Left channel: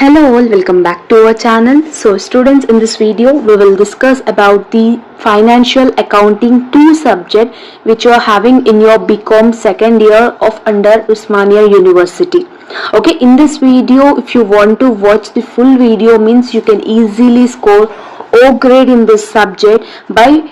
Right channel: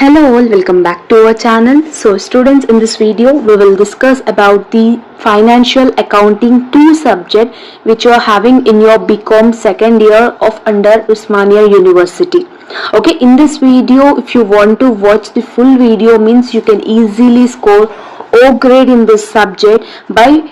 Hello all, welcome back to our channel. So students, in this video we will discuss about the financial accounting 2 subject which you are having in your BCom second year of under Osmania University. Okay, in this video if you want to watch the full video, means you can easily score O grade in this subject by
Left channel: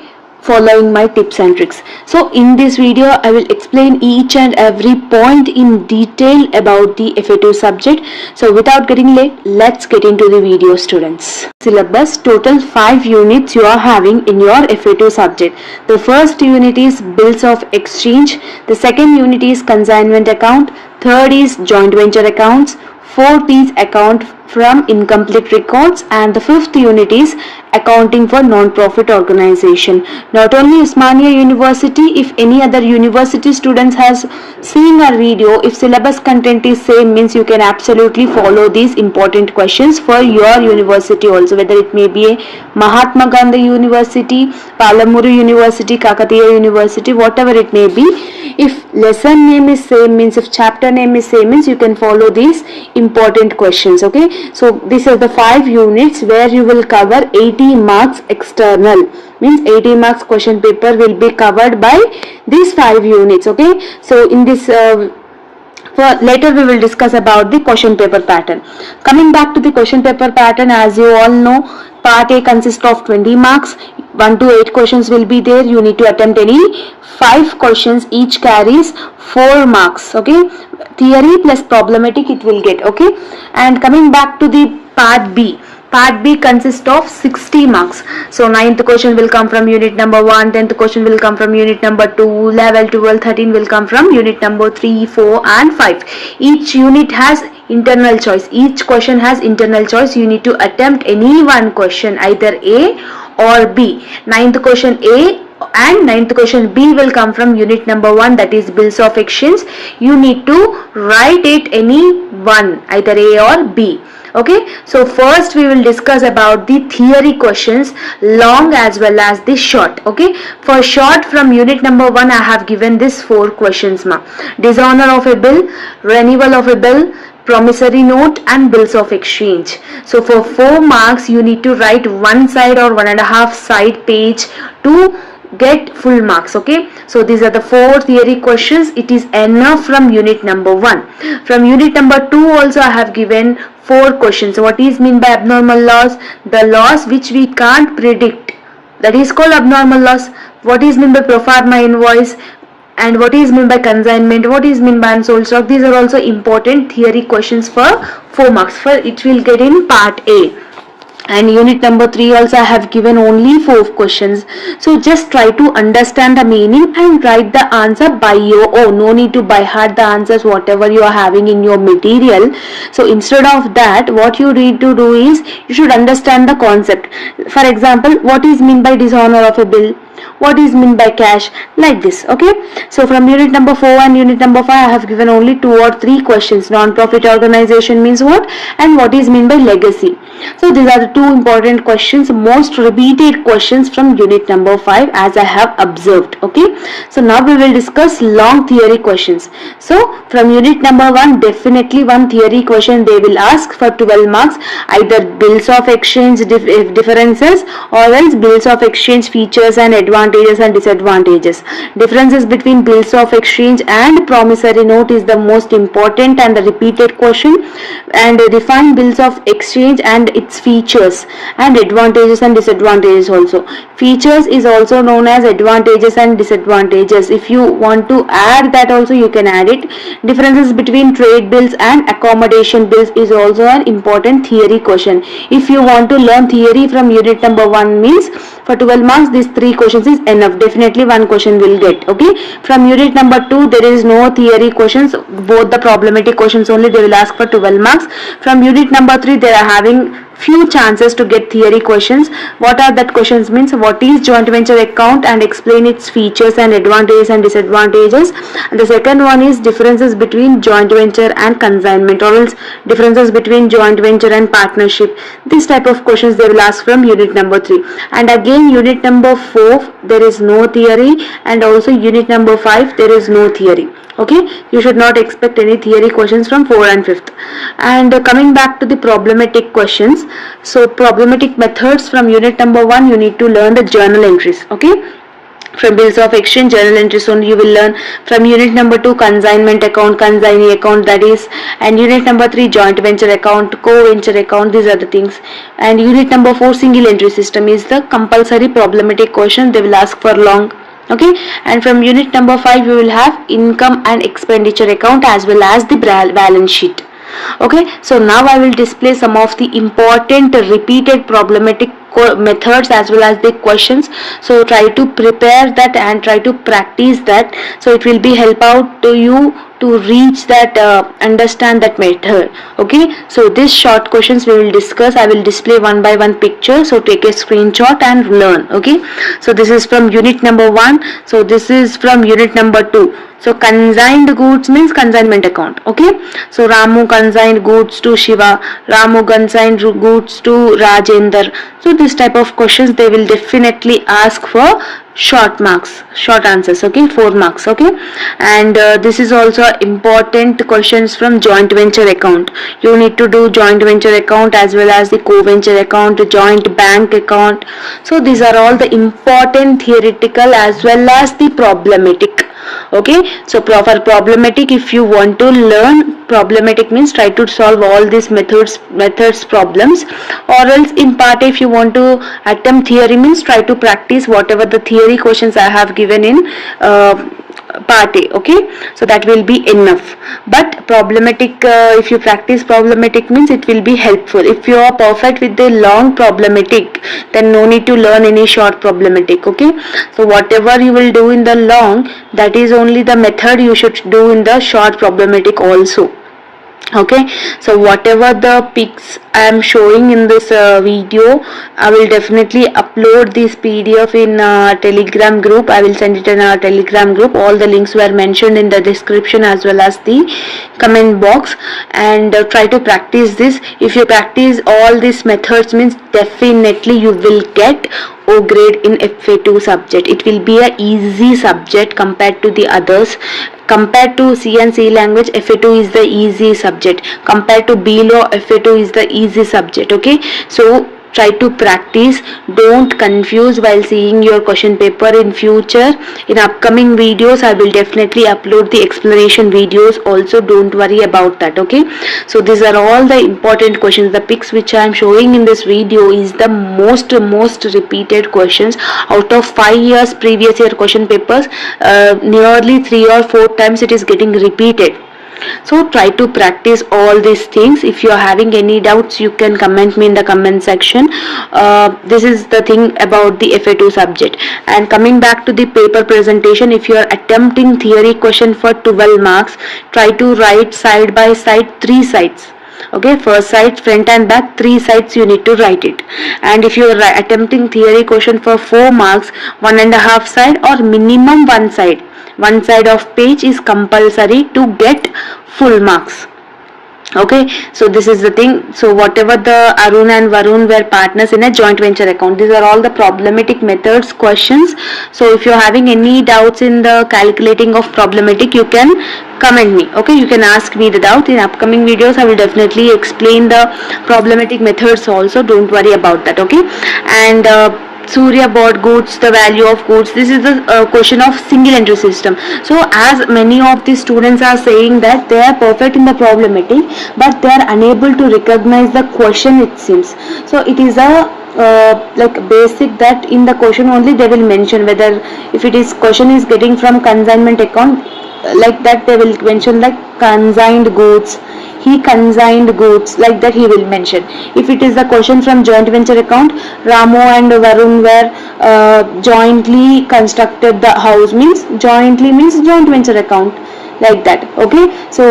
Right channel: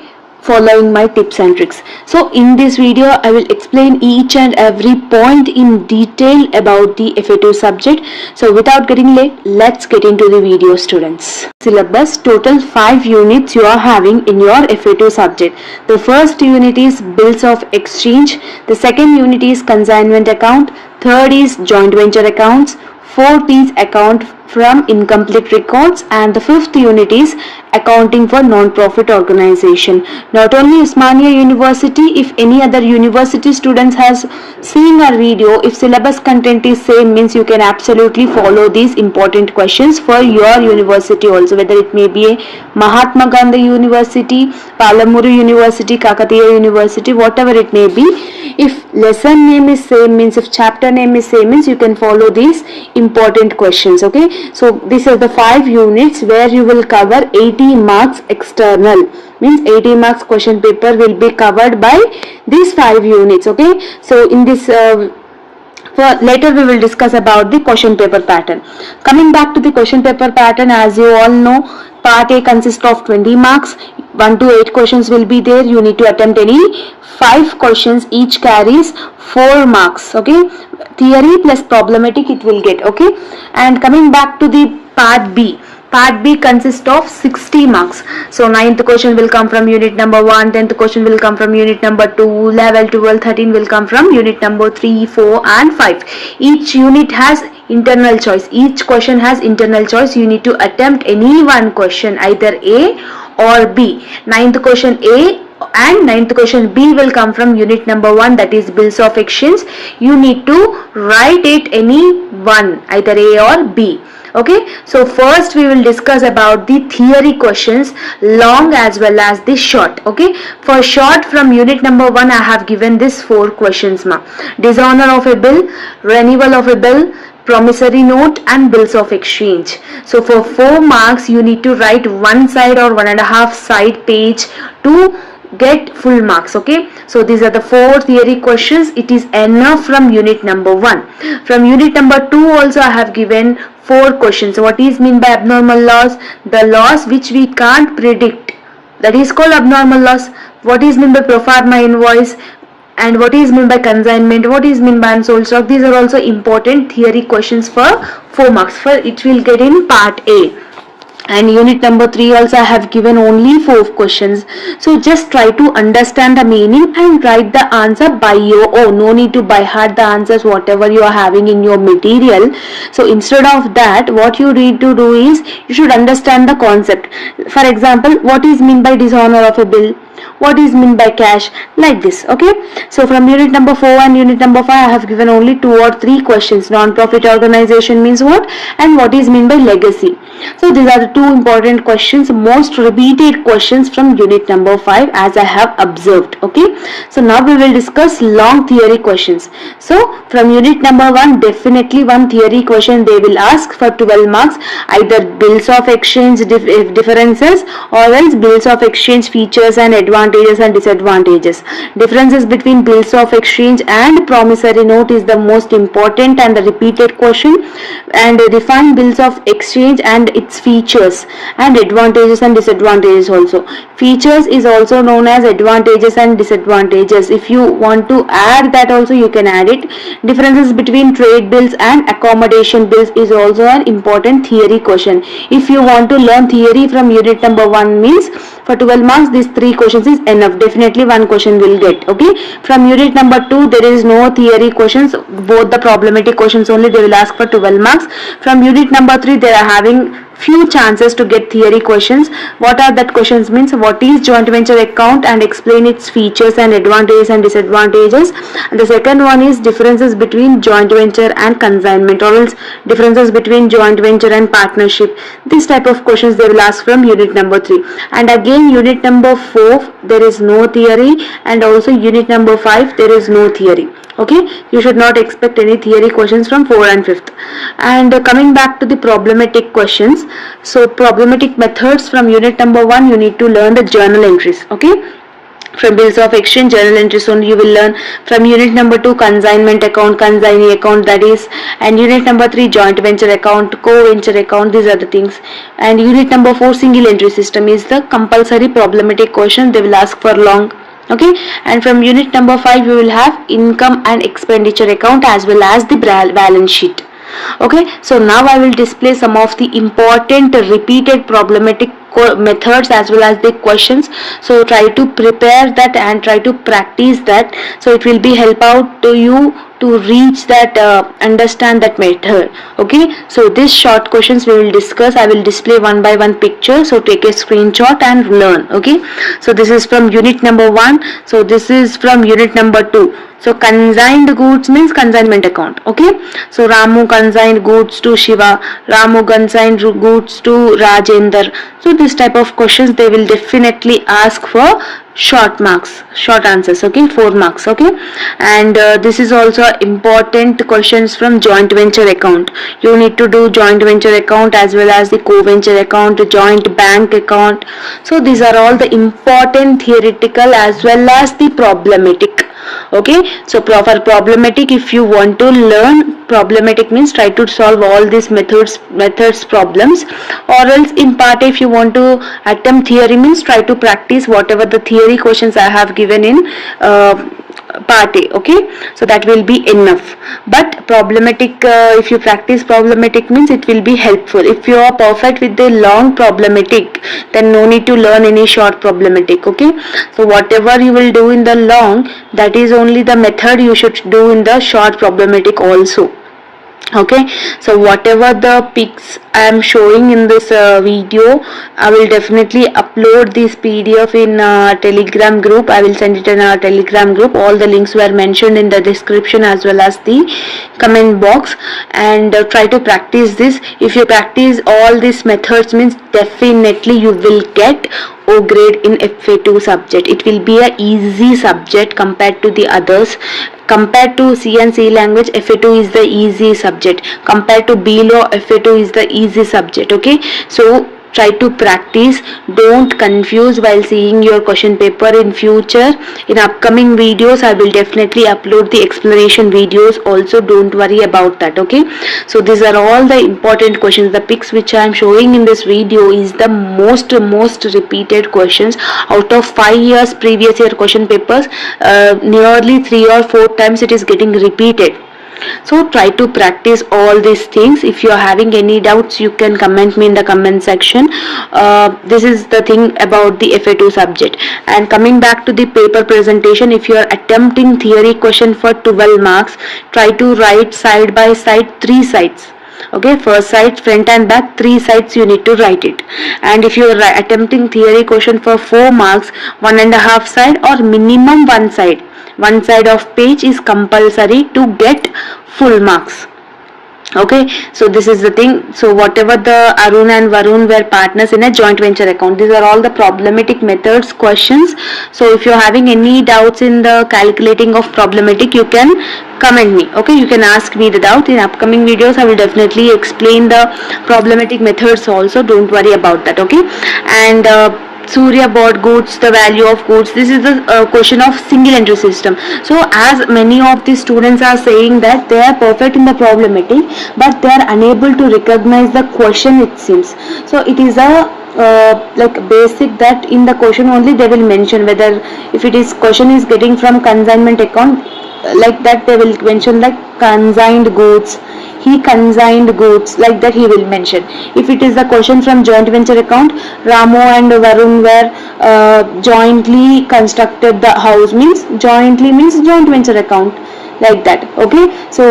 following my tips and tricks. So in this video I will explain each and every point in detail about the FA2 subject. So without getting late, let's get into the video, students. Syllabus: total 5 units you are having in your FA2 subject. The first unit is bills of exchange, the second unit is consignment account, third is joint venture accounts, fourth is account from incomplete records, and the fifth unit is accounting for non-profit organization. Not only Osmania University, if any other university students has seen our video, if syllabus content is same, means you can absolutely follow these important questions for your university also, whether it may be a Mahatma Gandhi University, PALLELA University, Kakatiya University, whatever it may be. If lesson name is same, means if chapter name is same, means you can follow these important questions. Okay, so these are the 5 units where you will cover 80 marks external, means 80 marks question paper will be covered by these 5 units. Okay, so in this later we will discuss about the question paper pattern. Coming back to the question paper pattern, as you all know, part A consists of 20 marks. 1 to 8 questions will be there. You need to attempt any 5 questions, each carries 4 marks. Okay, theory plus problematic it will get. Okay, and coming back to the part B. Part B consists of 60 marks. So 9th question will come from unit number 1, 10th question will come from unit number 2, 11, 12, 13 will come from unit number 3, 4 and 5. Each unit has internal choice. Each question has internal choice. You need to attempt any one question, either A or B. 9th question A and 9th question B will come from unit number 1, that is bills of exchange. You need to write it any one, either A or B. Okay, so first we will discuss about the theory questions, long as well as the short. Okay, for short from unit number 1 I have given this 4 questions. Dishonor of a bill, renewal of a bill, promissory note and bills of exchange. So for 4 marks you need to write 1 side or 1.5 side page to get full marks. Okay, so these are the 4 theory questions. It is enough from unit number 1. From unit number 2 also I have given 4 questions. What is mean by abnormal loss? The loss which we can't predict, that is called abnormal loss. What is mean by pro forma invoice? And what is mean by consignment? What is mean by unsold stock? These are also important theory questions for 4 marks. For it will get in part A. And unit number 3 also I have given only 4 questions. So just try to understand the meaning and write the answer by your own. No need to by heart the answers whatever you are having in your material. So instead of that, what you need to do is you should understand the concept. For example, what is mean by dishonor of a bill? What is mean by cash? Like this. Okay, so from unit number 4 and unit number 5 I have given only 2 or 3 questions. Non-profit organization means what, and what is mean by legacy. So these are the 2 important questions, most repeated questions from unit number 5 as I have observed. Okay, so now we will discuss long theory questions. So from unit number 1, definitely one theory question they will ask for 12 marks, either bills of exchange differences or else bills of exchange features and advantages and disadvantages. Differences between bills of exchange and promissory note is the most important and the repeated question, and define bills of exchange and its features and advantages and disadvantages also. Features is also known as advantages and disadvantages. If you want to add that also you can add it. Differences between trade bills and accommodation bills is also an important theory question. If you want to learn theory from unit number 1, means for 12 marks these 3 questions is enough. Definitely one question will get. Okay, from unit number 2 there is no theory questions, both the problematic questions only they will ask for 12 marks. From unit number 3 they are having few chances to get theory questions. What are that questions means? What is joint venture account and explain its features and advantages and disadvantages. And the second one is differences between joint venture and consignment, or else differences between joint venture and partnership. This type of questions they will ask from unit number 3. And again unit number 4 there is no theory, and also unit number 5 there is no theory. Okay, you should not expect any theory questions from 4 and 5th. And coming back to the problematic questions, so problematic methods from unit number 1 you need to learn the journal entries. Okay, from bills of exchange journal entries only you will learn. From unit number 2 consignment account, consignee account, that is, and unit number 3 joint venture account, co-venture account, these are the things. And unit number 4 single entry system is the compulsory problematic question, they will ask for long. Okay, and from unit number 5 we will have income and expenditure account as well as the balance sheet. Okay, so now I will display some of the important repeated problematic methods as well as the questions. So try to prepare that and try to practice that, so it will be help out to you to reach that understand that method. Okay, so these short questions we will discuss. I will display one by one picture, so take a screenshot and learn. Okay, so this is from unit number 1, so this is from unit number 2. So consigned goods means consignment account. Okay, so Ramu consigned goods to Shiva, Ramu consigned goods to Rajender. So this type of questions they will definitely ask for short marks, short answers. Okay, 4 marks. Okay, and this is also important questions from joint venture account. You need to do joint venture account as well as the co-venture account, joint bank account. So these are all the important theoretical as well as the problematic. Okay, so for problematic, if you want to learn problematic means try to solve all these methods problems, or else in part if you want to attempt theory means try to practice whatever the theory questions I have given in part A. Okay, so that will be enough. But problematic, if you practice problematic means it will be helpful. If you are perfect with the long problematic, then no need to learn any short problematic. Okay, so whatever you will do in the long, that is only the method you should do in the short problematic also. Okay, so whatever the pics I am showing in this video, I will definitely upload this PDF in Telegram group. I will send it in our Telegram group. All the links were mentioned in the description as well as the comment box, and try to practice this. If you practice all these methods means definitely you will get O grade in F.A-2 subject. It will be a easy subject compared to the others. Compared to C and C language, F.A-2 is the easy subject. Compared to B law, F.A-2 is the easy subject. Okay, so try to practice. Don't confuse while seeing your question paper in future. In upcoming videos I will definitely upload the explanation videos also, don't worry about that. Okay, so these are all the important questions. The pics which I am showing in this video is the most repeated questions out of 5 years previous year question papers. Nearly 3 or 4 times it is getting repeated. So try to practice all these things. If you are having any doubts, you can comment me in the comment section. This is the thing about the F.A-2 subject. And coming back to the paper presentation, if you are attempting theory question for 12 marks, try to write side by side 3 sides. Okay, first side, front and back, 3 sides you need to write it. And if you are attempting theory question for 4 marks, 1.5 side or minimum 1 side. 1 side of page is compulsory to get full marks. Okay, so this is the thing. So whatever the Arun and Varun were partners in a joint venture account, these are all the problematic methods questions. So if you are having any doubts in the calculating of problematic, you can comment me. Okay, you can ask me the doubt. In upcoming videos I will definitely explain the problematic methods also, don't worry about that. Okay, and Surya bought goods, the value of goods. This is the question of single entry system. So as many of the students are saying that they are perfect in the problematic, but they are unable to recognize the question, it seems. So it is a like basic that in the question only they will mention whether if it is question is getting from consignment account, like that they will mention like consigned goods, he consigned goods, like that he will mention. If it is the question from joint venture account, Ramu and Varun were jointly constructed the house, means jointly means joint venture account. like that. Okay, so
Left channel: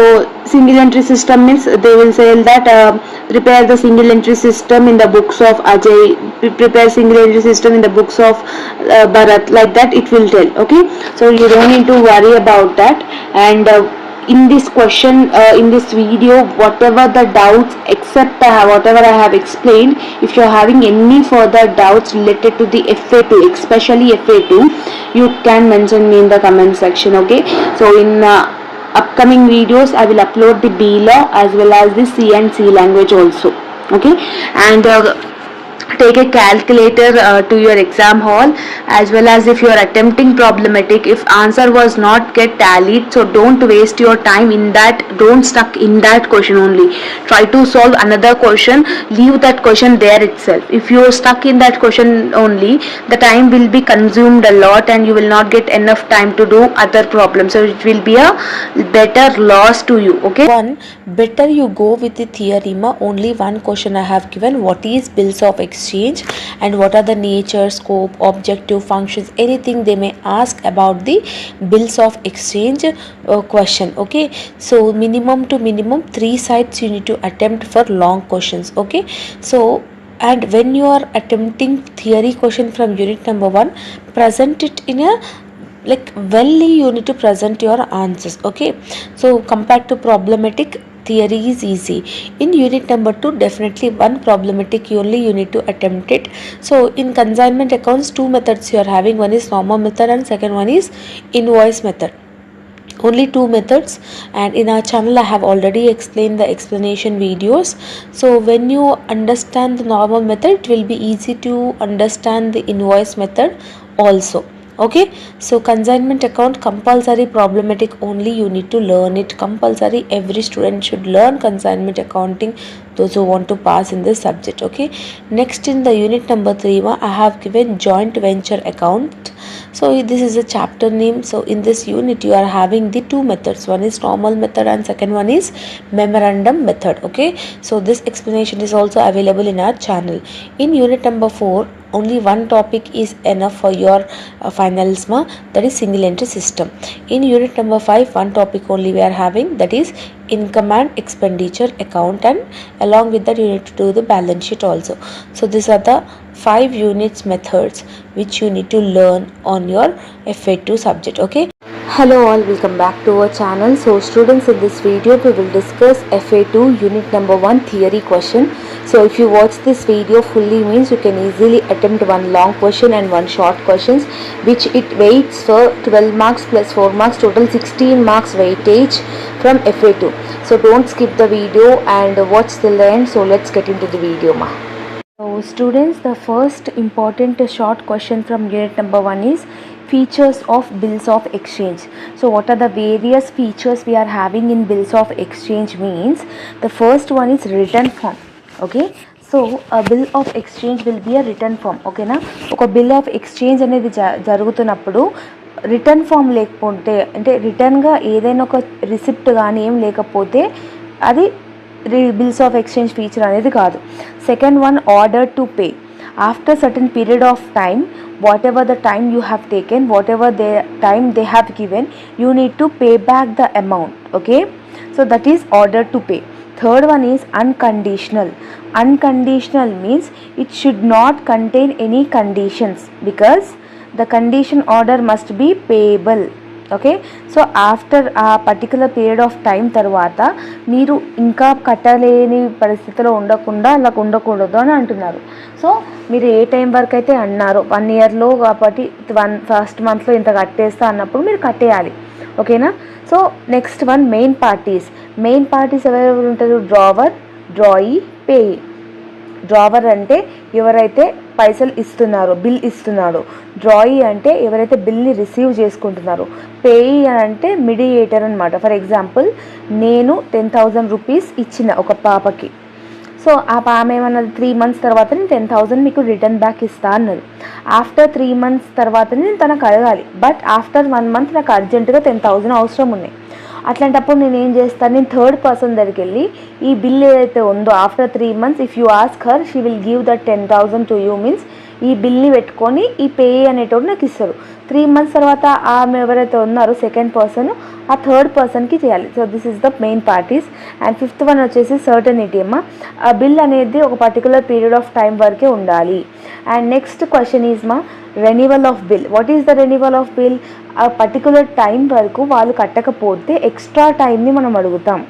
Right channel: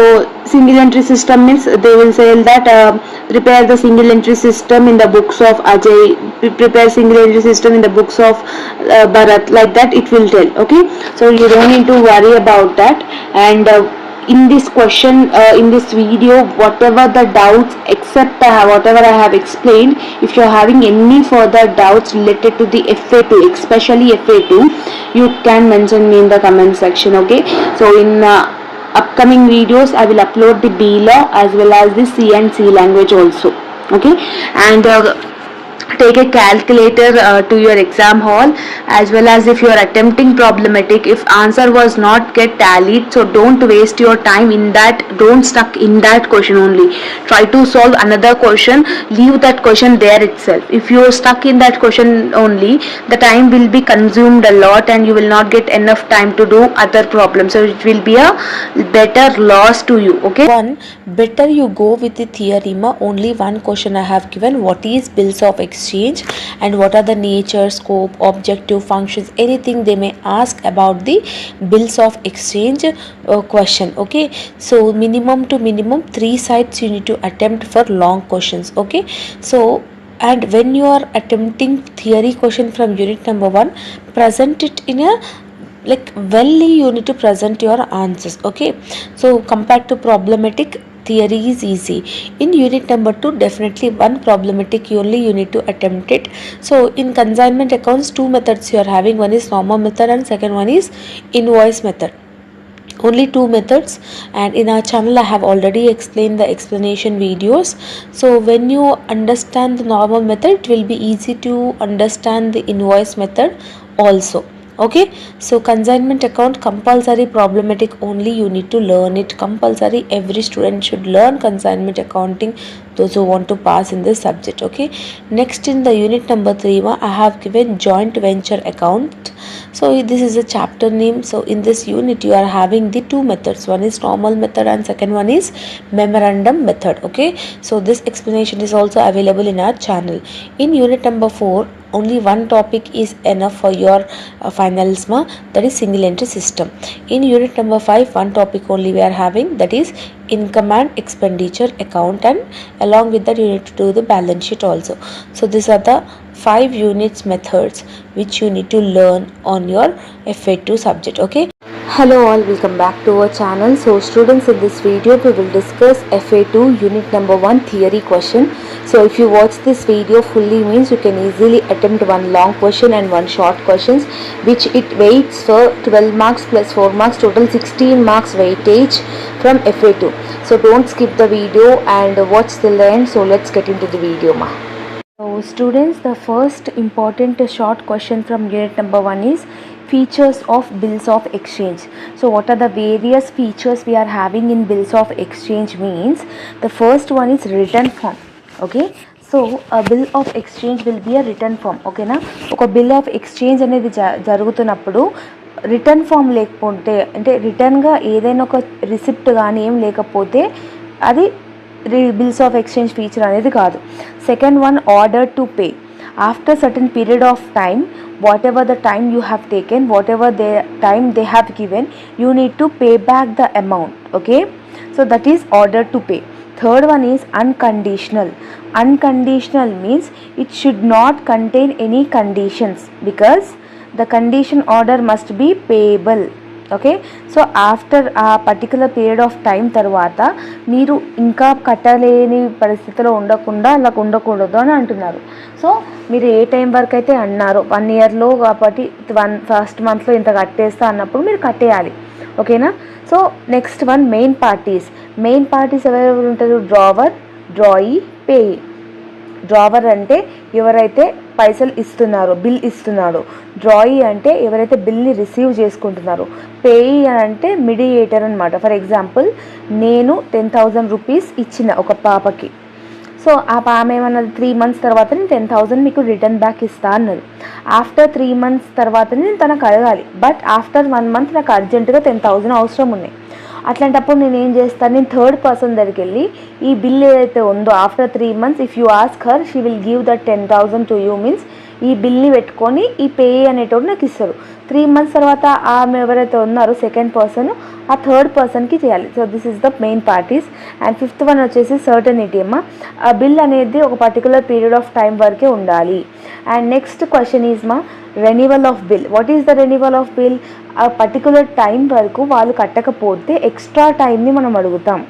single entry system means they will say that prepare the single entry system in the books of Ajay, prepare single entry system in the books of Bharat, like that it will tell. Okay, so you don't need to worry about that. And in this question, in this video, whatever the doubts except whatever I have explained, if you are having any further doubts related to the FA2, especially FA2, you can mention me in the comment section. Okay, so in upcoming videos I will upload the B law as well as the C and C language also. Okay, and take a calculator to your exam hall, as well as if you are attempting problematic, if answer was not get tallied, so don't waste your time in that, don't stuck in that question only, try to solve another question, leave that question there itself. If you are stuck in that question only, the time will be consumed a lot and you will not get enough time to do other problems, so it will be a better loss to you. Okay, one, better you go with the theorem. Only one question I have given, what is bills of exchange and what are the nature, scope, objective, functions, anything they may ask about the bills of exchange question. Okay, so minimum to minimum 3 sides you need to attempt for long questions. Okay, so and when you are attempting theory question from unit number 1, present it in a welly, you need to present your answers. Okay, so compared to problematic, theory is easy. In unit number 2, definitely one problematic only you need to attempt it. So in consignment accounts, 2 methods you are having, one is normal method and second one is invoice method. Only 2 methods, and in our channel I have already explained the explanation videos. So when you understand the normal method, it will be easy to understand the invoice method also. Okay, so consignment account compulsory problematic only, you need to learn it compulsory. Every student should learn consignment accounting, those who want to pass in this subject. Okay, next in the unit number 3 I have given joint venture account. So this is a chapter name. So in this unit you are having the 2 methods, one is normal method and second one is memorandum method. Okay, so this explanation is also available in our channel. In unit number 4, only one topic is enough for your finals, that is single entry system. In unit number 5, one topic only we are having, that is income and expenditure account, and along with that you need to do the balance sheet also. So these are the 5 units methods which you need to learn on your FA2 subject. Okay, hello all, welcome back to our channel. So students, in this video we will discuss FA2 unit number 1 theory question. So if you watch this video fully, means you can easily attempt one long question and one short questions, which it weights for 12 marks plus 4 marks, total 16 marks weightage from FA2. So don't skip the video and watch till the end. So let's get into the video, ma. So students, the first important short question from unit number 1 is features of bills of exchange. So what are the various features we are having in bills of exchange means, the first one is written form. Okay, so a bill of exchange will be a written form. Okay na, oka bill of exchange anedi jarugutunnappudu written form lekapothe, ante written ga edaina oka receipt gaani em lekapothe adi bills of exchange feature anedi kaadu. Second one, order to pay. After certain period of time, whatever the time you have taken, whatever the time they have given, you need to pay back the amount. Okay, so that is order to pay. Third one is unconditional. Unconditional means it should not contain any conditions, because the condition order must be payable. Okay, so after ఆ particular period of time తర్వాత మీరు ఇంకా కట్టలేని పరిస్థితిలో ఉండకుండా అలా ఉండకూడదు అని అంటున్నారు. సో మీరు ఏ టైం వరకు అయితే అన్నారో 1 ఇయర్లో కాబట్టి ఫస్ట్ మంత్లో ఇంత కట్టేస్తా అన్నప్పుడు మీరు కట్టేయాలి. ఓకేనా, so next one main parties. Main parties ఎవరెవరు ఉంటారు? Drawer, drawee, payee. డ్రావర్ అంటే ఎవరైతే పైసలు ఇస్తున్నారో, బిల్ ఇస్తున్నాడో. డ్రాయీ అంటే ఎవరైతే బిల్ని రిసీవ్ చేసుకుంటున్నారో. పేయీ అంటే మీడియేటర్ అనమాట. ఫర్ ఎగ్జాంపుల్, నేను 10,000 రూపీస్ ఇచ్చిన ఒక పాపకి. సో ఆ పాప ఏమన్నది, 3 months తర్వాత నేను 10,000 మీకు రిటర్న్ బ్యాక్ ఇస్తా అన్నది. ఆఫ్టర్ 3 months తర్వాత నేను తనకు అడగాలి, బట్ ఆఫ్టర్ 1 month నాకు అర్జెంటుగా 10,000 అవసరం ఉన్నాయి. అట్లాంటప్పుడు నేను ఏం చేస్తాను, నేను థర్డ్ పర్సన్ దగ్గరికి వెళ్ళి ఈ బిల్ ఏదైతే ఉందో after 3 months, if you ask her, she will give that 10,000 to you. Means ఈ బిల్ని పెట్టుకొని ఈ పే అనేటోడు నాకు ఇస్తారు. 3 months తర్వాత ఆమె ఎవరైతే ఉన్నారో సెకండ్ పర్సన్ ఆ థర్డ్ పర్సన్కి చేయాలి. So this is the main parties. And fifth one వచ్చేసి సర్టనిటీ అమ్మ. ఆ బిల్ అనేది ఒక పర్టికులర్ పీరియడ్ ఆఫ్ టైం వరకే ఉండాలి. అండ్ నెక్స్ట్ క్వశ్చన్ ఈజ్ మా renewal of bill. What is the renewal of bill? ఆ పర్టికులర్ టైం వరకు వాళ్ళు కట్టకపోతే ఎక్స్ట్రా టైంని మనం అడుగుతాం.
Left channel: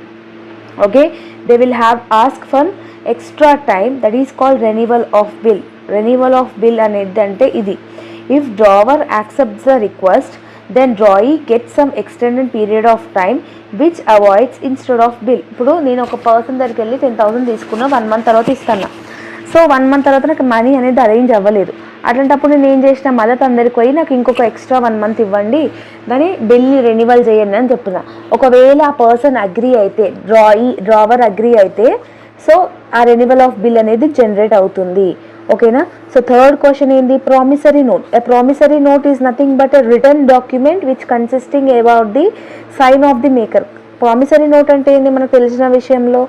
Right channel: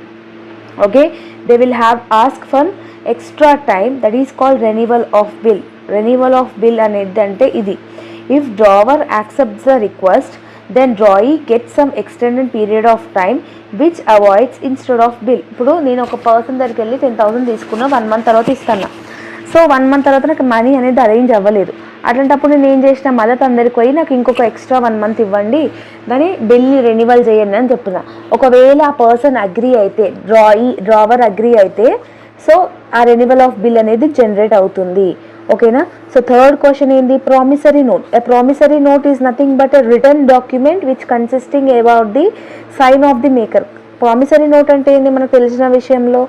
Okay, they will have ask for extra time, that is called renewal of bill. Renewal of bill అనేది అంటే ఇది. If drawer accepts the request then drawee get some extended period of time which avoids instead of bill. ఇప్పుడు నేను ఒక person దగ్గరికి వెళ్ళి 10,000 తీసుకున్నా, 1 month తర్వాత ఇస్తాను. సో 1 month తర్వాత నాకు మనీ అనేది అరేంజ్ అవ్వలేదు. అట్లాంటప్పుడు నేను ఏం చేసిన, మళ్ళీ అందరికి పోయి నాకు ఇంకొక ఎక్స్ట్రా 1 month ఇవ్వండి, కానీ బిల్ రెన్యువల్ చేయండి అని చెప్తున్నా. ఒకవేళ ఆ పర్సన్ అగ్రీ అయితే, డ్రావర్ అగ్రీ అయితే, సో ఆ రెన్యువల్ ఆఫ్ బిల్ అనేది జనరేట్ అవుతుంది. ఓకేనా. సో థర్డ్ క్వశ్చన్ ఏంది? Promissory note. A promissory note is nothing but a return document which consisting about the sign of the maker. Promissory note అంటే ఏంది? మనకు తెలిసిన విషయంలో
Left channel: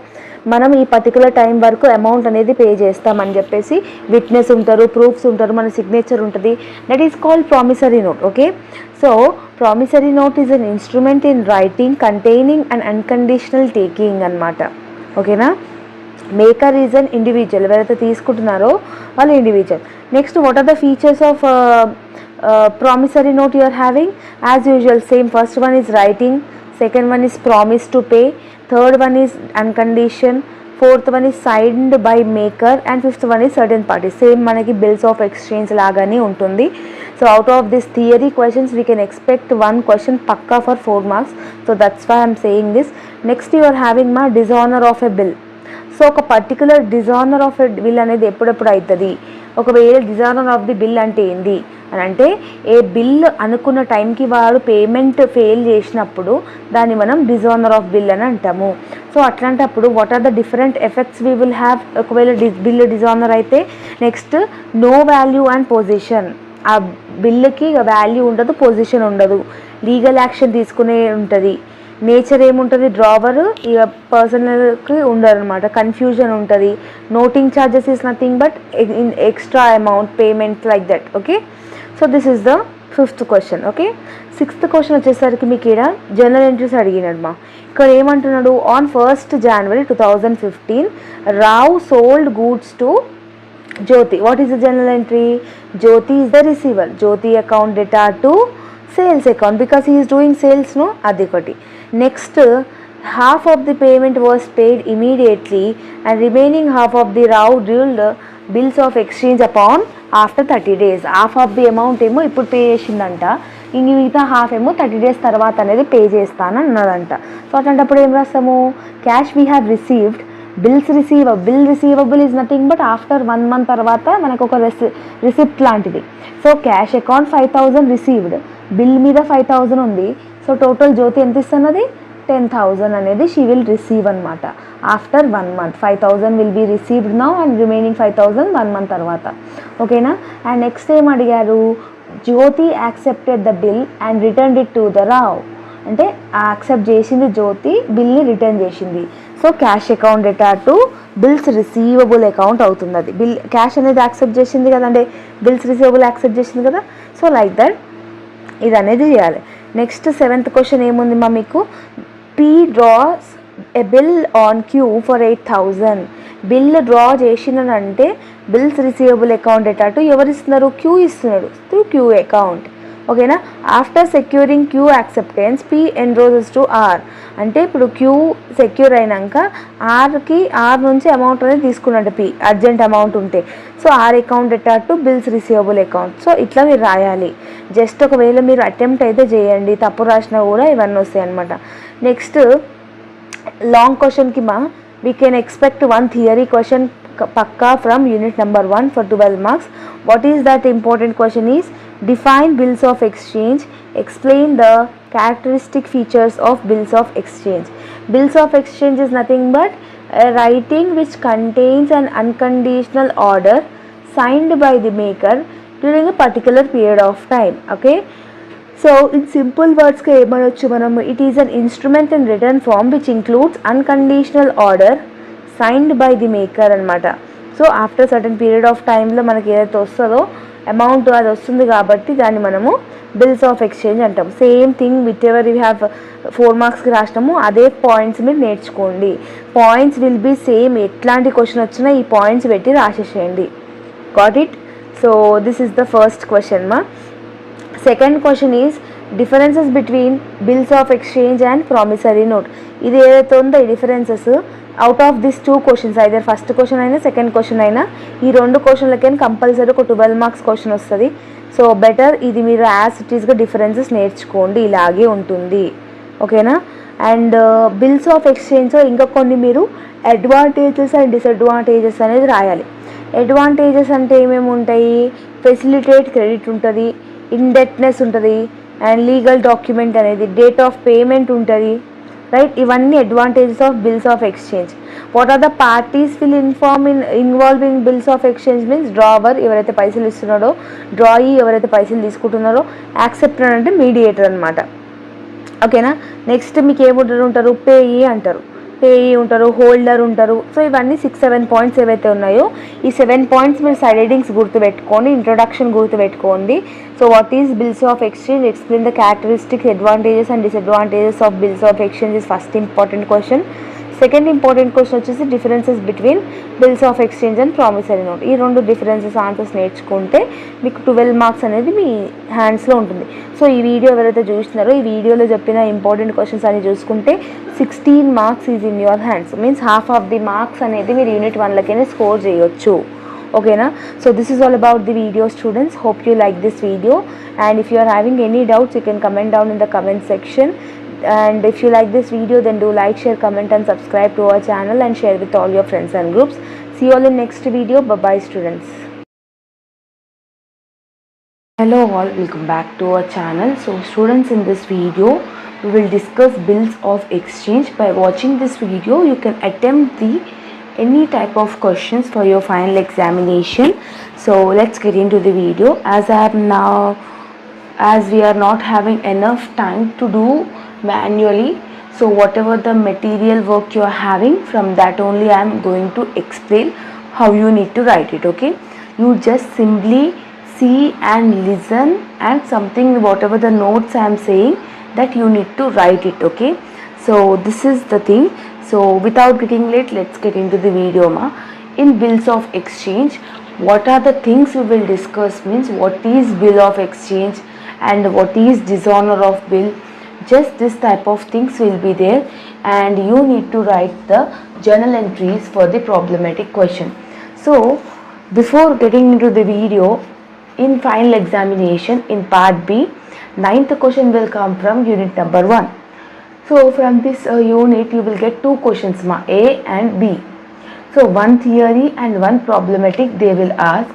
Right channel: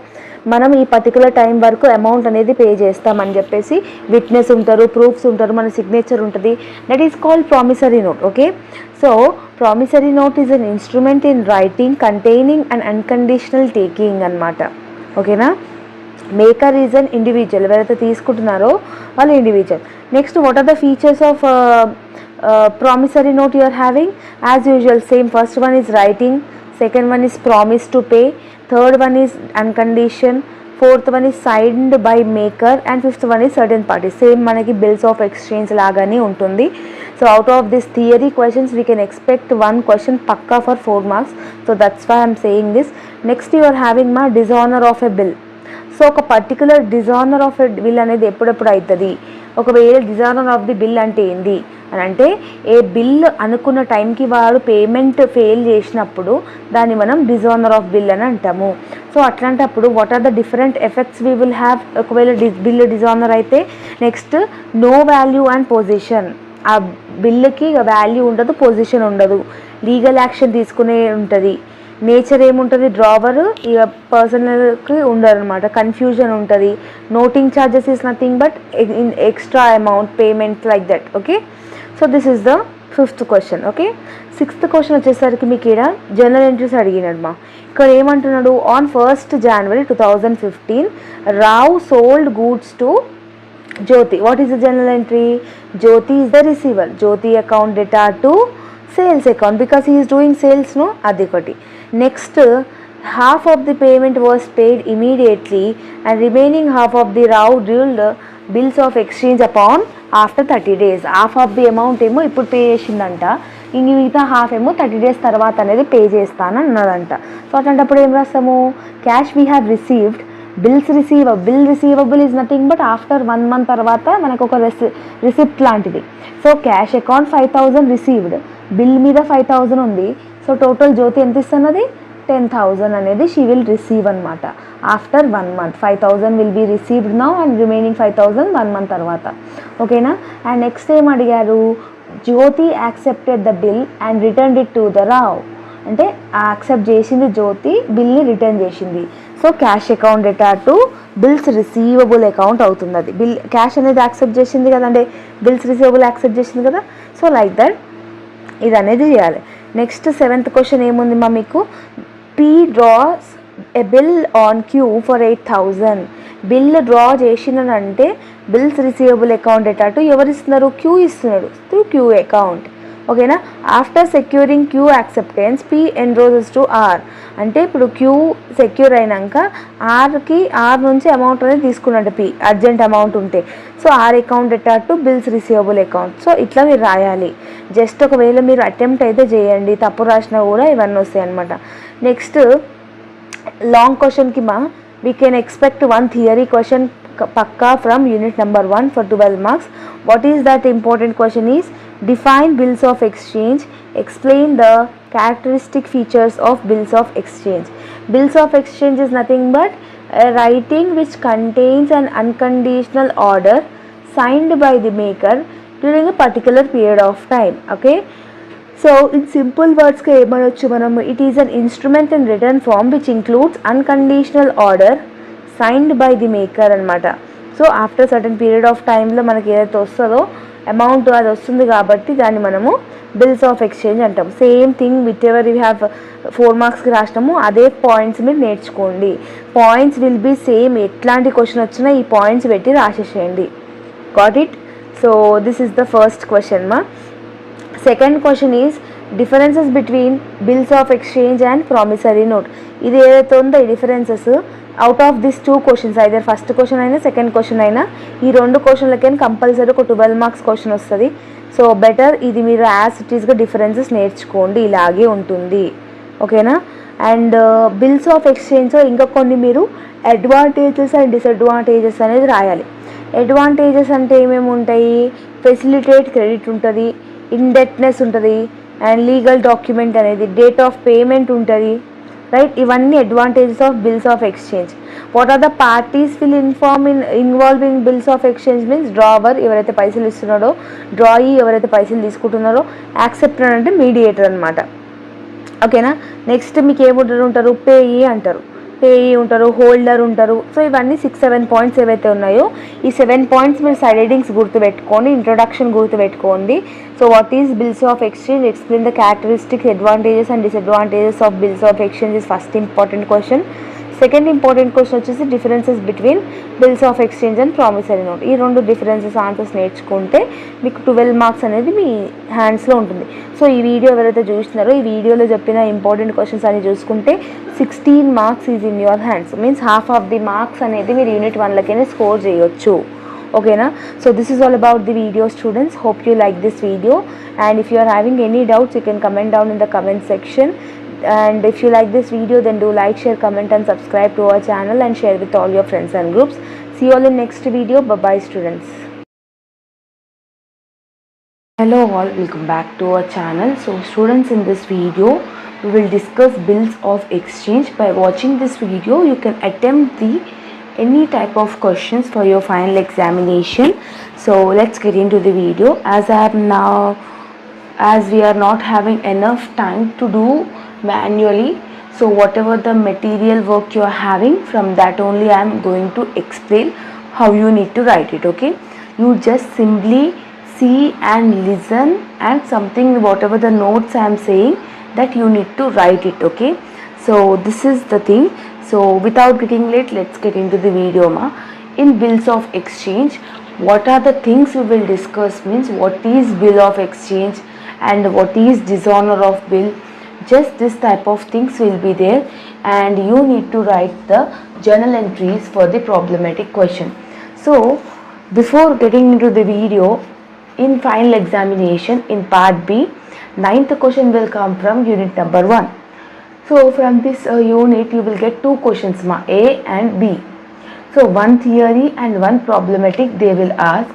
మనం ఈ పర్టికులర్ టైం వరకు అమౌంట్ అనేది పే చేస్తామని చెప్పేసి విట్నెస్ ఉంటారు, ప్రూఫ్స్ ఉంటారు, మన సిగ్నేచర్ ఉంటుంది. That is called promissory note. Okay, so promissory note is an instrument in writing containing and unconditional taking అనమాట. ఓకేనా. మేకర్ ఈజ్ అన్ ఇండివిజువల్, ఎవరైతే తీసుకుంటున్నారో వాళ్ళు individual. Next, what are the features of promissory note you are having? As usual same. First one is writing, second one is promise to pay, third one is uncondition, fourth one is signed by maker, and fifth one is certain party. Same మనకి bills of exchange లాగానే ఉంటుంది. So out of this theory questions we can expect 1 question పక్కా for 4 marks. So that's why I'm saying this. Next you are having మా dishonour of a bill. So ఒక particular dishonour of a bill అనేది ఎప్పుడెప్పుడు అవుతుంది? ఒకవేళ dishonour of the bill అంటే ఏంది అని అంటే, ఏ బిల్ అనుకున్న టైంకి వాడు పేమెంట్ ఫెయిల్ చేసినప్పుడు దాన్ని మనం డిజానర్ ఆఫ్ బిల్ అని అంటాము. సో అట్లాంటప్పుడు what are the different effects we will have ఒకవేళ బిల్ డిజానర్ అయితే? Next, no value and position. ఆ బిల్లుకి వాల్యూ ఉండదు, పొజిషన్ ఉండదు, లీగల్ యాక్షన్ తీసుకునే ఉంటుంది. నేచర్ ఏముంటుంది? డ్రావర్ ఇక పర్సనల్కి ఉండరు అనమాట, కన్ఫ్యూజన్ ఉంటుంది. Noting charges is nothing but extra amount payment like that. Okay, so this is the 5th question. Okay, 6th question వచ్చేసరికి మీకు ఇక్కడ జర్నల్ ఎంట్రీస్ అడిగినమ్మా. ఇక్కడ ఏమంటున్నాడు? On 1st January 2015 Rao sold goods to Jyoti. What is the journal entry? Jyoti is the receiver. Jyoti account debtor to sales account because he is doing sales. No, అది ఒకటి. Next, half of the payment was paid immediately and remaining half of the Rao ruled bills of exchange upon after 30 days. Half of the amount ఏమో ఇప్పుడు pay చేసిందంట, ఇంక మిగతా half ఏమో 30 days తర్వాత అనేది పే చేస్తాను అన్నదంట. సో అట్లాంటప్పుడు ఏం రాస్తాము? Cash we have received, bill receivable is nothing but after 1 month తర్వాత మనకు ఒక రిసిప్ట్ లాంటిది. So cash account 5,000 received, bill మీద 5,000 ఉంది. సో టోటల్ జ్యోతి ఎంత ఇస్తున్నది? 10,000 అనేది షీ విల్ రిసీవ్ అనమాట after 1 month. 5,000 will be received now and remaining 5,000 1 month తర్వాత. ఓకేనా. అండ్ నెక్స్ట్ ఏం అడిగారు? Jyoti accepted the bill and return it to the Rao. అంటే యాక్సెప్ట్ చేసింది జ్యోతి, బిల్ని రిటర్న్ చేసింది. So cash account debtor to bills receivable account అవుతుంది. అది బిల్ క్యాష్ అనేది యాక్సెప్ట్ చేసింది కదండి, బిల్స్ రిసీవబుల్ యాక్సెప్ట్ చేసింది కదా. సో లైక్ దట్ ఇది అనేది చేయాలి. నెక్స్ట్ 7th question ఏముంది మా మీకు? P draws a bill on Q for 8,000. Bill draw చేసినంటే bills receivable account debtor to ఎవరు ఇస్తున్నారు? క్యూ ఇస్తున్నాడు త్రూ క్యూ అకౌంట్. ఓకేనా. After securing Q acceptance P endorses to R. అంటే ఇప్పుడు క్యూ సెక్యూర్ అయినాక ఆర్ నుంచి అమౌంట్ అనేది తీసుకున్నట్టు పీ అర్జెంట్ అమౌంట్ ఉంటే. So R account debtor to bills receivable account. So ఇట్లా మీరు రాయాలి. జస్ట్ ఒకవేళ మీరు అటెంప్ట్ అయితే చేయండి, తప్పు రాసినా కూడా ఇవన్నీ వస్తాయి అనమాట. నెక్స్ట్ లాంగ్ క్వశ్చన్కి we can expect 1 theory question pakka from unit number 1 for 12 marks. What is that important question is? Define bills of exchange. Explain the characteristic features of bills of exchange. Bills of exchange is nothing but a writing which contains an unconditional order signed by the maker during a particular period of time. Okay. So in simple words గా ఏమనొచ్చు మనం? It is an instrument in written form which includes unconditional order signed by the maker అనమాట. So after certain period of టైంలో మనకి ఏదైతే వస్తుందో amount అది వస్తుంది కాబట్టి దాన్ని మనము బిల్స్ ఆఫ్ ఎక్స్చేంజ్ అంటాం. Same thing with ever you have 4 మార్క్స్కి రాసినాము అదే పాయింట్స్ మీరు నేర్చుకోండి. పాయింట్స్ విల్ బీ సేమ్, ఎట్లాంటి క్వశ్చన్ వచ్చినా ఈ పాయింట్స్ పెట్టి రాసేసేయండి. Got it? So this is the first question మా. Second question is differences between bills of exchange and promissory note. ఇది ఏదైతే ఉందో ఈ differences out of this 2 questions, either first question అయినా సెకండ్ క్వశ్చన్ అయినా ఈ 2 క్వశ్చన్లకైనా కంపల్సరీ ఒక 12 మార్క్స్ క్వశ్చన్ వస్తుంది. సో బెటర్ ఇది మీరు యాజ్ ఇట్ ఈస్గా డిఫరెన్సెస్ నేర్చుకోండి, ఇలాగే ఉంటుంది. ఓకేనా? అండ్ బిల్స్ ఆఫ్ ఎక్స్చేంజ్లో ఇంకా కొన్ని మీరు అడ్వాంటేజెస్ అండ్ డిసడ్వాంటేజెస్ అనేది రాయాలి. అడ్వాంటేజెస్ అంటే ఏమేమి ఉంటాయి? ఫెసిలిటేట్ క్రెడిట్ ఉంటుంది, ఇండెట్నెస్ ఉంటుంది, అండ్ లీగల్ డాక్యుమెంట్ అనేది, డేట్ ఆఫ్ పేమెంట్ ఉంటుంది, రైట్? ఇవన్నీ advantages of bills of exchange. What are the parties will involve in bills of exchange means drawer ఎవరైతే పైసలు ఇస్తున్నాడో, డ్రాయీ ఎవరైతే పైసలు తీసుకుంటున్నారో, యాక్సెప్టర్ అంటే మీడియేటర్ అనమాట. ఓకేనా? నెక్స్ట్ మీకు ఏముంటారు? పేయీ అంటారు, పేయీ ఉంటారు, హోల్డర్ ఉంటారు. సో ఇవన్నీ 6-7 పాయింట్స్ ఏవైతే ఉన్నాయో ఈ 7 పాయింట్స్ మీరు సైడ్ హెడింగ్స్ గుర్తుపెట్టుకోండి, ఇంట్రొడక్షన్ గుర్తుపెట్టుకోండి. So what is bills of exchange, explain the characteristics, advantages and disadvantages of bills of exchange is first important question. Second important question వచ్చేసి differences between bills of exchange and promissory note. ఈ 2 differences answers నేర్చుకుంటే మీకు 12 marks అనేది మీ హ్యాండ్స్లో ఉంటుంది. So ఈ video ఎవరైతే చూస్తున్నారో ఈ వీడియోలో చెప్పిన ఇంపార్టెంట్ క్వశ్చన్స్ అని చూసుకుంటే 16 marks is in your hands. Means half of the marks అనేది మీరు యూనిట్ 1లకైనా స్కోర్ చేయొచ్చు. ఓకేనా? So this is all about the video students. Hope you like this video, and if you are having any doubts you can comment down in the comment section. And if you like this video, then do like, share, comment and subscribe to our channel and share with all your friends and groups. See you all in next video. Bye bye students. Hello all, welcome back to our channel. So students, in this video we will discuss bills of exchange. By watching this video you can attempt any type of questions for your final examination. So let's get into the video. As we are not having enough time to do manually, so whatever the material work you are having, from that only I am going to explain how you need to write it. Okay, you just simply see and listen, and something whatever the notes I am saying that you need to write it. Okay, so this is the thing. So without getting late, let's get into the video ma. In bills of exchange, what are the things we will discuss? Means what is bill of exchange and what is dishonor of bill. Just this type of things will be there, and you need to write the journal entries for the problematic question. So before getting into the video, in final examination in part B, 9th question will come from unit number 1. So from this unit you will get 2 questions ma, A and B. So one theory and one problematic they will ask.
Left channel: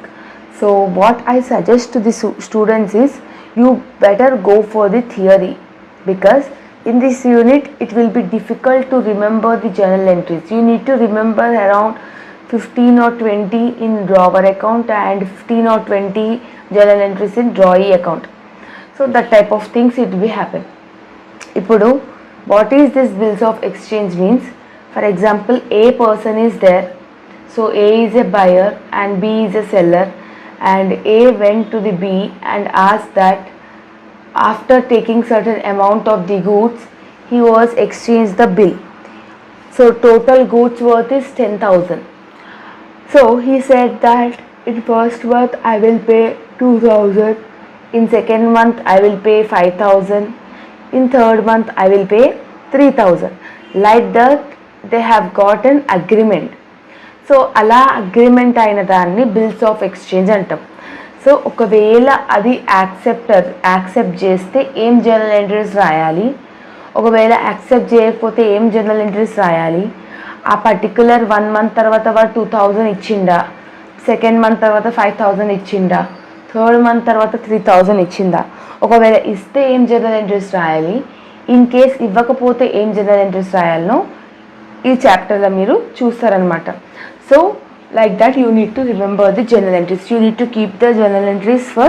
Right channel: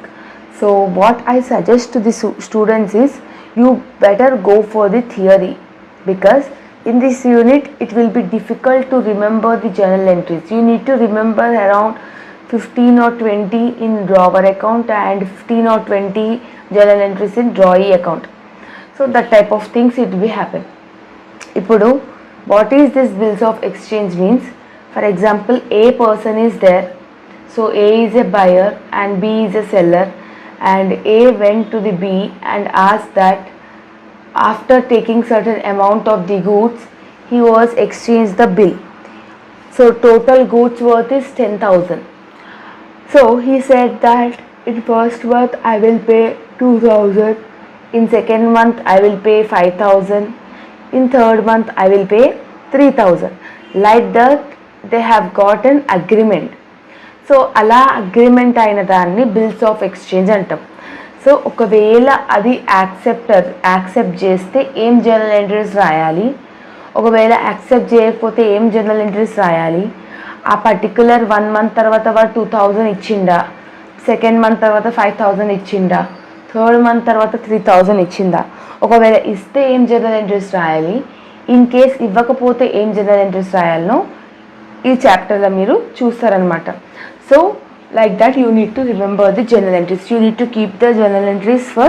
So what I suggest to the students is you better go for the theory, because in this unit it will be difficult to remember the journal entries. You need to remember around 15 or 20 in drawer account and 15 or 20 journal entries in drawee account. So that type of things it will happen. Ipudu what is this bills of exchange means? For example, A person is there, so A is a buyer and B is a seller, and A went to the B and asked that after taking certain amount of the goods he was exchanged the bill. So total goods worth is 10,000. So he said that in first month I will pay 2,000, in second month I will pay 5,000, in third month I will pay 3,000. Like that they have got an agreement. So ala agreement అయిన దాన్ని bills of exchange అంటాం. So ఒకవేళ అది accept చేస్తే ఏం journal entries రాయాలి, ఒకవేళ accept చేయకపోతే ఏం జర్నల్ ఎంట్రీస్ రాయాలి, ఆ పర్టికులర్ 1 మంత్ తర్వాత వాడు 2,000 ఇచ్చిండా, సెకండ్ మంత్ తర్వాత 5,000 ఇచ్చిండా, థర్డ్ మంత్ తర్వాత 3,000 ఇచ్చిందా, ఒకవేళ ఇస్తే ఏం జర్నల్ ఎంట్రీస్ రాయాలి, ఇన్ కేస్ ఇవ్వకపోతే ఏం జర్నల్ ఎంట్రీస్ రాయాలనో ఈ చాప్టర్లో మీరు చూస్తారనమాట. So like that you need to remember the journal entries. You need to keep the journal entries for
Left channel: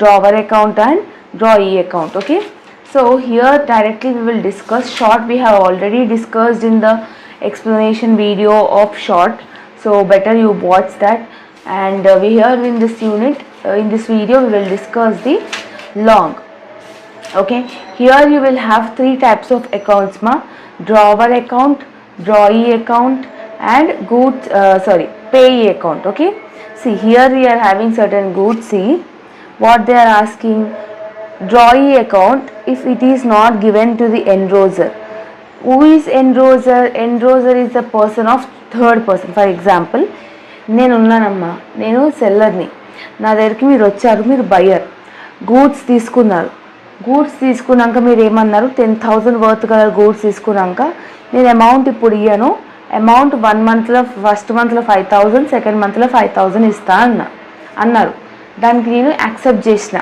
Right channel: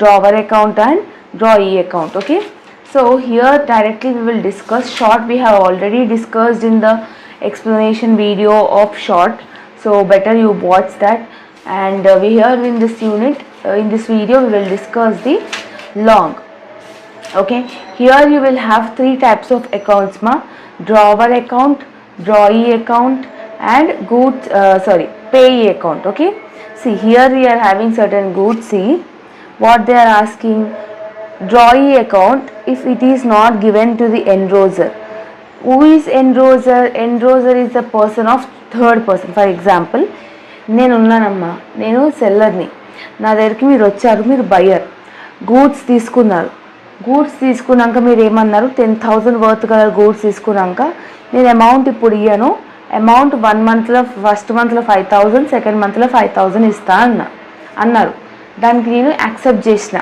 drawer account and drawee account. Okay, so here directly we will discuss short. We have already discussed in the explanation video of short. So better you watch that. And we here in this unit, in this video, we will discuss the long. Okay, here you will have three types of accounts, drawer account, drawee account, and payee account. Okay, see here we are having certain goods. See what they are asking. Drawee account, if it is not given to the enrolser. Who is enrolser? Enrolser is the person of third person. For example, నేను సెల్లర్ని, నా దగ్గరికి మీరు వచ్చారు, మీరు buyer, goods తీసుకున్నాక మీరు ఏమన్నారు, 10,000 worth గల గూడ్స్ తీసుకున్నాక నేను అమౌంట్ ఇప్పుడు ఇయ్యను, అమౌంట్ 1 మంత్లో ఫస్ట్ మంత్లో 5,000, సెకండ్ మంత్లో 5,000 ఇస్తా అన్నారు. దానికి నేను యాక్సెప్ట్ చేసిన.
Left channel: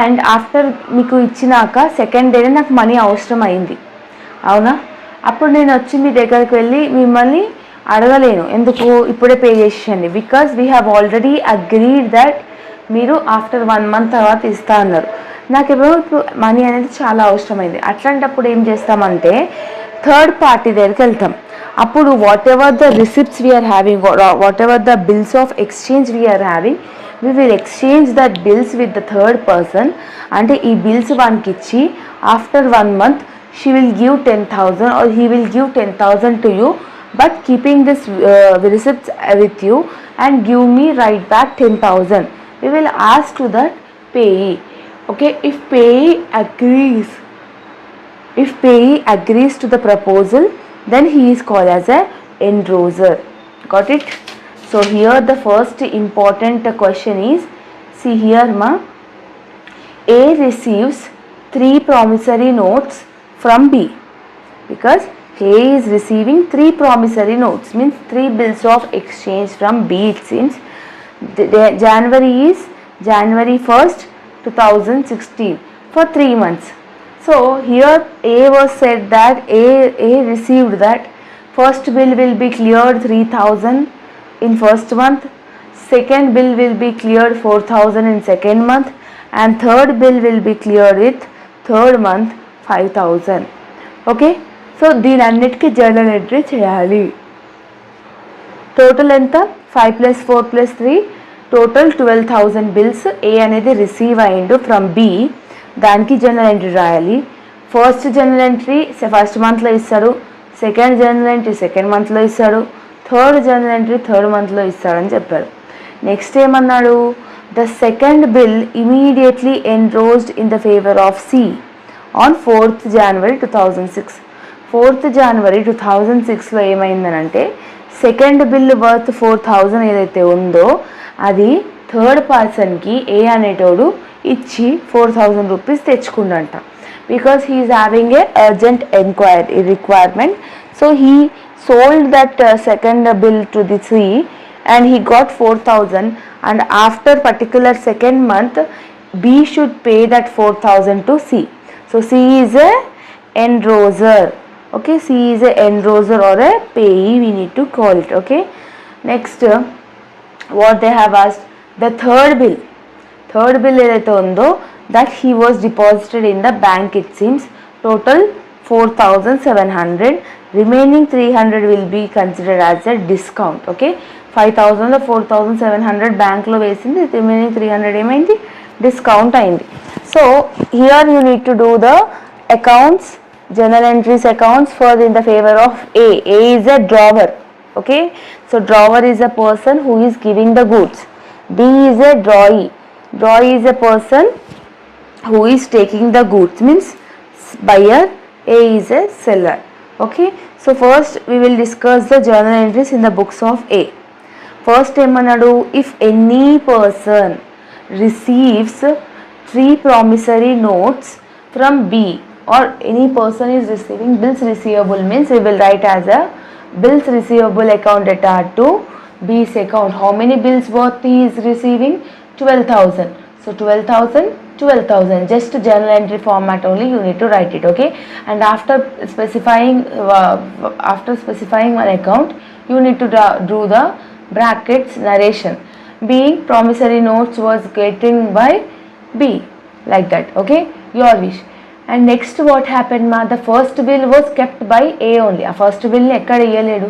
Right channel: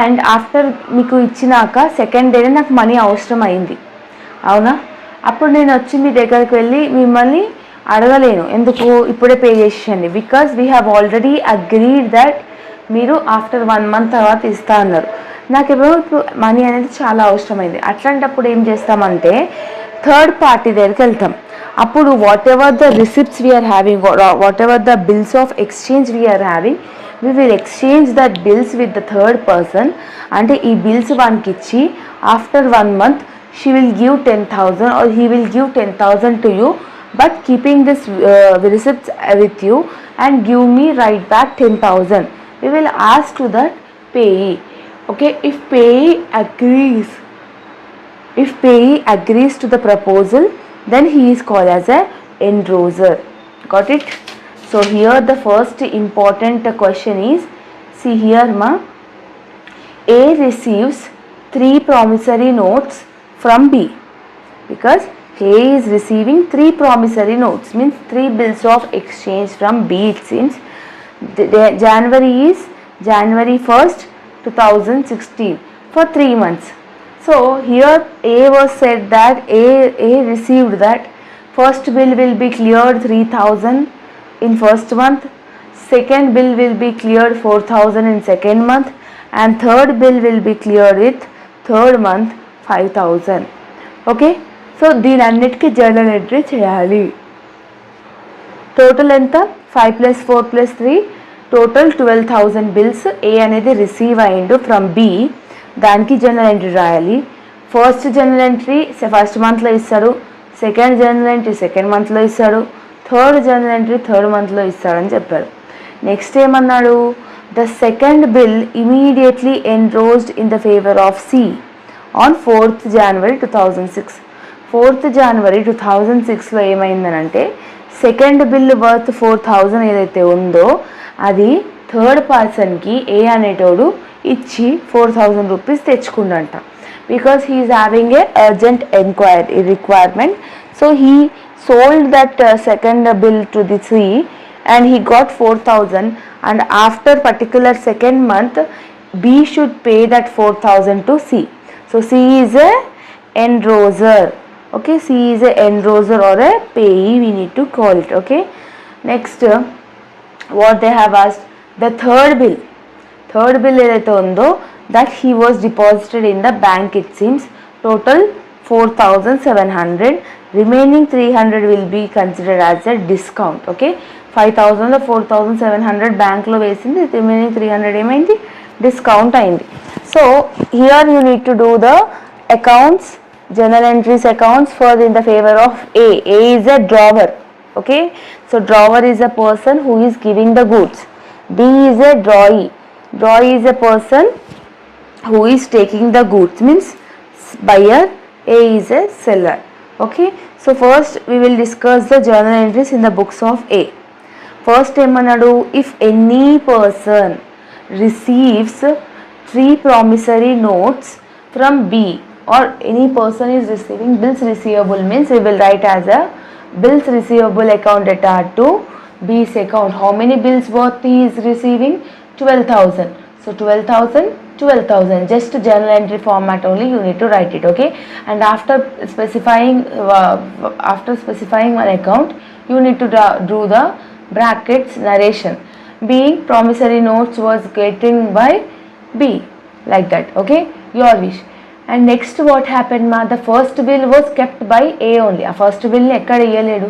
అండ్ ఆఫ్టర్ మీకు ఇచ్చినాక సెకండ్ డేనే నాకు మనీ అవసరం అయింది, అవునా? అప్పుడు నేను వచ్చి మీ దగ్గరికి వెళ్ళి మిమ్మల్ని అడగలేను, ఎందుకు ఇప్పుడే పే చేసేయండి, because we have already agreed that మీరు ఆఫ్టర్ 1 మంత్ తర్వాత ఇస్తా అన్నారు. నాకేమో ఇప్పుడు మనీ అనేది చాలా అవసరమైంది. అట్లాంటప్పుడు ఏం చేస్తామంటే థర్డ్ పార్టీ దగ్గరికి వెళ్తాం. అప్పుడు whatever the receipts we are having, whatever the bills of exchange we are having, we will exchange that bills with the third person. అంటే ఈ బిల్స్ వానికి ఇచ్చి after 1 month she will give 10,000 or he will give 10,000 to you, but keeping this receipts with you and give me right back 10,000. We will ask to that payee. Okay, if payee agrees to the proposal, then he is called as a enrolser. Got it? So here the first important question is, see here A receives 3 promissory notes from B, because A is receiving 3 promissory notes, means 3 bills of exchange from B. It seems January is January 1st 2016 for 3 months. So here A was said that A received that first bill will be cleared 3,000 in first month, second bill will be cleared 4,000 in second month, and third bill will be cleared with third month 5,000. Okay, so దీని అన్నిటికీ journal entry చేయాలి. Total ఎంత? 5 + 4 + 3 total 12,000 bills ఏ అనేది receive అయ్యిండు from B. దానికి journal entry రాయాలి. First journal entry first మంత్లో ఇస్తాడు, సెకండ్ జర్నల్ ఎంట్రీ సెకండ్ మంత్లో ఇస్తాడు, థర్డ్ జర్నల్ ఎంట్రీ థర్డ్ మంత్లో ఇస్తాడని చెప్పాడు. నెక్స్ట్ ఏమన్నాడు, the second bill immediately endorsed in the favour of C on 4th January 2006. 4th January 2006లో ఏమైందనంటే సెకండ్ బిల్ వర్త్ 4,000 ఏదైతే ఉందో అది థర్డ్ పర్సన్కి ఏ అనేటోడు ఇచ్చి 4,000 రూపీస్ తెచ్చుకుండంట. Because he is having a urgent requirement. So he sold that second bill to the C and he got 4,000, and after particular second month B should pay that 4,000 to C. So C is a enrolser. Okay, C is a enrolser or a payee, we need to call it. Okay, next what they have asked, the third bill ఏదైతే ఉందో that he was deposited in the bank, it seems total 4,700, remaining 300 will be considered as a discount. Okay, 5,000 4,700 బ్యాంక్లో వేసింది, remaining 300 ఏమైంది, discount అయింది. So here you need to do the accounts, journal entries accounts for in the favor of A. A is a drawer. Okay, so drawer is a person who is giving the goods. B is a drawee. Drawee is a person who is taking the goods, means buyer. A is a seller. Okay, so first we will discuss the journal entries in the books of A. First ఏమన్నాడు, if any person receives 3 promissory notes from B, or any person is receiving bills receivable, means we will write as a bills receivable account data to B's account. How many bills worth he is receiving? 12,000. So 12,000, just journal entry format only you need to write it. Okay, and after specifying one account you need to do the brackets narration, being promissory notes was getting by B, like that. Okay, your wish. And next what happened the first bill was kept by A only. A first bill ni ekkada iyaledu,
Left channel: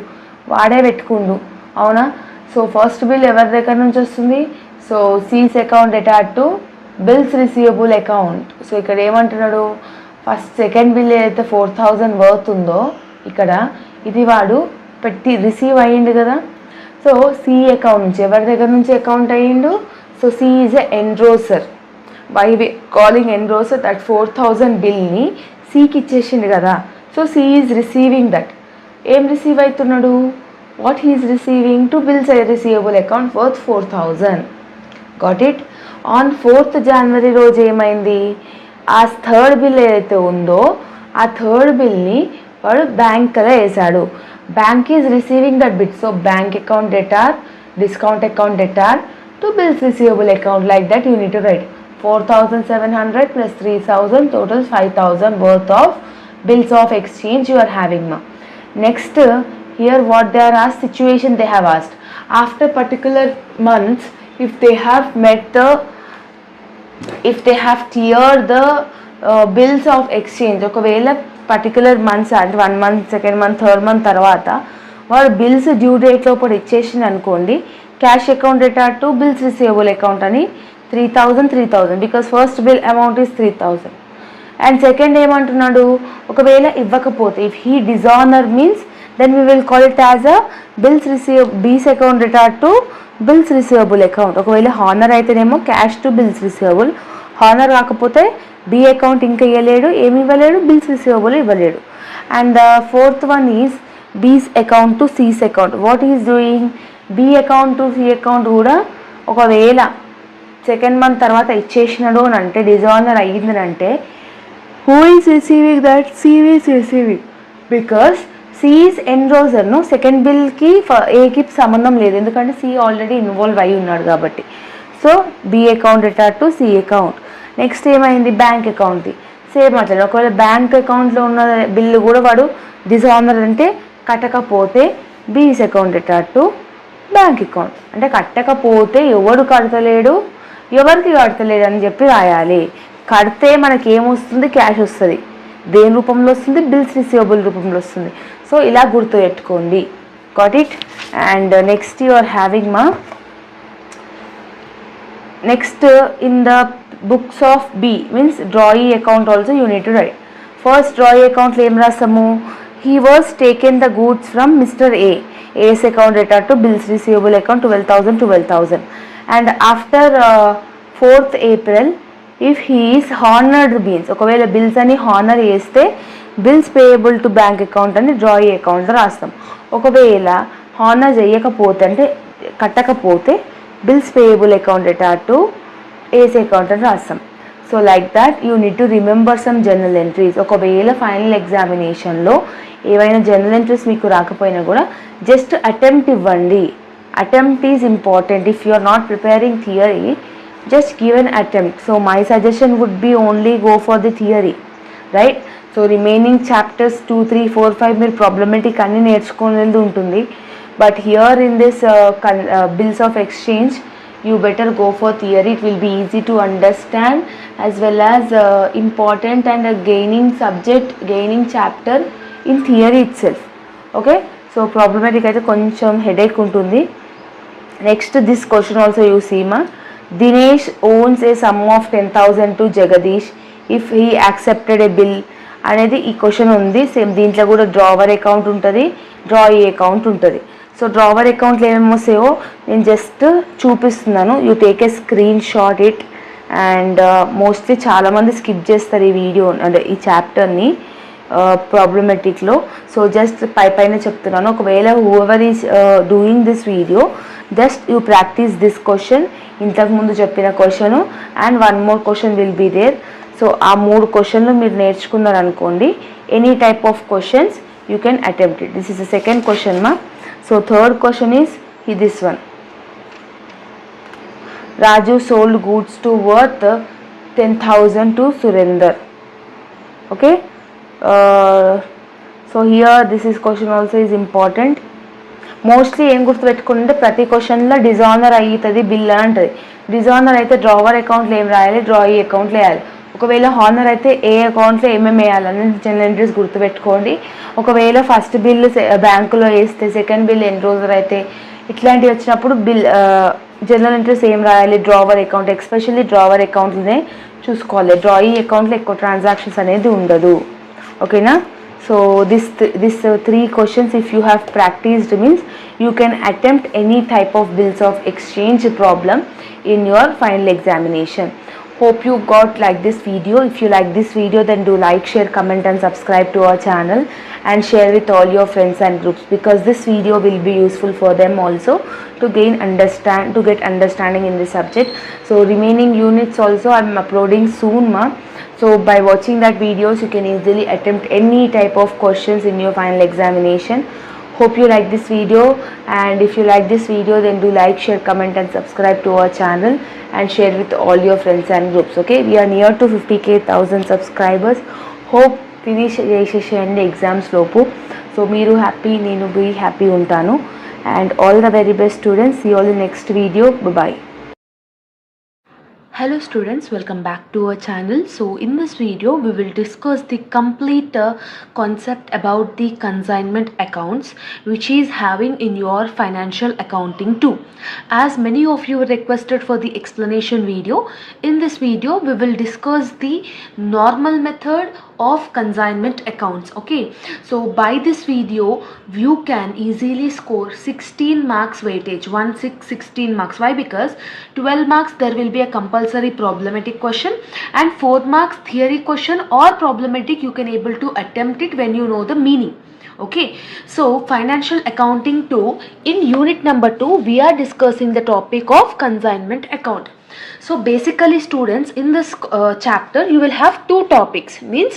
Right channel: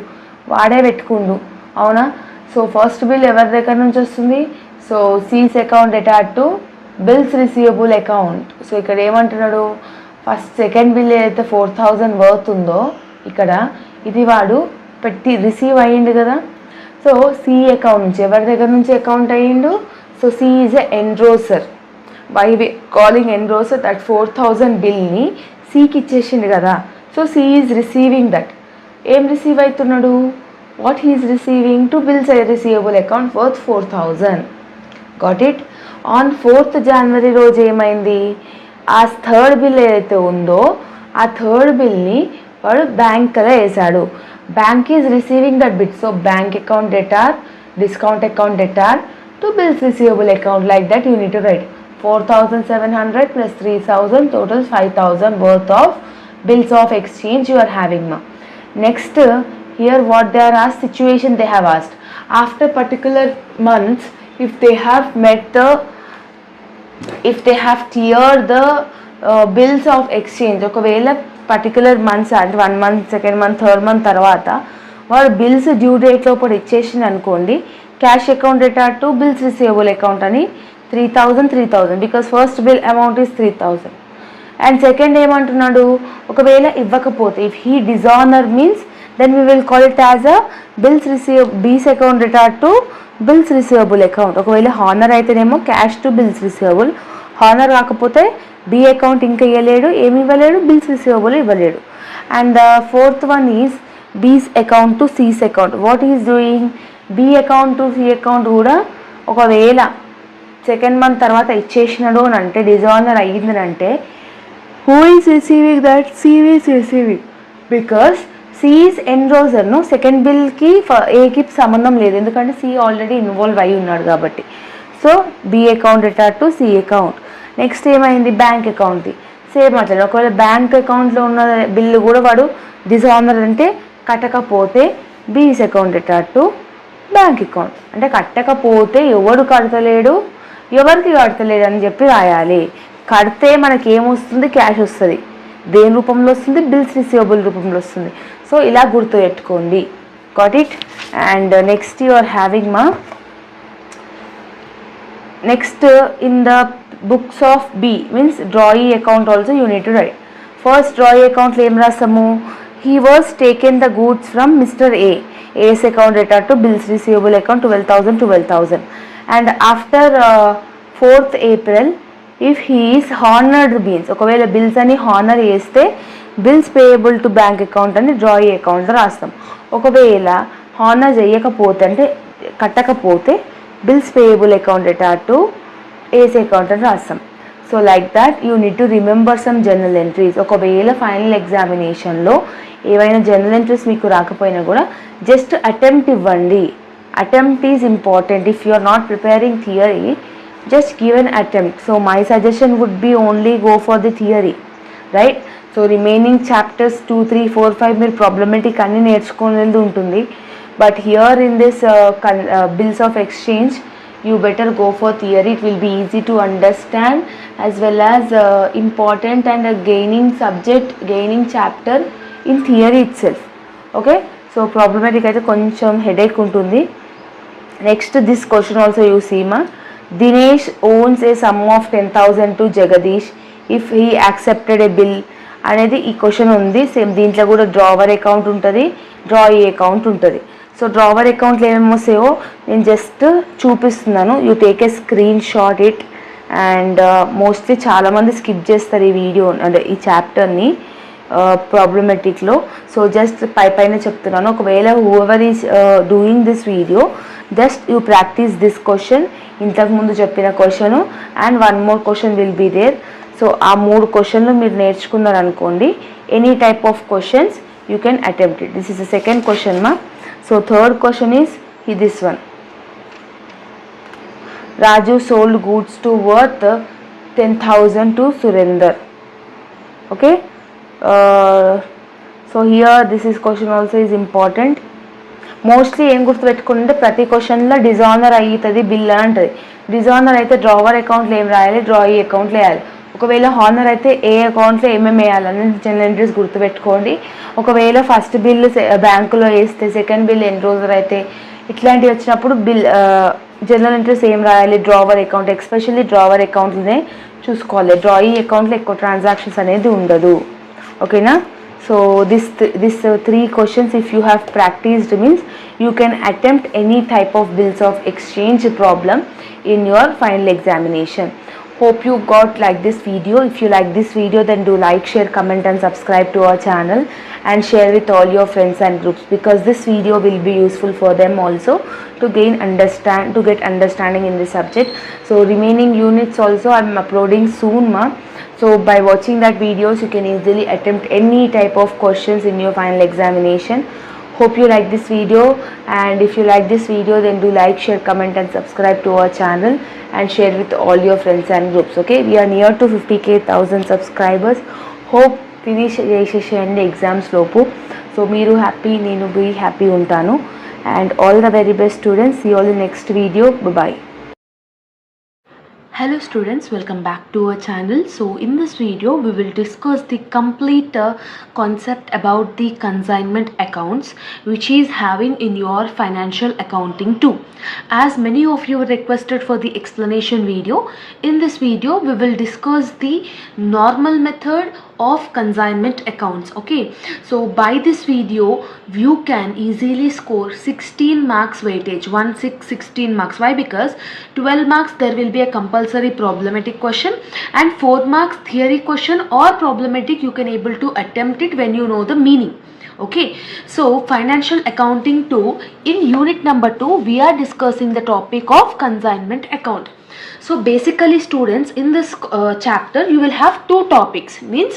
vaade pettukundu. అవునా? So first bill ఎవరి దగ్గర నుంచి వస్తుంది? So C's account debited to bills receivable account. So ఇక్కడ ఏమంటున్నాడు, first second bill ఏదైతే 4000 worth ఉందో ఇక్కడ ఇది వాడు పెట్టి రిసీవ్ అయ్యిండు కదా. సో సి అకౌంట్ నుంచి ఎవరి దగ్గర నుంచి అకౌంట్ అయ్యిండు? So C is a endorser. By calling endorser that 4000 బిల్ని సికి ఇచ్చేసిండు కదా. So C is receiving that. ఏం రిసీవ్ అవుతున్నాడు? What he is receiving? To bills receivable account worth 4000. Got it? On 4th January రోజు ఏమైంది, ఆ థర్డ్ బిల్ ఏదైతే ఉందో ఆ థర్డ్ బిల్ని వాడు బ్యాంక్లో వేసాడు. Bank is receiving that bit. So bank account debtor, discount account debtor to bills receivable account. Like that you need to right 4700 plus 3000 totals 5000 worth of bills of exchange you are having ma. Next here what they are asked, situation they have asked. After particular months, if they have cleared the bills of exchange, ఒకవేళ particular months అంటే 1 month, 2nd month, 3rd month తర్వాత వాడు bills due date లోపల ఇచ్చేసింది అనుకోండి, cash account debtor to bills receivable account అని 3000 because first bill amount is 3000. And second ఏమంటున్నాడు, ఒకవేళ ఇవ్వకపోతే if he dishonour means then we will call it as a B's account debtor to bills receivable account. ఒకవేళ honour అయితేనేమో cash to bills receivable, honour కాకపోతే B account ఇంకా ఇవ్వలేడు, ఏమి ఇవ్వలేడు, బిల్స్ రిసీవబుల్ ఇవ్వలేడు. And the fourth one is B's account to C's account. What is doing? B account to C account కూడా ఒకవేళ 2nd month తర్వాత ఇచ్చేసినాడు అని అంటే, డిజానర్ అయ్యిందని, who is receiving that? C is receiving because C is ఎన్రోజర్ను. Second బిల్కి ఏకి సంబంధం లేదు, ఎందుకంటే సి ఆల్రెడీ ఇన్వాల్వ్ అయి ఉన్నాడు కాబట్టి. So B account debtor to C account. Next ఏమైంది, బ్యాంక్ అకౌంట్ది సేమ్ అట్లా. ఒకవేళ బ్యాంక్ అకౌంట్లో ఉన్న బిల్లు కూడా వాడు డిజానర్ అంటే కట్టకపోతే బీస్ account debtor to bank account. అంటే కట్టకపోతే ఎవడు కడతలేడు, ఎవరికి కడతలేడు అని చెప్పి రాయాలి. కడితే మనకి ఏమొస్తుంది? క్యాష్ వస్తుంది. దేని రూపంలో వస్తుంది? బిల్స్ రిసీవబుల్ రూపంలో వస్తుంది. సో ఇలా గుర్తుపెట్టుకోండి. Got it? And next you are having మా next in the books of B means drawee account also you need to write. First drawee అకౌంట్లో ఏం రాస్తాము? He was taken the goods from mister A. A's account debtor to bills receivable account 12,000. And after 4th April, if he is honored means ఒకవేళ bills అని honour చేస్తే bills payable to bank account అని drawee అకౌంట్లో రాస్తాం. ఒకవేళ honour చేయకపోతే అంటే కట్టకపోతే bills payable account debtor to A's account అని రాస్తాం. So like that you need to remember some journal entries. ఒకవేళ ఫైనల్ ఎగ్జామినేషన్లో ఏవైనా జర్నల్ ఎంట్రీస్ మీకు రాకపోయినా కూడా జస్ట్ అటెంప్ట్ ఇవ్వండి. Attempt is important. If you are not preparing theory, just give an attempt. So my suggestion would be only go for the theory, right? So remaining chapters 2, 3, 4, 5 మీరు problematic అన్ని నేర్చుకునేది ఉంటుంది. But here in this bills of exchange, you better go for theory. It will be easy to understand as well as important and gaining subject, gaining chapter in theory itself. Okay? So problematic అయితే కొంచెం headache ఉంటుంది. Next this question also you see ma. Dinesh owns a sum of 10,000 to Jagadish if he accepted a bill అనేది ఈ question ఉంది. Same దీంట్లో కూడా drawer account ఉంటుంది, drawee account ఉంటుంది. సో డ్రావర్ అకౌంట్లో ఏమేమి వస్తాయో నేను జస్ట్ చూపిస్తున్నాను. You take a screen shot it. And mostly చాలామంది స్కిప్ చేస్తారు ఈ వీడియో అంటే ఈ చాప్టర్ని ప్రాబ్లమెటిక్లో. సో జస్ట్ పైన చెప్తున్నాను. ఒకవేళ whoever is doing this video just you practice this question, ఇంతకుముందు చెప్పిన question and 1 more question will be there. So ఆ 3 క్వశ్చన్లు మీరు నేర్చుకున్నారు అనుకోండి, any type of questions you can attempt it. This is the second question మా. So third question is this one. Raju sold goods to worth 10,000 to Surender. Okay. So here this is question also is important. Mostly ఏం గుర్తుపెట్టుకుంటే ప్రతి క్వశ్చన్లో dishonour అవుతుంది bill అని ఉంటుంది. Dishonour అయితే drawer అకౌంట్లో ఏం రాయాలి, డ్రాయీ అకౌంట్లో వేయాలి. ఒకవేళ హానర్ అయితే ఏ అకౌంట్లో ఏమేమి వేయాలని జనరల్ ఎంట్రీస్ గుర్తుపెట్టుకోండి. ఒకవేళ ఫస్ట్ బిల్ బ్యాంకులో వేస్తే, సెకండ్ బిల్ ఎన్రోజర్ అయితే ఇట్లాంటివి వచ్చినప్పుడు జనరల్ ఎంట్రీస్ ఏం రాయాలి, డ్రావర్ అకౌంట్, ఎస్పెషల్లీ డ్రావర్ అకౌంట్నే చూసుకోవాలి. డ్రాయింగ్ అకౌంట్లో ఎక్కువ ట్రాన్సాక్షన్స్ అనేది ఉండదు. ఓకేనా? So this 3 questions, if you have practiced, means you can attempt any type of bills of exchange problem in your final examination. Hope you got like this video. If you like this video, then do like, share, comment and subscribe to our channel and share with all your friends and groups, because this video will be useful for them also to get understanding in this subject. So remaining units also I am uploading soon, ma. So by watching that videos, you can easily attempt any type of questions in your final examination. Hope you like this video, and if you like this video, then do like, share, comment and subscribe to our channel and share with all your friends and groups. Okay, we are near to 50,000 subscribers. Hope finish చేసేసేయండి exams లోపు. So మీరు happy, నేను be happy ఉంటాను. And all the very best students. See you all in next video. Bye bye. Hello students, welcome back to our channel. So in this video we will discuss the complete concept about the consignment accounts, which is having in your financial accounting 2. As many of you requested for the explanation video, in this video we will discuss the normal method of consignment accounts. Okay, so by this video you can easily score 16 marks weightage, 16 marks. Why? Because 12 marks there will be a compulsory problematic question, and 4 marks theory question or problematic you can able to attempt it when you know the meaning. Okay, so financial accounting 2, in unit number 2 we are discussing the topic of consignment account. So basically students, in this chapter you will have 2 topics, means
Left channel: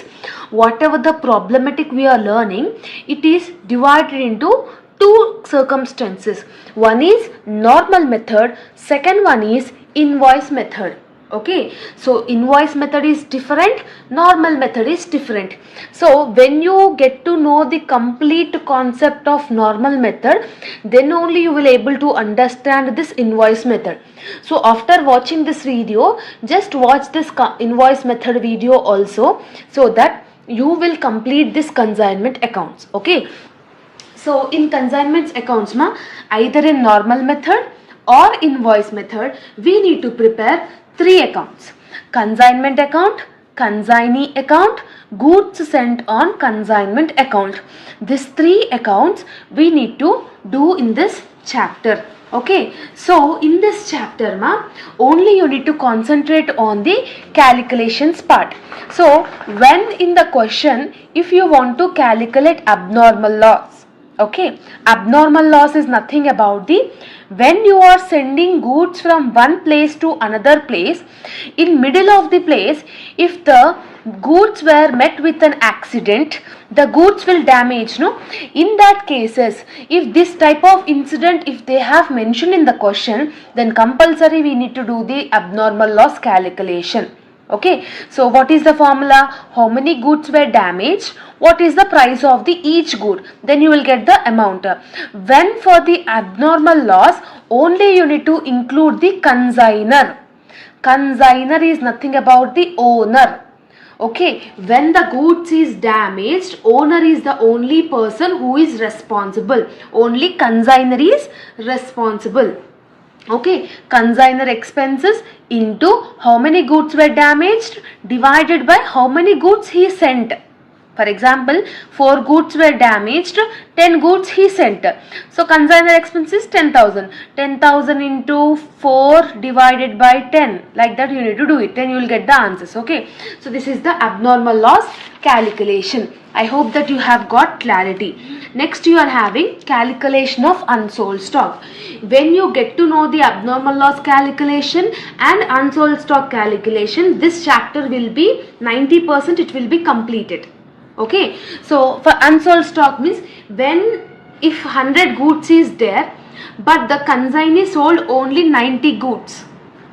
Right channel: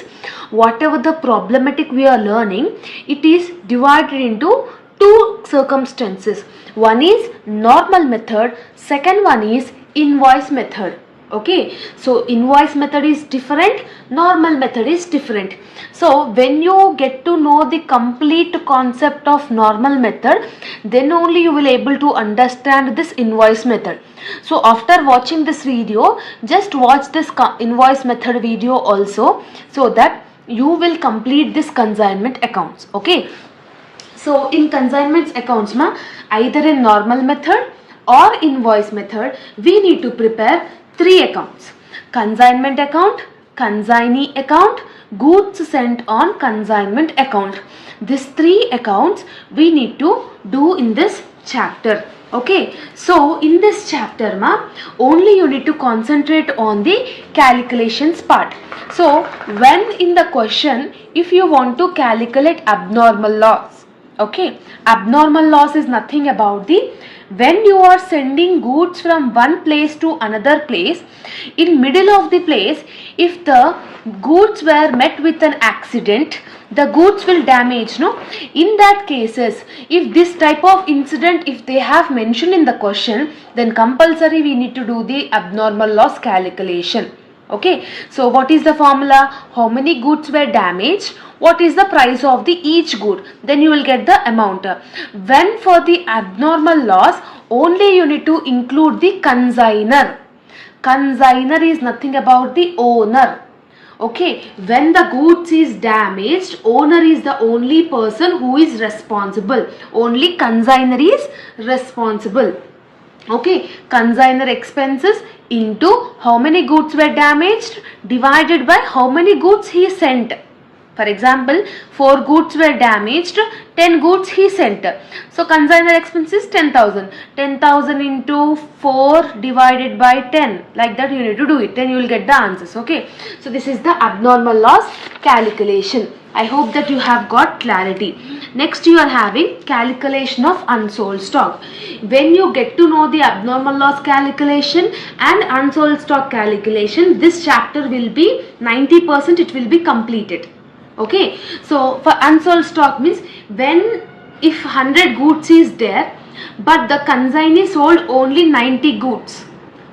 whatever the problematic we are learning, it is divided into 2 circumstances. One is normal method, second one is invoice method. Okay, so invoice method is different, normal method is different. So when you get to know the complete concept of normal method, then only you will able to understand this invoice method. So after watching this video, just watch this invoice method video also, so that you will complete this consignment accounts. Okay, so in consignment accounts ma, either in normal method or invoice method, we need to prepare 3 accounts: consignment account, consignee account, goods sent on consignment account. These 3 accounts we need to do in this chapter. Okay, so in this chapter ma, only you need to concentrate on the calculations part. So when in the question, if you want to calculate abnormal loss, okay, abnormal loss is nothing about the, when you are sending goods from one place to another place, in middle of the place, if the goods were met with an accident, the goods will damage, no? In that cases, if this type of incident, if they have mentioned in the question, then compulsory we need to do the abnormal loss calculation. Okay, so what is the formula? How many goods were damaged, what is the price of the each good, then you will get the amount. When for the abnormal loss, only you need to include the consignor. Consignor is nothing about the owner. Okay, when the goods is damaged, owner is the only person who is responsible, only consignor is responsible. Okay, consignor expenses into how many goods were damaged divided by how many goods he sent. For example, 4 goods were damaged, 10 goods he sent. So consignor expenses 10,000. 10,000 into 4 divided by 10. Like that you need to do it. Then you will get the answers. Okay. So this is the abnormal loss calculation. I hope that you have got clarity. Next you are having calculation of unsold stock. When you get to know the abnormal loss calculation and unsold stock calculation, this chapter will be 90%, it will be completed. Okay, so for unsold stock means, when if 100 goods is there, but the consignee sold only 90 goods.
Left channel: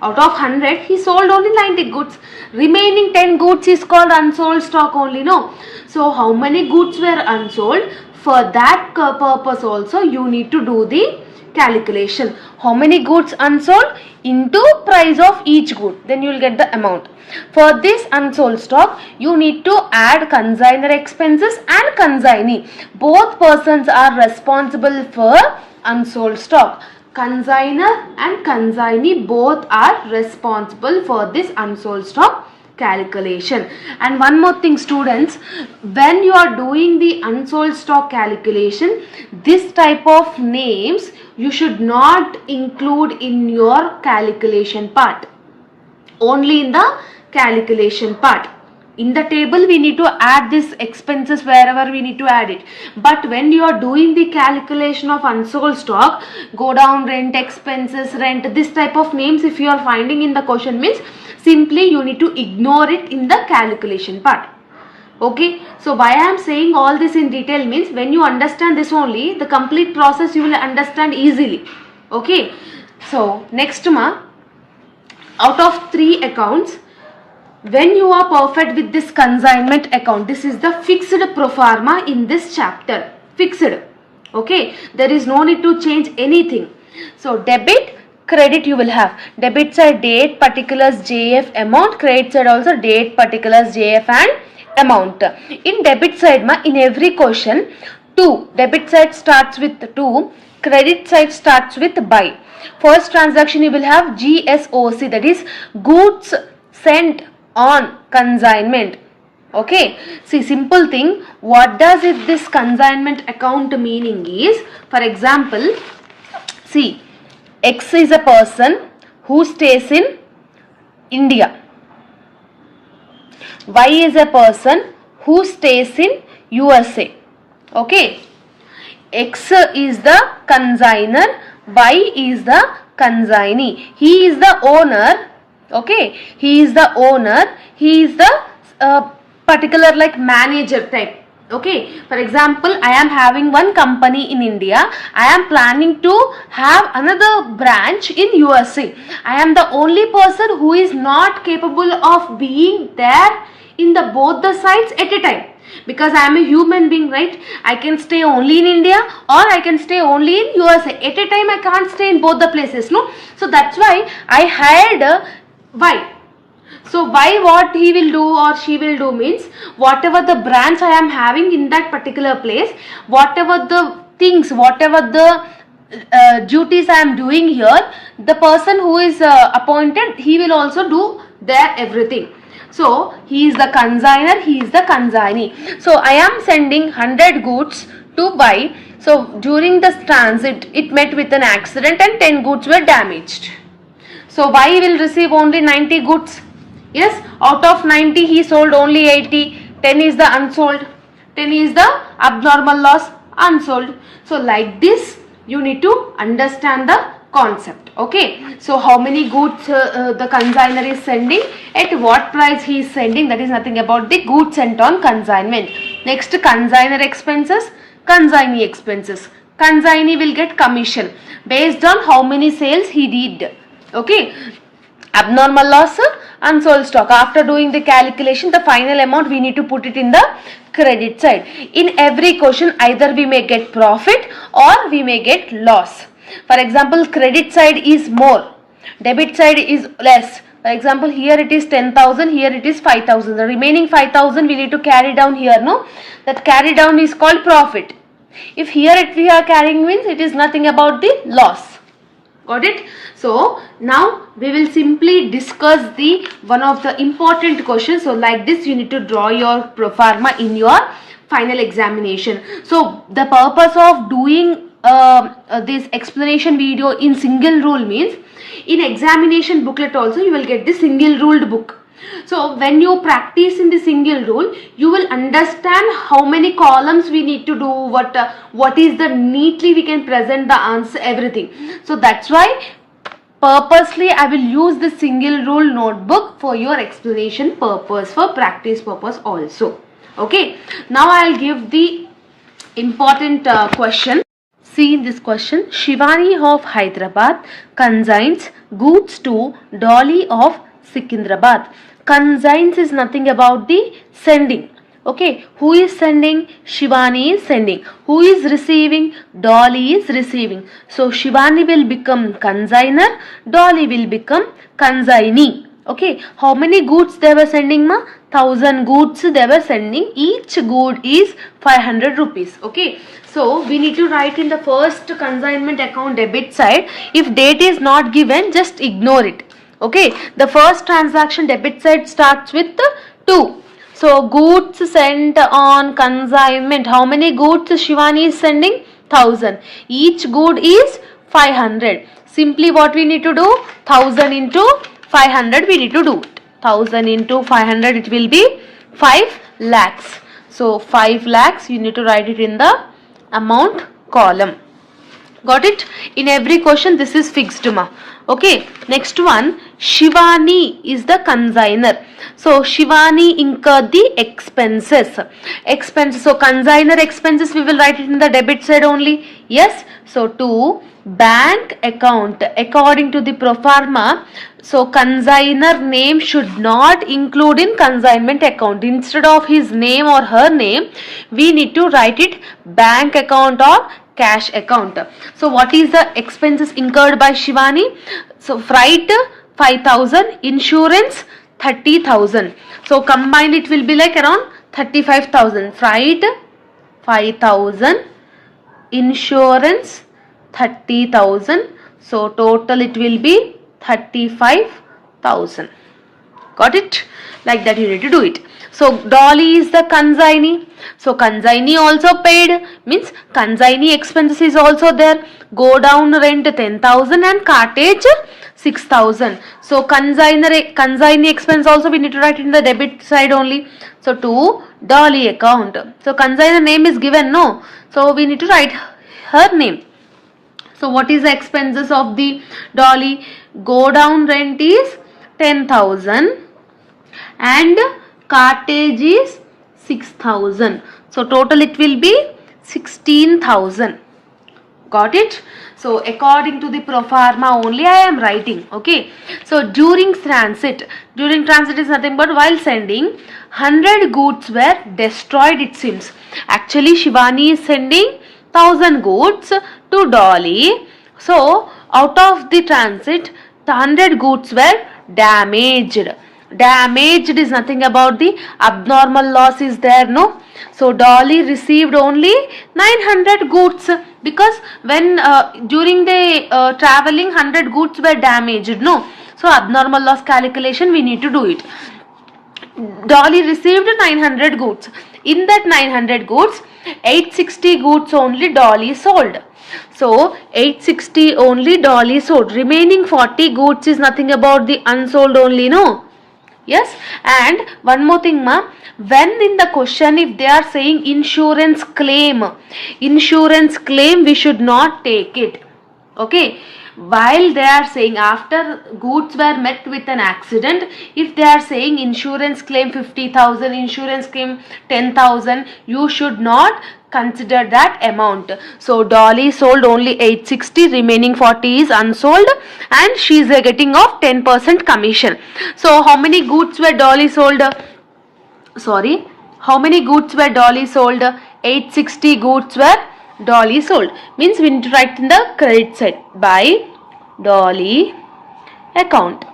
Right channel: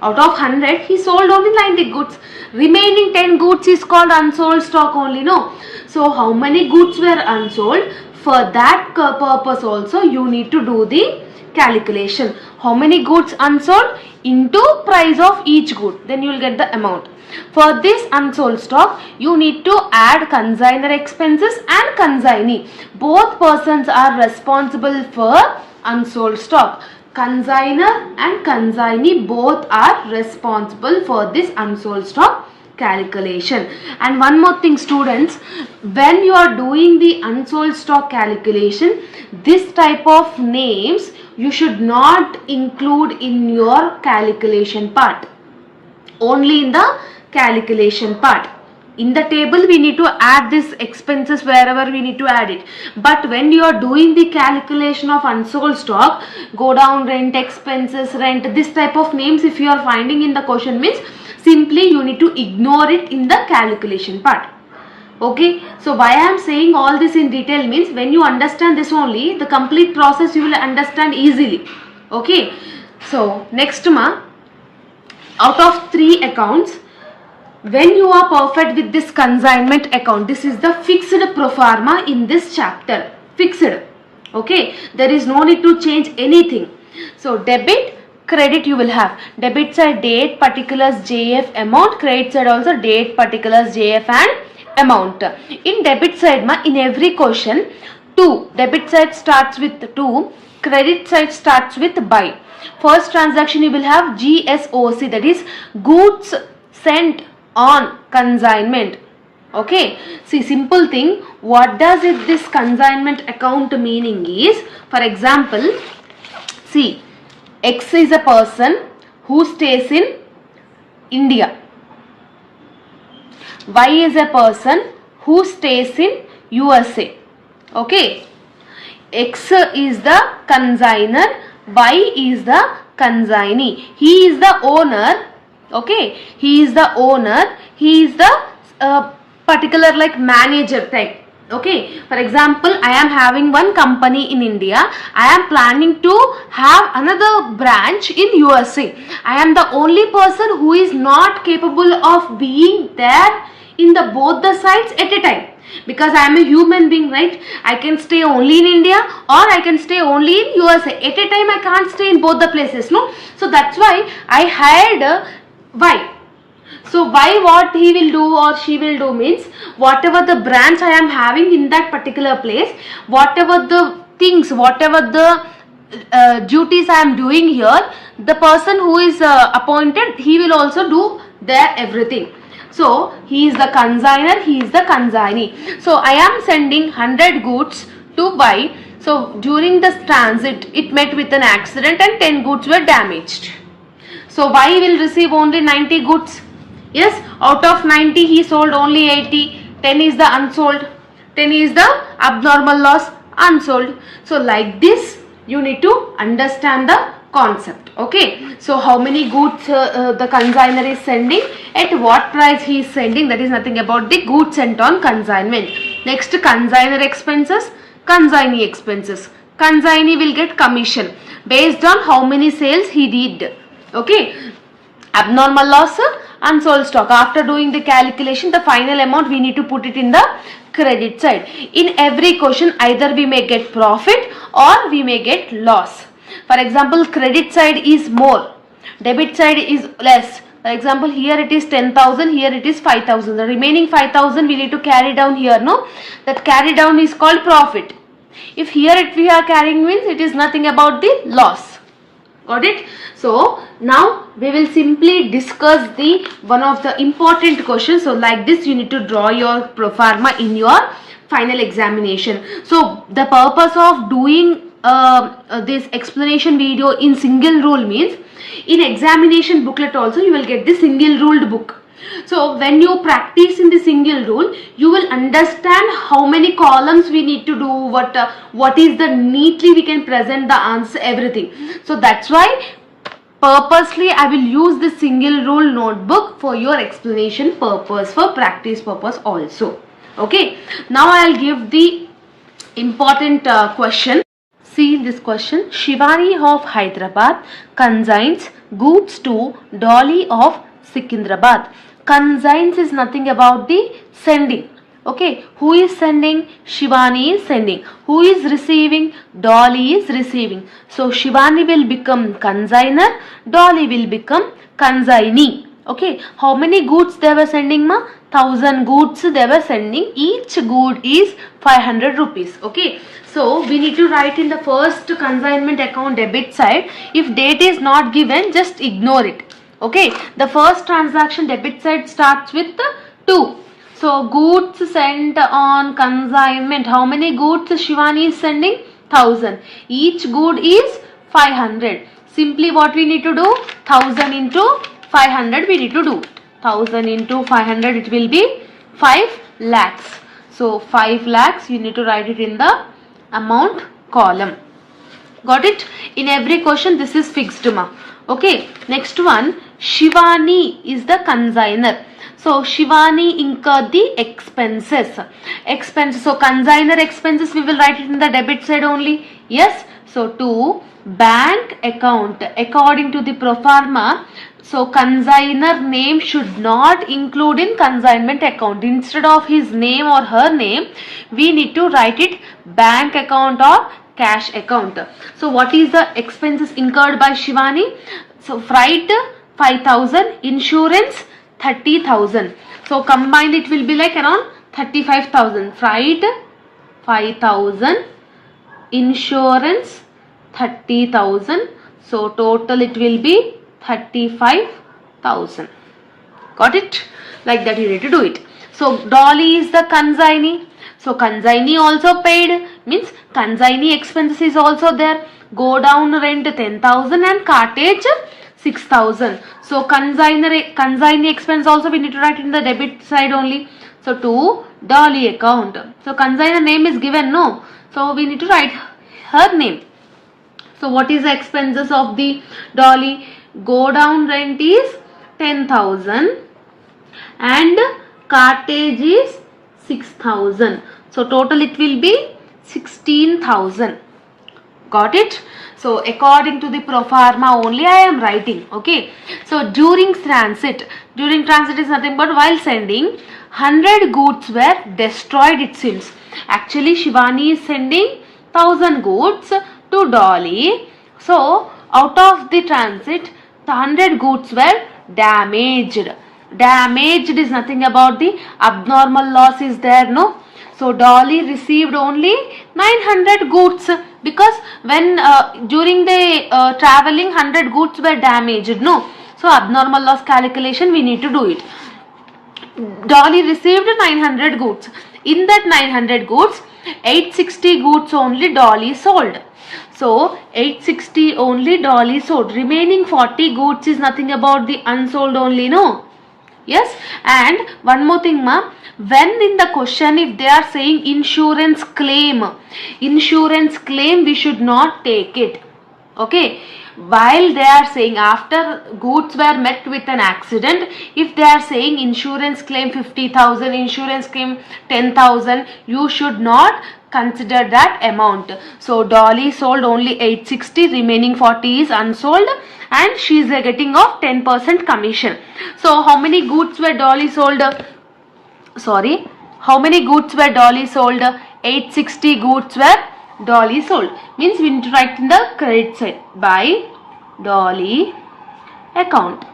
Out of 100 he sold only 90 goods, remaining 10 goods is called unsold stock only, no? So how many goods were unsold? For that purpose also you need to do the calculation. How many goods unsold into price of each good, then you will get the amount. For this unsold stock, you need to add consignor expenses and consignee. Both persons are responsible for unsold stock. Consignor and consignee both are responsible for this unsold stock calculation. And one more thing students, when you are doing the unsold stock calculation, this type of names you should not include in your calculation part, only in the calculation part. In the table we need to add this expenses wherever we need to add it, but when you are doing the calculation of unsold stock, go down rent expenses, rent, this type of names if you are finding in the question, means simply you need to ignore it in the calculation part. Okay, so why I am saying all this in detail means when you understand this only, the complete process you will understand easily. Okay, so next out of 3 accounts, when you are perfect with this consignment account, this is the fixed pro forma in this chapter, fixed. Okay, there is no need to change anything. So debit, credit you will have. Debit side date, particulars, JF, amount. Credit side also date, particulars, JF and amount. In debit side in every question 2, debit side starts with 2, credit side starts with by. First transaction you will have GSOC, that is goods sent on consignment. Okay, see, simple thing, what does it this consignment account meaning is, for example, see, X is a person who stays in India, Y is a person who stays in USA. Okay, X is the consignor, Y is the consignee. He is the owner. Okay, he is the owner, he is the particular like manager type. Okay, for example, I am having one company in India, I am planning to have another branch in USA. I am the only person who is not capable of being there in the both the sides at a time, because I am a human being, right? I can stay only in India or I can stay only in USA. At a time I can't stay in both the places, no? So that's why I hired Y. So Y, what he will do or she will do means, whatever the branch I am having in that particular place, whatever the things, whatever the duties I am doing here, the person who is appointed, he will also do their everything. So he is the consignor, he is the consignee. So I am sending 100 goods to Y. So during the transit it met with an accident and 10 goods were damaged. So Y will receive only 90 goods. Yes, out of 90 he sold only 80. 10 is the unsold. 10 is the abnormal loss, unsold. So like this you need to understand the concept. Okay, so how many goods the consignor is sending, at what price he is sending, that is nothing about the goods sent on consignment. Next, consignor expenses, consignee expenses. Consignee will get commission based on how many sales he did. Okay, abnormal loss, unsold stock. After doing the calculation, the final amount we need to put it in the credit side. In every question, either we may get profit or we may get loss. For example, credit side is more, debit side is less. For example, here it is 10,000, here it is 5,000. The remaining 5,000 we need to carry down here, no? That carry down is called profit. If here we are carrying means it is nothing about the loss. Got it? So now we will simply discuss the one of the important questions. So like this you need to draw your pro forma in your final examination. So the purpose of doing this explanation video in single rule means, in examination booklet also you will get the single ruled book. So when you practice in the single rule, you will understand how many columns we need to do, what is the neatly we can present the answer, everything. So that's why purposely I will use the single rule notebook for your explanation purpose, for practice purpose also. Okay, now I will give the important question. See in this question, Shivani of Hyderabad consigns goods to Dolly of Secunderabad. Consigns is nothing about the sending. Okay, who is sending? Shivani is sending. Who is receiving? Dolly is receiving. So Shivani will become consignor, Dolly will become consignee. Okay, how many goods they were sending, ma? 1000 goods they were sending. Each good is 500 rupees. Okay, So we need to write in the first consignment account debit side. If date is not given, just ignore it. Okay, the first transaction debit side starts with 2. So goods sent on consignment. How many goods Shivani is sending? 1000. Each good is 500. Simply what we need to do? 1000 into 500 we need to do. 1000 into 500 it will be 5 lakhs. So 5 lakhs you need to write it in the amount column. Got it? In every question this is fixed ma. Okay, next one, Shivani is the consigner. So Shivani incurred the expenses. So consigner expenses we will write it in the debit side only. Yes. So to bank account according to the pro forma. So consigner name should not include in consignment account. Instead of his name or her name, we need to write it bank account or cash account. So what is the expenses incurred by Shivani? So freight 5,000, insurance 30,000. So combined it will be like around 35,000. Freight 5,000, insurance 30,000. So total it will be 35,000. Got it? Like that you need to do it. So Dolly is the consignee. So consignee also paid, means consignee expenses is also there. Go down rent 10,000 and cartage 6,000. So consignee expense also we need to write in the debit side only. So to Dolly account. So consignor name is given, no? So we need to write her name. So what is the expenses of the Dolly? Go down rent is 10,000 and cartage is 6,000. So total it will be 16,000. Got it? So according to the pro forma only I am writing. Okay. So during transit is nothing but while sending 100 goods were destroyed it seems. Actually Shivani is sending 1000 goods to Dolly. So out of the transit the 100 goods were damaged. Damaged is nothing about the abnormal loss is there, no? So Dolly received only 900 goods because when during the traveling 100 goods were damaged, no? So abnormal loss calculation we need to do it. Dolly received 900 goods. In that 900 goods, 860 goods only Dolly sold. So 860 only Dolly sold. Remaining 40 goods is nothing about the unsold only, no? Yes. And one more thing ma, when in the question if they are saying insurance claim we should not take it. Okay. While they are saying after goods were met with an accident, if they are saying insurance claim 50,000, insurance claim 10,000, you should not consider that amount. So Dolly sold only 860, remaining 40 is unsold and she is getting of 10% commission. So how many goods were Dolly sold? How many goods were Dolly sold? 860 goods were Dolly sold. Means we need to write in the credit side by Dolly account.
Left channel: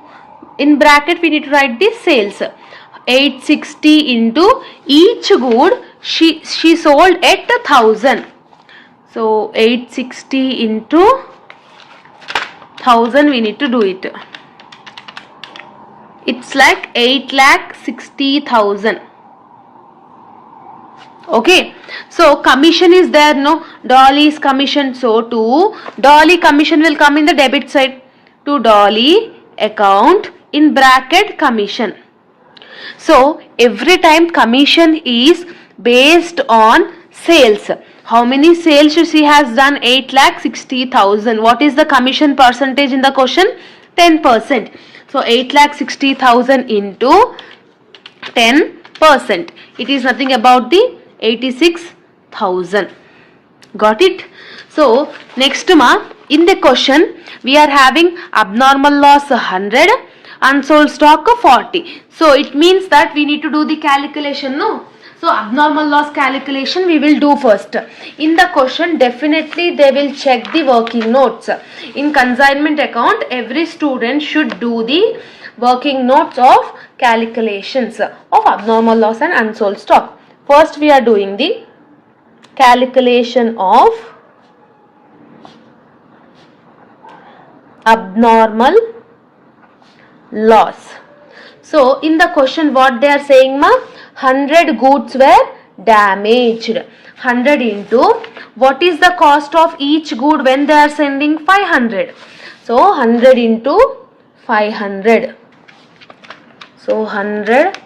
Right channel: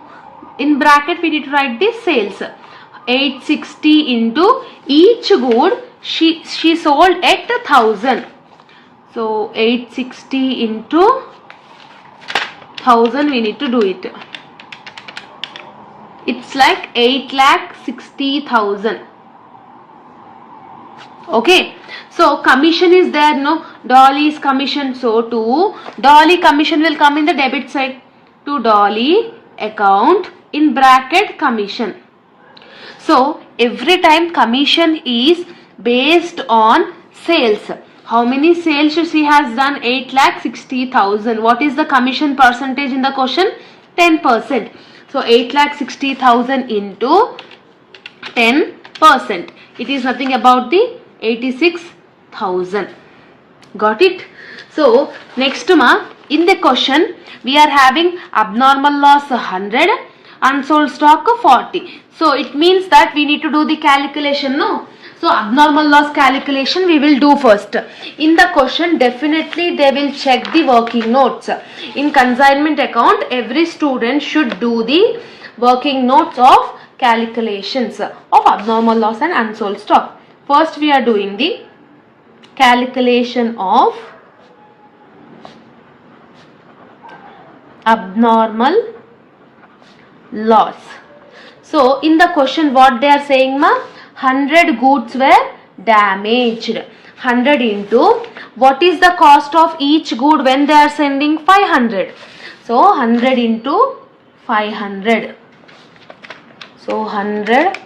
In bracket we need to write the sales. 860 into each good she sold at 1000. So 860 into 1000 we need to do it. It's like 8,60,000. Okay. So commission is there, no? Dolly's commission. So to Dolly commission will come in the debit side. To Dolly account in bracket commission. So every time commission is based on sales. How many sales she has done? 8,60,000. What is the commission percentage in the question? 10%. So 8,60,000 into 10%. It is nothing about the 86,000. Got it? So next ma, in the question we are having abnormal loss 100, unsold stock 40. So it means that we need to do the calculation, no? So abnormal loss calculation we will do first. In the question definitely they will check the working notes. In consignment account every student should do the working notes of calculations of abnormal loss and unsold stock. First we are doing the calculation of abnormal loss. So in the question what they are saying ma, 100 goods were damaged. 100 into what is the cost of each good when they are sending 500. So 100 into 500. So 100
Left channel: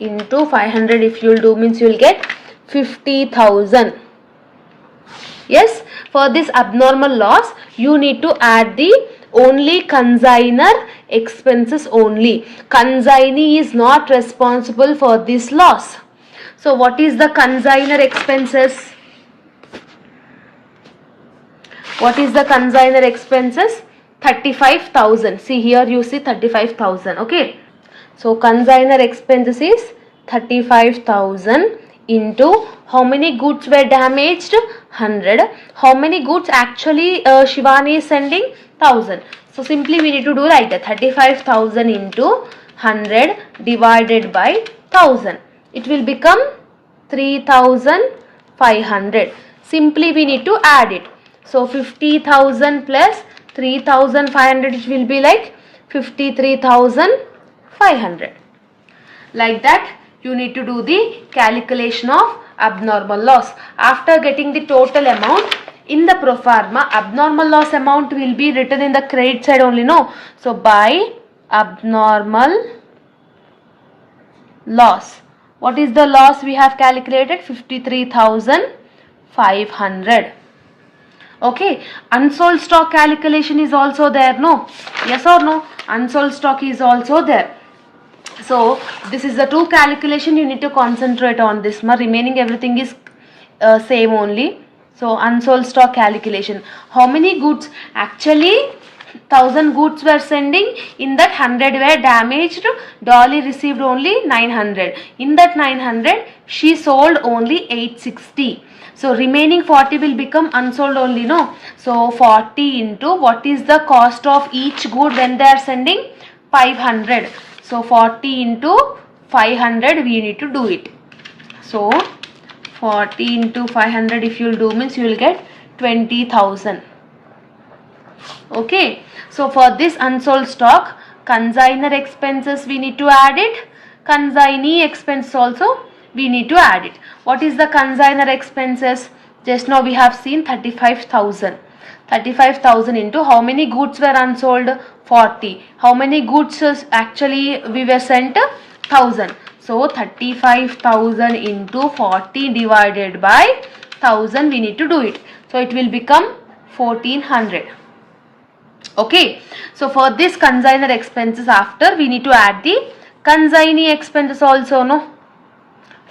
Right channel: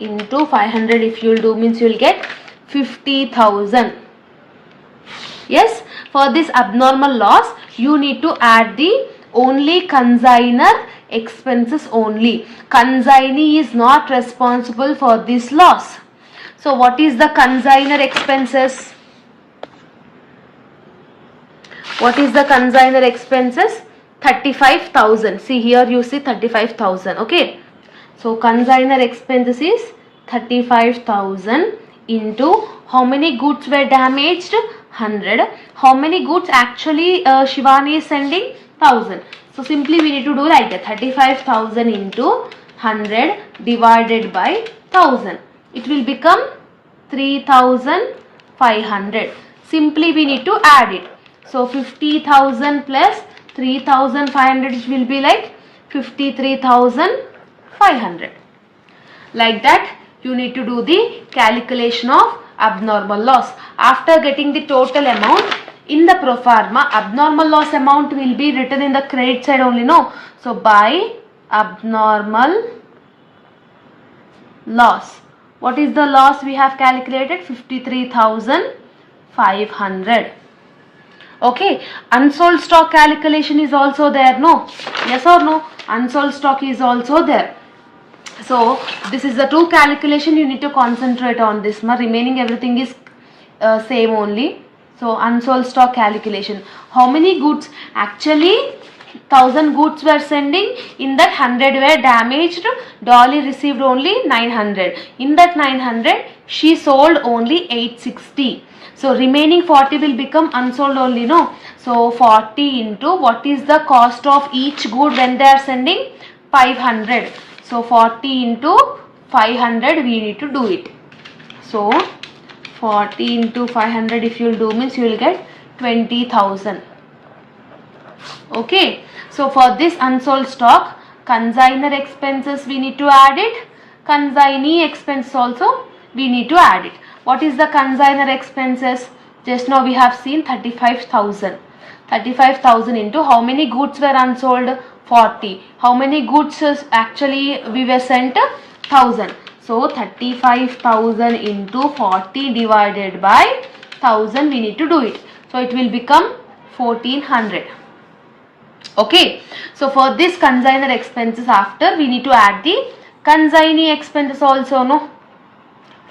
into 500 if you will do means you will get 50,000. Yes, for this abnormal loss you need to add the only consignor expenses only. Consignee is not responsible for this loss. So what is the consignor expenses? What is the consignor expenses? 35,000. See here you see 35,000. Okay. So consignor expenses is 35,000 into how many goods were damaged? 100. How many goods actually Shivani is sending? 1000. So simply we need to do like that. 35,000 into 100 divided by 1000. It will become 3,500. Simply we need to add it. So 50,000 plus 3,500 it will be like 53,500. Like that you need to do the calculation of abnormal loss. After getting the total amount in the pro forma, abnormal loss amount will be written in the credit side only, no? So by abnormal loss. What is the loss we have calculated? 53,500. Okay, unsold stock calculation is also there, no? Yes or no? Unsold stock is also there. So this is the two calculation you need to concentrate on this. Remaining everything is same only. So unsold stock calculation. How many goods? Actually 1000 goods were sending. In that 100 were damaged. Dolly received only 900. In that 900 she sold only 860. So remaining 40 will become unsold only, no? So 40 into what is the cost of each good when they are sending? 500. So 40 into 500 we need to do it. So 40 into 500 if you will do means you will get 20,000. Okay. So for this unsold stock, consignor expenses we need to add it. Consignee expense also we need to add it. What is the consignor expenses? Just now we have seen 35,000. 35,000 into how many goods were unsold? 40. How many goods actually we were sent? 1000. So 35,000 into 40 divided by 1000 we need to do it. So it will become 1400. Okay. So for this consignor expenses after we need to add the consignee expenses also, no?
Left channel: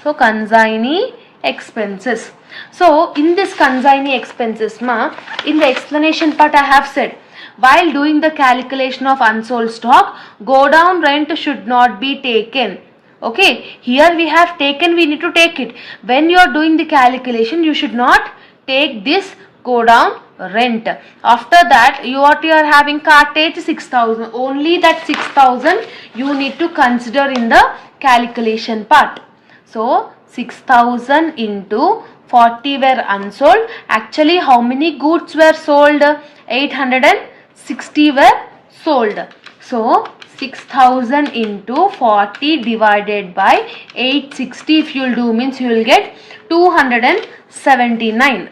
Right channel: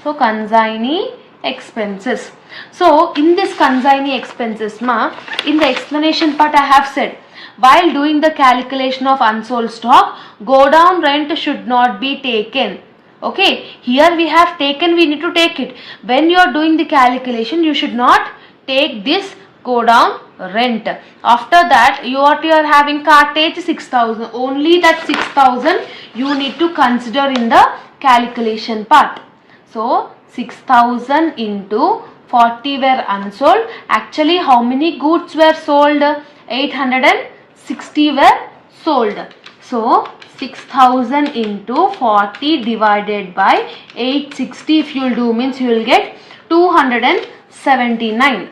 So consignee expenses. So in this consignee expenses in the explanation part I have said, while doing the calculation of unsold stock, go down rent should not be taken. Okay, here we have taken, we need to take it. When you are doing the calculation, you should not take this go down rent. After that, you are having cartage 6,000. Only that 6,000 you need to consider in the calculation part. So 6,000 into 40 were unsold. Actually, how many goods were sold? 860 were sold. So 6,000 into 40 divided by 860 if you will do means you will get 279.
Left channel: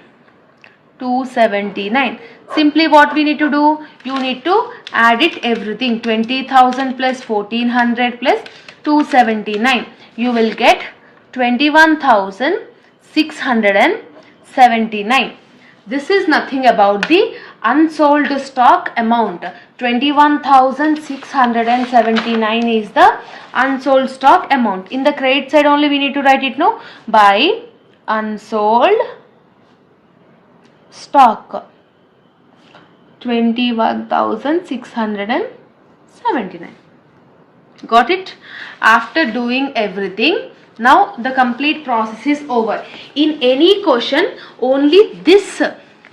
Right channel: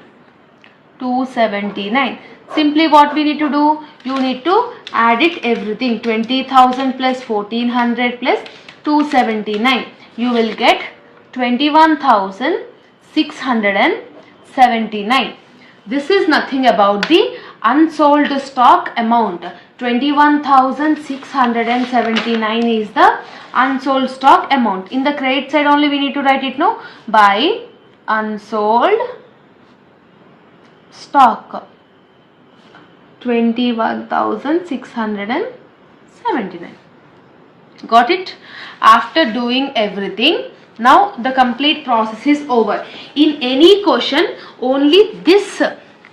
279. Simply what we need to do? You need to add it everything. 20,000 plus 1400 plus 279. You will get 21,679. This is nothing about the unsold stock amount. 21,679 is the unsold stock amount. In the credit side only we need to write it, no? By unsold stock. 21,679. Got it? After doing everything, now the complete process is over. In any question, only this,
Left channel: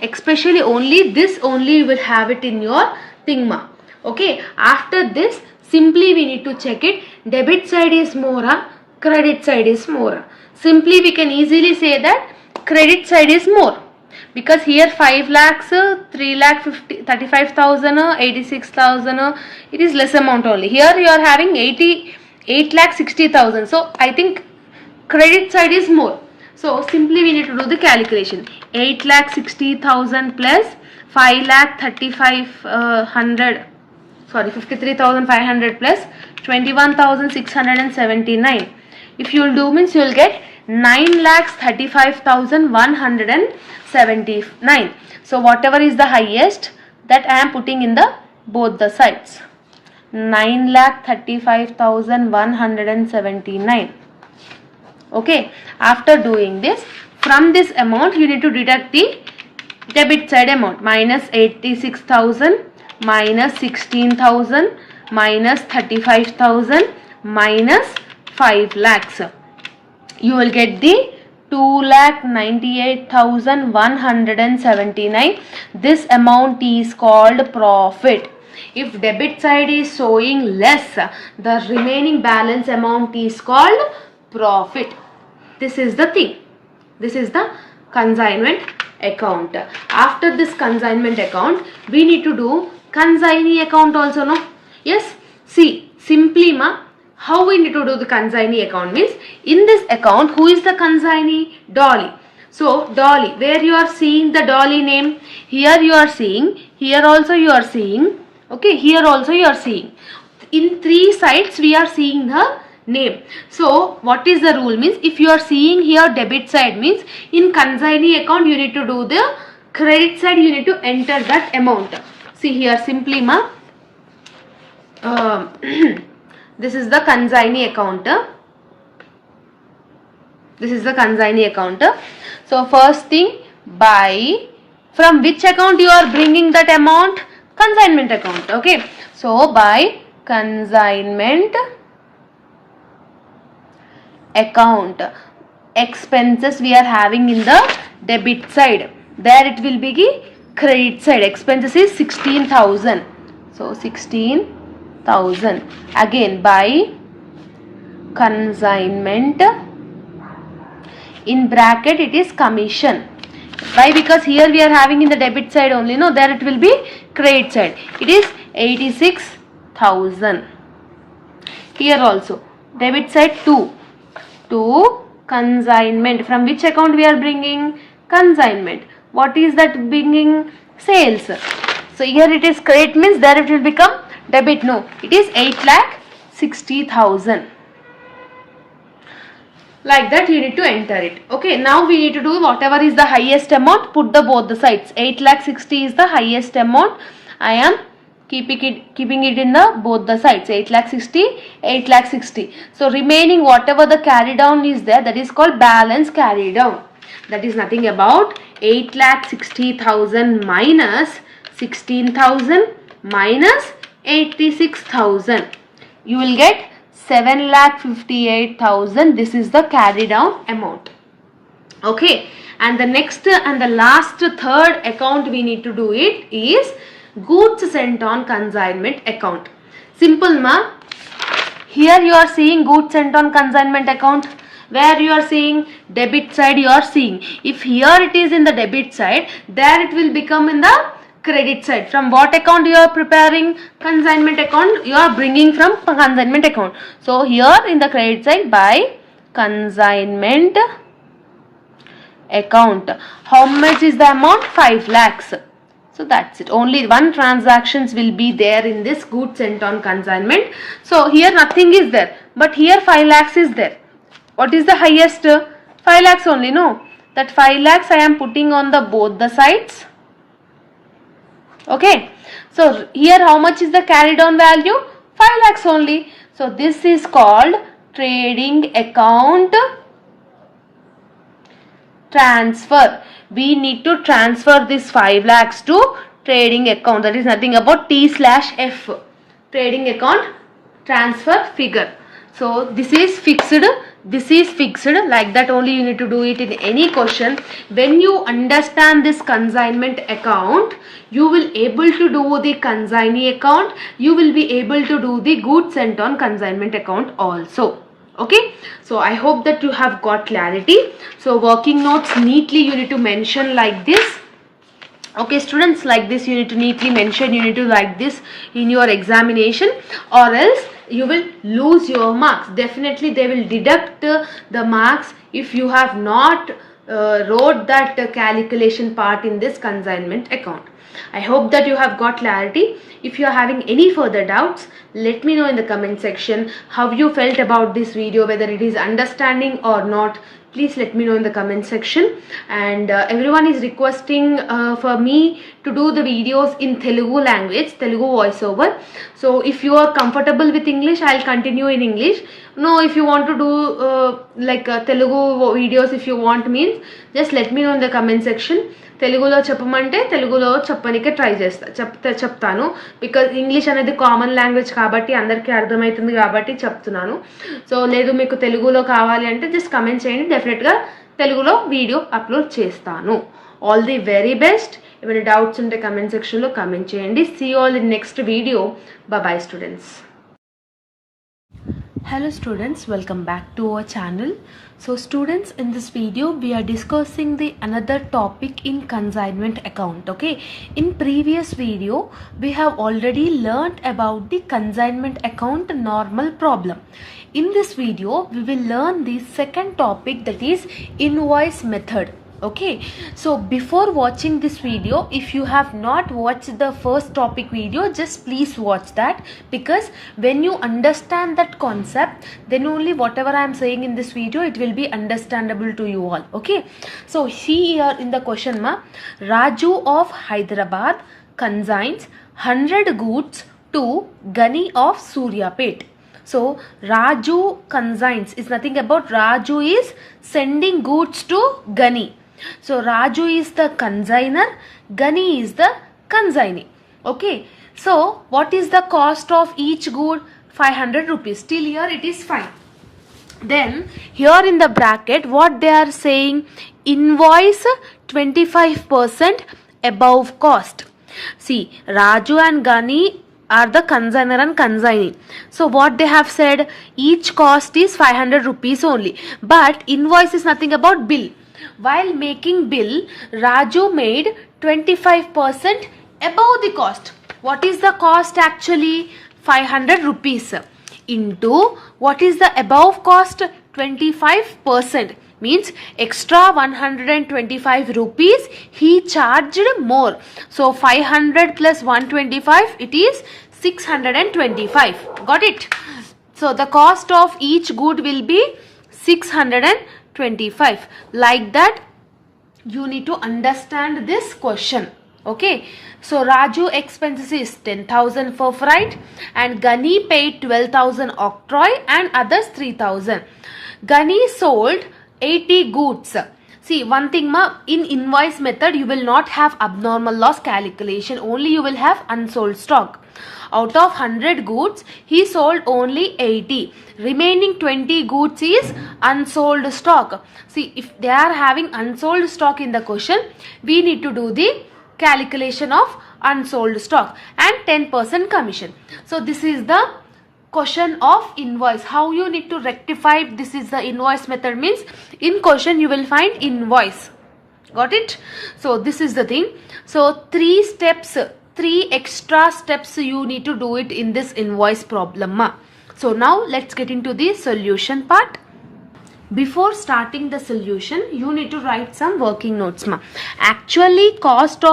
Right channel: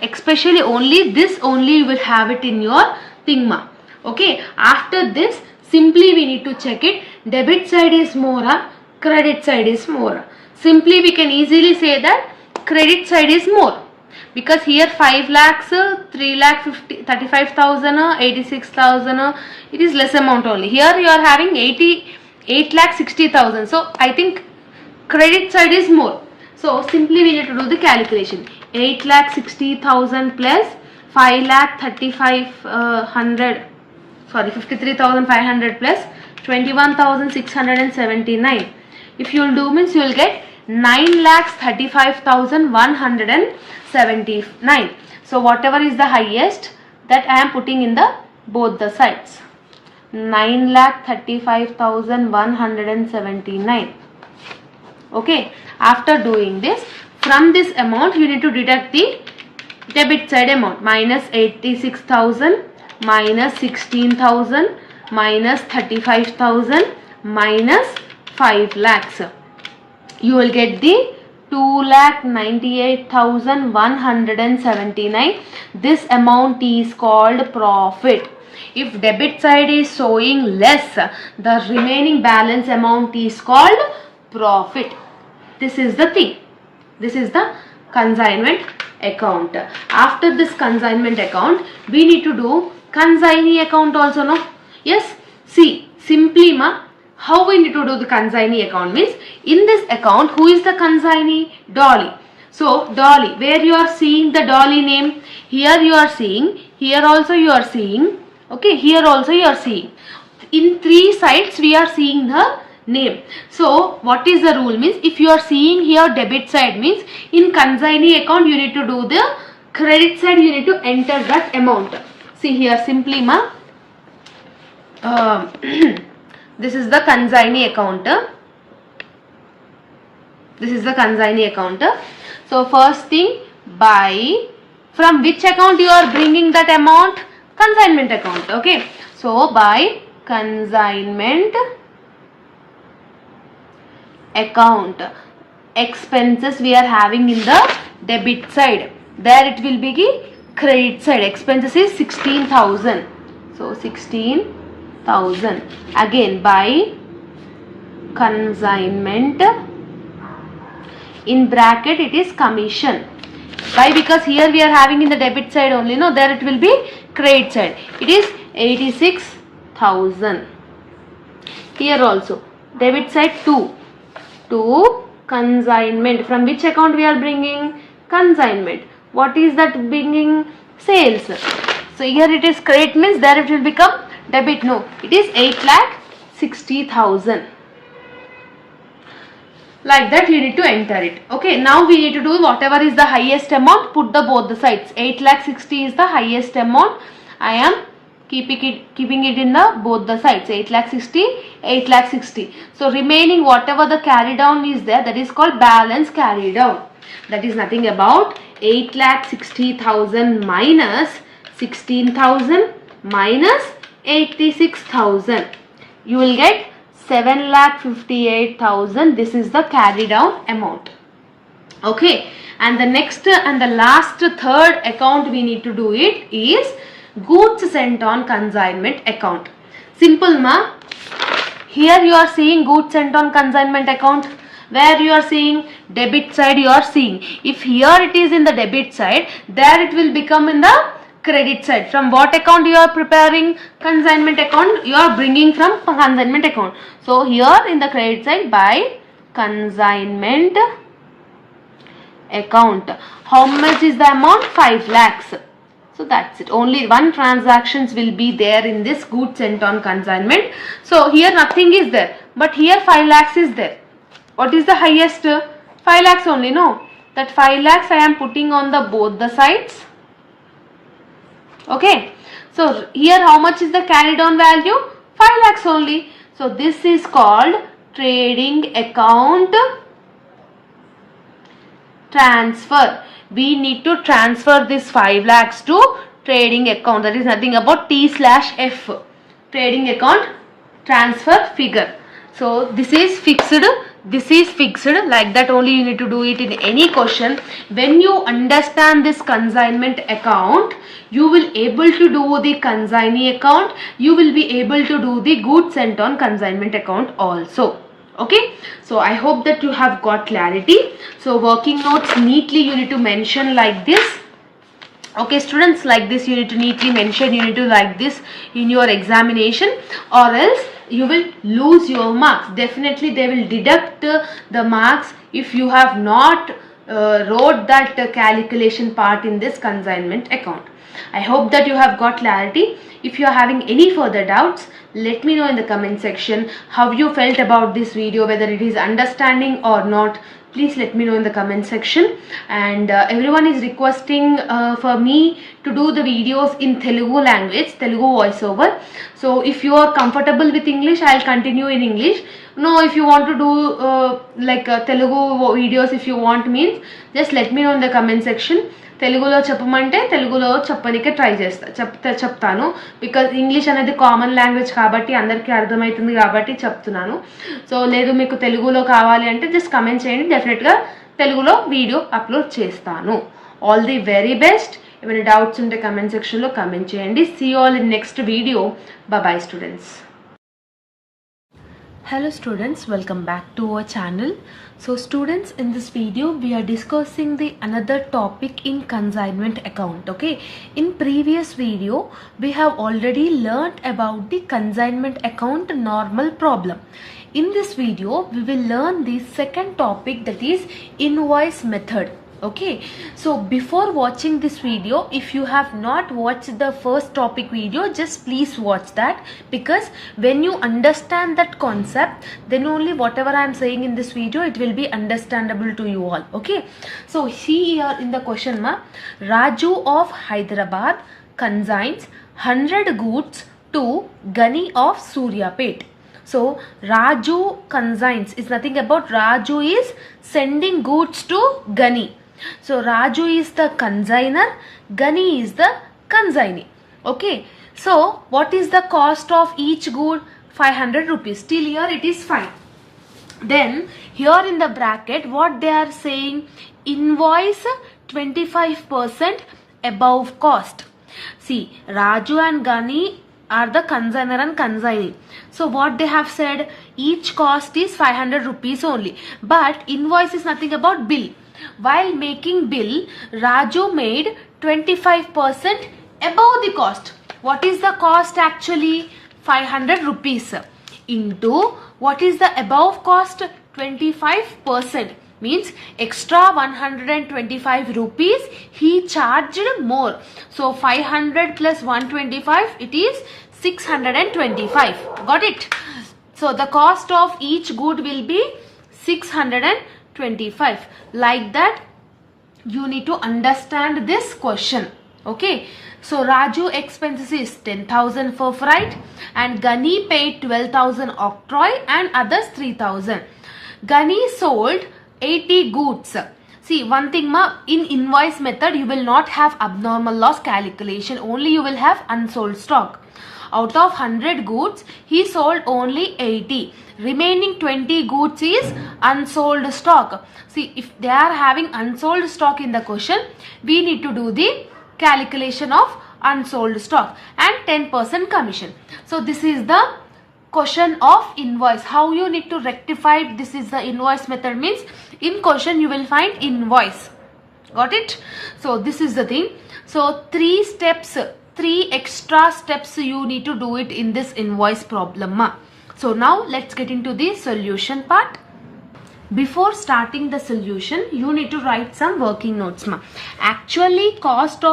especially only this only you will have it in your thingma. Okay, after this simply we need to check it. Debit side is more, credit side is more. Simply we can easily say that credit side is more. Because here 5 lakhs, 3 lakh 35,000, 86,000, it is less amount only. Here you are having 8 lakh 60,000. So I think credit side is more. So simply we need to do the calculation. 8 lakh 60,000 plus 5 lakh 53,500 plus 21,679. If you will do means you will get 9 lakhs 35,179. So whatever is the highest, that I am putting in the both the sides. 9 lakh 35,179. Okay, after doing this, from this amount you need to deduct the debit side amount. Minus 86,000, minus 16,000, minus 35,000, minus 5 lakhs. You will get the 2,98,179. This amount is called profit. If debit side is showing less, the remaining balance amount is called profit. This is the thing. This is the consignment account. After this consignment account, we need to do consignee account also, no? Yes. See, simply how we need to do the consignee account means, in this account, who is the consignee? Dolly. So, Dolly, where you are seeing the Dolly name, here you are seeing, here also you are seeing, okay, here also you are seeing. In 3 sides we are seeing her name. So, what is the rule means, if you are seeing here debit side means, in consignee account you need to do the credit side, you need to enter that amount. See here simply this is the consignee account. This is the consignee account. So first thing, by from which account you are bringing that amount? Consignment account. Okay. So by consignment account, expenses we are having in the debit side. There it will be the credit side. Expenses is 16,000. So 16,000. Again by consignment, in bracket it is commission. Why? Because here we are having in the debit side only, no, there it will be credit side. It is 86,000. Here also debit side 2 to consignment. From which account we are bringing? Consignment. What is that bringing? Sales. So here it is credit means there it will become debit. No, it is 8,60,000. Like that you need to enter it. Okay, now we need to do whatever is the highest amount, put the both the sides. 8,60,000 is the highest amount. I am keeping it in the both the sides. 8,60,000, 8,60,000. So remaining whatever the carry down is there, that is called balance carry down. That is nothing about 8,60,000 minus 16,000 minus 86,000. You will get 7,58,000. This is the carry down amount. Okay, and the next and the last third account we need to do it is goods sent on consignment account. Simple Here you are seeing goods sent on consignment account. Where you are seeing debit side you are seeing. If here it is in the debit side, there it will become in the credit side. From what account you are preparing? Consignment account you are bringing from consignment account. So here in the credit side by consignment account. How much is the amount? 5 lakhs. So that's it. Only one transactions will be there in this goods sent on consignment. So here nothing is there. But here 5 lakhs is there. What is the highest? 5 lakhs only, no? That 5 lakhs I am putting on the both the sides. Okay. So here how much is the carried on value? 5 lakhs only. So this is called trading account transfer. We need to transfer this 5 lakhs to trading account. That is nothing about T/F. Trading account transfer figure. So this is fixed. This is fixed. Like that only you need to do it in any question. When you understand this consignment account, you will able to do the consignee account. You will be able to do the goods sent on consignment account also. Okay, so I hope that you have got clarity. So working notes neatly you need to mention like this. Okay students, like this you need to neatly mention, you need to like this in your examination, or else you will lose your marks. Definitely they will deduct the marks if you have not wrote that calculation part in this consignment account. I hope that you have got clarity. If you are having any further doubts, let me know in the comment section how you felt about this video, whether it is understanding or not. Please let me know in the comment section. And everyone is requesting for me to do the videos in Telugu language, Telugu voiceover. So if you are comfortable with English, I'll continue in English. No, if you want to do Telugu videos, if you want, means just let me know in the comment section. తెలుగులో చెప్పమంటే తెలుగులో చెప్పనికే try చెప్తాను, because English అనేది common language కాబట్టి అందరికీ అర్థమవుతుంది కాబట్టి చెప్తున్నాను. సో లేదు మీకు తెలుగులో కావాలి అంటే జస్ట్ కమెంట్ చేయండి, డెఫినెట్గా తెలుగులో వీడియో అప్లోడ్ చేస్తాను. All the very best. ఏమైనా డౌట్స్ ఉంటే కమెంట్ సెక్షన్లో కమెంట్ చేయండి. See all in next video. Bye students. Hello students, welcome back to our channel. So students, in this video we are discussing the another topic in consignment account. Okay, in previous video we have already learnt about the consignment account normal problem. In this video we will learn the second topic, that is invoice method. Okay, so before watching this video, if you have not watched the first topic video, just please watch that, because when you understand that concept, then only whatever I am saying in this video, it will be understandable to you all. Okay, so here in the question ma, Raju of Hyderabad consigns 100 goods to Gani of Suryapet. So Raju consigns is nothing about, Raju is sending goods to Gani. So Raju is the consigner, Gani is the consignee. Okay, so what is the cost of each good? 500 rupees. Till here it is fine. Then here in the bracket what they are saying, invoice 25% above cost. See, Raju and Gani are the consigner and consignee. So what they have said, each cost is 500 rupees only, but invoice is nothing about bill. While making bill, Raju made 25% above the cost. What is the cost actually? 500 rupees into what is the above cost? 25%, means extra 125 rupees he charged more. So 500 plus 125, it is 625. Got it? So the cost of each good will be 625. Like that you need to understand this question. Okay, so Raju expenses is 10,000 for freight, and Gani paid 12,000 octroi and others 3,000. Gani sold 80 goods. See, one thing ma, in invoice method you will not have abnormal loss calculation, only you will have unsold stock. Out of 100 goods, he sold only 80. Remaining 20 goods is unsold stock. See, if they are having unsold stock in the question, we need to do the calculation of unsold stock and 10% commission. So this is the question of invoice. How you need to rectify this is the invoice method, means in question you will find invoice. Got it? So this is the thing. So 3 steps, 3 extra steps you need to do it in this invoice problem. So now let's get into the solution part. Before starting the solution, you need to write some working notes. Actually cost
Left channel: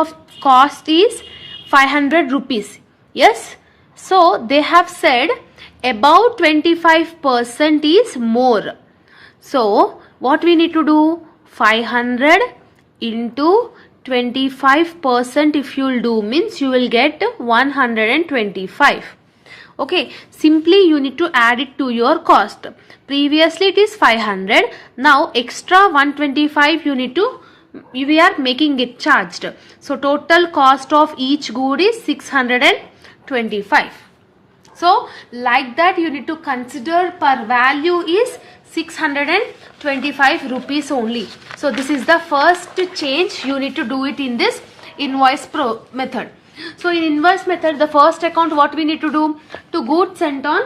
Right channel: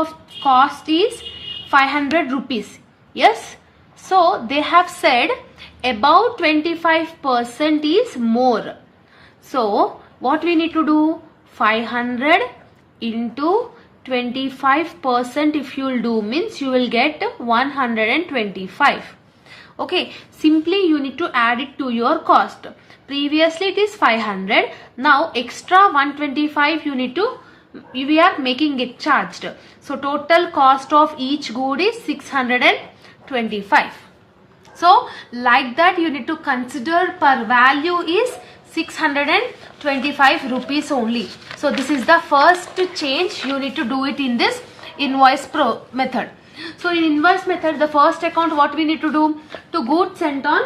is 500 rupees. Yes, so they have said about 25% is more. So what we need to do, 500 into 25% if you will do, means you will get 125. Okay, simply you need to add it to your cost. Previously it is 500, now extra 125 you need to, we are making it charged. So total cost of each good is 625. So like that you need to consider per value is 625 rupees only. So this is the first change you need to do it in this invoice method. So in invoice method, the first account what we need to do, to goods sent on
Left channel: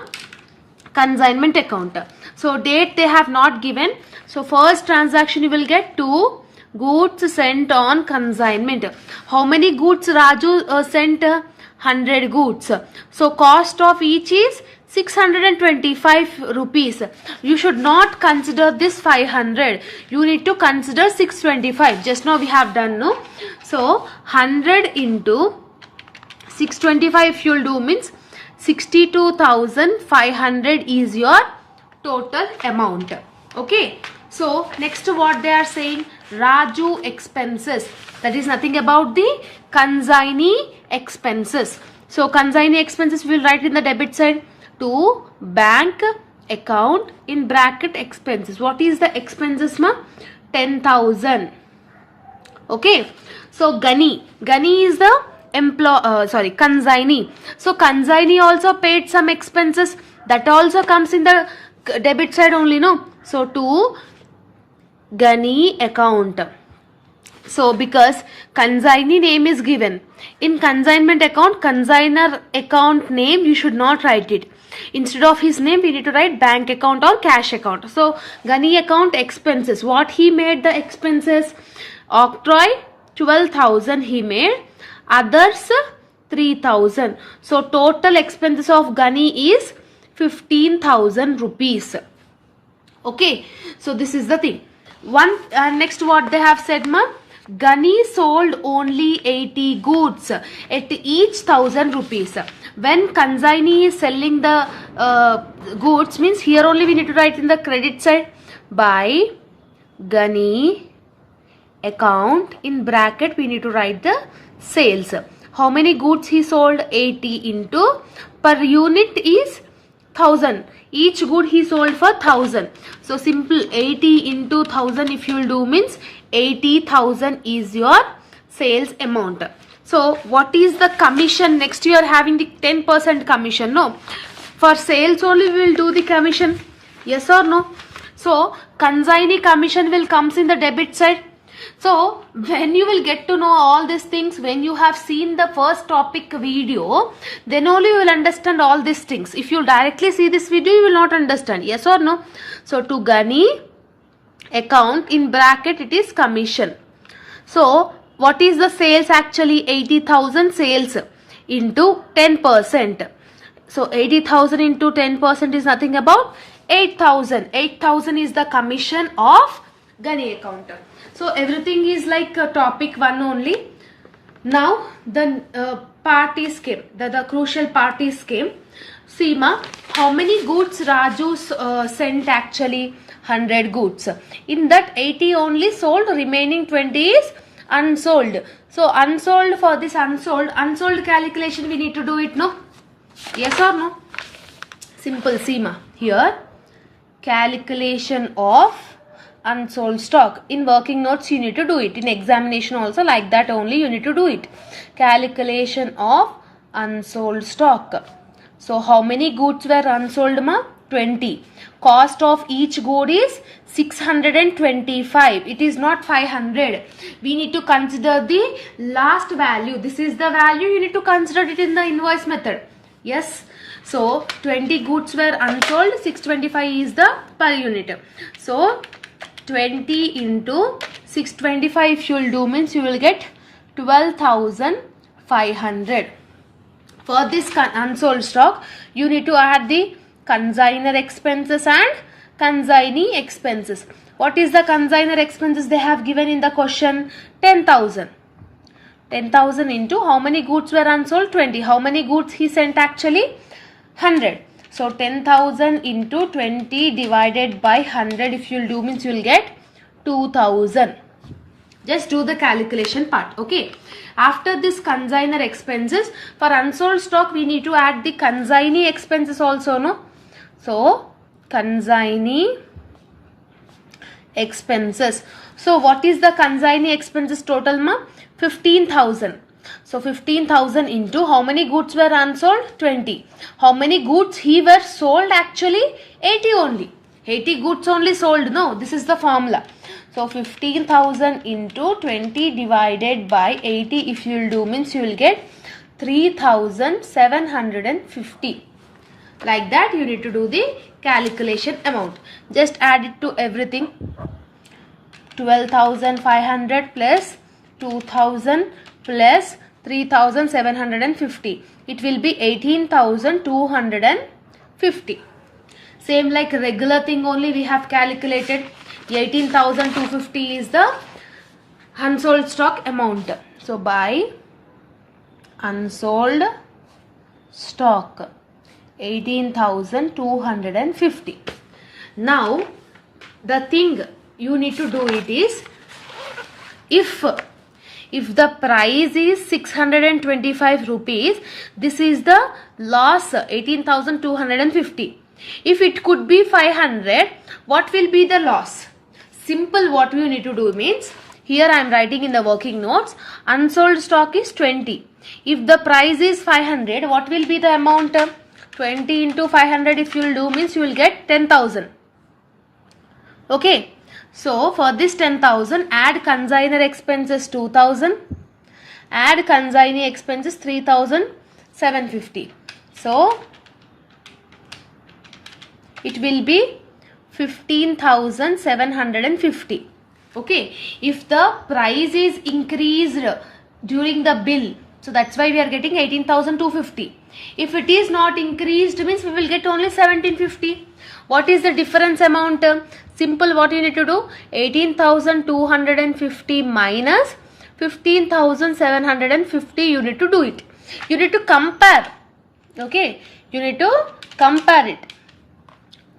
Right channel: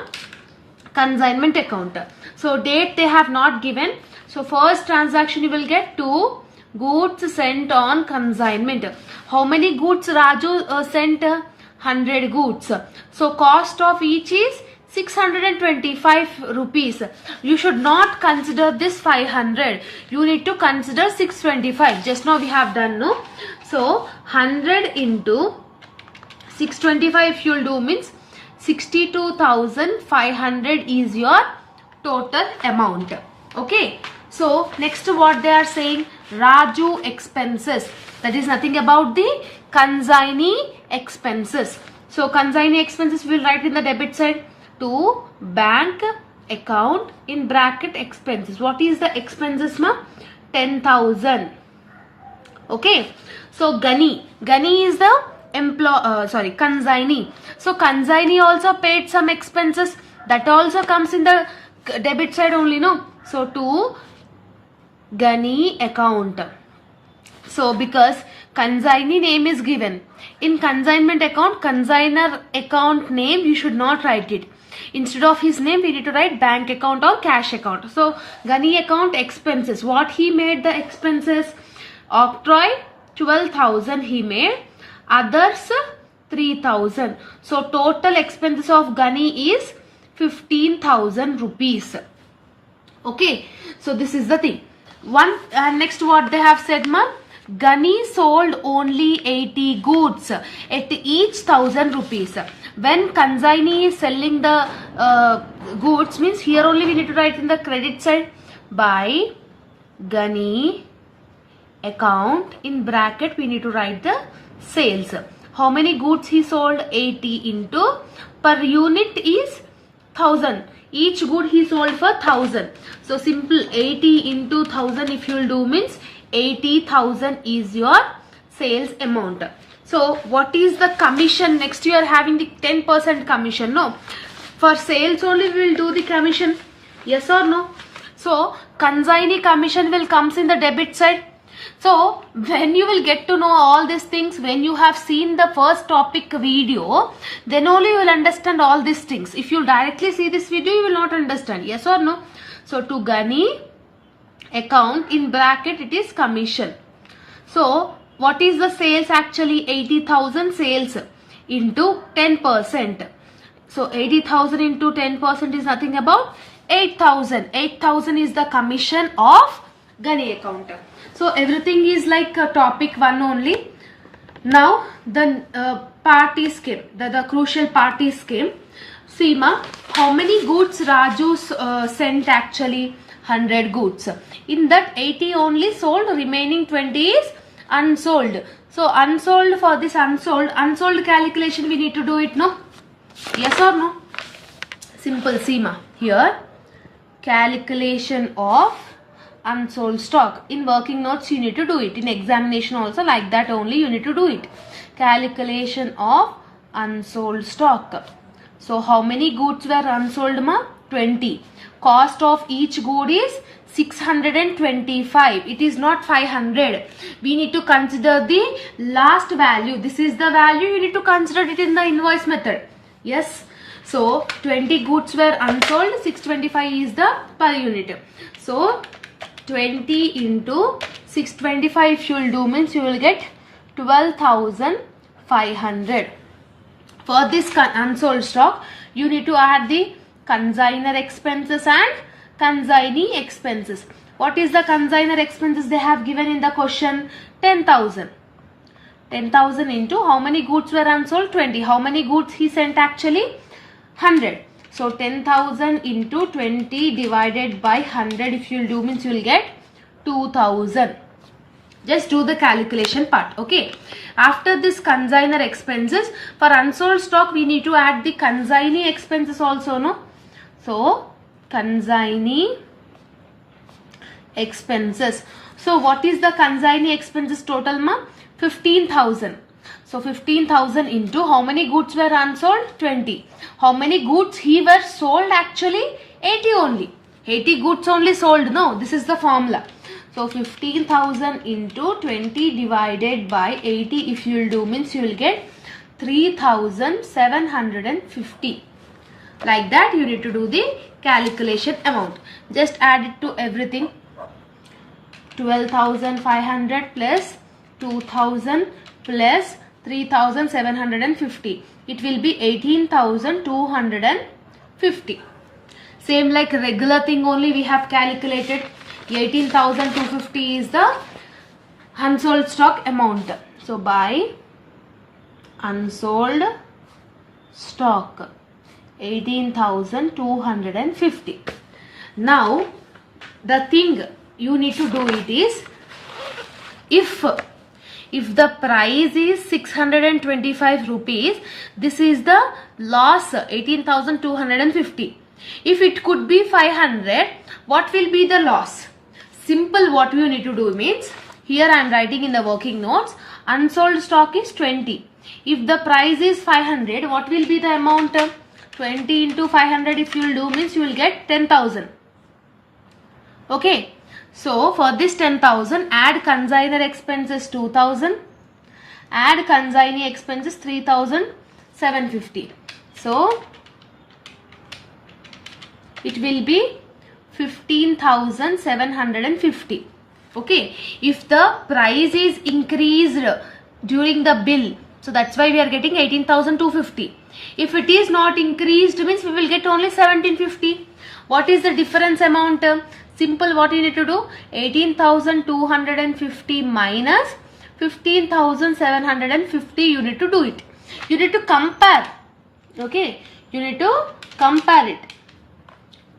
consignment account. So date they have not given. So first transaction you will get 2 goods sent on consignment. How many goods Raju sent? 100 goods. So cost of each is 625 rupees. You should not consider this 500. You need to consider 625. Just now we have done, no? So 100 into 625 if you will do means 62,500 is your total amount. Okay. So next what they are saying, Raju expenses. That is nothing about the consignee expenses. So consignee expenses we will write in the debit side to bank account in bracket expenses. What is the expenses ma? 10,000. Okay. So Gani is the consignee. So consignee also paid some expenses. That also comes in the debit side only, no? So to Gani account. So because consignee name is given in consignment account, consigner account name you should not write it. Instead of his name we need to write bank account or cash account. So Gani account expenses. What he made the expenses? Octroi 12,000 he made. Others 3,000. So total expenses of Gani is 15,000 rupees. Okay. So this is the thing. Next what they have said ma? Gani sold only 80 goods at each 1,000 rupees. When consignee is selling the goods means here only we need to write in the credit side by Gani account in bracket we need to write the sales. How many goods he sold? 80 into per unit is 1,000. Each good he sold for 1,000. So simple 80 into 1,000 if you will do means 80,000 is your sales amount. So what is the commission? Next you are having the 10% commission. No. For sales only we will do the commission. Yes or no? So consignee commission will comes in the debit side. So when you will get to know all these things, when you have seen the first topic video, then only you will understand all these things. If you directly see this video, you will not understand. Yes or no? So to Gani account in bracket it is commission. So what is the sales actually? 80,000 sales into 10%. So 80,000 into 10% is nothing about 8,000. 8,000 is the commission of Gani account. So everything is like topic 1 only. Now the parties came. The crucial parties came. See ma, how many goods Raju sent actually? 100 goods. In that 80 only sold, remaining 20 is unsold. So unsold, for this unsold calculation we need to do it, no? Yes or no? Simple. See ma, here calculation of unsold stock. In working notes you need to do it. In examination also like that only you need to do it. Calculation of unsold stock. So how many goods were unsold ma? 20. Cost of each good is 625. It is not 500. We need to consider the last value. This is the value. You need to consider it in the invoice method. Yes. So 20 goods were unsold. 625 is the per unit. So 20 into 625 if you will do means you will get 12,500. For this unsold stock you need to add the consignor expenses and consignee expenses. What is the consignor expenses they have given in the question? 10,000. 10,000 into how many goods were unsold? 20. How many goods he sent actually? 100. So 10,000 into 20 divided by 100 if you will do means you will get 2,000. Just do the calculation part. Okay. After this consignor expenses, for unsold stock we need to add the consignee expenses also, no? So consignee expenses. So what is the consignee expenses total ma? 15,000. So 15,000 into how many goods were unsold? 20. How many goods he were sold actually? 80 only. 80 goods only sold. No, this is the formula. So 15,000 into 20 divided by 80 if you will do means you will get 3,750. Like that you need to do the calculation amount. Just add it to everything. 12,500 plus 2,000 plus 3,750. It will be 18,250. Same like regular thing only we have calculated. 18,250 is the unsold stock amount. So buy unsold stock 18,250. Now the thing you need to do it is, if the price is 625 rupees, this is the loss 18,250. If it could be 500, what will be the loss? Simple, what you need to do means, here I am writing in the working notes, unsold stock is 20. If the price is 500, what will be the amount? 20 into 500 if you will do means you will get 10,000. Okay. So for this 10,000, add consignor expenses 2,000, add consignee expenses 3,750. So it will be 15,750. Okay. If the price is increased during the bill, so that's why we are getting 18,250. If it is not increased means we will get only 1,750. What is the difference amount? Simple, what you need to do? 18,250 minus 15,750 you need to do it. You need to compare. Okay. You need to compare it.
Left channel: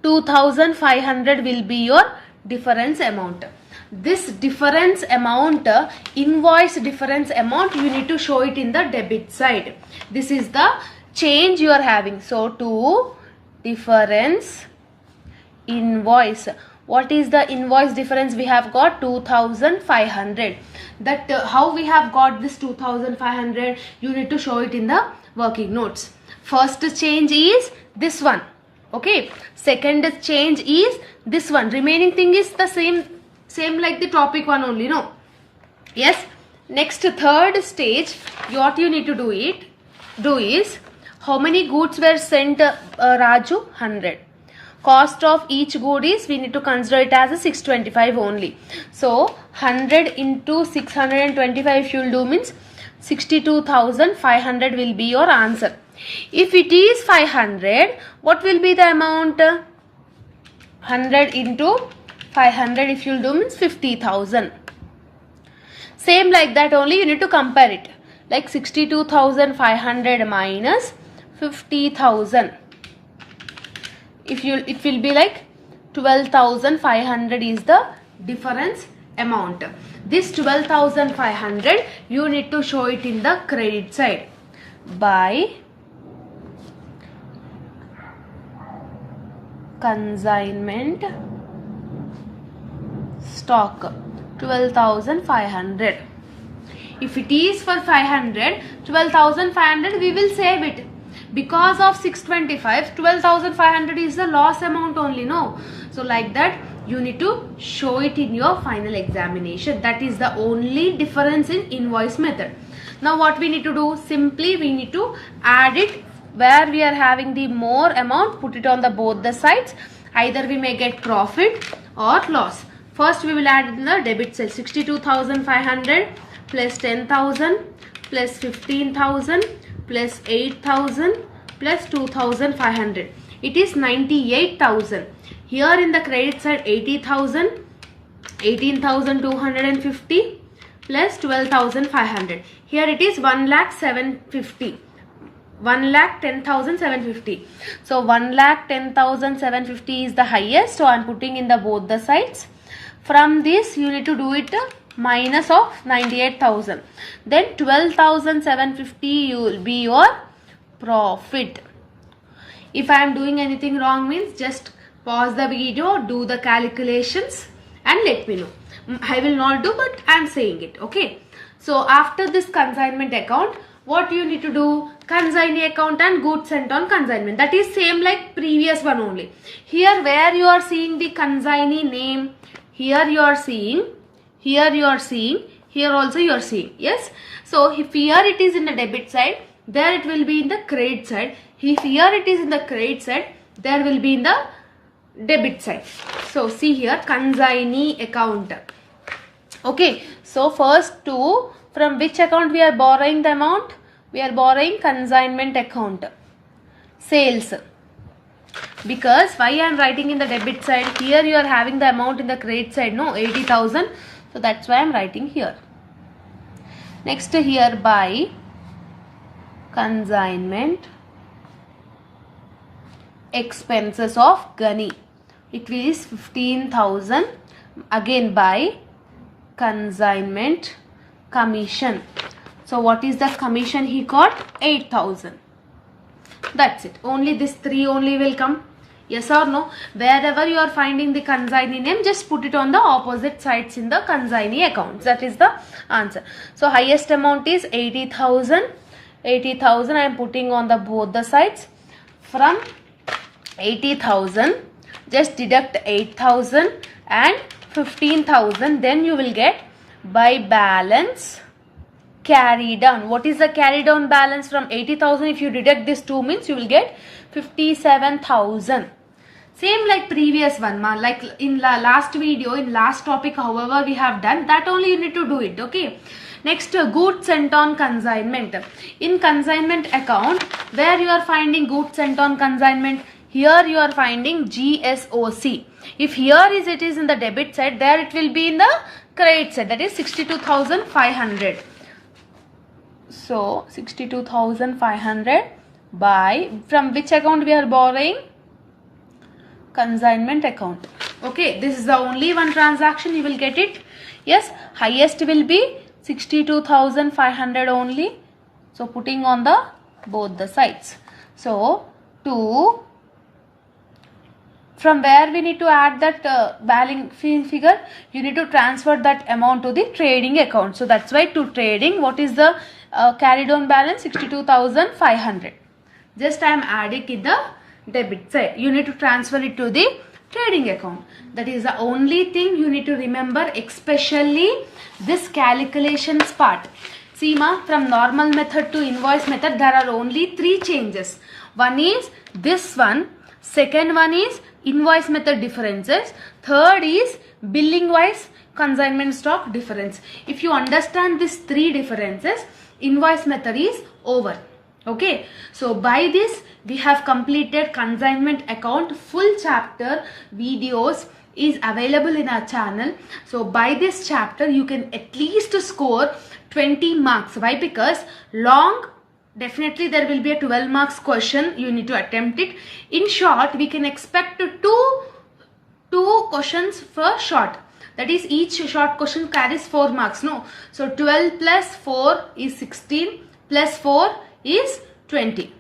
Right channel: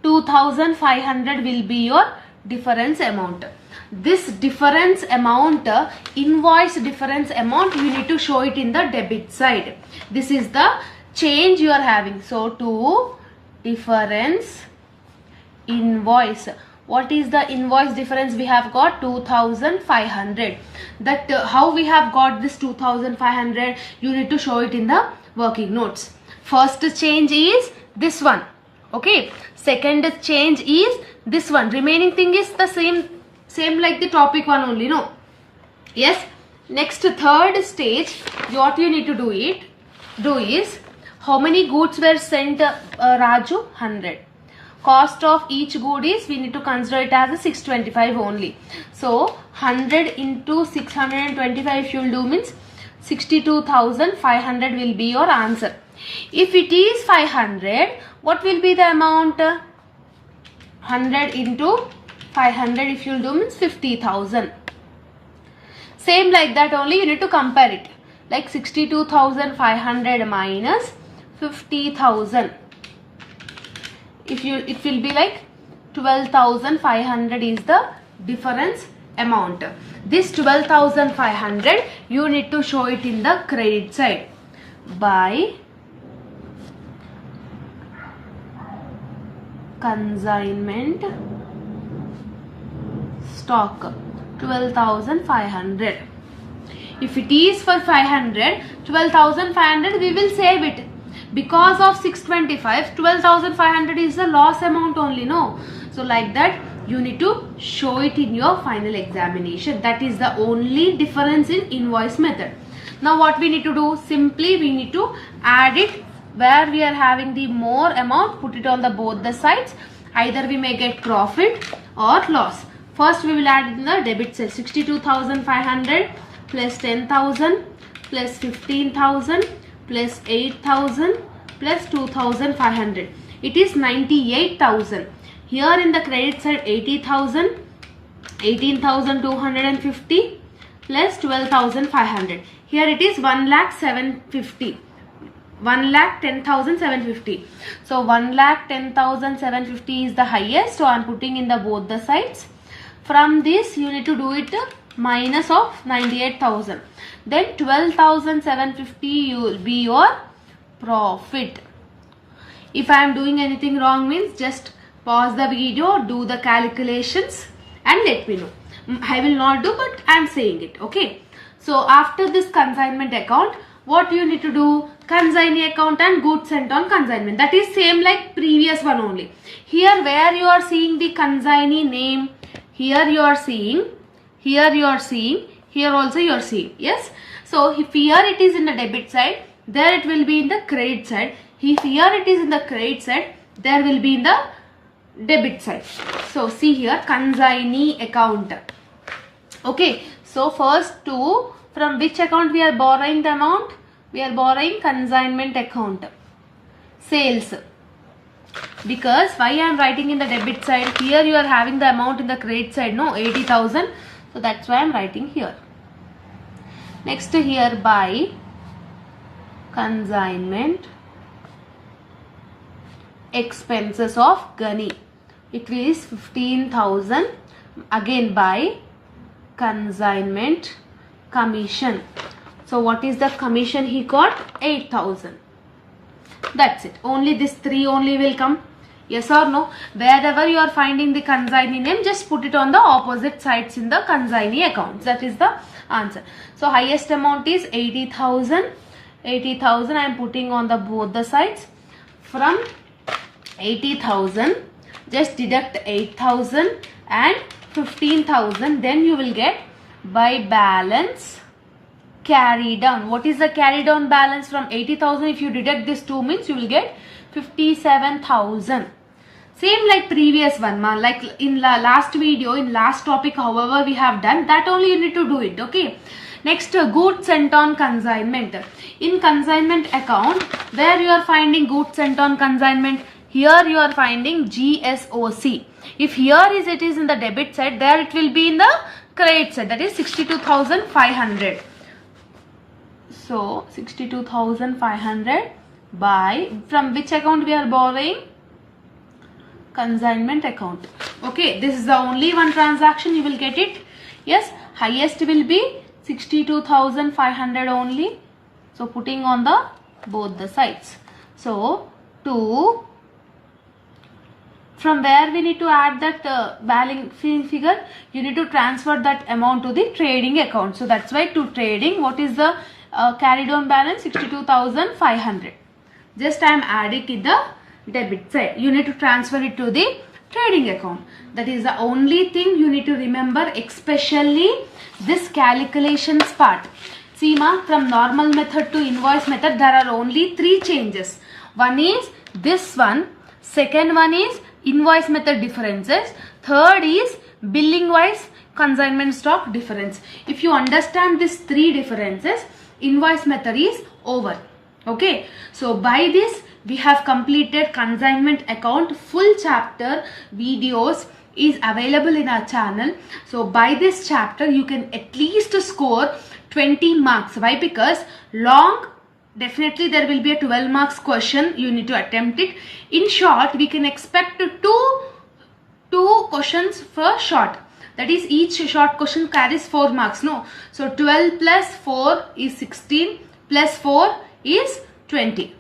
2,500 will be your difference amount. This difference amount, invoice difference amount, you need to show it in the debit side. This is the change you are having. So to difference invoice. What is the invoice difference? We have got 2,500. That how we have got this 2,500, you need to show it in the working notes. First change is this one. Okay. Second change is this one. Remaining thing is the same like the topic one only. No. Yes. Next, third stage, what you need to do is, how many goods were sent, Raju? 100. Cost of each good is, we need to consider it as a 625 only. So 100 into 625 if you will do means 62,500 will be your answer. If it is 500, what will be the amount? 100 into 500 if you will do means 50,000. Same like that only, you need to compare it. Like 62,500 minus 50,000. It will be like 12,500 is the difference amount. This 12,500 you need to show it in the credit side. By consignment stock 12,500. If it is for 500, 12,500 we will save it. Because of 625, 12,500 is the loss amount only, no? So like that you need to show it in your final examination. That is the only difference in invoice method. Now what we need to do? Simply we need to add it where we are having the more amount, put it on the both the sides. Either we may get profit or loss. First we will add in the debit side. 62,500 plus 10,000 plus 15,000 plus 8,000 plus 2,500. It is 98,000. Here in the credit side 80,000, 18,250 plus 12,500. Here it is 1,750. 1,10,750. So 1,10,750 is the highest. So I am putting in the both the sides. From this you need to do it minus of 98,000. Then 12,750 will be your profit. If I am doing anything wrong means just pause the video, do the calculations and let me know. I will not do, but I am saying it. Okay. So after this consignment account, what you need to do? Consignee account and goods sent on consignment. That is same like previous one only. Here where you are seeing the consignee name, here you are seeing, here you are seeing, here also you are seeing. Yes. So if here it is in the debit side, there it will be in the credit side. If here it is in the credit side, there will be in the debit side. So see here, consignee account. Okay, so first two, from which account we are borrowing the amount? We are borrowing consignment account. Sales. Because why I am writing in the debit side? Here you are having the amount in the credit side, no, 80,000. So that's why I am writing here. Next here, by consignment expenses of Gani. It is 15,000. Again by consignment commission. So what is the commission he got? 8,000. That's it. Only this three only will come. Yes or no? Wherever you are finding the consignee name, just put it on the opposite sides in the consignee accounts. That is the answer. So highest amount is 80,000. 80,000 I am putting on the both the sides. From 80,000, just deduct 8,000 and 15,000. Then you will get by balance carried down. What is the carried down balance from 80,000? If you deduct this 2 means you will get 57,000. Same like previous one, ma. Like in last video, in last topic, however we have done, that only you need to do it. Okay. Next, goods sent on consignment. In consignment account, where you are finding goods sent on consignment? Here you are finding GSOC. If here it is in the debit side, there it will be in the credit side. That is 62,500. So 62,500 by, from which account we are borrowing? Consignment account. Okay, this is the only one transaction, you will get it. Yes, highest will be 62,500 only. So putting on the both the sides. So to, from where we need to add that balance figure, you need to transfer that amount to the trading account. So that's why to trading, what is the carried on balance? 62,500. Just I am adding in the debit side. You need to transfer it to the trading account. That is the only thing you need to remember, especially this calculations part. See ma, from normal method to invoice method, there are only 3 changes. One is this one, second one is invoice method differences, third is billing wise consignment stock difference. If you understand these 3 differences, invoice method is over. Okay, so by this we have completed consignment account. Full chapter videos is available in our channel. So by this chapter you can at least score 20 marks. Why? Because long, definitely there will be a 12 marks question. You need to attempt it. In short, we can expect two questions for short. That is, each short question carries 4 marks. No. So 12 plus 4 is 16 plus 4 is 20.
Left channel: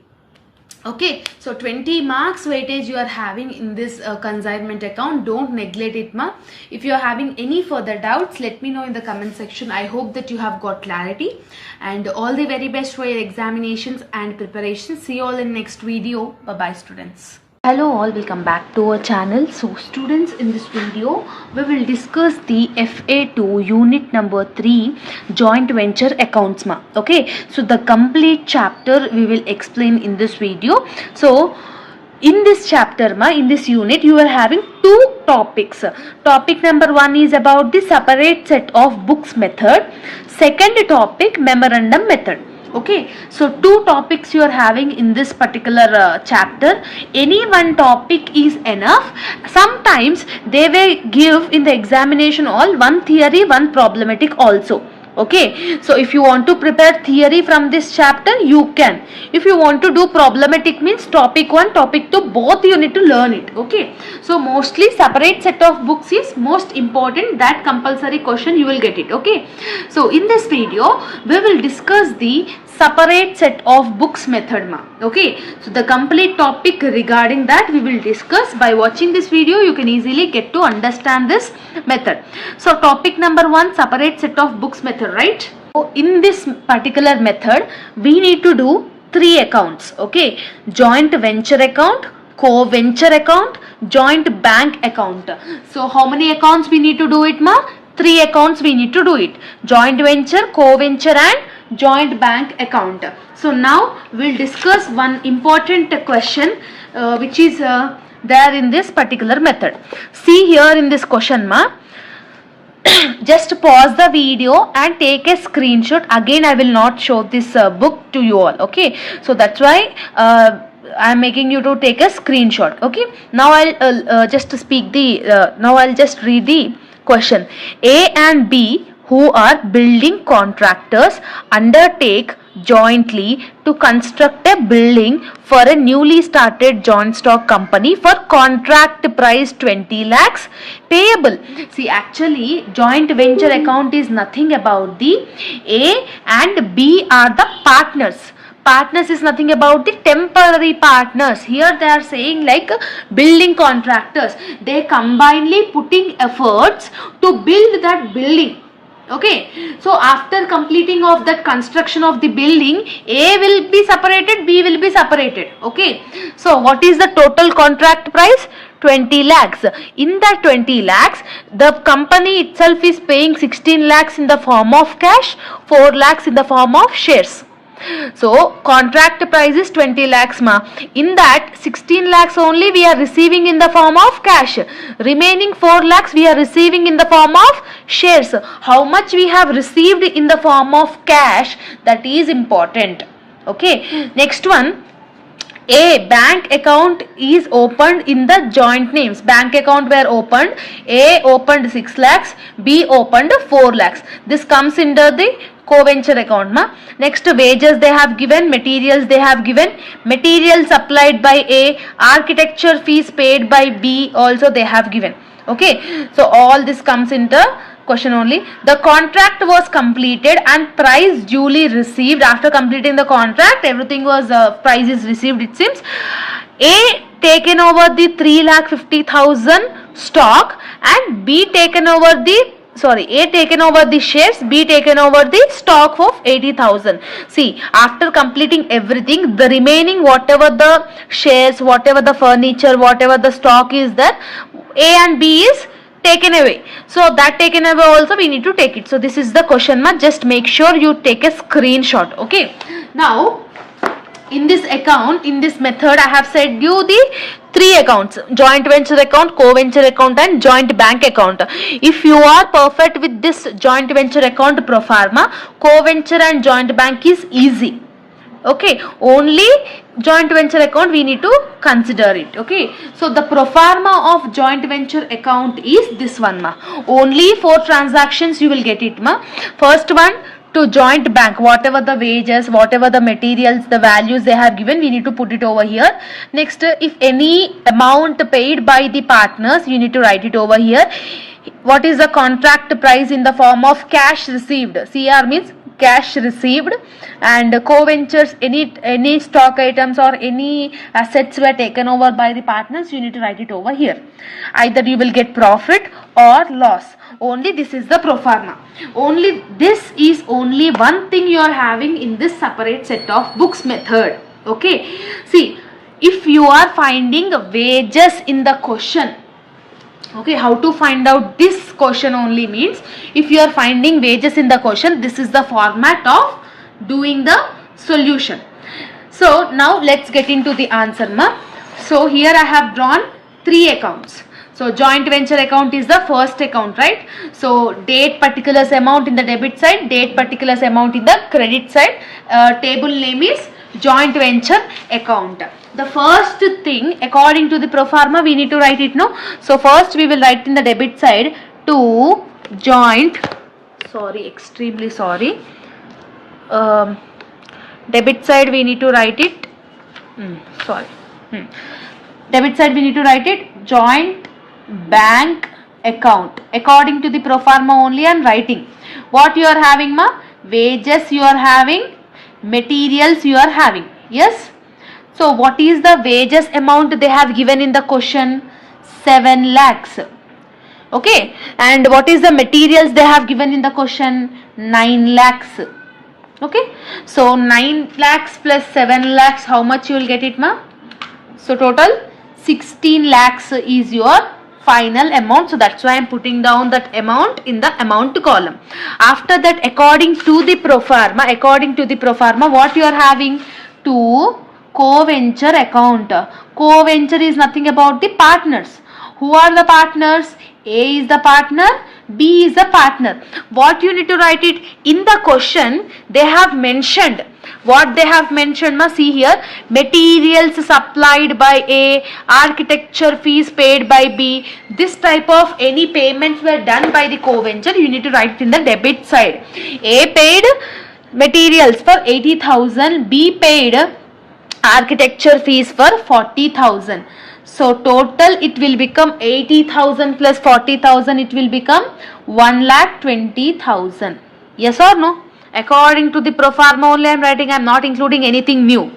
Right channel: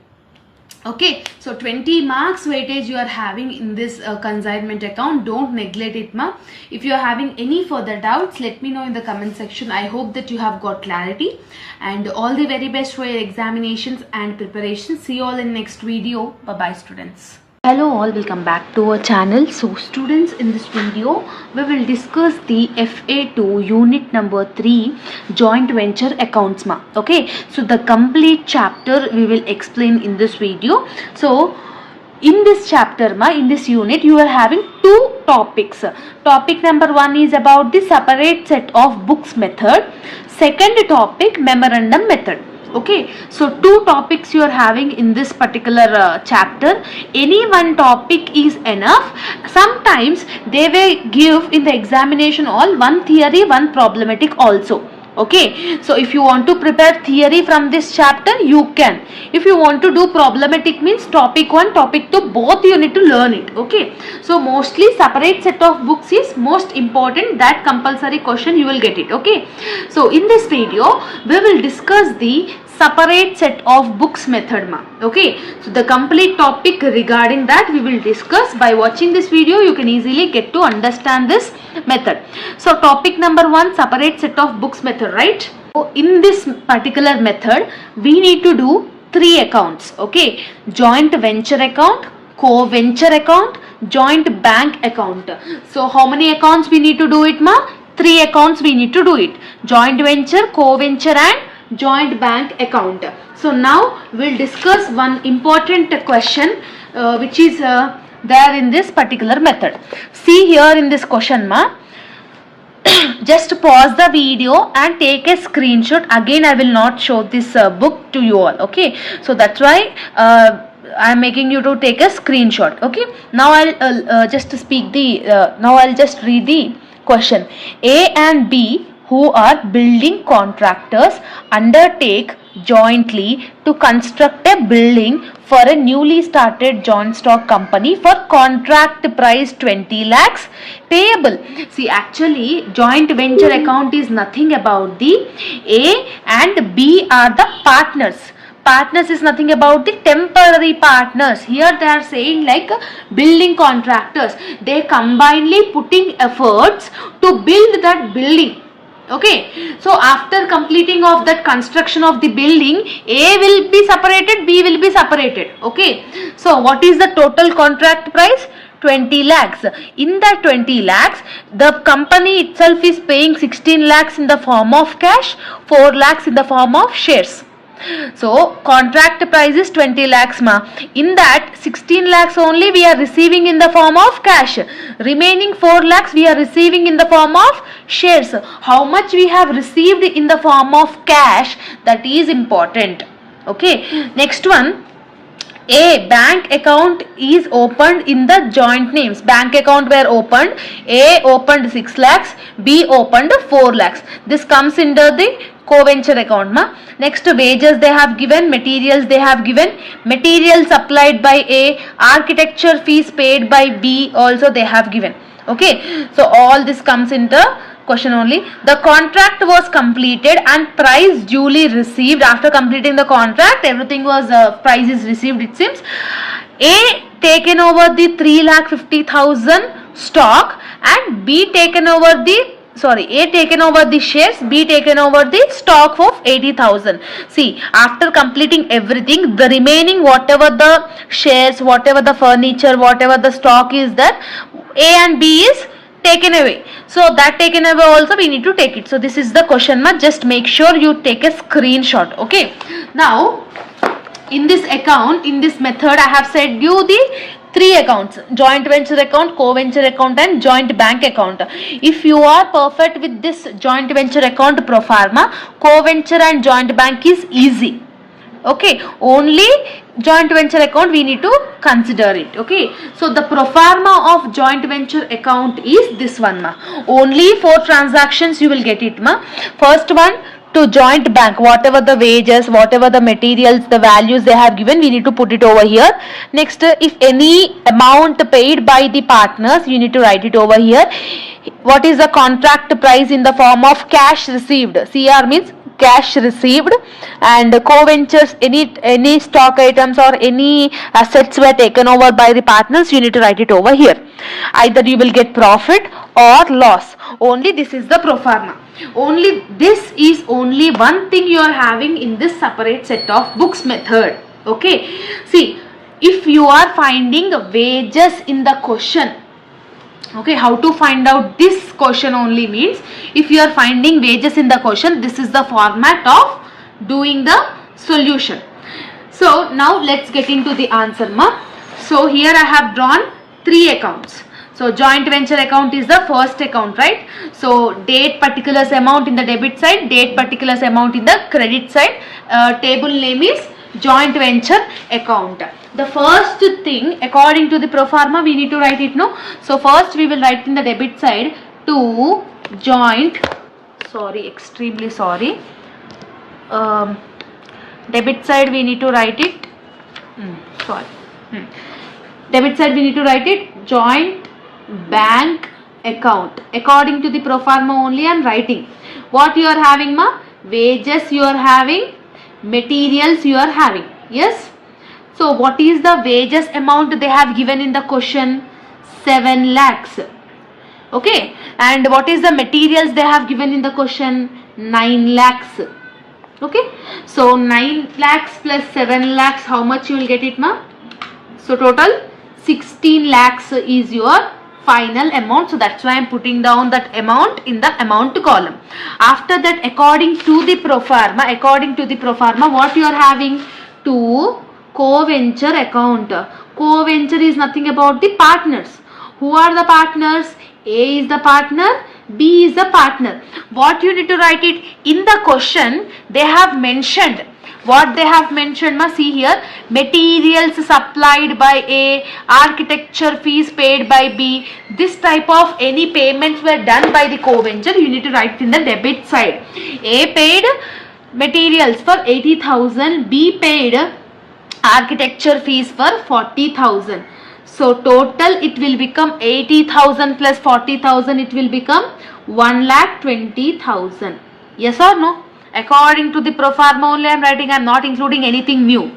Okay, so 20 marks weightage you are having in this consignment account. Don't neglect it, ma. If you are having any further doubts, let me know in the comment section. I hope that you have got clarity, and all the very best for your examinations and preparations. See you all in next video. Bye bye, students. Hello all, welcome back to our channel. So students, in this video we will discuss the F.A-2 unit number 3 joint venture accounts, ma. Okay, so the complete chapter we will explain in this video. So in this chapter, ma, in this unit you are having 2 topics. Topic number 1 is about the separate set of books method. Second topic, memorandum method. Okay, so 2 topics you are having in this particular chapter. Any one topic is enough. Sometimes they will give in the examination all one theory, one problematic also. Okay, so if you want to prepare theory from this chapter, you can. If you want to do problematic, means topic 1, topic 2, both you need to learn it. Okay, so mostly separate set of books is most important. That compulsory question you will get it. Okay, so in this video we will discuss the separate set of books method, ma. Okay, so the complete topic regarding that we will discuss. By watching this video you can easily get to understand this method. So topic number 1, separate set of books method, right? So in this particular method we need to do 3 accounts. Okay, joint venture account, co-venture account, joint bank account. So how many accounts we need to do it, ma? 3 accounts we need to do it. Joint venture, co-venture and joint bank account. So now we'll discuss one important question which is there in this particular method. See here in this question ma, just pause the video and take a screenshot. Again I will not show this book to you all, okay? So that's why I am making you to take a screenshot, okay? Now I'll just speak the now I'll just read the question. A and B, who are building contractors, undertake jointly to construct a building for a newly started joint stock company for contract price 20 lakhs payable. See, actually joint venture account is nothing about the A and B are the partners. Partners is nothing about the temporary partners. Here they are saying like building contractors. They combinedly putting efforts to build that building. Okay, so after completing of that construction of the building, A will be separated, B will be separated. Okay, so what is the total contract price? 20 lakhs. In that 20 lakhs, the company itself is paying 16 lakhs in the form of cash, 4 lakhs in the form of shares. So contract price is 20 lakhs ma. In that 16 lakhs only we are receiving in the form of cash. Remaining 4 lakhs we are receiving in the form of shares. How much we have received in the form of cash, that is important. Okay. Next one. A bank account is opened in the joint names. Bank account were opened. A opened 6 lakhs. B opened 4 lakhs. This comes under the co-venture account ma. Next, wages they have given, materials they have given, materials supplied by A, architecture fees paid by B also they have given. Okay, so all this comes into question only. The contract was completed and price duly received. After completing the contract, everything was price is received, it seems. A taken over the 3,50,000 stock and B taken over the A taken over the shares, B taken over the stock of 80,000. See, after completing everything, the remaining whatever the shares, whatever the furniture, whatever the stock is there, A and B is taken away. So that taken away also we need to take it. So this is the question mark. Just make sure you take a screenshot. Okay. Now in this account, in this method, I have said you the 3 accounts: joint venture account, co-venture account and joint bank account. If you are perfect with this joint venture account pro forma, co-venture and joint bank is easy. Okay, only joint venture account we need to consider it. Okay, so the pro forma of joint venture account is this one ma. Only 4 transactions you will get it ma. First one, to joint bank, whatever the wages, whatever the materials, the values they have given, we need to put it over here. Next, if any amount paid by the partners, you need to write it over here. What is the contract price in the form of cash received? CR means cash received. And co-ventures, any stock items or any assets were taken over by the partners, you need to write it over here. Either you will get profit or loss. Only this is the pro forma. Only this is only one thing you are having in this separate set of books method. Okay, see, if you are finding wages in the question, okay, how to find out this question only means, if you are finding wages in the question, this is the format of doing the solution. So now let's get into the answer ma. So here I have drawn 3 accounts. So joint venture account is the first account, right? So date particulars amount in the debit side, date particulars amount in the credit side. Table name is joint venture account. The first thing, according to the pro forma, we need to write it, no? So first we will write in the debit side to joint, extremely sorry. Debit side we need to write it, debit side we need to write it joint bank account. According to the pro forma only I am writing. What you are having ma? Wages you are having, materials you are having. Yes. So what is the wages amount they have given in the question? 7 lakhs. Okay. And what is the materials they have given in the question? 9 lakhs. Okay. So 9 lakhs plus 7 lakhs, how much you will get it ma? So total 16 lakhs is your final amount. So that's why I am putting down that amount in the amount column. After that, according to the pro forma, what you are having? 2 co-venture account. Co-venture is nothing about the partners. Who are the partners? A is the partner, B is the partner. What you need to write it in the question? They have mentioned. What they have mentioned, see here, materials supplied by A, architecture fees paid by B. This type of any payments were done by the co-venture, you need to write in the debit side. A paid materials for 80,000, B paid architecture fees for 40,000. So total it will become 80,000 plus 40,000, it will become 1,20,000. Yes or no? According to the pro forma only I am writing, I am not including anything new.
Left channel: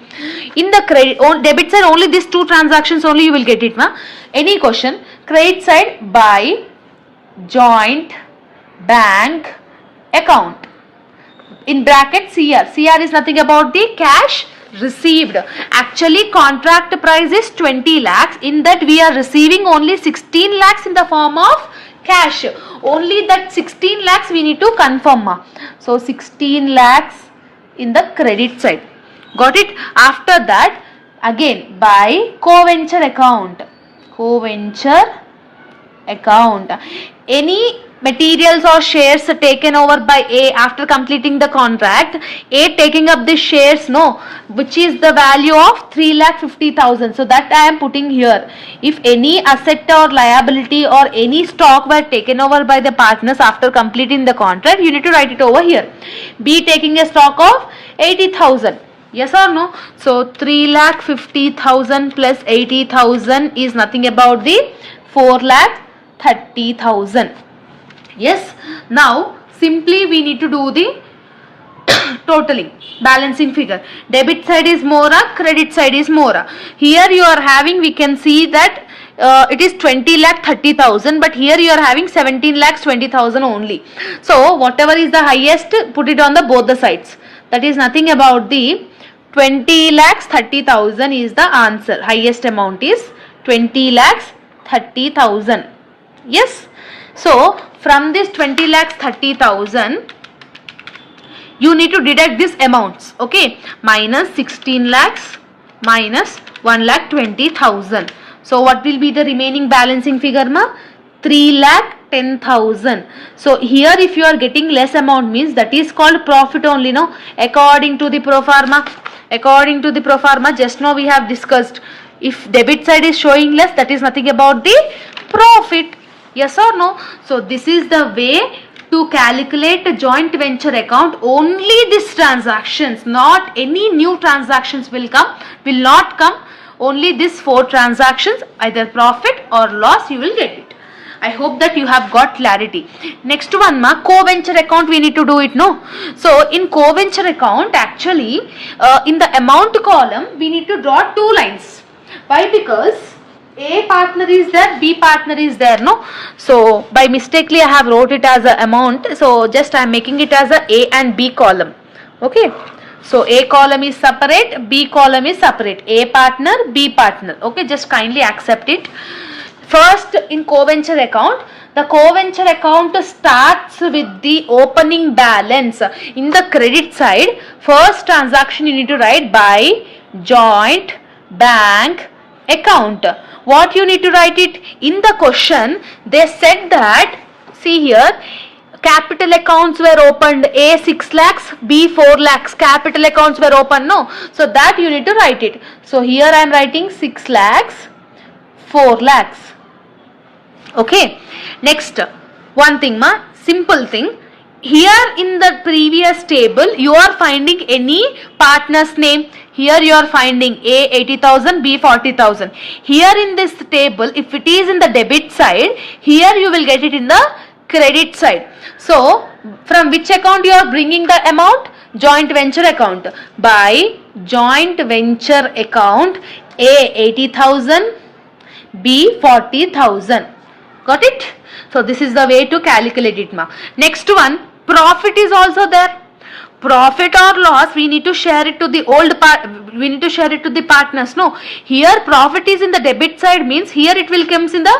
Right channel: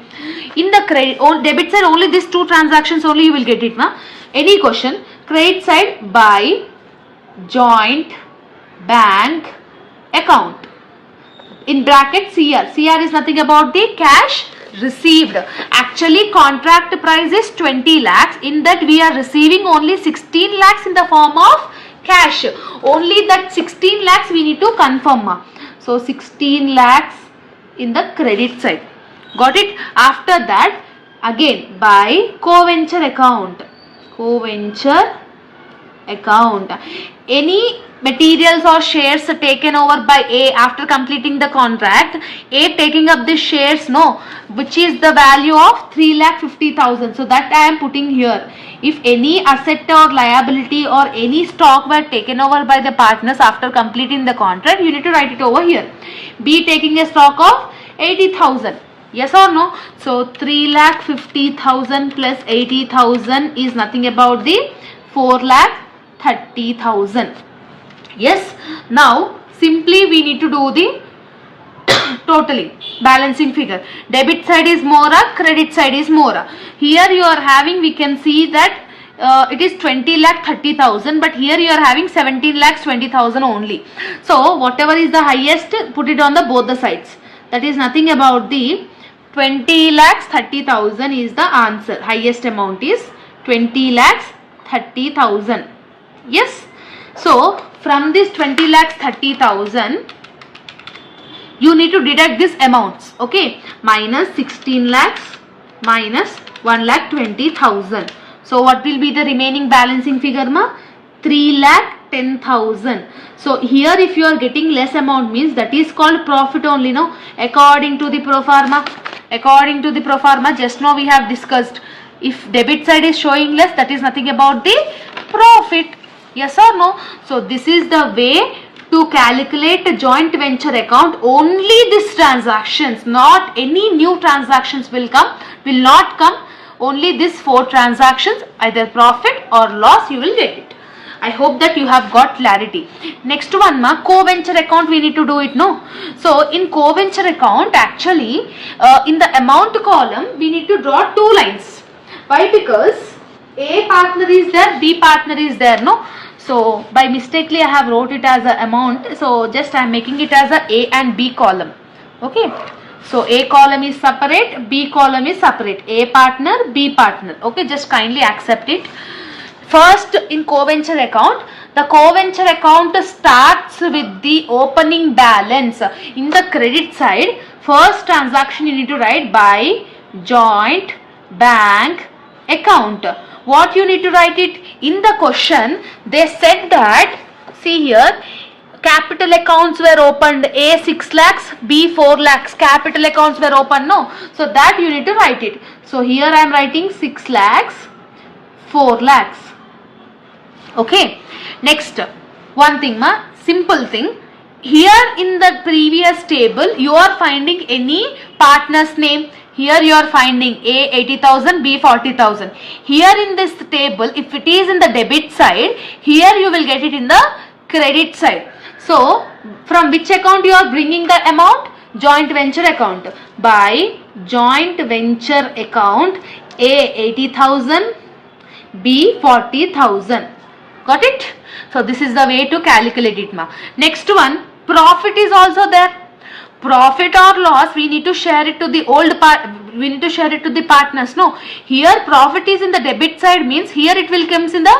In the debit side only these 2 transactions only you will get it. Any question? Credit side, by joint bank account. In bracket CR. CR is nothing about the cash received. Actually contract price is 20 lakhs. In that we are receiving only 16 lakhs in the form of cash. Only that 16 lakhs we need to confirm. So 16 lakhs in the credit side. Got it? After that again by co-venture account. Co-venture account. Any materials or shares taken over by A after completing the contract, A taking up the shares, which is the value of 3,50,000. So that I am putting here. If any asset or liability or any stock were taken over by the partners after completing the contract, you need to write it over here. B taking a stock of 80,000. Yes or no? So 3,50,000 plus 80,000 is nothing about the 4,30,000. Yes. Now simply we need to do the totaling, balancing figure. Debit side is more, credit side is more. Here you are having, we can see that it is 20,30,000, but here you are having 17,20,000 only. So whatever is the highest, put it on the both the sides. That is nothing about the 20,30,000 is the answer. Highest amount is 20,30,000. Yes. So from this 20,30,000, you need to deduct these amounts. Okay. Minus 16 lakhs minus 1,20,000. So what will be the remaining balancing figure? 3,10,000. So here if you are getting less amount means that is called profit only, according to the pro forma. According to the pro forma, just now we have discussed, if debit side is showing less, that is nothing about the profit. Yes or no? So this is the way to calculate a joint venture account. Only these transactions, not any new transactions will not come. Only these 4 transactions, either profit or loss, you will get it. I hope that you have got clarity. Next one, co-venture account we need to do it, So in co-venture account, actually in the amount column we need to draw 2 lines. Why? Because A partner is there, B partner is there, So by mistakenly I have wrote it as a amount. So just I am making it as a and B column. Okay. So A column is separate, B column is separate. A partner, B partner. Okay. Just kindly accept it. First, in co-venture account, the co-venture account starts with the opening balance. In the credit side, first transaction you need to write by joint bank account. What you need to write it? In the question, they said that, see here, capital accounts were opened, A 6 lakhs, B 4 lakhs. Capital accounts were opened, So that you need to write it. So here I am writing 6 lakhs, 4 lakhs. Okay. Next, one thing, simple thing. Here in the previous table, you are finding any partner's name. Here you are finding A 80,000, B 40,000. Here in this table, if it is in the debit side, here you will get it in the credit side. So, from which account you are bringing the amount? Joint venture account. By joint venture account, A 80,000, B 40,000. Got it? So, this is the way to calculate it, Next one, profit is also there. Profit or loss, we need to share it to the partners. Here profit is in the debit side means here it will comes in the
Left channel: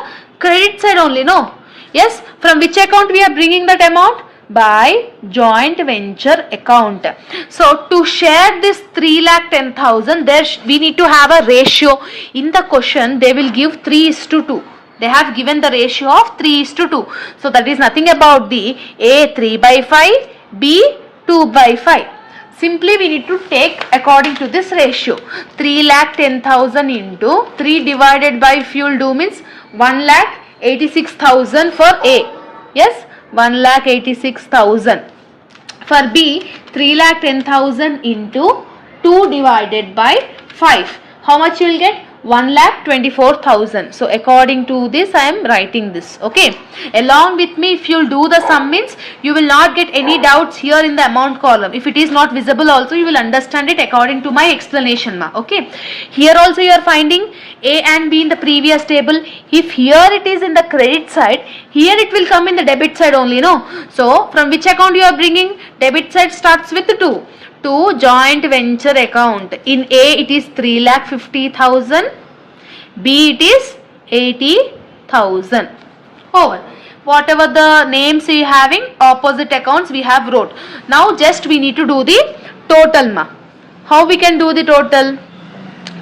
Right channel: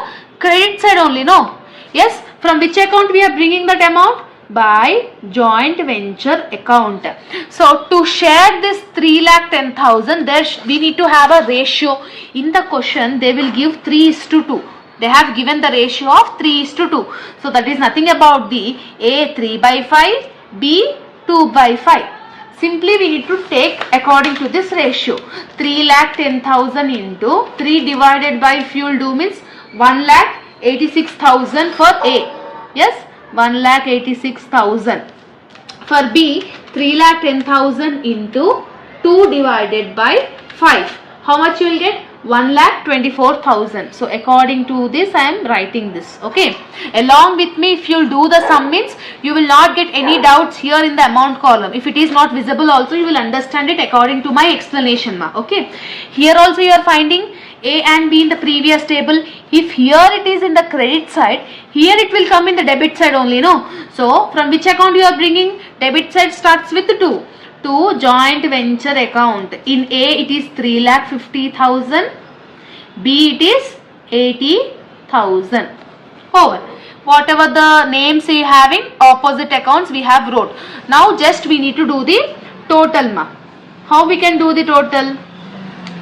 credit side only, no? Yes, from which account we are bringing that amount? By joint venture account. So to share this 3,10,000, there we need to have a ratio. In the question they will give 3:2. They have given the ratio of 3:2. So that is nothing about the A 3/5, B 2/5. Simply we need to take according to this ratio. 3,10,000 into 3 divided by fuel do means 1,86,000 for A. Yes, 1,86,000. For B, 3,10,000 into 2 divided by 5. How much you will get? 1,24,000. So according to this I am writing this. Okay. Along with me, if you will do the sum means you will not get any doubts here in the amount column. If it is not visible also you will understand it according to my explanation now. Okay. Here also you are finding A and B in the previous table. If here it is in the credit side, here it will come in the debit side only, no? So from which account you are bringing? Debit side starts with 2. To joint venture account. In A it is 3,50,000. B it is 80,000. Over. Whatever the names we having, opposite accounts we have wrote. Now just we need to do the total ma. How we can do the total?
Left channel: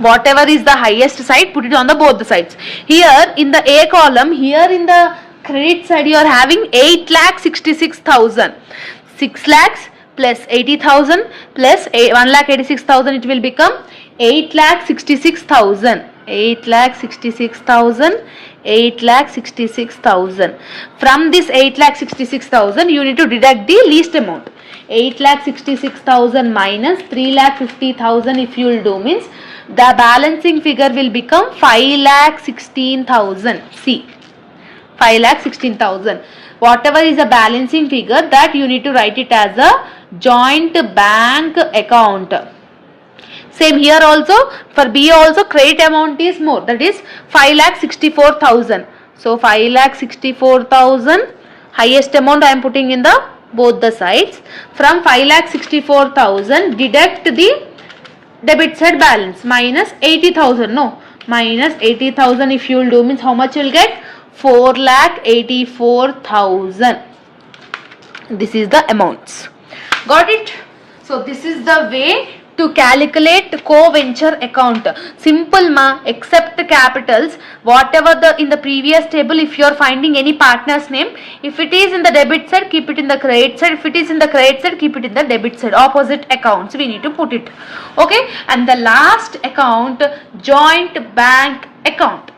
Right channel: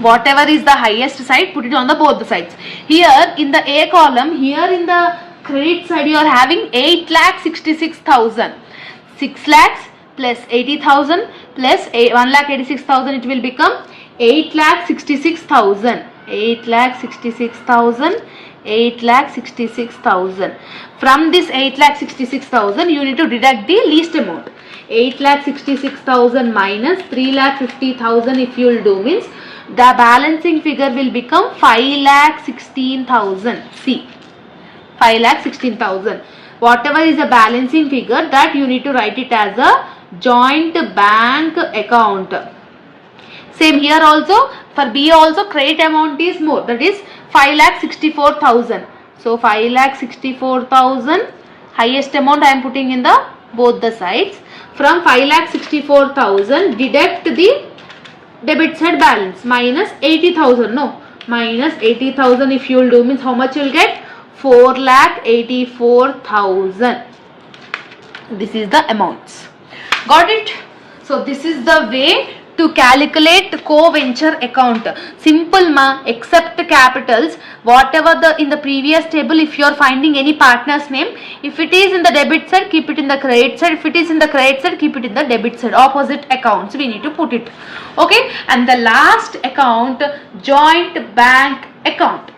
Whatever is the highest side, put it on the both the sides. Here in the A column, here in the credit side you are having 8,66,000. 6 lakhs plus 80,000 plus 1,86,000, it will become 8,66,000. 8,66,000. 8,66,000. From this 8,66,000 you need to deduct the least amount. 8,66,000 minus 3,50,000 if you will do means the balancing figure will become 5,16,000. See, 5,16,000. Whatever is the balancing figure, that you need to write it as a joint bank account. Same here also, for B also credit amount is more, that is 5,64,000. So 5,64,000, highest amount I am putting in the both the sides. From 5,64,000 deduct the debit side balance minus 80,000. No, minus 80,000 if you will do means how much you will get? 4,84,000. This is the amounts. Got it? So this is the way to calculate co-venture account. Simple ma, except capitals. Whatever the in the previous table, if you are finding any partner's name, if it is in the debit side, keep it in the credit side. If it is in the credit side, keep it in the debit side. Opposite accounts we need to put it. Okay. And the last account, joint bank account.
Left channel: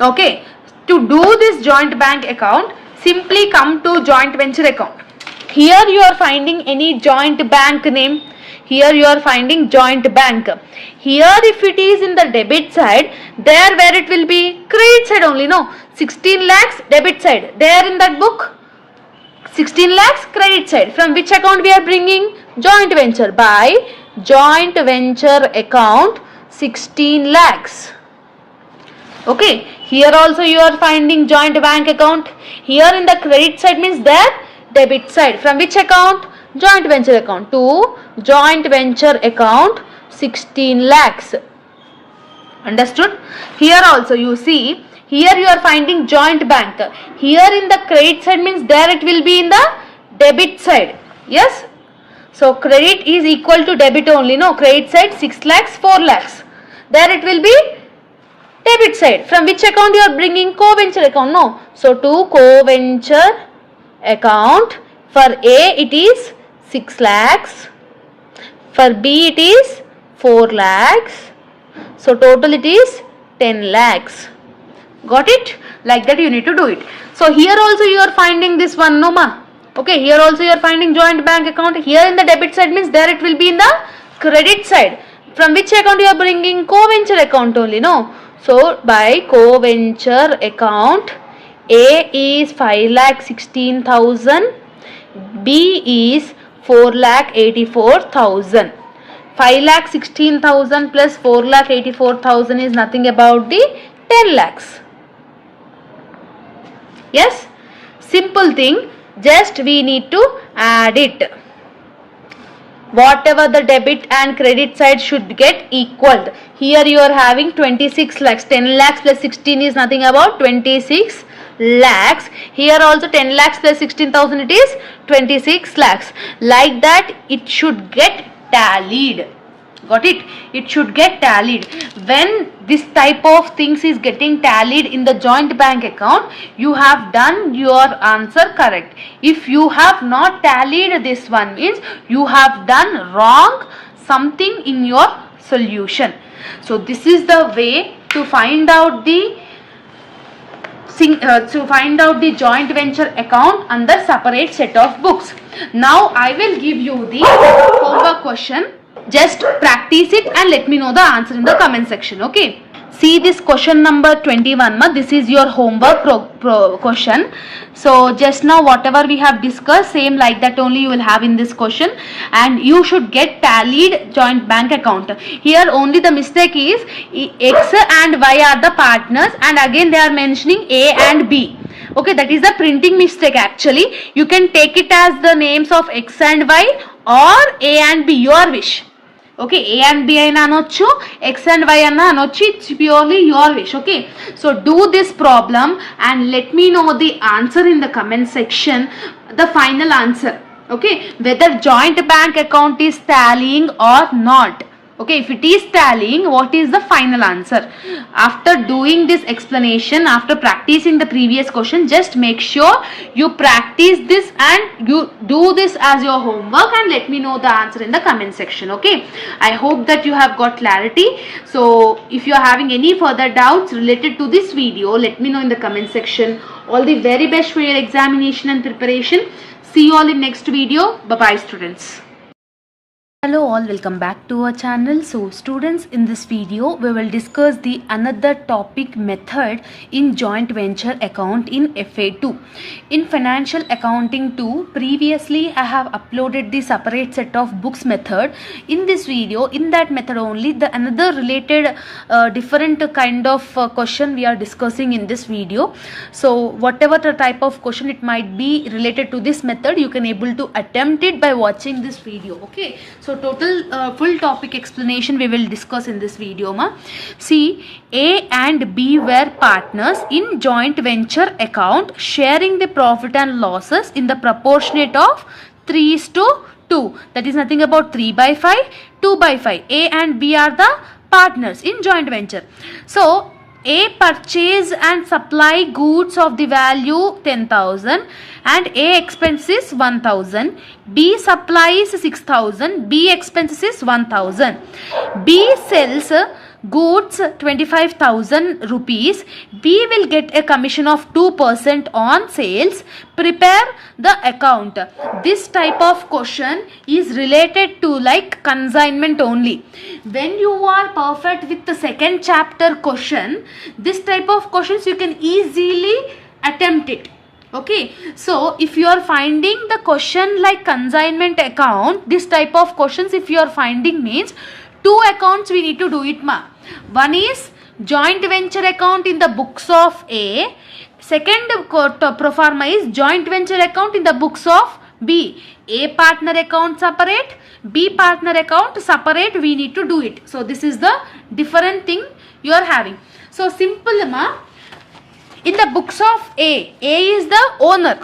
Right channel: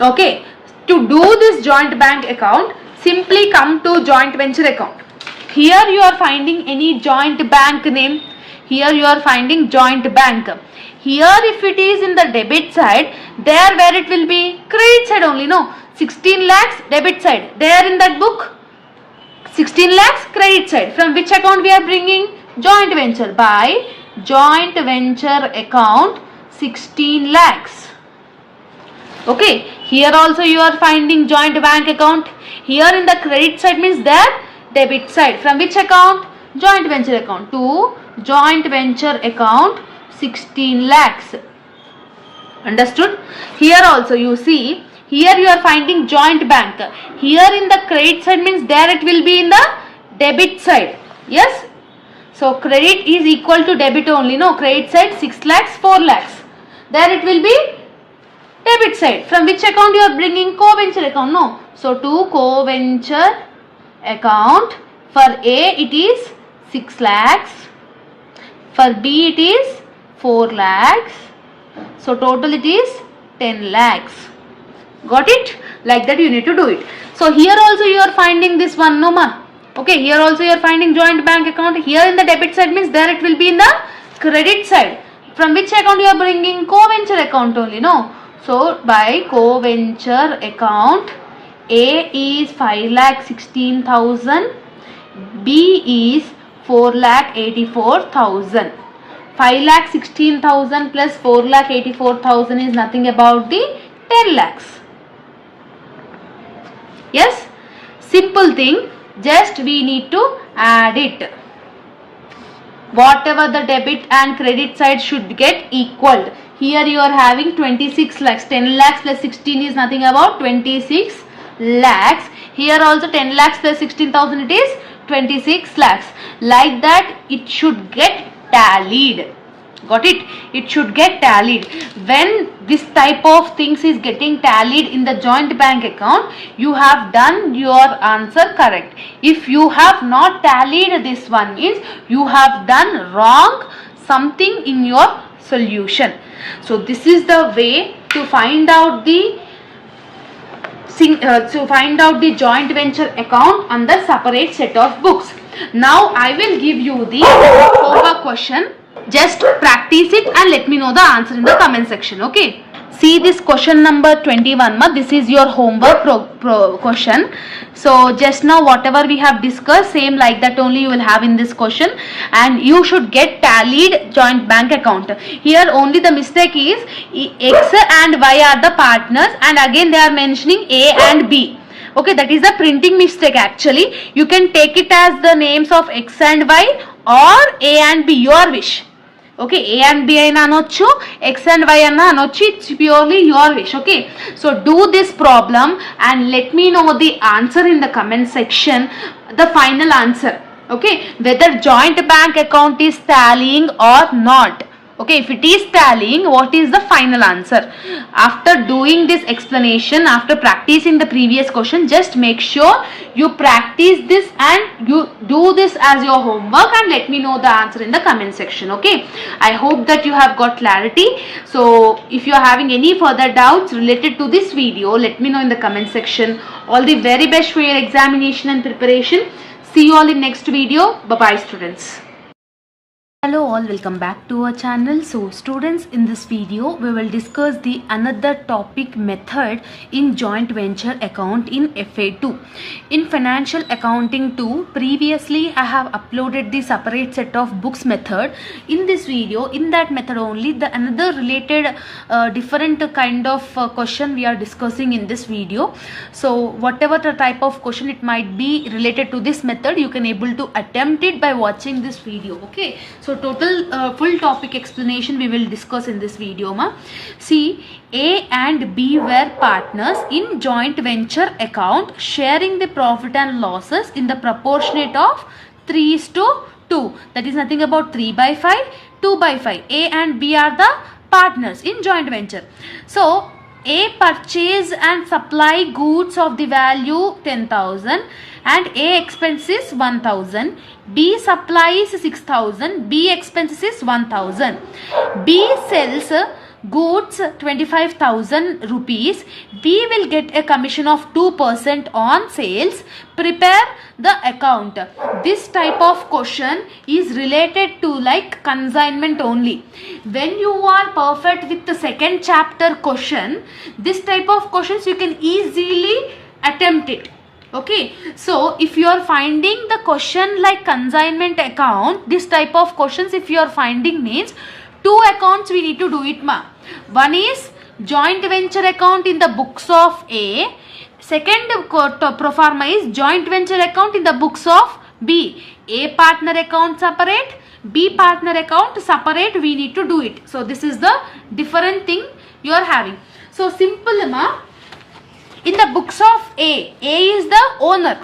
Okay. To do this joint bank account, simply come to joint venture account. Here you are finding any joint bank name. Here you are finding joint bank. Here if it is in the debit side, there where it will be? Credit side only, no? 16 lakhs debit side. There in that book, 16 lakhs credit side. From which account we are bringing? Joint venture. By joint venture account 16 lakhs. Okay. Here also you are finding joint bank account. Here in the credit side means there debit side. From which account? Joint venture account. To joint venture account 16 lakhs. Understood? Here also you see, here you are finding joint bank. Here in the credit side means there it will be in the debit side. Yes? So credit is equal to debit only. No, credit side 6 lakhs, 4 lakhs. There it will be debit side. From which account you are bringing? Co-venture account. No. So to co-venture account, for A it is 6 lakhs. For B it is 4 lakhs. So total it is 10 lakhs. Got it? Like that you need to do it. So here also you are finding this one, no ma. Okay, here also you are finding joint bank account. Here in the debit side means there it will be in the credit side. From which account you are bringing? Co-venture account only, no. So by co-venture account, A is 5,16,000. B is 4,84,000. 5,16,000 plus 4,84,000 is nothing about the 10 lakhs. Yes, simple thing, just we need to add it. Whatever the debit and credit side should get equaled. Here you are having 26 lakhs. 10 lakhs plus 16 is nothing about 26 lakhs. Here also 10 lakhs plus 16,000 it is 26 lakhs. Like that it should get tallied. Got it? It should get tallied. When this type of things is getting tallied in the joint bank account, you have done your answer correct. If you have not tallied this one, means you have done wrong something in your solution. So this is the way to find out the joint venture account under separate set of books. Now I will give you the homework question. Just practice it and let me know the answer in the comment section. Okay. See this question number 21. This is your homework question. So just now whatever we have discussed, same like that only you will have in this question, and you should get tallied joint bank account. Here only the mistake is X and Y are the partners, and again they are mentioning A and B. Okay, that is the printing mistake actually. You can take it as the names of X and Y or A and B, your wish. Okay, A and B aina anochu, X and Y anna anochu, it's purely your wish. Okay, so do this problem and let me know the answer in the comment section, the final answer. Okay, whether joint bank account is tallying or not. Okay, if it is tallying, what is the final answer? After doing this explanation, after practicing the previous question, just make sure you practice this and you do this as your homework and let me know the answer in the comment section. Okay, I hope that you have got clarity. So if you are having any further doubts related to this video, let me know in the comment section. All the very best for your examination and preparation. See you all in next video. Bye bye students. Hello all, welcome back to our channel. So students, in this video we will discuss the another topic method in joint venture account in FA2. In financial accounting 2, previously I have uploaded the separate set of books method. In this video, in that method only, the another related different kind of question we are discussing in this video. So whatever the type of question it might be related to this method, you can able to attempt it by watching this video. Okay, so total full topic explanation we will discuss in this video. See, A and B were partners in joint venture account, sharing the profit and losses in the proportionate of 3:2. That is nothing about 3/5, 2/5. A and B are the partners in joint venture. So A purchase and supply goods of the value 10,000 and A expenses 1,000. B supplies 6,000. B expenses is 1,000. B sells goods 25,000 rupees. B will get a commission of 2% on sales. Prepare the account. This type of question is related to like consignment only. When you are perfect with the second chapter question, this type of questions you can easily attempt it. Okay, so if you are finding the question like consignment account, this type of questions if you are finding means two accounts we need to do it ma. One is joint venture account in the books of A. Second pro forma is joint venture account in the books of B. A partner account separate, B partner account separate, we need to do it. So this is the different thing you are having. So simple ma. In the books of A is the owner,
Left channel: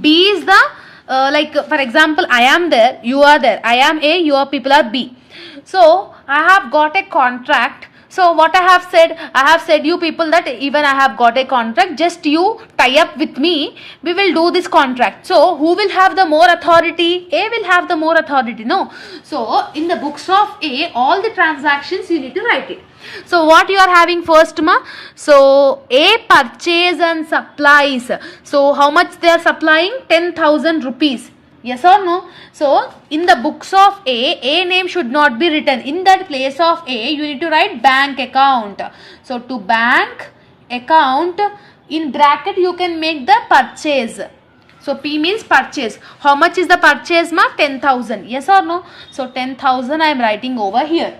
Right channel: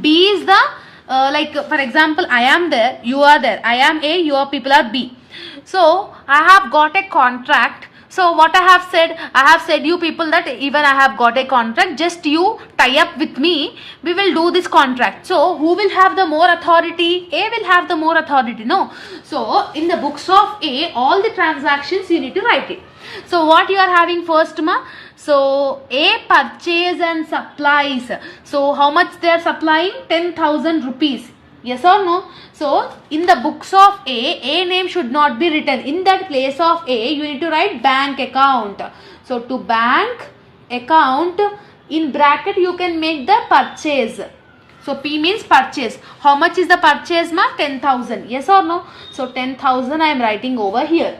B is the like for example I am there, you are there, I am A, your people are B. So I have got a contract. So what I have said you people that even I have got a contract, just you tie up with me, we will do this contract. So who will have the more authority? A will have the more authority, no? So in the books of A, all the transactions you need to write it. So what you are having first ma? So A purchase and supplies. So how much they are supplying? 10,000 rupees. Yes or no? So in the books of A name should not be written. In that place of A, you need to write bank account. So to bank account, in bracket you can make the purchase. So P means purchase. How much is the purchase ma? 10,000. Yes or no? So 10,000 I am writing over here.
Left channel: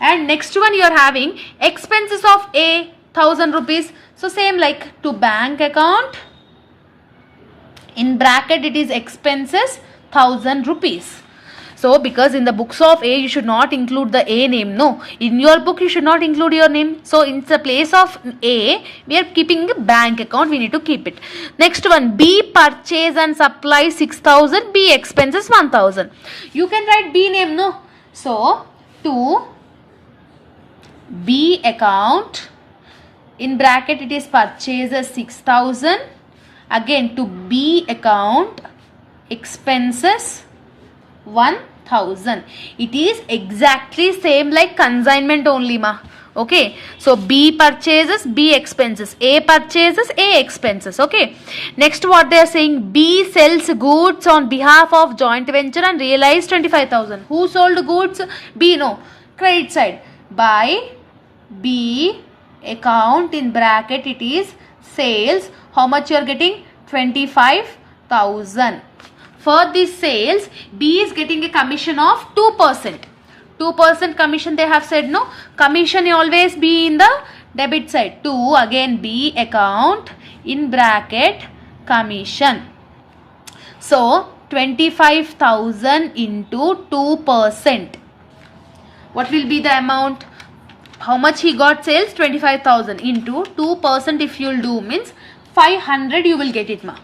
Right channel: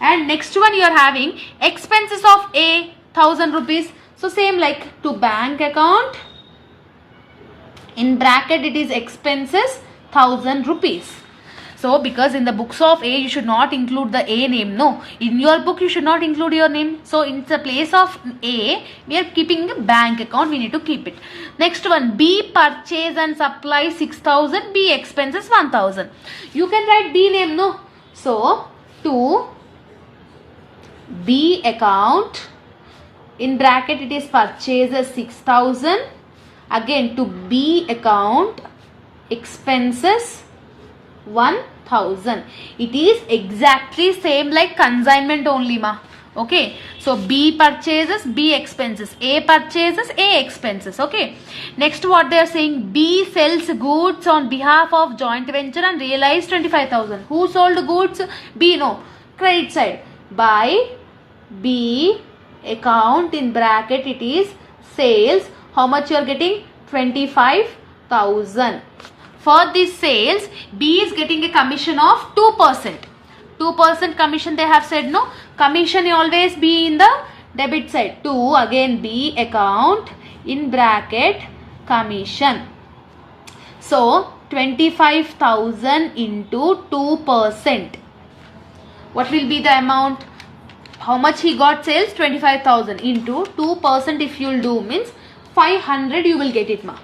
And next one you are having expenses of A 1,000 rupees. So same like to bank account, in bracket it is expenses 1,000 rupees. So So because in the books of A you should not include the A name. No, in your book you should not include your name. So in the place of A we are keeping a bank account. We need to keep it. Next one, B purchase and supply 6,000. B expenses 1,000. You can write B name. No. So to B account, in bracket it is purchases 6,000. Again to B account, expenses 1,000. It is exactly same like consignment only, ma. Okay, so B purchases, B expenses, A purchases, A expenses. Okay, next what they are saying, B sells goods on behalf of joint venture and realized 25,000. Who sold goods? B. No, credit side. By B account, in bracket it is sales. How much you are getting? 25,000. For this sales, B is getting a commission of 2%. 2% commission they have said. No, commission always be in the debit side. 2, again B account, in bracket commission. So 25,000 into 2%. What will be the amount? How much he got sales? 25,000 into 2%. If you will do means 500 you will get it, ma.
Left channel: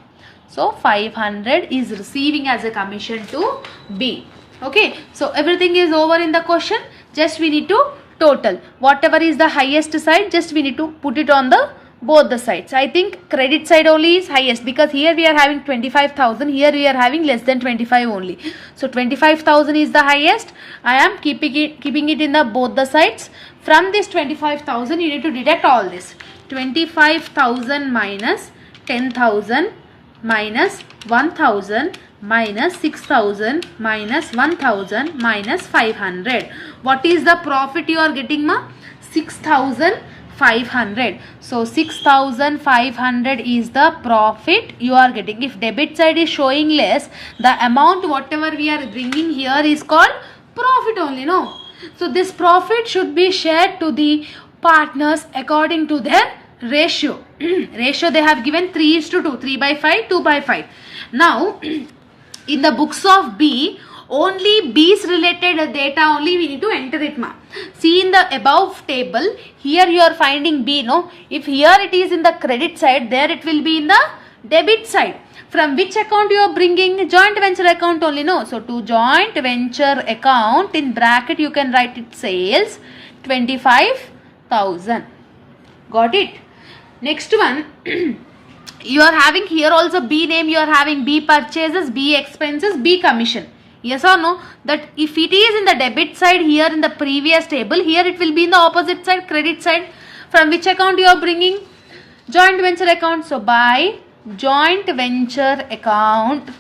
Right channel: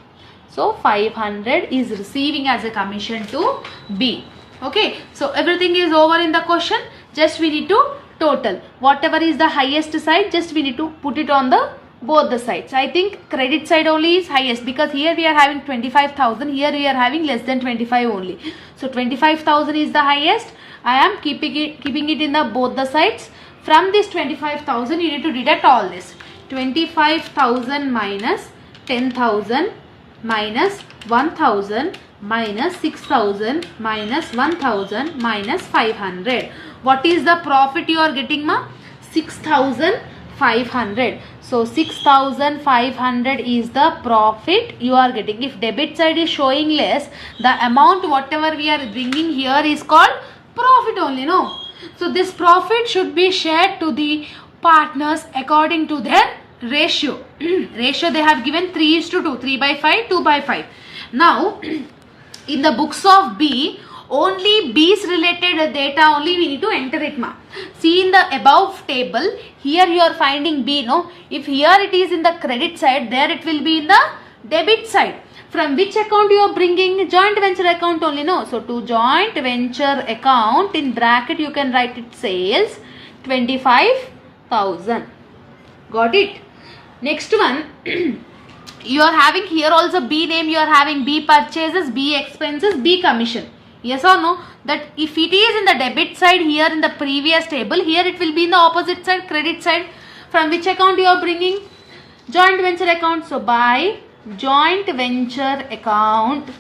So 500 is receiving as a commission to B. Okay, so everything is over in the question. Just we need to total. Whatever is the highest side, just we need to put it on the both the sides. I think credit side only is highest because here we are having 25,000. Here we are having less than 25 only. So 25,000 is the highest. I am keeping it in the both the sides. From this 25,000 you need to deduct all this. 25,000 minus 10,000 minus 1,000 minus 6,000 minus 1,000 minus 500. What is the profit you are getting, ma? 6,500. So 6,500 is the profit you are getting. If debit side is showing less, the amount whatever we are bringing here is called profit only. No. So this profit should be shared to the partners according to their ratio. Ratio they have given 3:2, 3/5, 2/5. Now in the books of B, only B's related data only we need to enter it, ma. See in the above table, here you are finding B, no. If here it is in the credit side, there it will be in the debit side. From which account you are bringing? Joint venture account only, no. So to joint venture account, in bracket you can write it sales 25,000. Got it? Next one, you are having here also B name, you are having B purchases, B expenses, B commission. Yes or no? That if it is in the debit side here in the previous table, here it will be in the opposite side, credit side. From which account you are bringing? Joint venture account. So by joint venture account,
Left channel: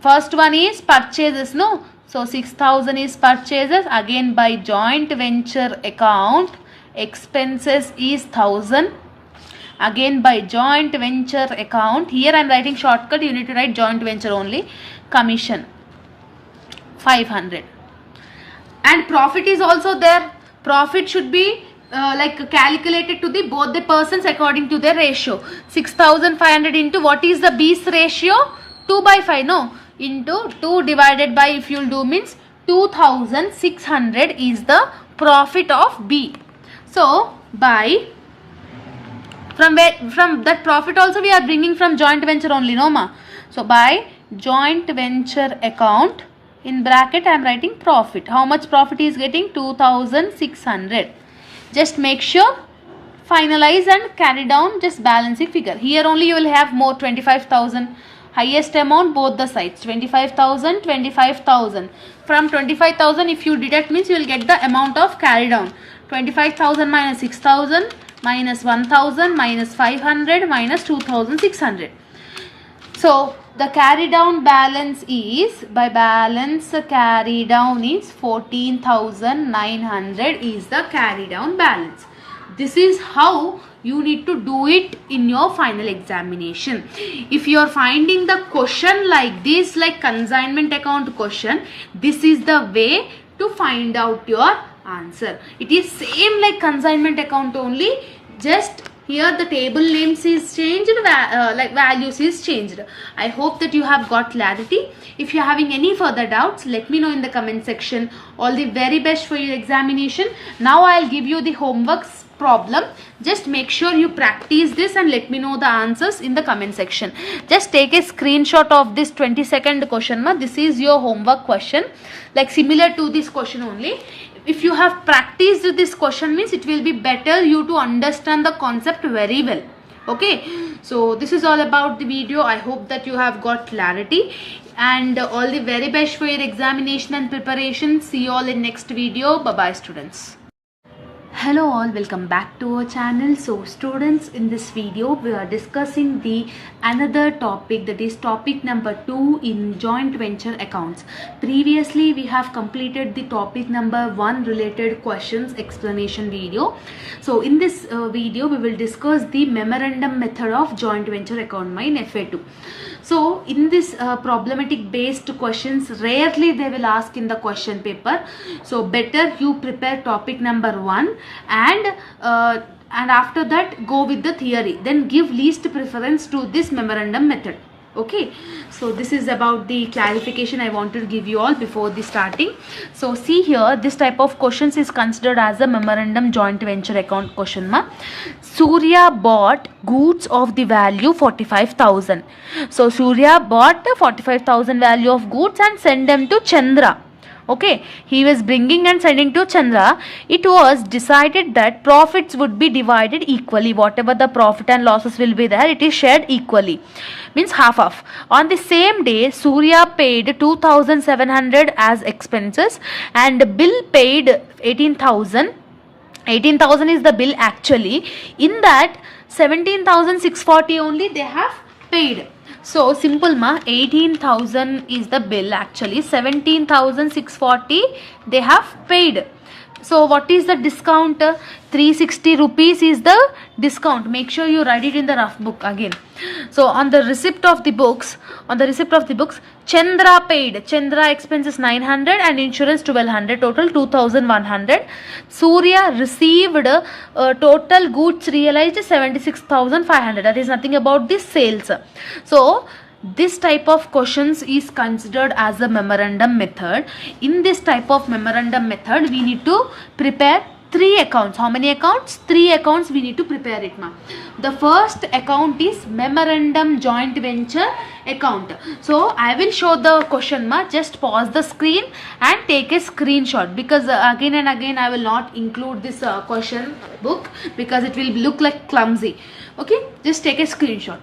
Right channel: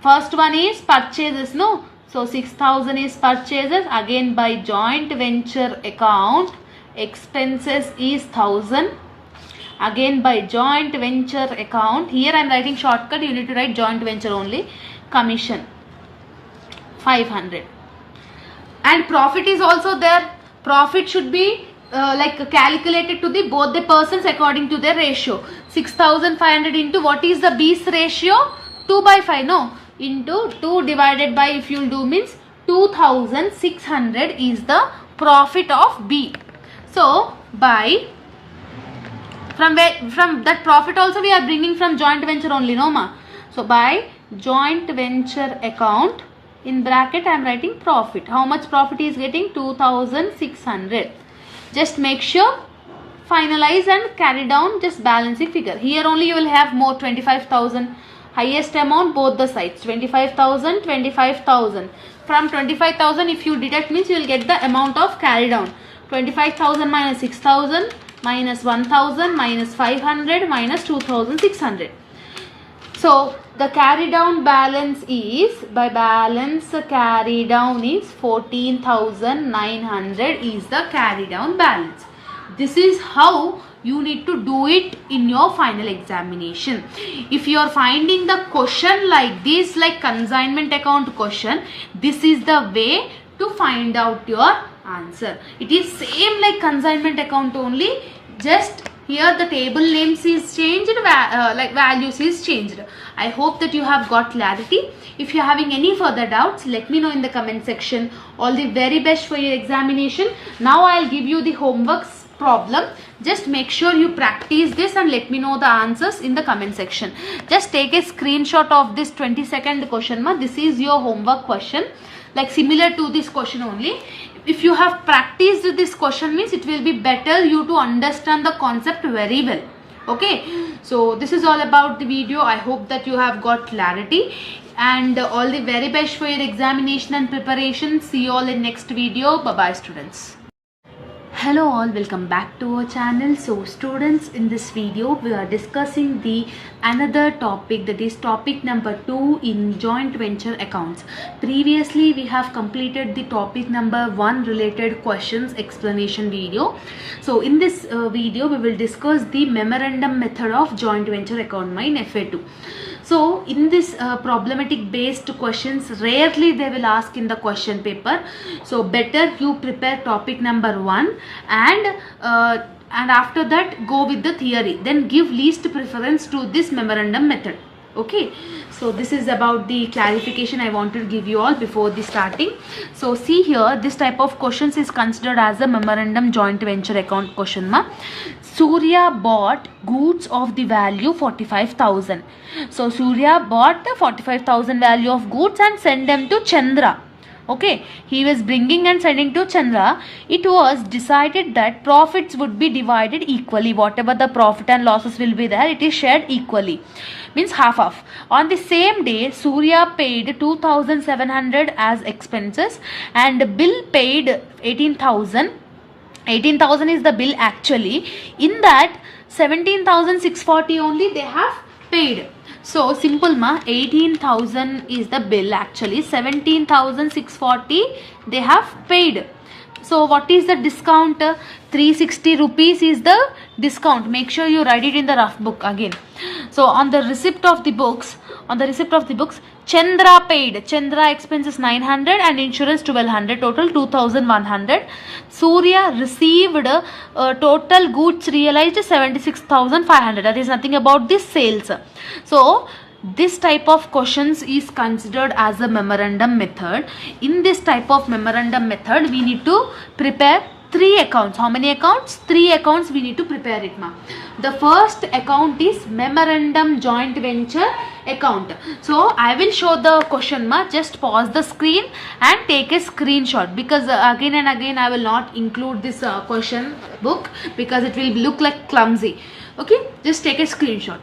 first one is purchases, no. So 6,000 is purchases. Again by joint venture account, expenses is 1,000. Again by joint venture account, here I am writing shortcut, you need to write joint venture only, commission 500. And profit is also there. Profit should be like calculated to the both the persons according to their ratio. 6,500 into what is the B's ratio? 2/5, no. Into 2 divided by, if you will do means 2,600 is the profit of B. So by from that profit also we are bringing from joint venture only, no, ma. So by joint venture account, in bracket I am writing profit. How much profit is getting? 2,600. Just make sure, finalize and carry down, just balancing figure. Here only you will have more, 25,000. Highest amount both the sides, 25,000, 25,000. From 25,000 if you deduct means you will get the amount of carry down. 25,000 minus 6,000 minus 1,000 minus 500 minus 2,600. So the carry down balance is, by balance carry down is 14,900 is the carry down balance. This is how you need to do it in your final examination. If you are finding the question like this, like consignment account question, this is the way to find out your answer. It is same like consignment account only, just Here the table names is changed, like values is changed. I hope that you have got clarity. If you are having any further doubts, let me know in the comment section. All the very best for your examination. Now I'll give you the homework problem. Just make sure you practice this and let me know the answers in the comment section. Just take a screenshot of this 22nd question. This is your homework question, like similar to this question only. If you have practiced this question, means it will be better you to understand the concept very well. Okay, so this is all about the video. I hope that you have got clarity, and all the very best for your examination and preparation. See you all in next video. Bye bye, students. Hello all, welcome back to our channel. So students, in this video we are discussing the another topic, that is topic number 2 in joint venture accounts. Previously we have completed the topic number 1 related questions explanation video. So in this video we will discuss the memorandum method of joint venture account in F.A-2. So in this problematic based questions, rarely they will ask in the question paper. So better you prepare topic number 1 and after that go with the theory. Then give least preference to this memorandum method. Okay, so this is about the clarification I want to give you all before the starting. So see here, this type of questions is considered as a memorandum joint venture account question. Surya bought goods of the value 45,000. So Surya bought the 45,000 value of goods and sent them to Chandra. Okay, he was bringing and sending to Chandra. It was decided that profits would be divided equally. Whatever the profit and losses will be there, it is shared equally. Means half. On the same day, Surya paid 2,700 as expenses and bill paid 18,000. 18,000 is the bill actually. In that 17,640 only they have paid. So simple 18,000 is the bill actually. 17,640 they have paid. So what is the discount? 360 rupees is the discount. Make sure you write it in the rough book again. So on the receipt of the books, Chandra paid. Chandra expenses 900 and insurance 1200, total 2100. Surya received total goods realized 76,500. That is nothing about the sales. So this type of questions is considered as a memorandum method. In this type of memorandum method, we need to prepare 3 accounts. How many accounts? 3 accounts we need to prepare it. The first account is memorandum joint venture account. So I will show the question. Just pause the screen and take a screenshot, because again and again I will not include this question book because it will look like clumsy. Okay, just take a screenshot.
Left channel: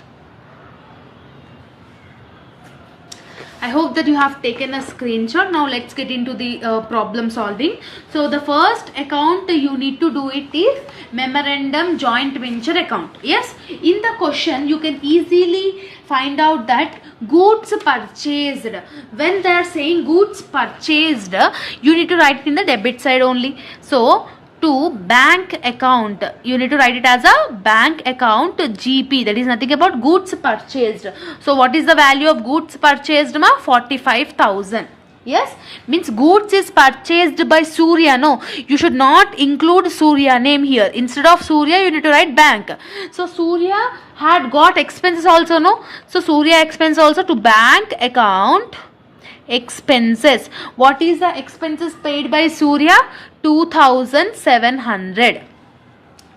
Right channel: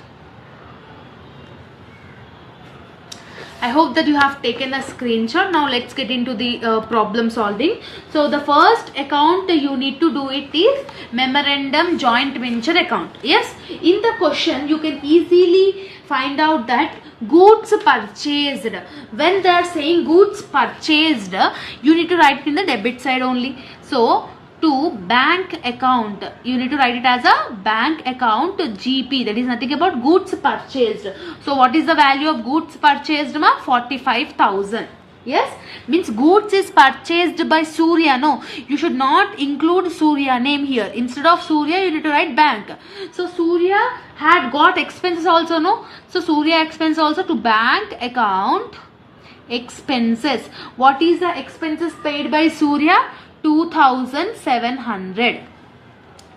I hope that you have taken a screenshot. Now let's get into the problem solving. So the first account you need to do it is memorandum joint venture account. Yes, in the question you can easily find out that goods purchased. When they are saying goods purchased, you need to write it in the debit side only. So to bank account, you need to write it as a bank account GP, that is nothing about goods purchased. So what is the value of goods purchased? 45,000. Yes, means goods is purchased by Surya. No, you should not include Surya name here. Instead of Surya you need to write bank. So Surya had got expenses also. No, so Surya expense also to bank account expenses. What is the expenses paid by Surya? 2,700.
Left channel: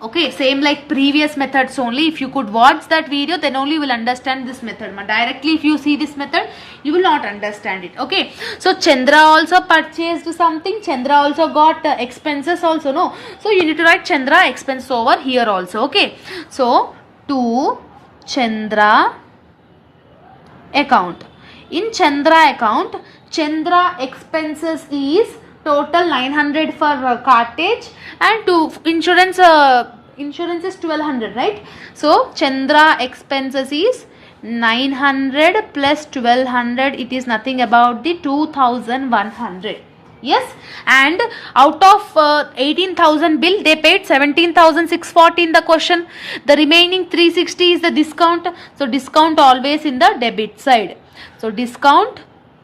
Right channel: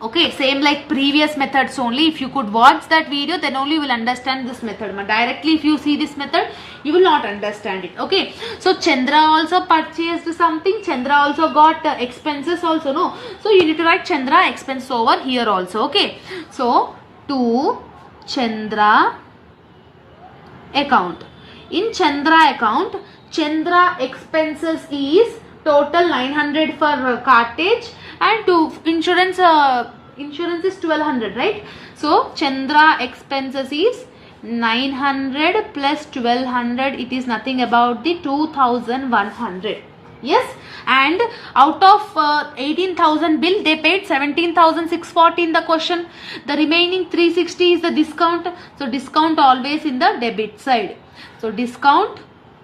Okay, same like previous methods only. If you could watch that video, then only you will understand this method. Directly if you see this method, you will not understand it. Okay, so Chandra also purchased something. Chandra also got expenses also. No, so you need to write Chandra expense over here also. Okay, so to Chandra account. In Chandra account, Chandra expenses is total 900 for cartage, and to insurance is 1200, right? So Chandra expenses is 900 plus 1200. It is nothing about the 2100. Yes, and out of 18,000 bill, they paid 17,640 in the question. The remaining 360 is the discount. So discount always in the debit side. So discount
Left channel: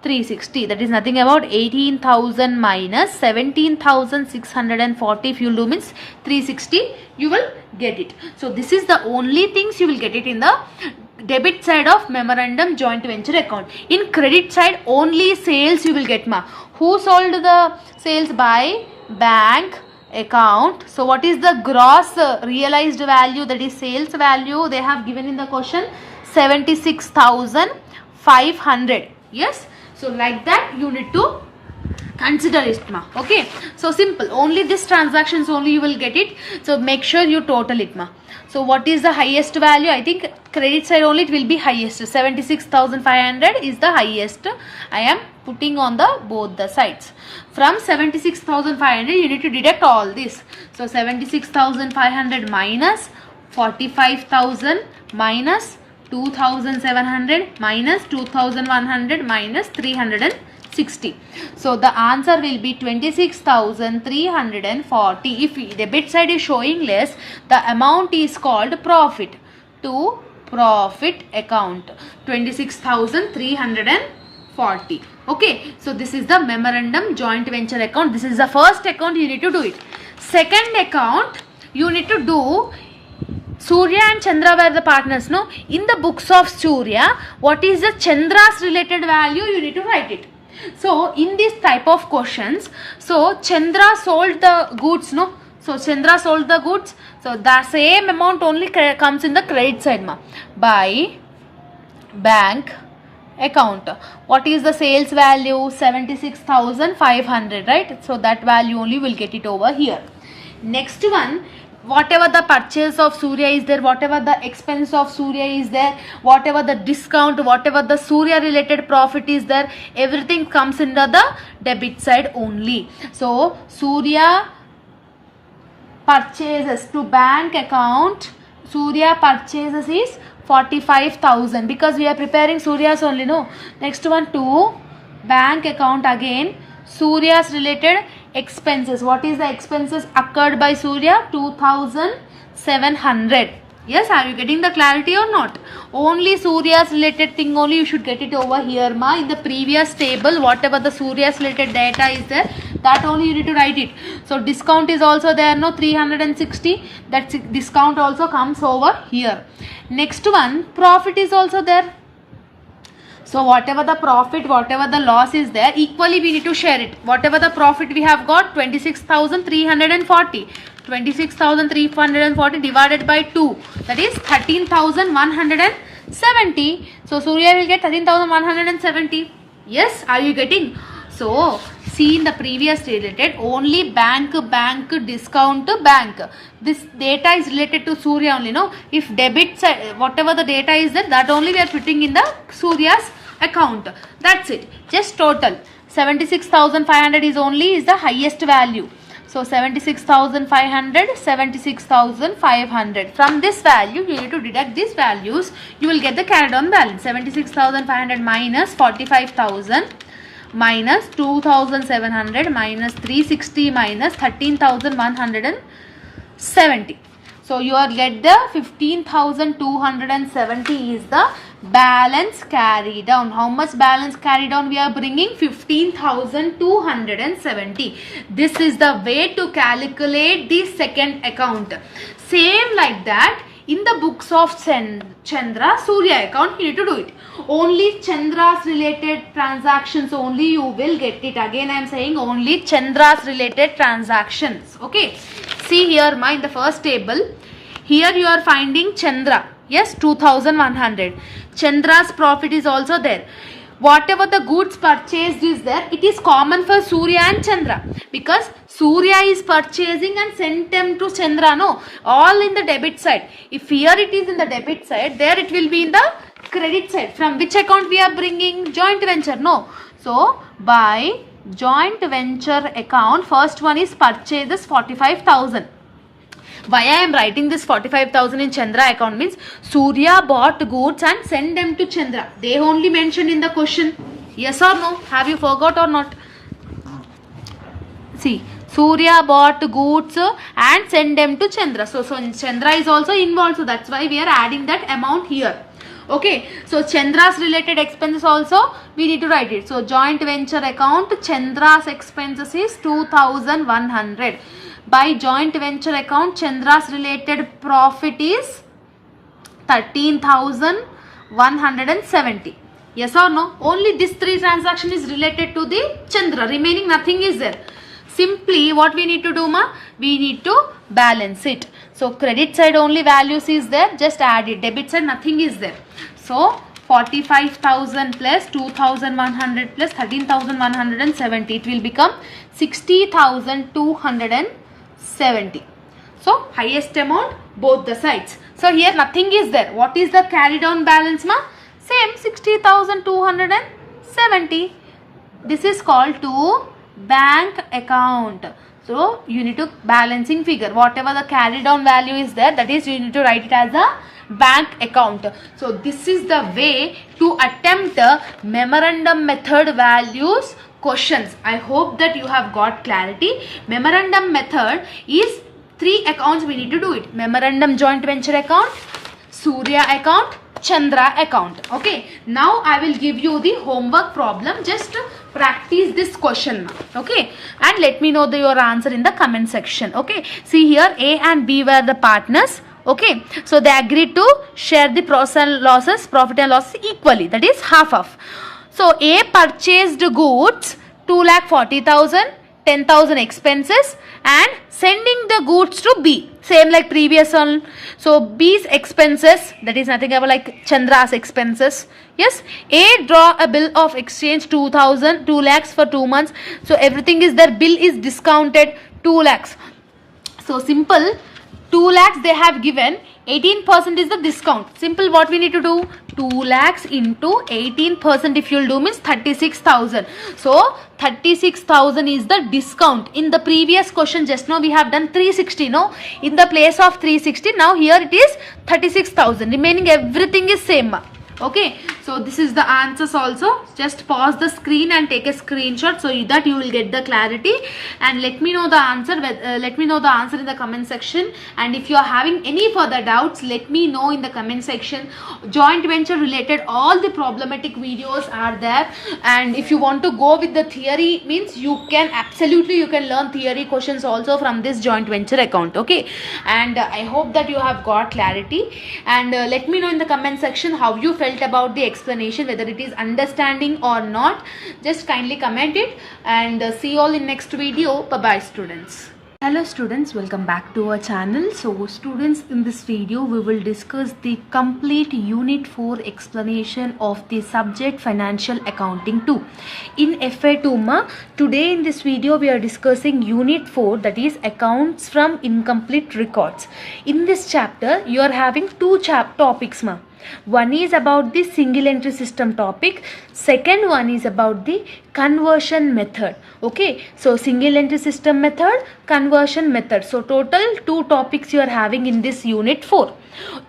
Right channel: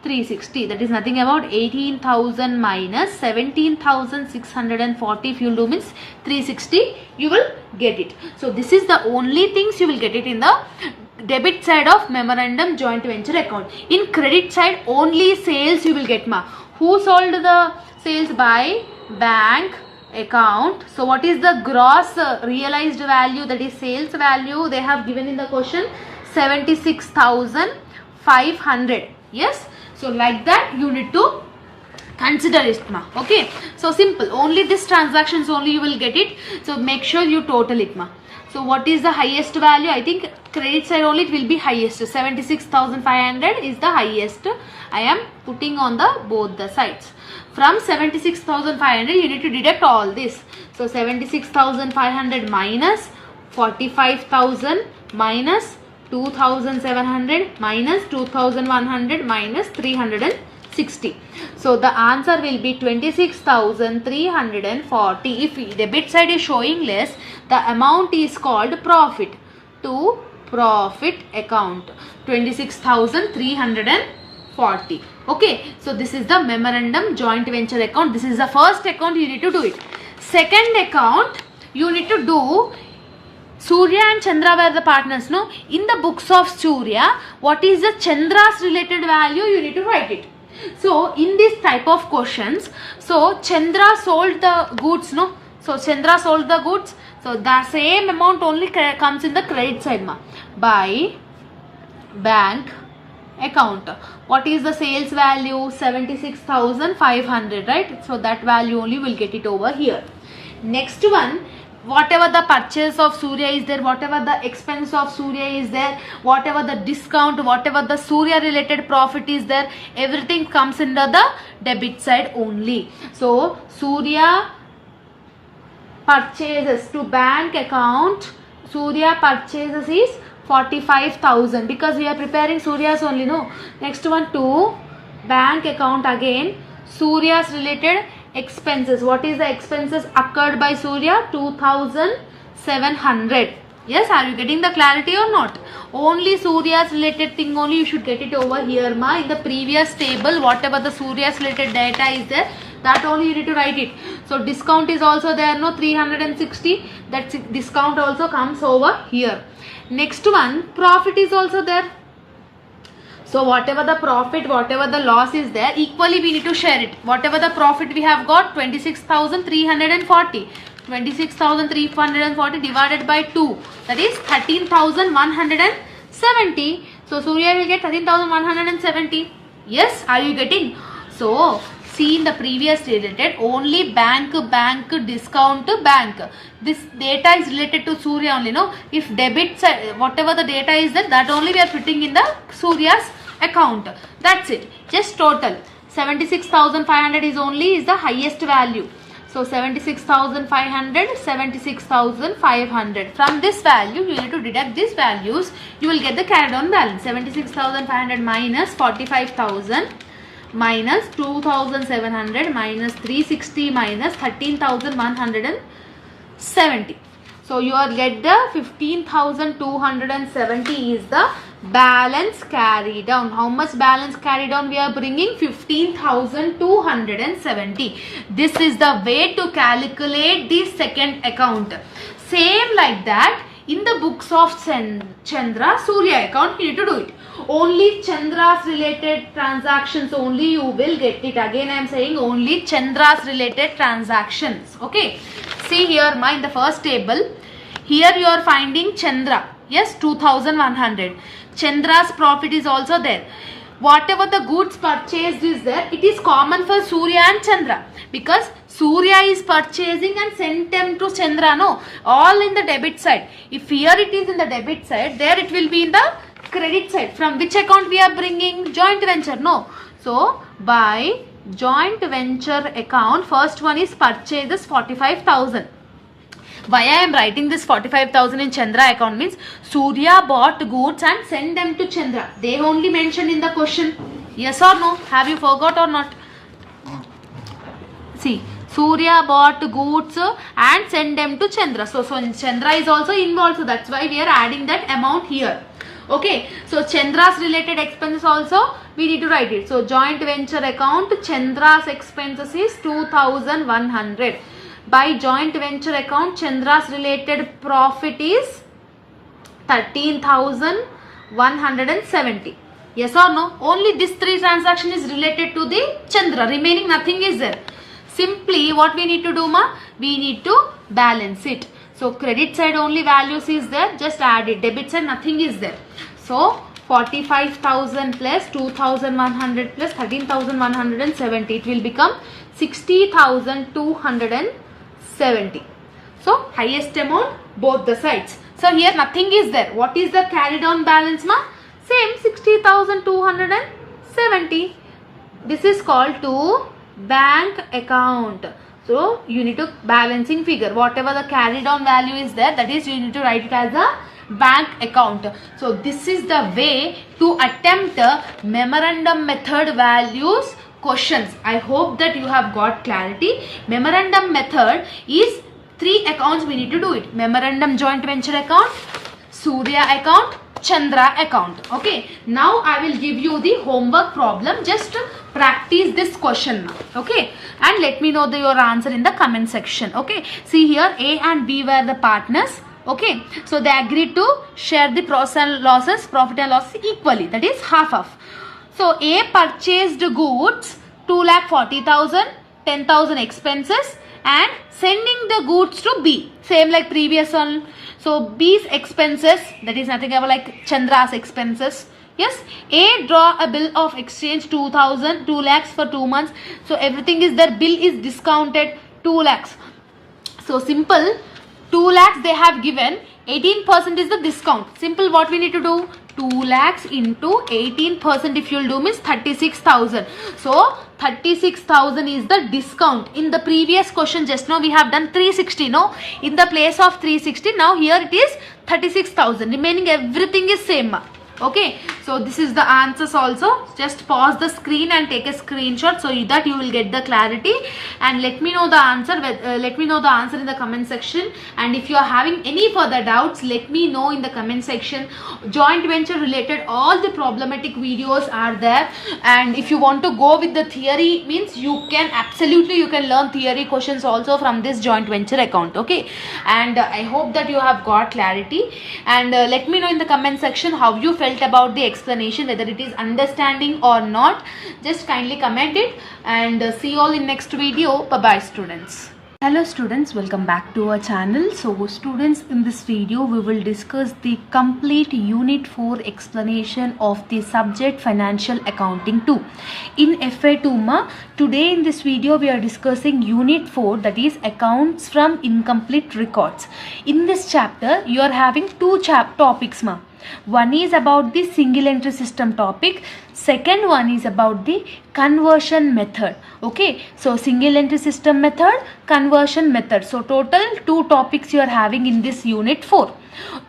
360. That is nothing about 18,000 minus 17,640. If you do means 360, you will get it. So this is the only things you will get it in the debit side of memorandum joint venture account. In credit side, only sales you will get, ma. Who sold the sales? By bank account. So what is the gross realized value? That is sales value. They have given in the question 76,500. Yes. So like that you need to consider it, ma. Okay. So simple. Only this transactions only you will get it. So make sure you total it, ma. So what is the highest value? I think credit side only it will be highest. 76,500 is the highest. I am putting on the both the sides. From 76,500 you need to deduct all this. So 76,500 minus 45,000 minus 2,700 minus 2,100 minus 360. So the answer will be 26,340. If debit side is showing less, the amount is called profit. To profit account 26,340. Okay, so this is the memorandum joint venture account. This is the first account, you need to do it. Second account you need to do. Surya and Chandra were the partners, no? In the books of Surya, what is the Chandra's related value? You need to write it. So in this type of questions, so Chandra sold the goods, no? So Chandra sold the goods. So the same amount only comes in the credit side, na? By bank account. What is the sales value? 76,500, right? So that value only will get it over here. Next one, whatever the purchase of Surya is there, whatever the expense of Surya is there, whatever the discount, whatever the Surya related profit is there, everything comes under the debit side only. So Surya purchases to bank account, Surya purchases is 45,000 because we are preparing Surya's only, no? Next one, to bank account again, Surya's related expenses. What is the expenses occurred by Surya? 2,700. Yes, are you getting the clarity or not? Only Surya's related thing only you should get it over here, ma. In the previous table, whatever the Surya's related data is there, that only you need to write it. So discount is also there, no? 360. That discount also comes over here. Next one, profit is also there. So whatever the profit, whatever the loss is there, equally we need to share it. Whatever the profit we have got, 26,340. 26,340 divided by 2. That is 13,170. So Surya will get 13,170. Yes, are you getting? So see in the previous related, only bank, discount, bank. This data is related to Surya only, no? If debit, whatever the data is there, that only we are putting in the Surya's account. That's it. Just total. 76,500 is the highest value. So 76,500, 76,500. From this value, you need to deduct these values. You will get the carried on balance. 76,500 minus 45,000 minus 2,700 minus 360 minus 13,170. So you will get the 15,270 is the balance carried down. How much balance carried down we are bringing? 15,270. This is the way to calculate the second account. Same like that in the books of Chandra Surya account you need to do it. Only Chandra's related transactions only you will get it. Again I am saying only Chandra's related transactions. Okay. See here in the first table. Here you are finding Chandra. Yes, 2,100. Chandra's profit is also there. Whatever the goods purchased is there, it is common for Surya and Chandra. Because Surya is purchasing and sent them to Chandra. No, all in the debit side. If here it is in the debit side, there it will be in the credit side. From which account we are bringing? Joint venture. No. So, by joint venture account, first one is purchases 45,000. Why I am writing this 45,000 in Chandra account means Surya bought goods and sent them to Chandra. They only mentioned in the question. Yes or no? Have you forgot or not? See, Surya bought goods and sent them to Chandra. So Chandra is also involved. So that's why we are adding that amount here. Okay, so Chandra's related expenses also we need to write it. So joint venture account, Chandra's expenses is 2100. By joint venture account, Chandra's related profit is 13,170. Yes or no? Only this 3 transaction is related to the Chandra. Remaining nothing is there. Simply what we need to do, ma? We need to balance it. So credit side only values is there. Just add it. Debit side nothing is there. So 45,000 plus 2,100 plus 13,170. It will become 60,270. So highest amount both the sides. So here nothing is there. What is the carried on balance, ma? Same 60,270. This is called to bank account. So you need to balancing figure. Whatever the carried on value is there, that is you need to write it as a bank account. So this is the way to attempt memorandum method values questions. I hope that you have got clarity. Memorandum method is 3 accounts we need to do it. Memorandum joint venture account, Surya account, Chandra account. Okay. Now I will give you the homework problem. Just practice this question. Okay. And let me know your answer in the comment section. Okay. See here, A and B were the partners. Okay. So they agreed to share the profit and losses equally. That is half of. So A purchased goods 2,40,000, 10,000 expenses, and sending the goods to B. Same like previous one. So B's expenses, that is nothing about like Chandra's expenses. Yes. A draw a bill of exchange 2 lakhs for 2 months. So everything is there. Bill is discounted 2 lakhs. So simple. 2 lakhs they have given. 18% is the discount. Simple, what we need to do? 2 lakhs into 18% if you'll do means 36,000. So 36,000 is the discount. In the previous question just now we have done 360. No, in the place of 360 now here it is 36,000. Remaining everything is same. Okay, so this is the answers also. Just pause the screen and take a screenshot so that you will get the clarity, and let me know the answer. Let me know the answer in the comment section. And if you are having any further doubts, let me know in the comment section. Joint venture related all the problematic videos are there, and if you want to go with the theory means you can learn theory questions also from this joint venture account. Okay, and I hope that you have got clarity, and let me know in the comment section how you felt about the explanation, whether it is understanding or not. Just kindly comment it, and see you all in next video. Bye bye students. Hello students, welcome back to our channel. So students, in this video we will discuss the complete unit 4 explanation of the subject financial accounting 2 in FA2. Today in this video we are discussing unit 4, that is accounts from incomplete records. In this chapter you are having 2 topics. One is about the single entry system topic. Second one is about the conversion method. Okay, so single entry system method, conversion method. So total 2 topics you are having in this unit 4.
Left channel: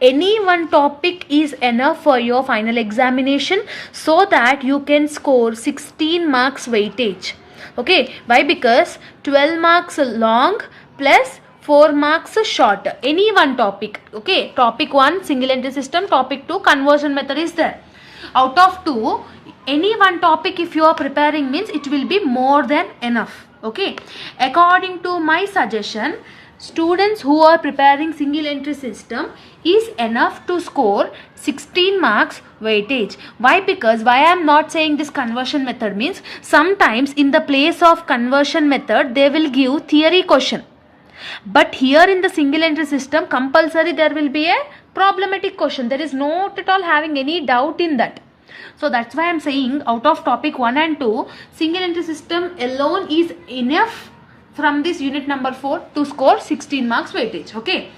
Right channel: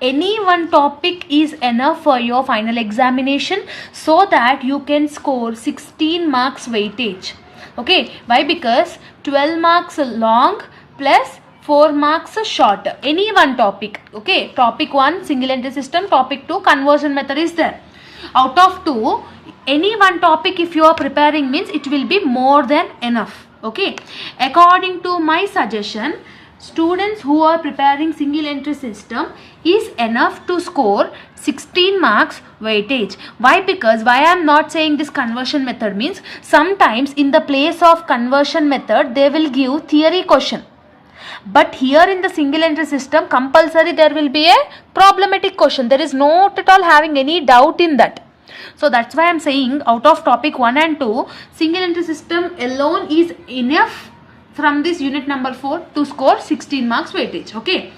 Any one topic is enough for your final examination so that you can score 16 marks weightage. Okay, why? Because 12 marks long plus 4 marks short. Any one topic. Okay, topic 1 single entry system, topic 2 conversion method is there. Out of 2, any one topic if you are preparing means it will be more than enough. Okay, according to my suggestion, students who are preparing single entry system is enough to score 16 marks weightage. Why? Because why I am not saying this conversion method means sometimes in the place of conversion method they will give theory question. But here in the single entry system compulsory there will be a problematic question. There is not at all having any doubt in that. So that's why I am saying out of topic 1 and 2, single entry system alone is enough from this unit number 4 to score 16 marks weightage. Okay.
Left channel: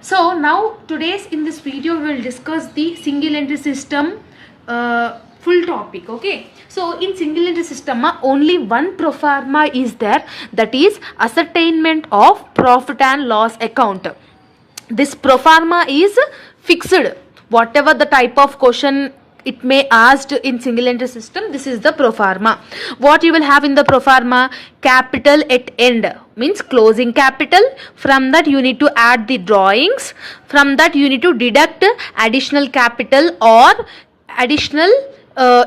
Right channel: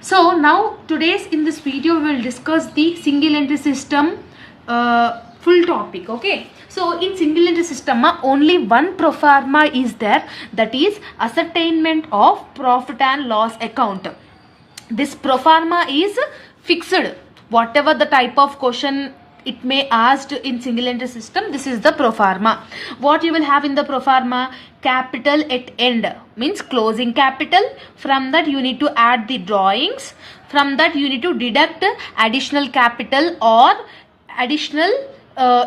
So now in this video we will discuss the single entry system full topic. Okay. So in single entry system only one pro forma is there, that is ascertainment of profit and loss account. This pro forma is fixed. Whatever the type of question it may asked in single entry system. This is the pro forma. What you will have in the pro forma? Capital at end means closing capital. From that you need to add the drawings. From that you need to deduct additional capital or additional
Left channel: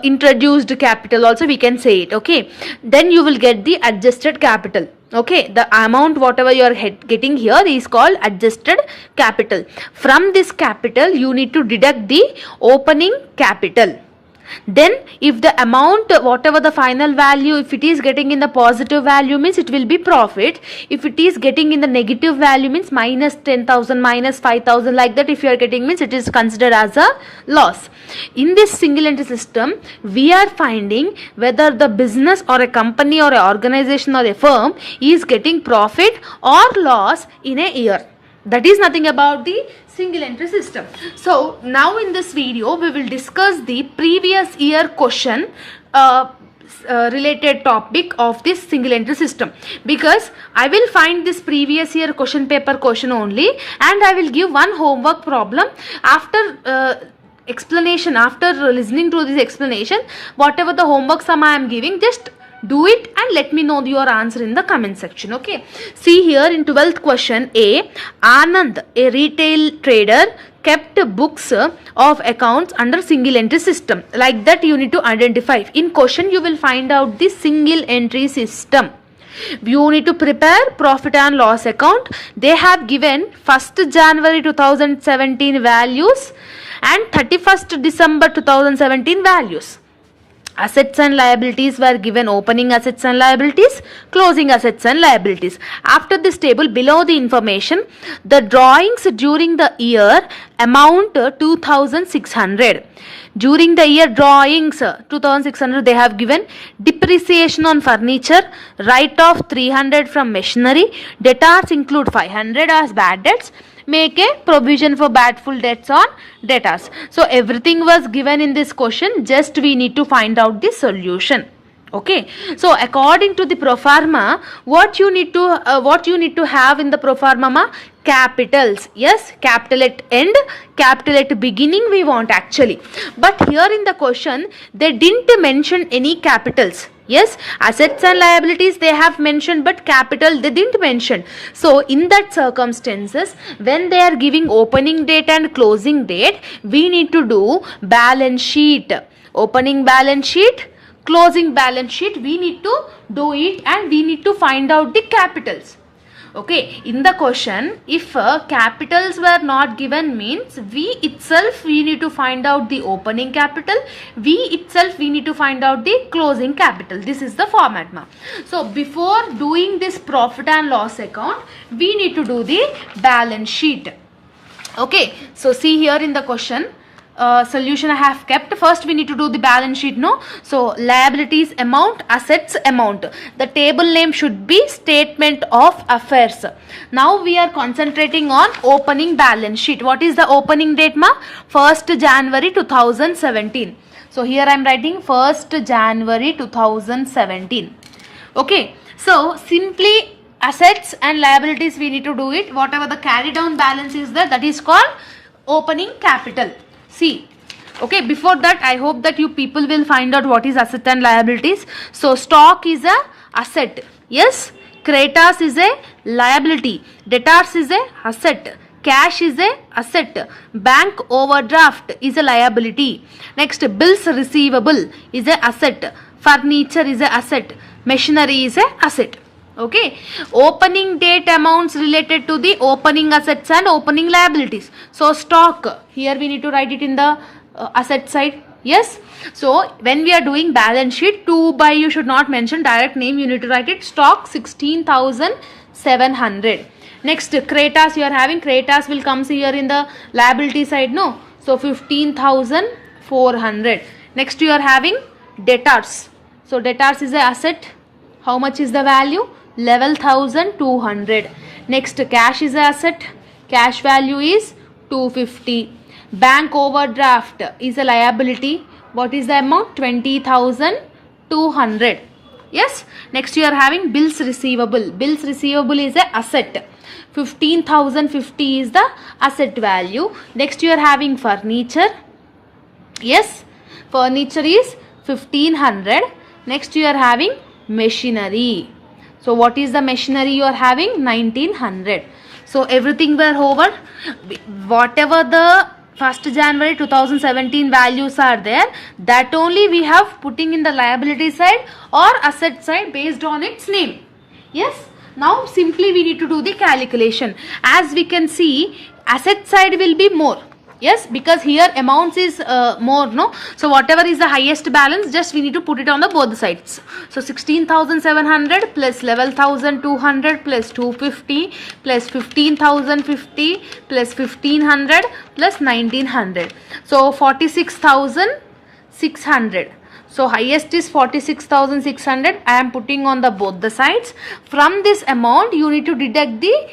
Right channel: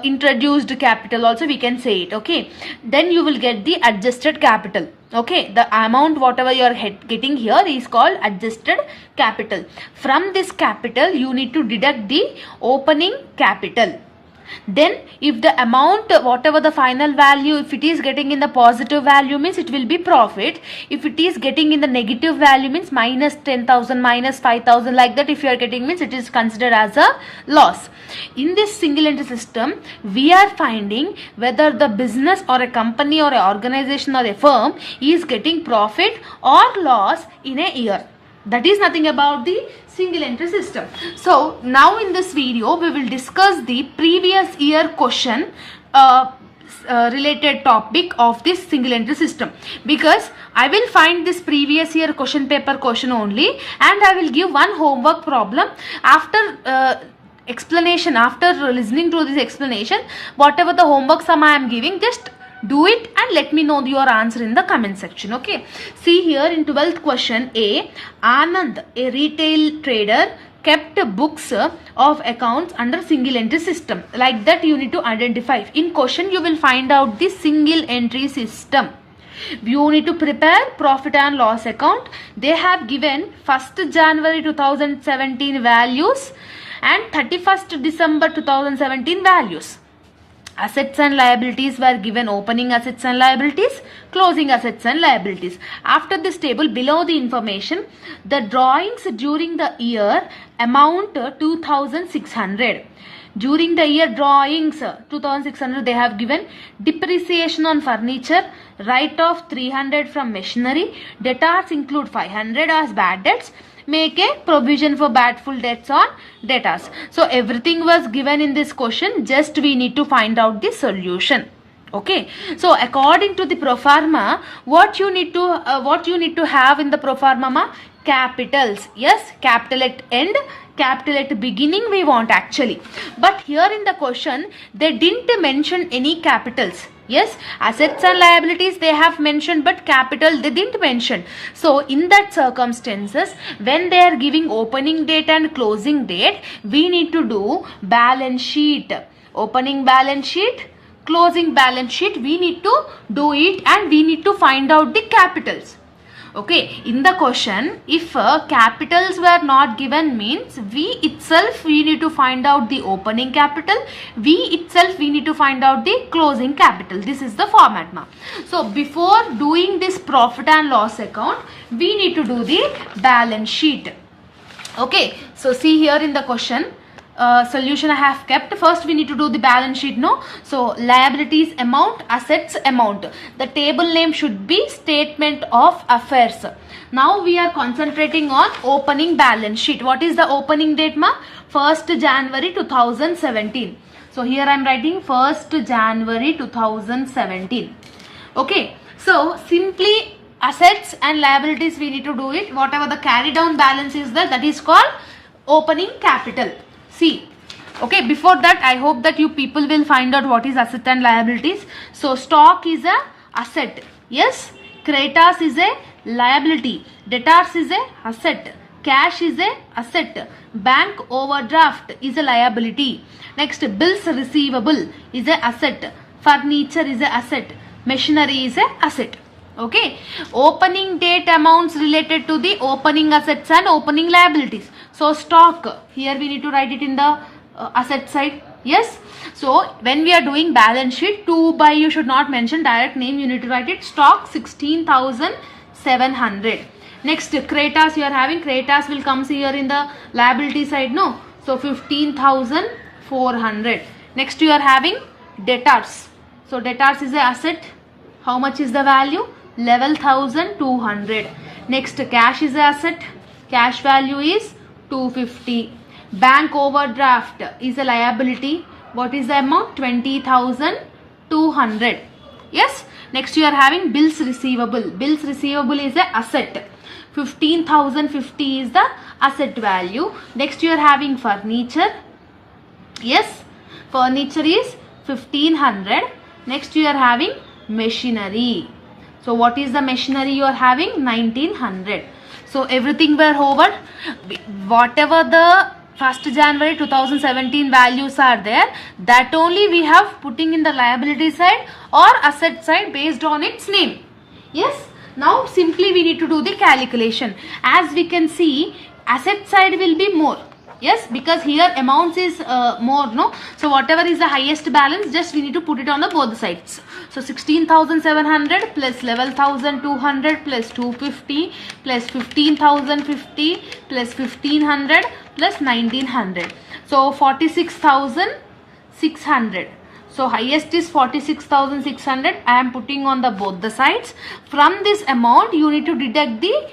introduced capital also, we can say it. Okay, then you will get the adjusted capital. Okay, the amount whatever you are getting here is called adjusted capital. From this capital you need to deduct the opening capital. Then if the amount whatever the final value, if it is getting in the positive value means it will be profit. If it is getting in the negative value means minus 10,000, minus 5,000, like that if you are getting means it is considered as a loss. In this single entry system we are finding whether the business or a company or a organization or a firm is getting profit or loss in a year. That is nothing about the single entry system. So now in this video we will discuss the previous year question related topic of this single entry system, because I will find this previous year question paper question only and I will give one homework problem. After explanation, after listening to this explanation, whatever the homework sum I am giving, just do it and let me know your answer in the comment section. Okay, see here in 12th question A, Anand, a retail trader, kept books of accounts under single entry system. Like that you need to identify. In question you will find out the single entry system. You need to prepare profit and loss account. They have given 1st January 2017 values and 31st December 2017 values. Assets and liabilities were given opening assets and liabilities, closing assets and liabilities. After this table, below the information, the drawings during the year amount 2,600. During the year drawings 2,600 they have given depreciation on furniture, write-off 300 from machinery, debtors include 500 as bad debts, make a provision for bad full debts on debtors. So everything was given in this question, just we need to find out the solution. Okay, so according to the pro forma, what you need to have in the pro forma? Capitals. Yes, capital at end, capital at beginning we want actually, but here in the question they didn't mention any capitals. Yes, assets and liabilities they have mentioned, but capital they didn't mention. So in that circumstances, when they are giving opening date and closing date, we need to do balance sheet. Opening balance sheet, closing balance sheet, we need to do it and we need to find out the capitals. Okay, in the question, if capitals were not given means we need to find out the opening capital, we need to find out the closing capital. This is the format ma. So before doing this profit and loss account, we need to do the balance sheet. Okay, so see here in the question, solution I have kept. First we need to do the balance sheet, no? So liabilities amount, assets amount. The table name should be statement of affairs. Now we are concentrating on opening balance sheet. What is the opening date ma? 1st January 2017. So here I am writing 1st January 2017. Okay, so simply assets and liabilities we need to do it. Whatever the carry down balance is there, that is called opening capital. See, okay, before that I hope that you people will find out what is asset and liabilities. So stock is a asset. Yes, creditors is a liability, debtors is a asset, cash is a asset, bank overdraft is a liability. Next, bills receivable is a asset, furniture is a asset, machinery is a asset. Okay, opening date amounts related to the opening assets and opening liabilities. So stock, here we need to write it in the asset side. Yes, so when we are doing balance sheet, to by you should not mention direct name, you need to write it stock 16,700. Next, creditors you are having, creditors will come here in the liability side, no? So 15,400. Next you are having debtors. So debtors is a asset. How much is the value? 11,200. Next, cash is a asset. Cash value is 250. Bank overdraft is a liability. What is the amount? 20,200. Yes. Next, you are having bills receivable. Bills receivable is a asset. 15,050 is the asset value. Next, you are having furniture. Yes. Furniture is 1500. Next you are having machinery. So what is the machinery you are having? 1900. So everything were over. Whatever the 1st January 2017 values are there, that only we have putting in the liability side or asset side based on its name. Yes. Now simply we need to do the calculation. As we can see, asset side will be more. Yes, because here amounts is more, no? So whatever is the highest balance, just we need to put it on the both sides. So 16,700 plus 11,200 plus 250 plus 15,050 plus 1,500 plus 1,900. So 46,600. So highest is 46,600. I am putting on the both the sides. From this amount you need to deduct the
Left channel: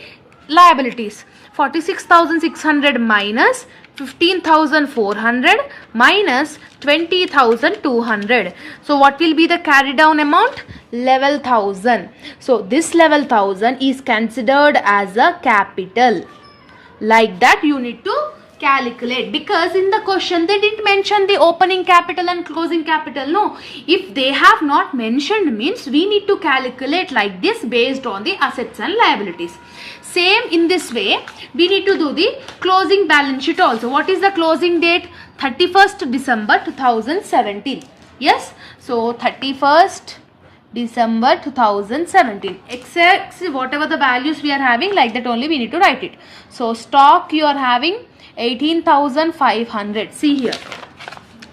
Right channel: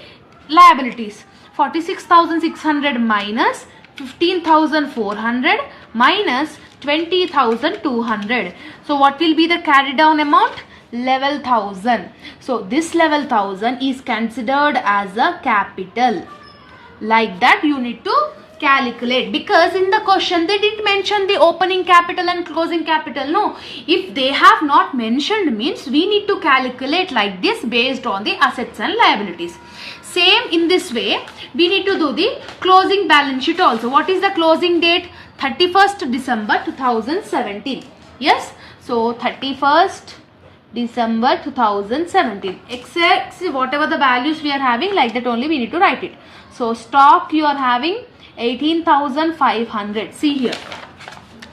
liabilities. 46,600 minus 15,400 minus 20,200. So what will be the carry down amount? 11,000. So this 11,000 is considered as a capital. Like that you need to calculate, because in the question they didn't mention the opening capital and closing capital. No, if they have not mentioned means we need to calculate like this based on the assets and liabilities. Same in this way we need to do the closing balance sheet also. What is the closing date? 31st December 2017. Yes, so 31st December 2017. Except whatever the values we are having, like that only we need to write it. So stock you are having 18,500. See here,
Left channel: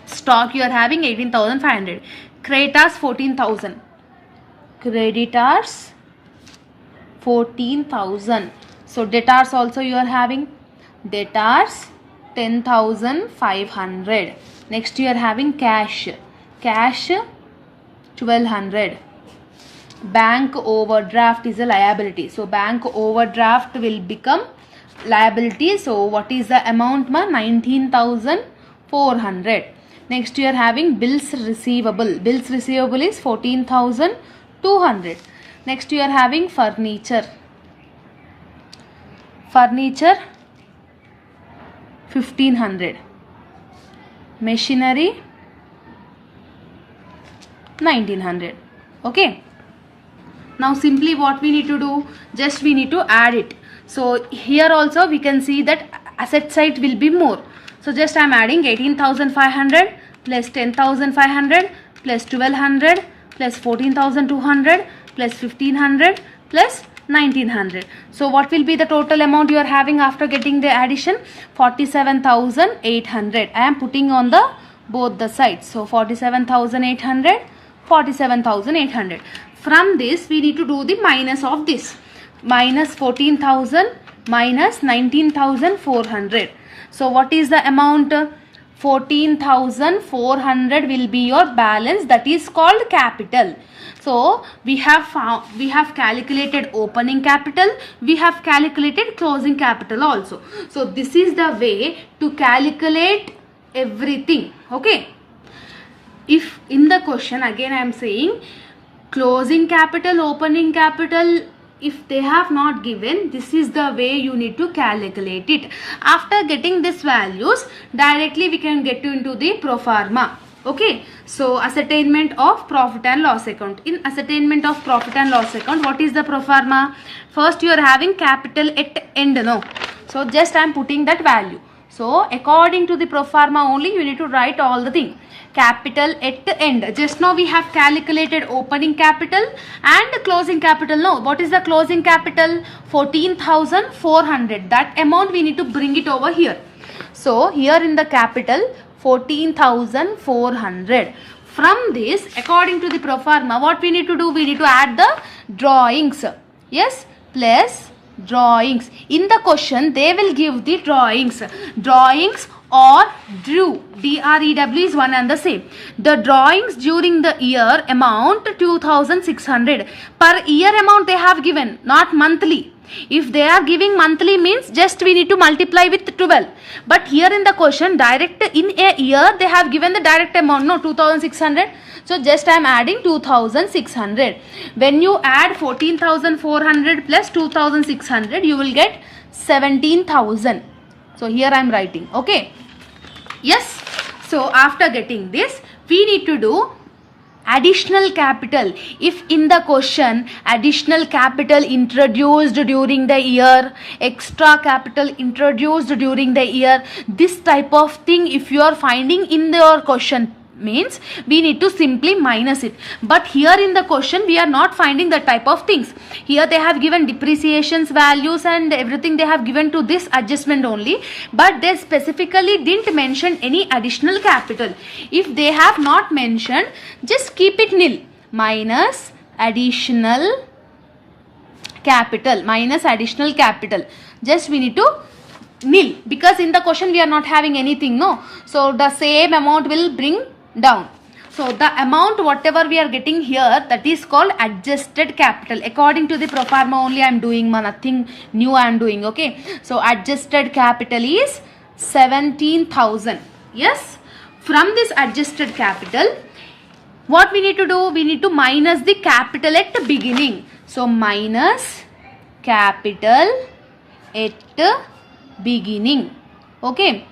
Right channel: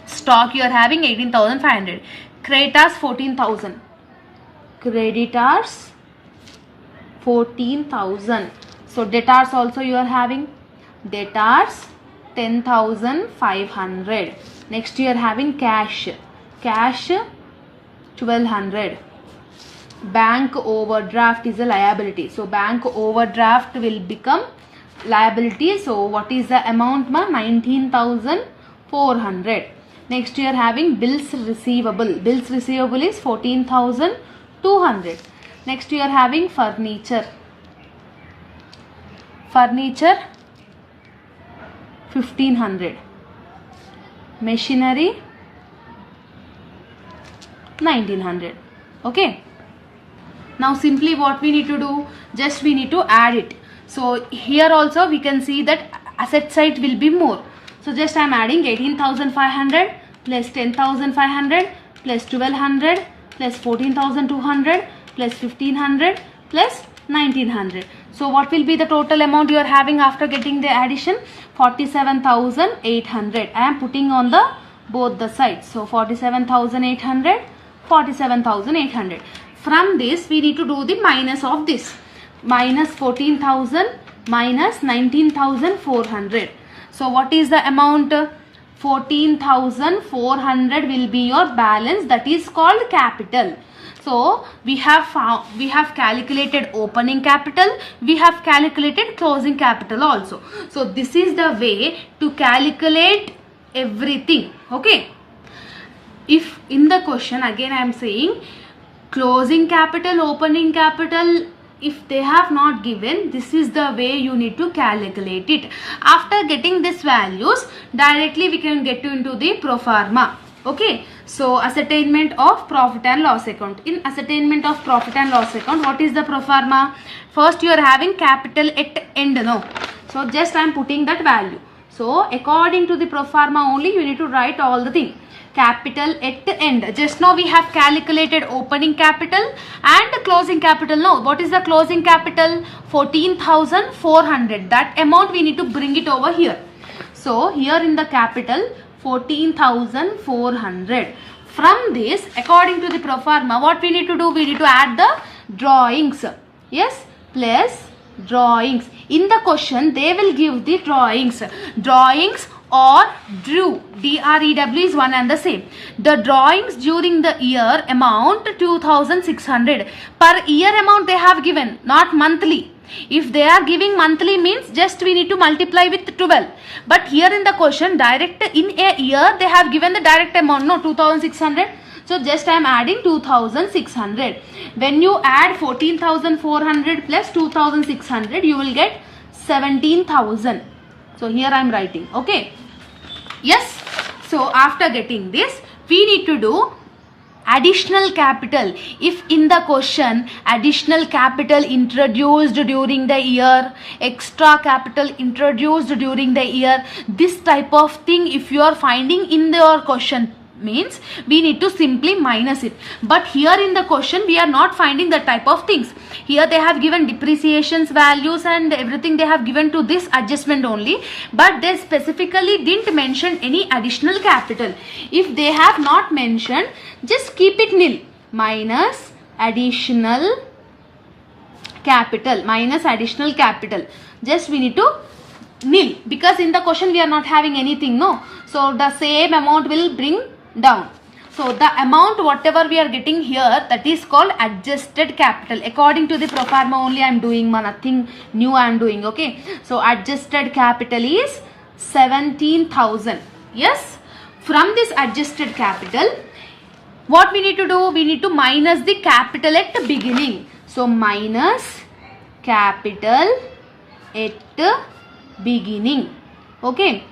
stock you are having 18,500. Creditors 14,000. Creditors 14,000. So debtors also you are having, debtors 10,500. Next you are having cash. Cash 1,200. Bank overdraft is a liability. So bank overdraft will become liability. So what is the amount, ma? 19,400. Next you are having bills receivable. Bills receivable is 14,200. Next you are having furniture. Furniture 1,500. Machinery 1,900. Okay. Now simply what we need to do, just we need to add it. So here also we can see that asset side will be more. So just I am adding 18,500 plus 10,500 plus 1,200 plus 14,200 plus 1,500 plus 1,900. So what will be the total amount you are having after getting the addition? 47,800. I am putting on the both the sides. So 47,800, 47,800. From this we need to do the minus of this. Minus 14,000 minus 19,400. So what is the amount? 14,400 will be your balance, that is called capital. So we have calculated opening capital, we have calculated closing capital also. So this is the way to calculate everything. Okay. If in the question again I am saying closing capital, opening capital, if they have not given, this is the way you need to calculate it. After getting these values, directly we can get into the pro forma. Okay, so ascertainment of profit and loss account. In ascertainment of profit and loss account, what is the pro forma? First you are having capital at end, no? So just I am putting that value. So according to the pro forma only you need to write all the thing. Capital at end. Just now we have calculated opening capital and closing capital. No, what is the closing capital? 14,400. That amount we need to bring it over here. So here in the capital 14,400. From this, according to the pro forma, what we need to do? We need to add the drawings. Yes, plus drawings. In the question they will give the drawings. Drawings or drew, D-R-E-W is one and the same. The drawings during the year amount 2,600. Per year amount they have given, not monthly. If they are giving monthly means just we need to multiply with 12. But here in the question direct in a year they have given the direct amount, no, 2,600. So just I am adding 2,600. When you add 14,400 plus 2,600 you will get 17,000. So here I am writing. Okay. Yes. So after getting this, we need to do additional capital. If in the question additional capital introduced during the year, extra capital introduced during the year, this type of thing if you are finding in your question, means we need to simply minus it. But here in the question we are not finding the type of things. Here they have given depreciations, values and everything they have given to this adjustment only, but they specifically didn't mention any additional capital. If they have not mentioned, just keep it nil. Minus additional capital, minus additional capital, just we need to nil, because in the question we are not having anything, no. So the same amount will bring down. So the amount whatever we are getting here, that is called adjusted capital. According to the pro forma only I am doing, nothing new I am doing. Okay, so adjusted capital is 17,000. Yes, from this adjusted capital, what we need to do, we need to minus the capital at the beginning. So minus capital at the beginning. Okay,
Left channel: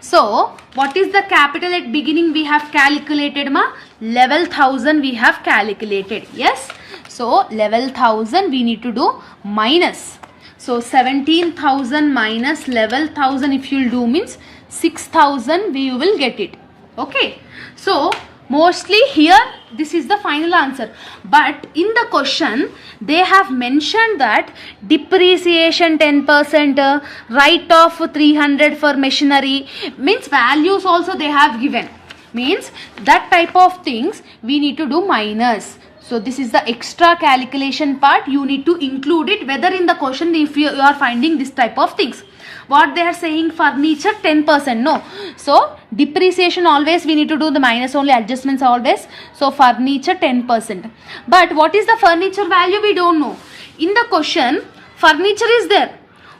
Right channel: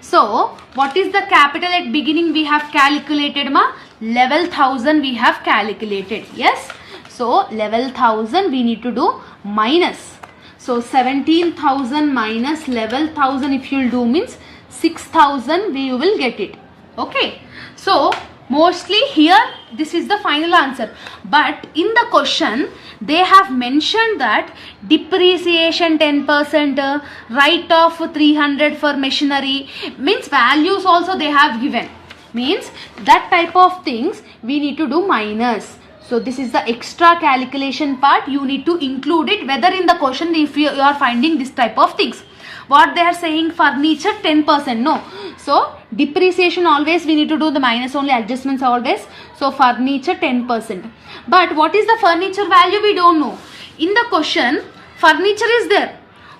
so what is the capital at beginning we have calculated, ma? Level 1000 we have calculated. Yes, so level 1000 we need to do minus. So 17,000 minus level 1000 if you will do means 6,000 we will get it. Okay, so mostly here this is the final answer, but in the question they have mentioned that depreciation 10%, write off 300 for machinery, means values also they have given, means that type of things we need to do minus. So this is the extra calculation part, you need to include it whether in the question if you are finding this type of things. What they are saying, furniture 10%, no. So depreciation always we need to do the minus only, adjustments always. So furniture 10%. But what is the furniture value we don't know. In the question furniture is there.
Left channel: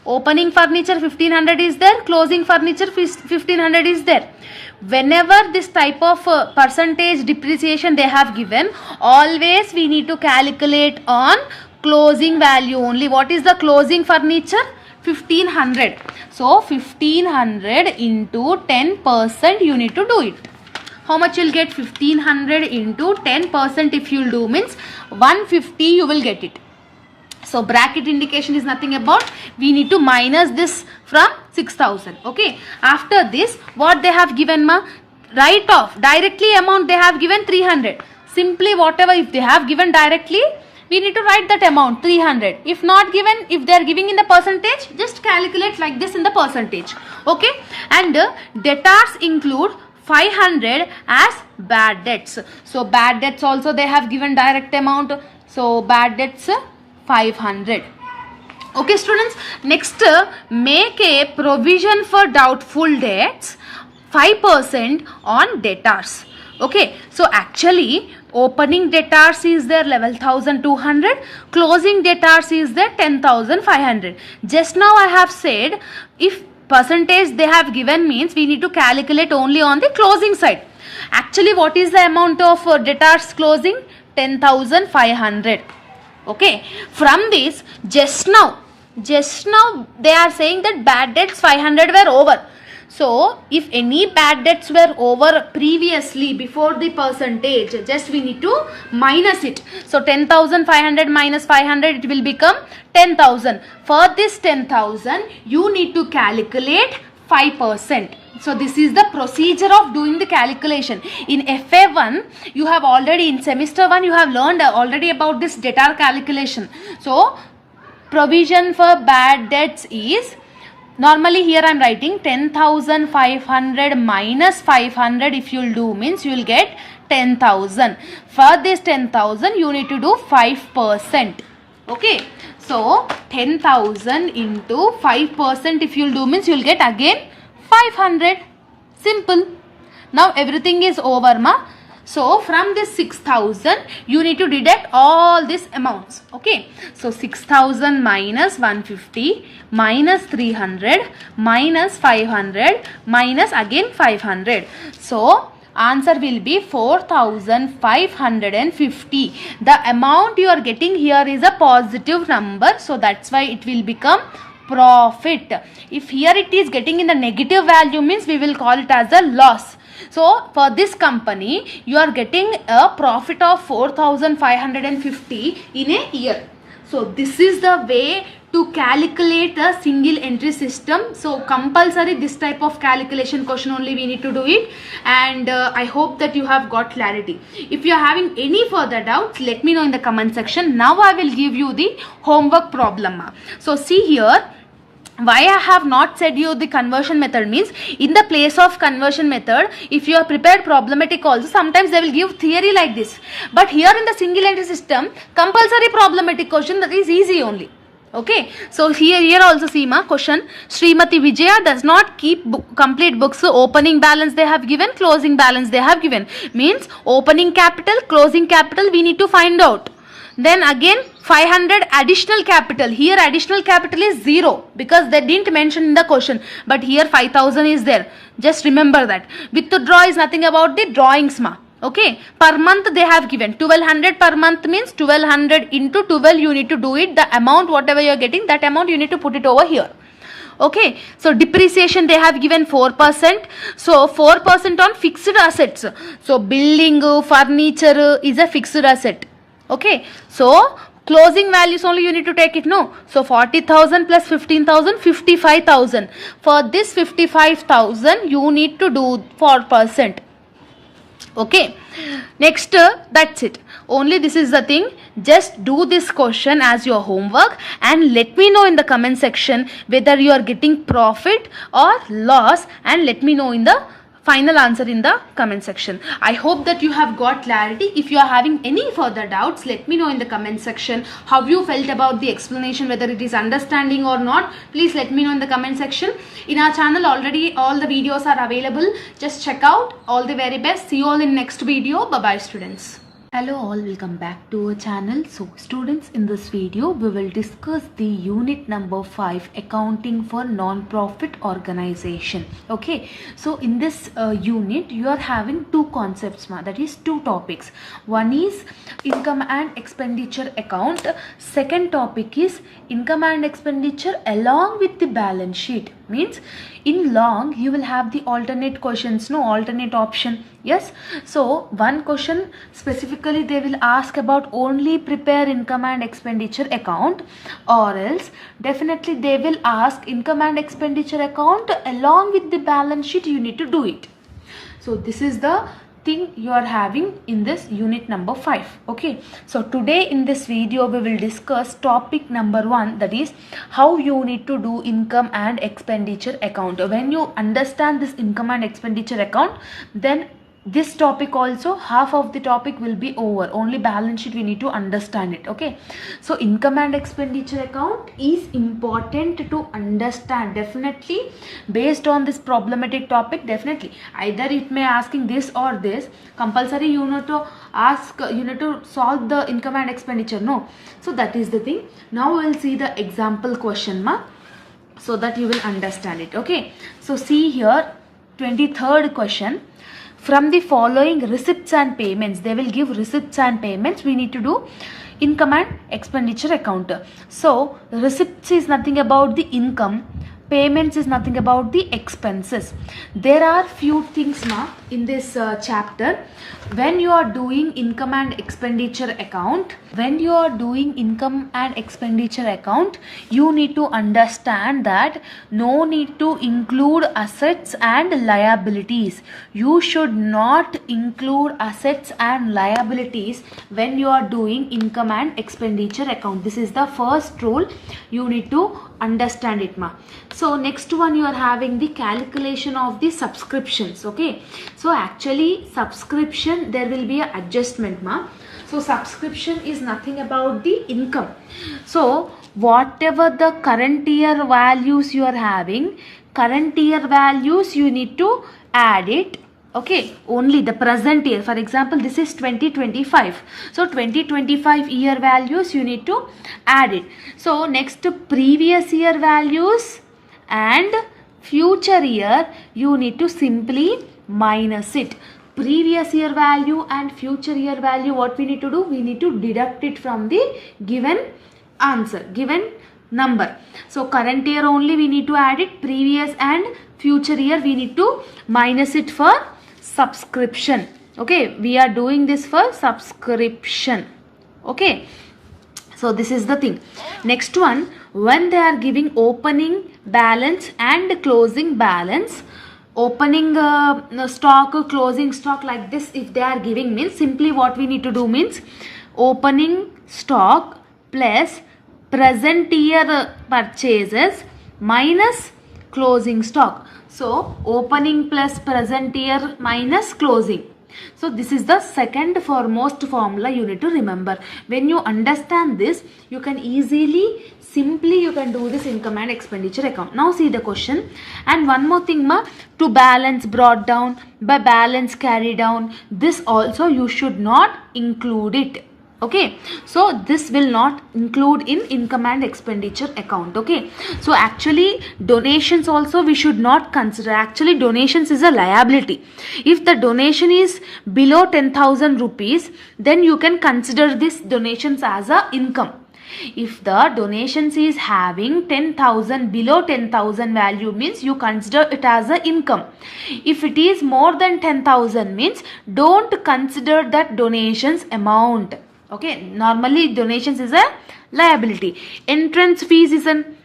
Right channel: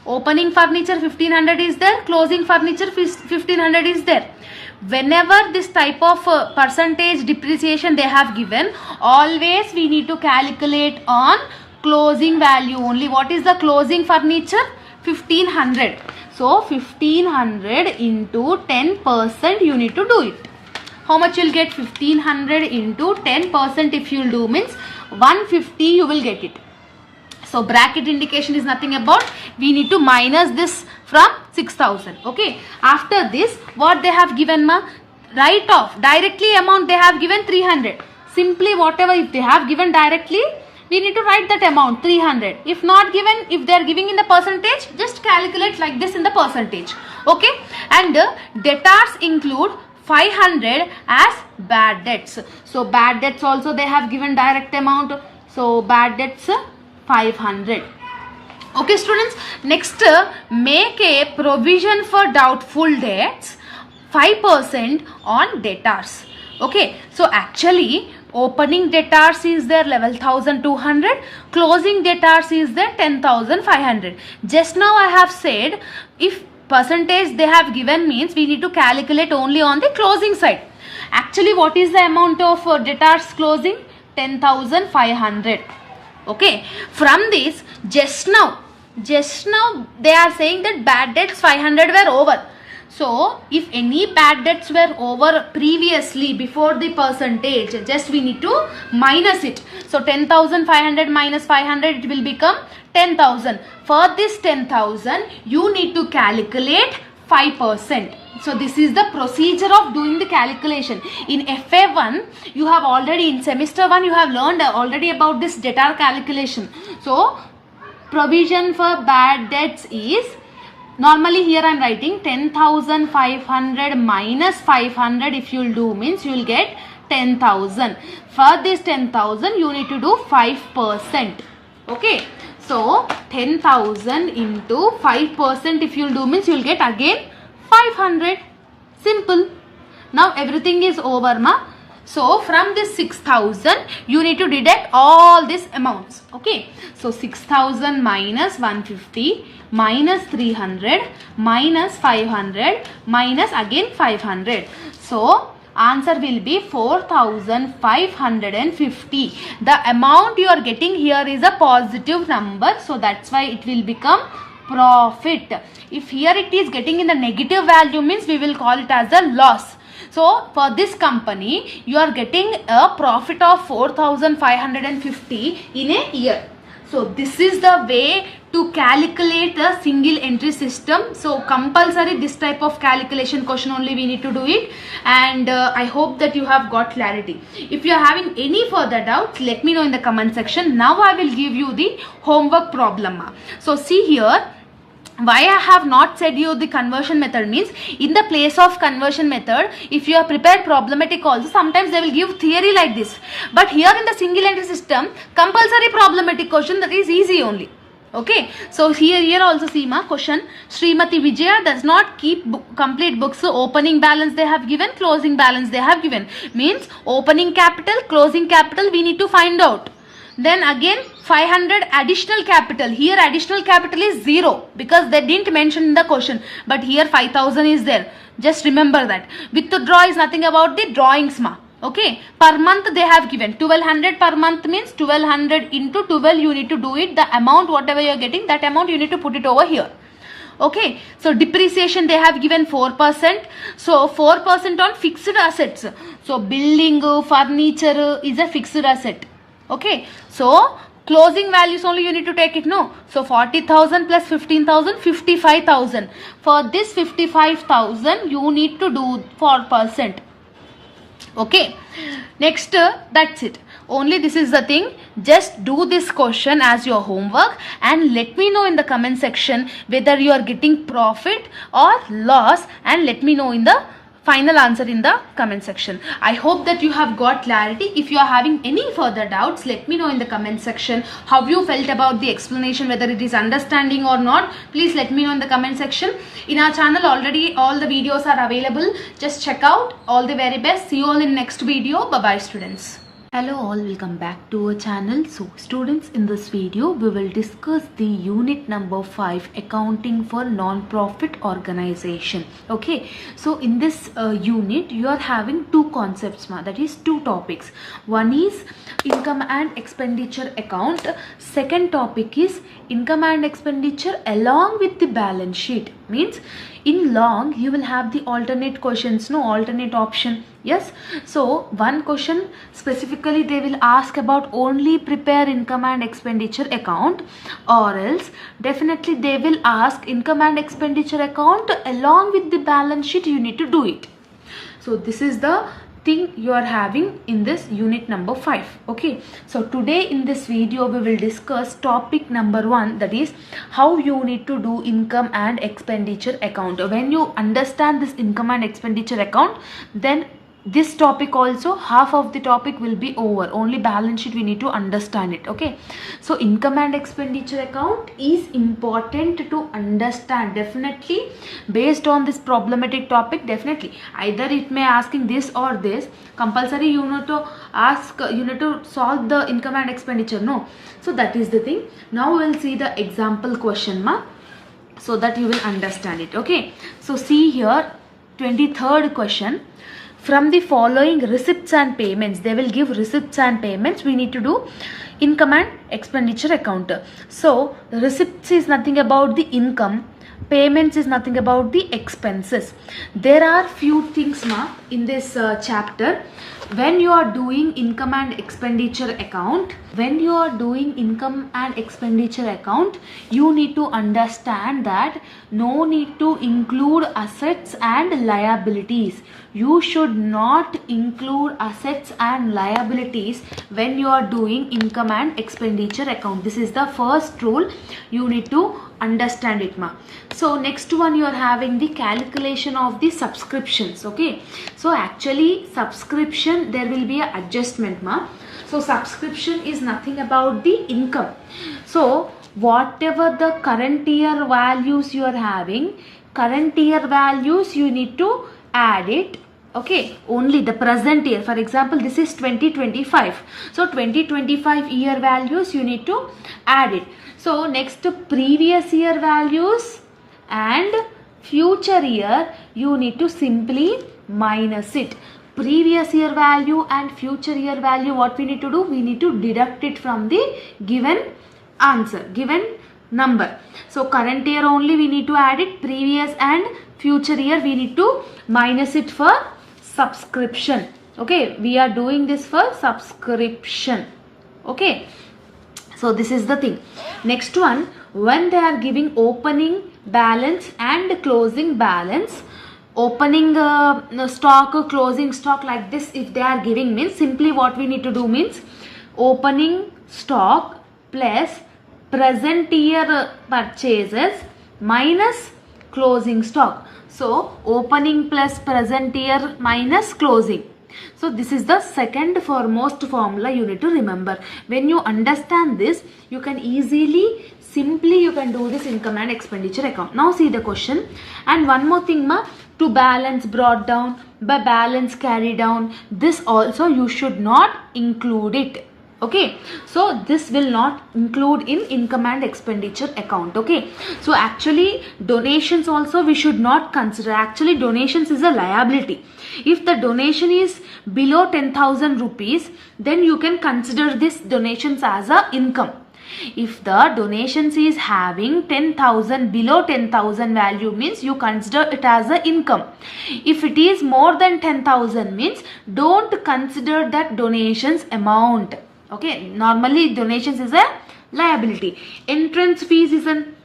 Opening furniture 1500 is there. Closing furniture 1500 is there. Whenever this type of percentage depreciation they have given, always we need to calculate on closing value only. What is the closing furniture? 1500. So 1500 into 10% you need to do it. How much you will get? 1500 into 10% if you will do means 150 you will get it. So bracket indication is nothing about, we need to minus this from 6,000. Okay, after this what they have given, ma? Write off directly amount they have given 300. Simply whatever if they have given directly, we need to write that amount 300. If not given, if they are giving in the percentage, just calculate like this in the percentage. Okay, and debtors include 500 as bad debts. So bad debts also they have given direct amount. So bad debts 500. Okay students, next make a provision for doubtful debts 5% on debtors. Okay, so actually opening debtors is there 11,200, closing debtors is there 10,500. Just now I have said if percentage they have given means we need to calculate only on the closing side. Actually what is the amount of debtors closing? 10,500. Okay, from this just now they are saying that bad debts 500 were over. So if any bad debts were over previously before the percentage, just we need to minus it. So 10,500 minus 500 it will become 10,000. For this 10,000 you need to calculate 5%. So this is the procedure of doing the calculation. In FA1 you have already, in semester 1 you have learned already about this debtor calculation. So provision for bad debts is, normally here I am writing 10,500 minus 500 if you will do means you will get 10,000. For this 10,000 you need to do 5%. Okay, so 10,000 into 5% if you will do means you will get again 500. Simple. Now everything is over, ma. So from this 6,000 you need to deduct all these amounts. Okay, so 6,000 minus 150 minus 300 minus 500 minus again 500. So answer will be 4,550. The amount you are getting here is a positive number, so that's why it will become profit. If here it is getting in the negative value means we will call it as a loss. So for this company, you are getting a profit of 4,550 in a year. So this is the way to calculate the single entry system. So compulsory this type of calculation question only we need to do it, and I hope that you have got clarity. If you are having any further doubts, let me know in the comment section. Now I will give you the homework problem. So see here, why I have not said you the conversion method means, in the place of conversion method, if you are prepared problematic also, sometimes they will give theory like this, but here in the single entry system, compulsory problematic question, that is easy only. Okay, so here also see ma question, Srimati Vijaya does not keep complete books. So opening balance they have given, closing balance they have given, means opening capital, closing capital we need to find out. Then again 500 additional capital. Here additional capital is 0 because they didn't mention in the question. But here 5000 is there. Just remember that. Withdraw is nothing about the drawings ma. Okay. Per month they have given 1200 per month means 1200 into 12 you need to do it. The amount whatever you are getting, that amount you need to put it over here. Okay, so depreciation they have given 4%. So 4% on fixed assets. So building, furniture is a fixed asset. Okay, so closing values only you need to take it, no? So 40,000 plus 15,000, 55,000. For this 55,000 you need to do 4%. Okay, next that's it. Only this is the thing. Just do this question as your homework and let me know in the comment section whether you are getting profit or loss, and let me know in the final answer in the comment section. I hope that you have got clarity. If you are having any further doubts, let me know in the comment section how you felt about the explanation, whether it is understanding or not. Please let me know in the comment section. In our channel already all the videos are available. Just check out. All the very best. See you all in next video. Bye bye students. Hello all, welcome back to our channel. So students, in this video we will discuss the unit number 5, accounting for non-profit organization. Okay, so in this unit you are having two concepts, that is two topics. One is income and expenditure account. Second topic is income and expenditure along with the balance sheet. Means in long you will have the alternate questions, no, alternate option. Yes, so one question specifically they will ask about only prepare income and expenditure account, or else definitely they will ask income and expenditure account along with the balance sheet, you need to do it. So this is the thing you are having in this unit number 5. Okay, so today in this video we will discuss topic number 1, that is how you need to do income and expenditure account. When you understand this income and expenditure account, then this topic also, half of the topic will be over. Only balance sheet we need to understand it. Okay, so income and expenditure account is important to understand. Definitely based on this problematic topic, definitely either it may asking this or this. Compulsory you need to ask, you need to solve the income and expenditure, no? So that is the thing. Now we will see the example question so that you will understand it. Okay, so see here 23rd question. From the following receipts and payments, they will give receipts and payments. We need to do income and expenditure account. So receipts is nothing about the income, payments is nothing about the expenses. There are few things in this chapter. When you are doing income and expenditure account, you need to understand that no need to include assets and liabilities. You should not include assets and liabilities when you are doing income and expenditure account. This is the first rule. You need to understand it, So next one, you are having the calculation of the subscriptions. Okay, so actually subscription there will be a adjustment, So subscription is nothing about the income. So whatever the current year values you are having, current year values you need to add it. Okay, only the present year. For example, this is 2025. So 2025 year values you need to add it. So next, previous year values and future year you need to simply minus it. Previous year value and future year value, what we need to do? We need to deduct it from the given answer, given number. So current year only we need to add it. Previous and future year we need to minus it for subscription. Okay, we are doing this for subscription. Okay, so this is the thing. Next one, when they are giving opening balance and closing balance, opening stock, closing stock, like this if they are giving, means simply what we need to do means opening stock plus present year purchases minus closing stock. So opening plus present year minus closing. So this is the second foremost formula you need to remember. When you understand this, you can easily, simply you can do this income and expenditure account. Now see the question. And one more thing ma, to balance brought down, by balance carry down, this also you should not include it. Okay, so this will not include in income and expenditure account. Okay, so actually donations also we should not consider. Actually donations is a liability. If the donation is below 10,000 rupees, then you can consider this donations as a income. If the donations is having 10,000, below 10,000 value, means you consider it as a income. If it is more than 10,000, means don't consider that donations amount. Okay, normally donations is a liability. Entrance fees is an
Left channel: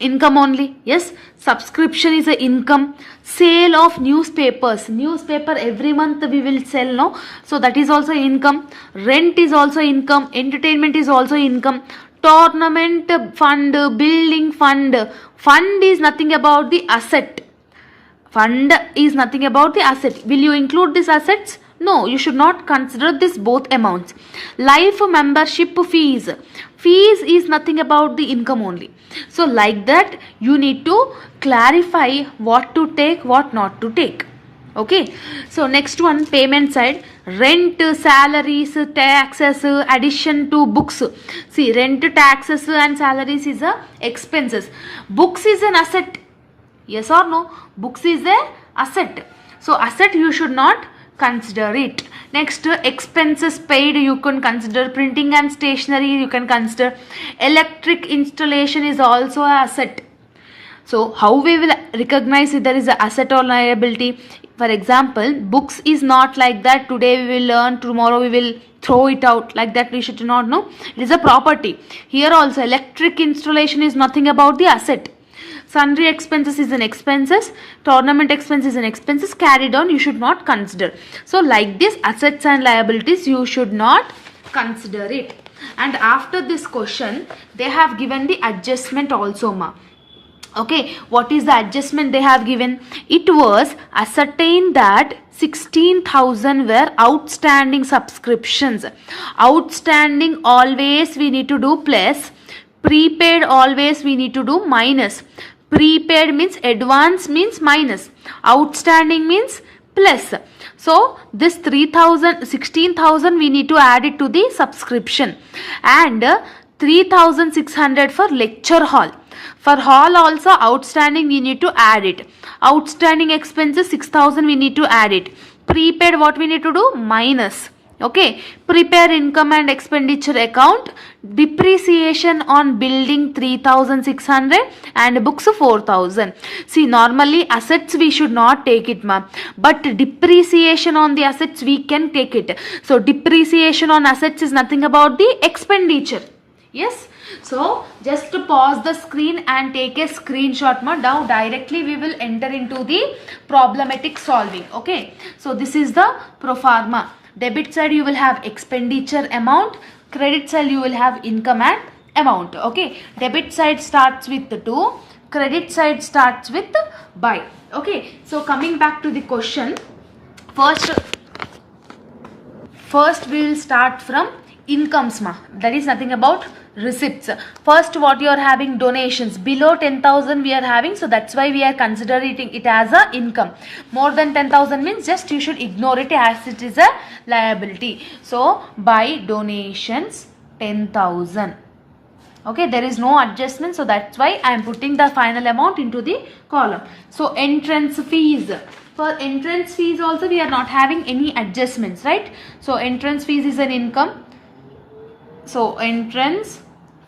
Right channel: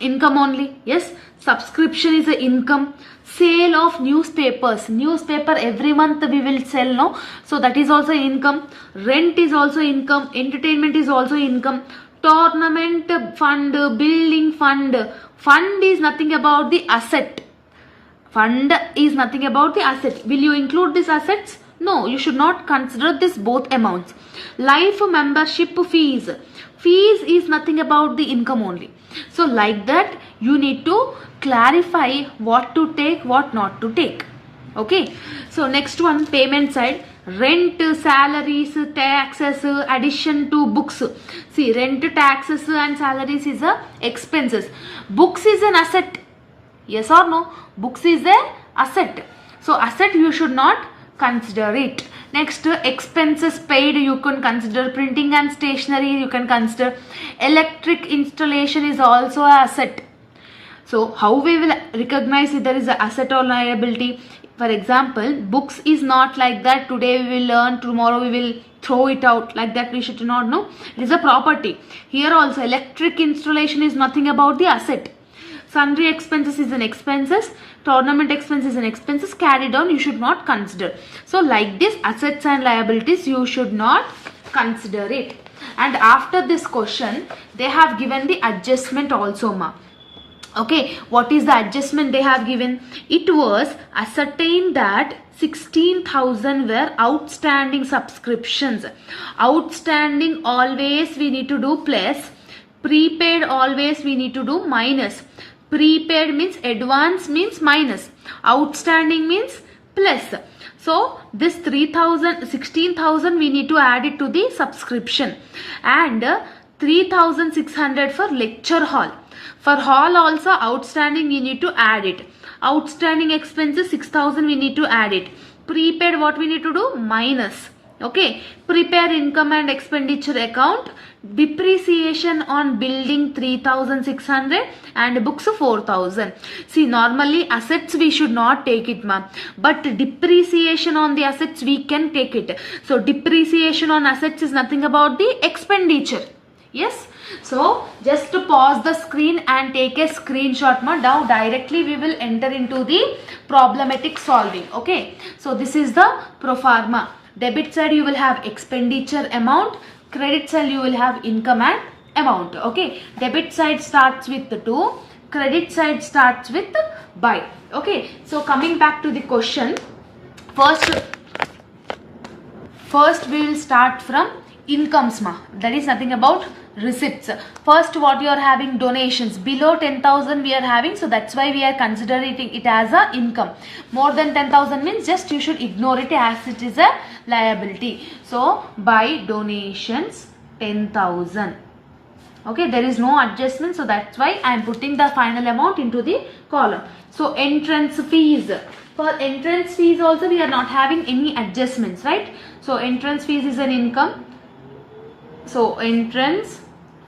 income only. Yes, subscription is a income. Sale of newspapers, newspaper every month we will sell, no, so that is also income. Rent is also income. Entertainment is also income. Tournament fund, building fund, fund is nothing about the asset. Fund is nothing about the asset. Will you include these assets? No, you should not consider this both amounts. Life membership fees, fees is nothing about the income only. So like that you need to clarify what to take, what not to take. Okay, so next one, payment side. Rent, salaries, taxes, addition to books. See, rent, taxes and salaries is a expenses. Books is an asset. Yes or no? Books is a asset. So asset you should not consider it. Next, expenses paid you can consider. Printing and stationery you can consider. Electric installation is also an asset. So how we will recognize if there is an asset or liability? For example, books is not like that. Today we will learn, tomorrow we will throw it out, like that we should not know. It is a property. Here also electric installation is nothing about the asset. Sundry expenses is an expenses. Tournament expense is an expenses. Carried on you should not consider. So like this, assets and liabilities you should not consider it. And after this question, they have given the adjustment also ma. Okay, what is the adjustment they have given? It was ascertained that 16,000 were outstanding subscriptions. Outstanding always we need to do plus. Prepaid always we need to do minus. Prepaid means advance means minus. Outstanding means plus. So this 16,000 we need to add it to the subscription. And 3,600 for lecture hall. For hall also outstanding we need to add it. Outstanding expenses 6,000 we need to add it. Prepaid what we need to do? Minus. Okay. Prepare income and expenditure account. Depreciation on building 3,600 and books 4,000. See, normally assets we should not take it ma'am. But depreciation on the assets we can take it. So depreciation on assets is nothing about the expenditure. Yes. So just to pause the screen and take a screenshot. Now directly we will enter into the problematic solving. Okay. So this is the pro forma. Debit side you will have expenditure amount. Credit side you will have income and amount. Okay. Debit side starts with 2. Credit side starts with by. Okay. So coming back to the question. First we will start from incomes ma. That is nothing about receipts. First what you are having? Donations. Below 10,000 we are having, so that's why we are considering it as a income. More than 10,000 means just you should ignore it as it is a liability. So by donations 10,000. Okay, there is no adjustment, so that's why I am putting the final amount into the column. So entrance fees. For entrance fees also we are not having any adjustments, right? So entrance fees is an income. So entrance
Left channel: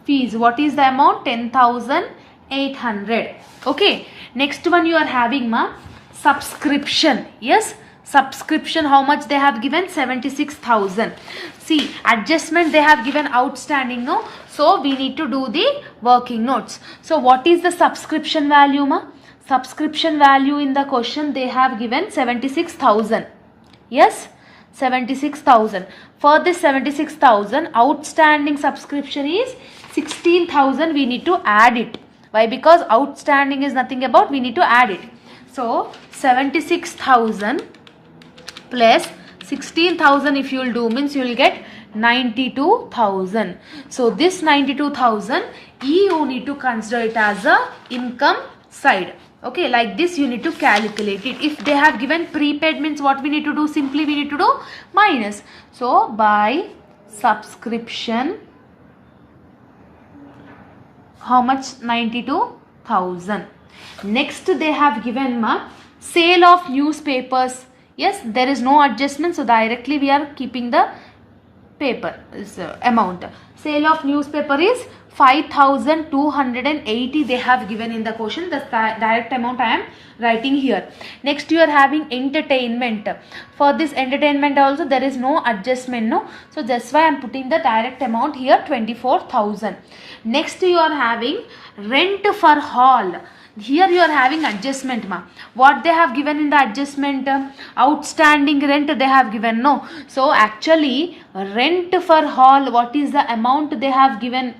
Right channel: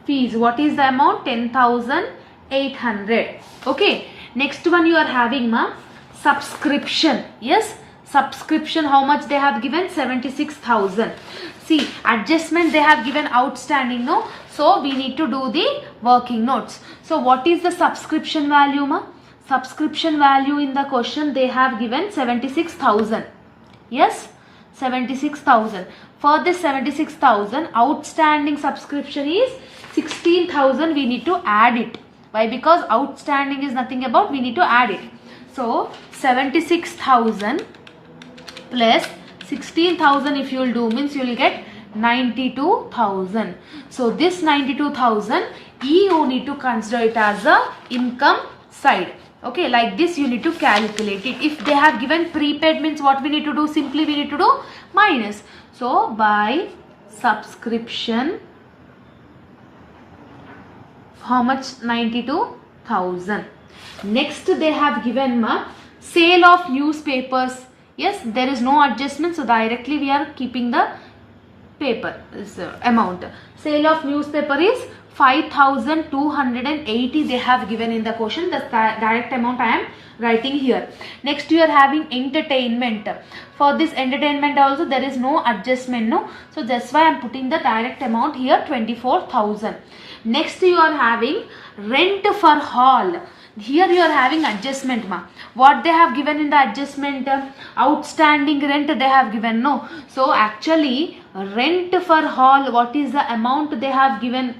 fees, what is the amount? 10,800. Okay. Next one you are having ma, subscription. Yes, Subscription, how much they have given? 76,000. See, adjustment they have given outstanding, no? So we need to do the working notes. So what is the subscription value, ma? Subscription value in the question they have given 76,000. Yes, 76,000. For this 76,000, outstanding subscription is 16,000. We need to add it. Why? Because outstanding is nothing about, we need to add it. So 76,000 plus 16,000 if you will do means you will get 92,000. So this 92,000 you need to consider it as a income side. Okay, like this you need to calculate it. If they have given prepaid means what we need to do? Simply we need to do minus. So by subscription, how much? 92,000. Next they have given sale of newspapers. Yes, there is no adjustment, so directly we are keeping the paper amount. Sale of newspaper is 5,280 they have given in the question. The direct amount I am writing here. Next you are having entertainment. For this entertainment also there is no adjustment, no. So that's why I am putting the direct amount here, 24,000. Next you are having rent for hall. Here you are having adjustment, ma. What they have given in the adjustment? Outstanding rent they have given, no. So actually rent for hall, what is the amount they have given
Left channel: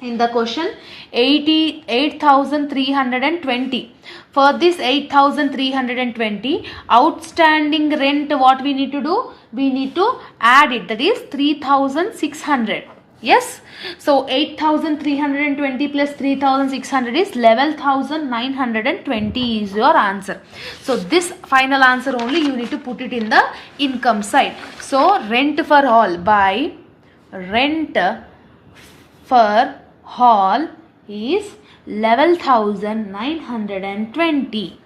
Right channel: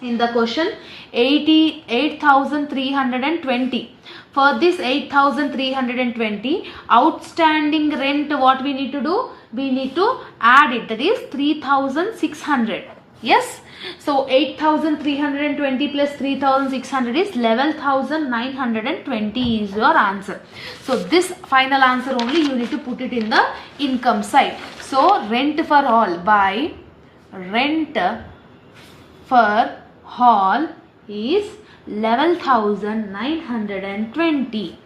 in the question? 8,320. For this 8,320 outstanding rent, what we need to do? We need to add it, that is 3,600. Yes, so 8,320 plus 3,600 is 11,920 is your answer. So this final answer only you need to put it in the income side. So rent for hall, by rent for hall is 11,920.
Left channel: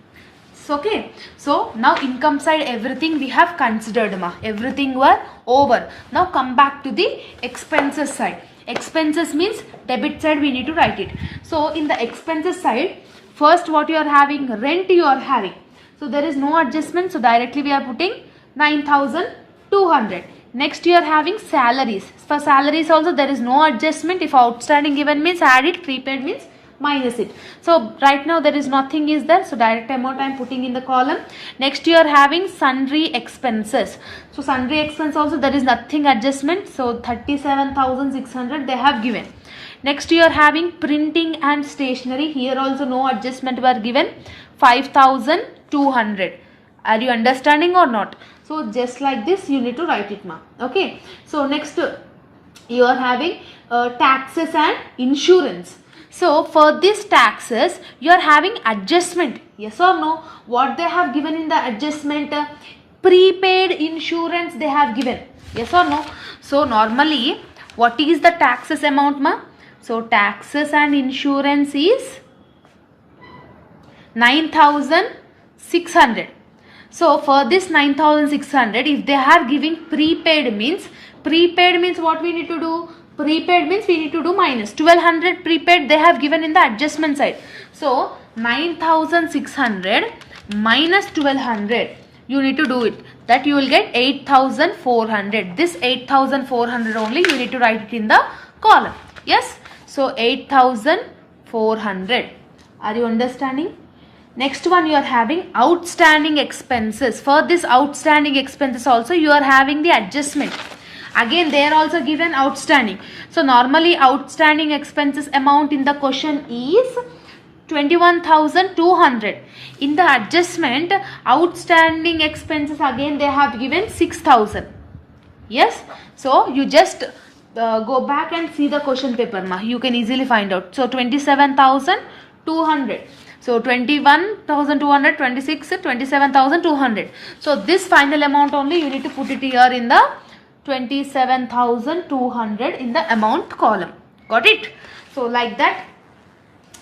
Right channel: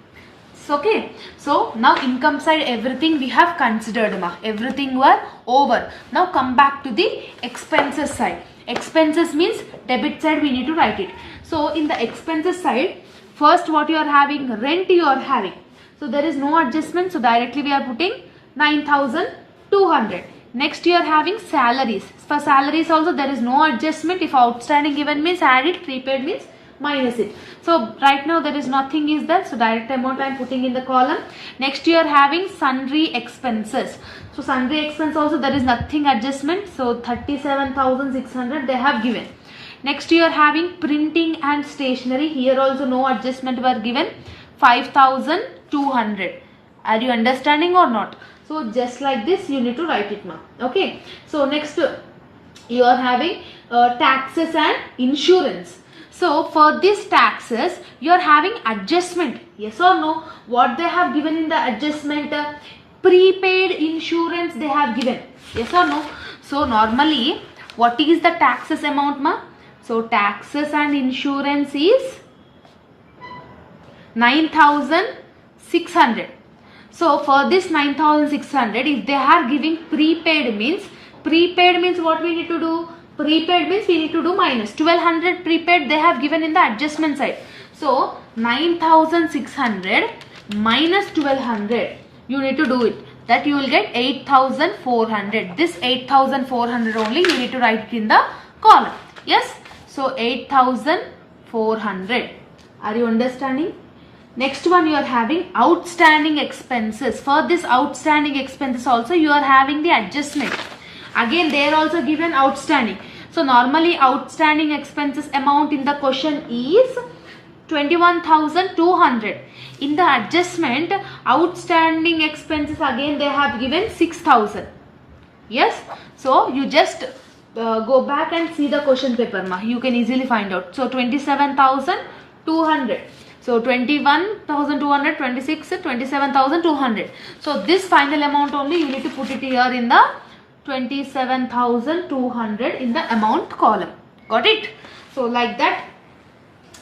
Okay, so now income side everything we have considered, ma. Everything were over. Now come back to the expenses side. Expenses means debit side we need to write it. So in the expenses side, first what you are having? Rent you are having. So there is no adjustment, so directly we are putting 9,200. Next you are having salaries. For salaries also there is no adjustment. If outstanding given means add it, prepaid means minus it. So right now there is nothing is there, so direct amount I am putting in the column. Next you are having sundry expenses. So sundry expense also there is nothing adjustment, so 37,600 they have given. Next you are having printing and stationery. Here also no adjustment were given, 5,200. Are you understanding or not? So just like this you need to write it, ma. Okay, so next you are having taxes and insurance. So for these taxes you are having adjustment, yes or no? What they have given in the adjustment? Prepaid insurance they have given, yes or no? So normally what is the taxes amount, ma? So taxes and insurance is 9,600. So for this 9,600, if they are giving prepaid means what we need to do? Prepaid means we need to do minus 1,200 prepaid they have given in the adjustment side. So 9,600 minus 1,200 you need to do it. That you will get 8,400. This 8,400 only you need to write it in the column. Yes. So 8,400. Are you understanding? Next one you are having outstanding expenses. For this outstanding expenses also you are having the adjustment. Again they are also given outstanding. So normally outstanding expenses amount in the question is 21,200. In the adjustment outstanding expenses again they have given 6,000. Yes. So you just go back and see the question paper, ma. You can easily find out. So 27,200. So 21,200, 26, 27,200. So this final amount only you need to put it here in the 27,200 in the amount column. Got it? So like that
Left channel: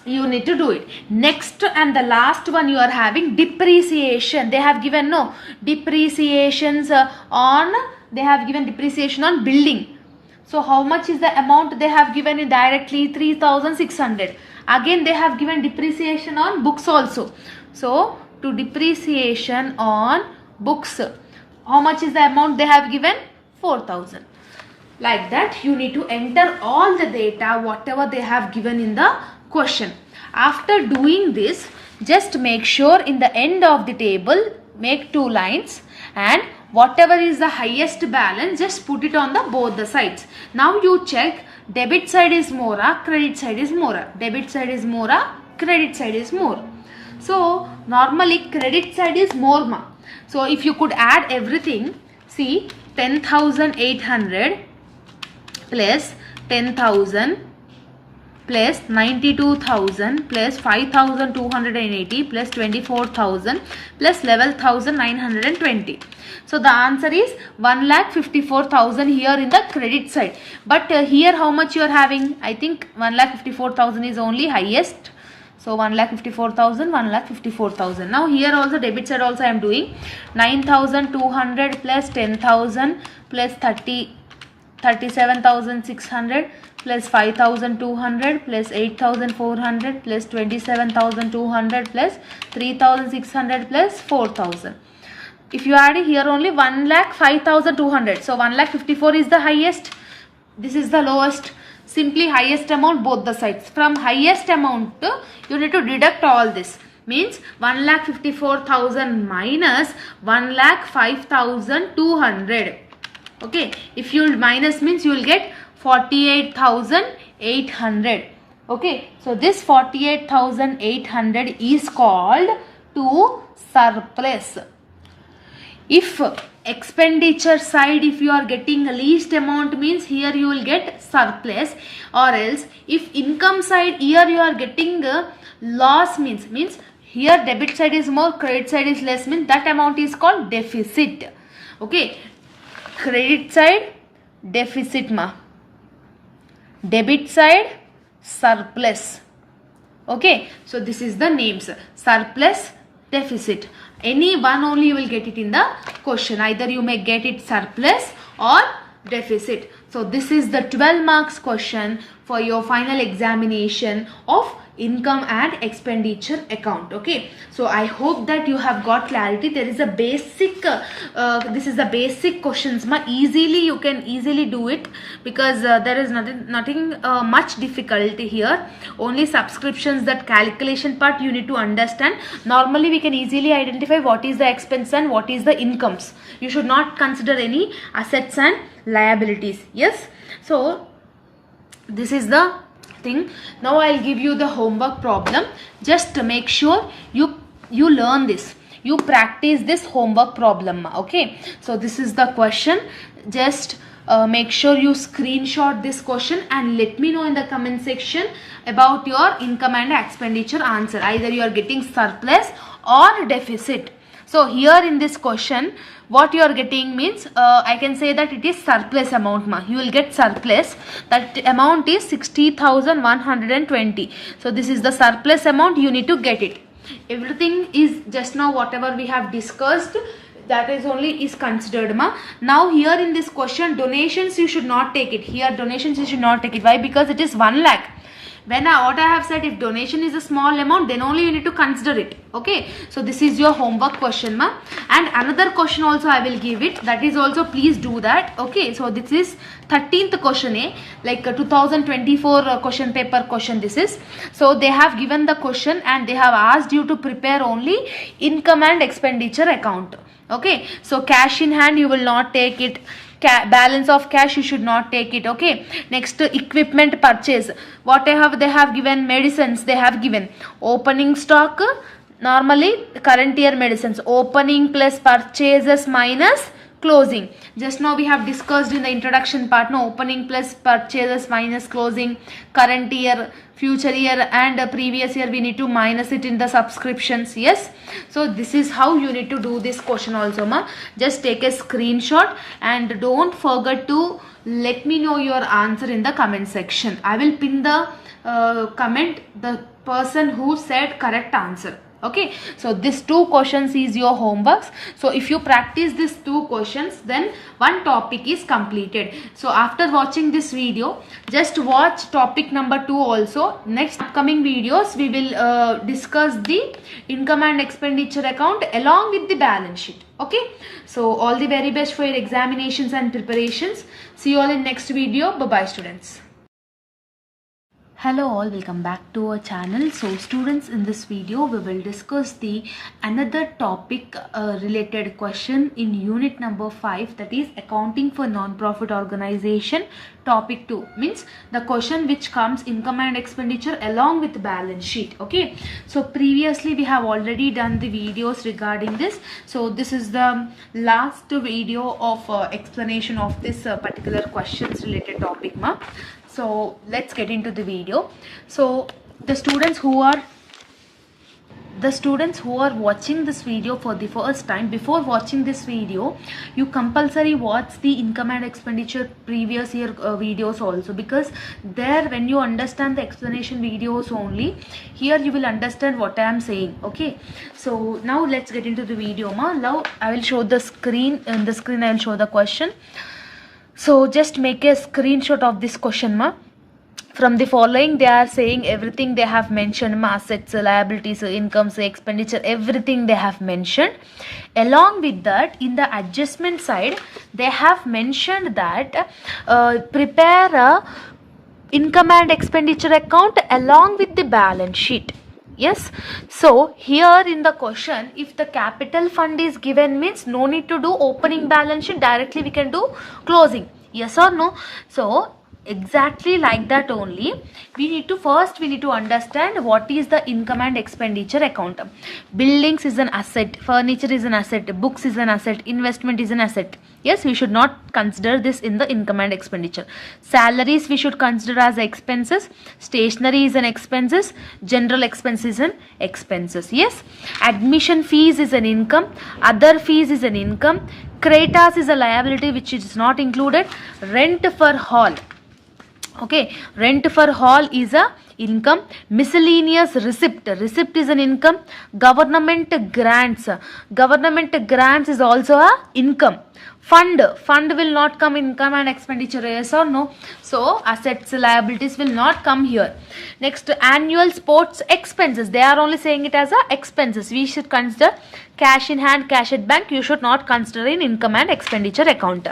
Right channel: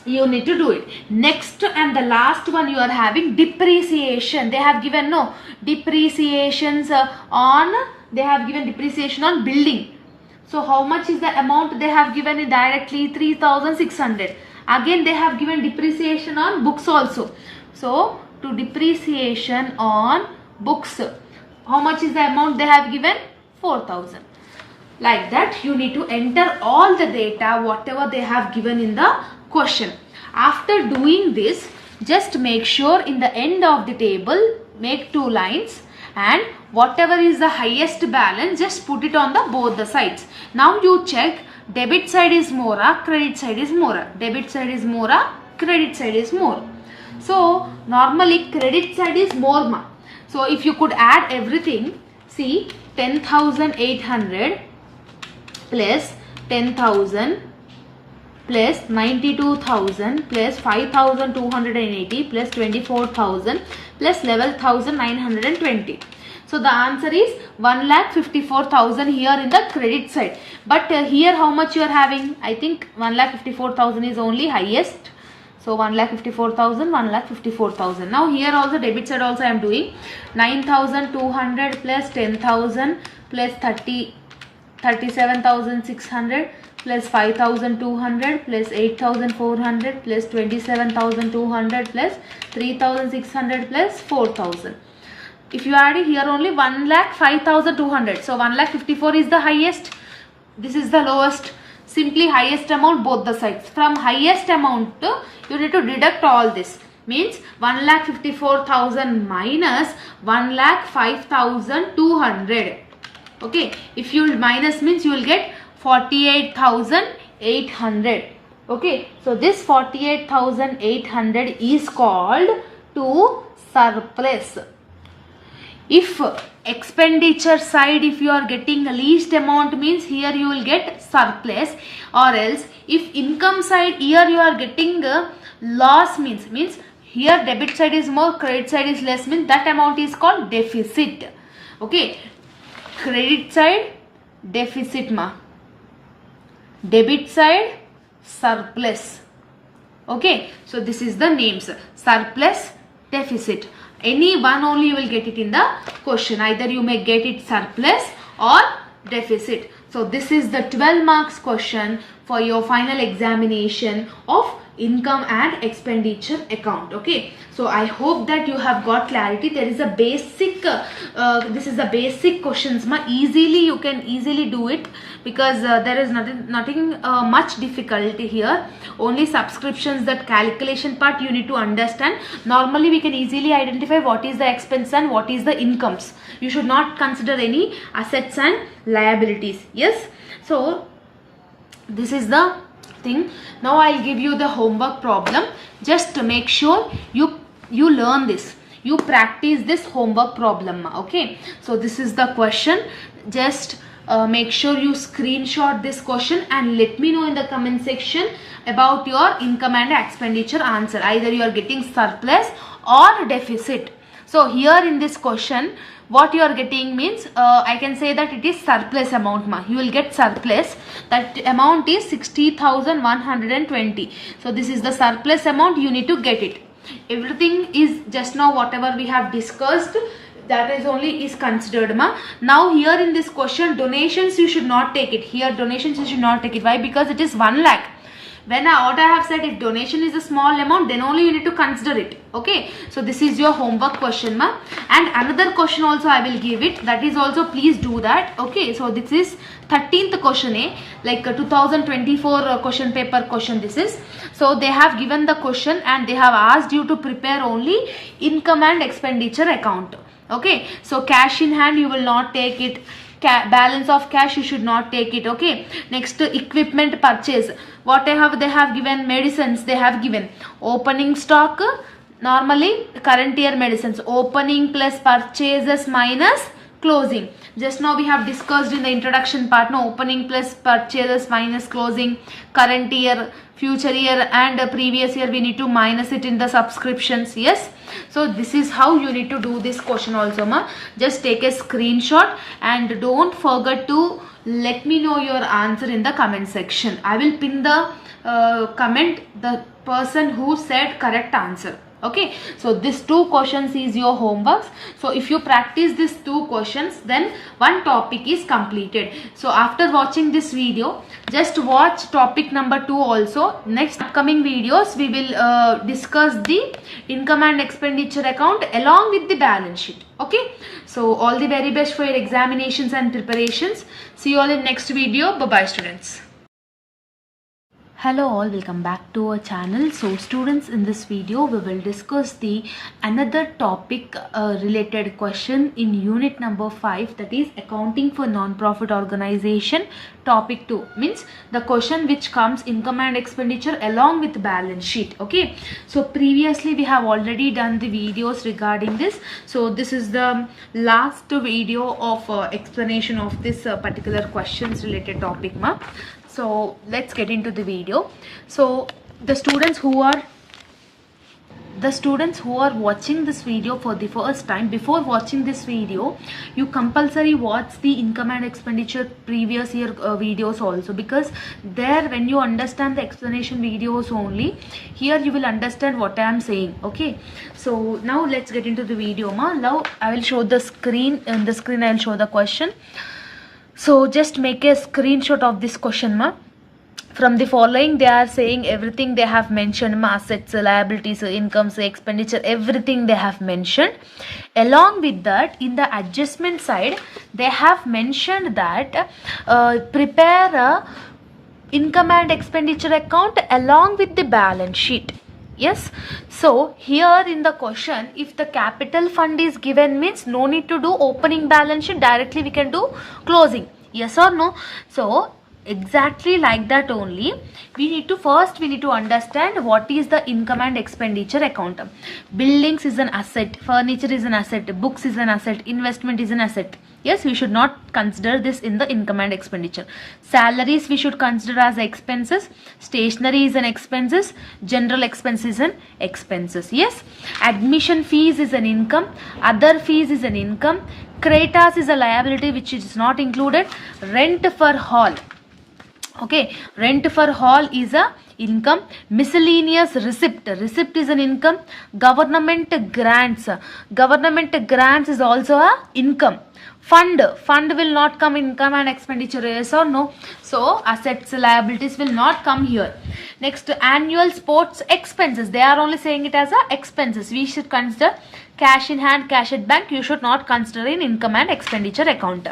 you need to do it. Next and the last one you are having depreciation. They have given no depreciations on, they have given depreciation on building. So how much is the amount they have given it directly? 3,600. Again they have given depreciation on books also. So to depreciation on books. How much is the amount they have given? 4,000. Like that you need to enter all the data whatever they have given in the question. After doing this, just make sure in the end of the table make 2 lines, and whatever is the highest balance just put it on the both the sides. Now you check debit side is more or credit side is more. Debit side is more or credit side is more. So normally credit side is more ma. So if you could add everything, see 10,800 plus 10,000 plus 92,000 plus 5,280 plus 24,000 plus 11,920. So the answer is 1,54,000 here in the credit side. But here how much you are having? I think 1,54,000 is only highest. So 1,54,000, 1,54,000. Now here also debit side also I am doing 9,200 plus 10,000 plus 37,600 plus 5,200 plus 8,400 plus 27,200 plus 3,600 plus 4,000. If you add it here only 1,05,200. So 1,54,000 is the highest. This is the lowest. Simply highest amount both the sides. From highest amount you need to deduct all this. Means 1,54,000 minus 1,05,200. Okay. If you minus means you will get 48,800. Okay. So this 48,800 is called to surplus. If expenditure side, if you are getting least amount means here you will get surplus, or else if income side here you are getting loss means here debit side is more, credit side is less means that amount is called deficit. Okay. Credit side deficit ma. Debit side surplus. Okay. So this is the names surplus, deficit. Any one only you will get it in the question. Either you may get it surplus or deficit. So this is the 12 marks question for your final examination of income and expenditure account. Okay. So I hope that you have got clarity. There is a basic, this is the basic questions ma. Easily you can easily do it because there is nothing much difficulty here. Only subscriptions, that calculation part you need to understand. Normally we can easily identify what is the expense and what is the incomes. You should not consider any assets and liabilities. Yes. So this is the thing. Now I'll give you the homework problem. Just make sure you learn this. You practice this homework problem. Okay. So this is the question. Just make sure you screenshot this question and let me know in the comment section about your income and expenditure answer. Either you are getting surplus or deficit. So here in this question, what you are getting means I can say that it is surplus amount ma. You will get surplus. That amount is 60,120. So this is the surplus amount. You need to get it. Everything is just now whatever we have discussed, that is only is considered ma. Now here in this question, donations you should not take it. Here donations you should not take it. Why? Because it is 1 lakh. What I have said, if donation is a small amount, then only you need to consider it. Okay. So this is your homework question ma. And another question also I will give it. That is also please do that. Okay. So this is 13th question like 2024 question paper question this is. So they have given the question and they have asked you to prepare only income and expenditure account. Okay. So cash in hand you will not take it. Balance of cash you should not take it. Okay. Next, equipment purchase. Whatever they have given, medicines they have given. Opening stock, normally current year medicines. Opening plus purchases minus closing. Just now we have discussed in the introduction part. No, opening plus purchases minus closing. Current year, future year and previous year we need to minus it in the subscriptions. Yes. So this is how you need to do this question also ma. Just take a screenshot and don't forget to let me know your answer in the comment section. I will pin the comment the person who said correct answer. Okay, so this 2 questions is your homeworks. So if you practice these 2 questions, then one topic is completed. So after watching this video, just watch topic number 2 also. Next upcoming videos we will discuss the income and expenditure account along with the balance sheet. Okay, so all the very best for your examinations and preparations. See you all in next video. Bye bye students. Hello all, welcome back to our channel. So students, in this video we will discuss the another topic related question in unit number 5, that is accounting for non-profit organization. Topic 2 means the question which comes income and expenditure along with balance sheet. Okay, so previously we have already done the videos regarding this. So this is the last video of explanation of this particular questions related topic. So let's get into the video. So the students who are watching this video for the first time, before watching this video you compulsory watch the income and expenditure previous year videos also, because there when you understand the explanation videos only, here you will understand what I am saying. Okay, so now let's get into the video. Now I will show the screen. On the screen I will show the question. So just make a screenshot of this question. From the following, they are saying everything they have mentioned, assets, liabilities, incomes, expenditure, everything they have mentioned. Along with that, in the adjustment side, they have mentioned that prepare a income and expenditure account along with the balance sheet. Yes, so here in the question, if the capital fund is given, means no need to do opening balance sheet, directly we can do closing. Yes or no? So exactly like that only, we need to understand what is the income and expenditure account. Buildings is an asset, furniture is an asset, books is an asset, investment is an asset. Yes, we should not consider this in the income and expenditure. Salaries we should consider as expenses, stationery is an expenses, general expenses and expenses. Yes, admission fees is an income, other fees is an income, creditors is a liability which is not included, rent for hall. Okay, rent for hall is a income, miscellaneous receipt is an income, government grants is also a income. Fund will not come in income and expenditure, yes or no? So assets, liabilities will not come here. Next, annual sports expenses, they are only saying it as a expenses. We should consider cash in hand, cash at bank. You should not consider in income and expenditure account.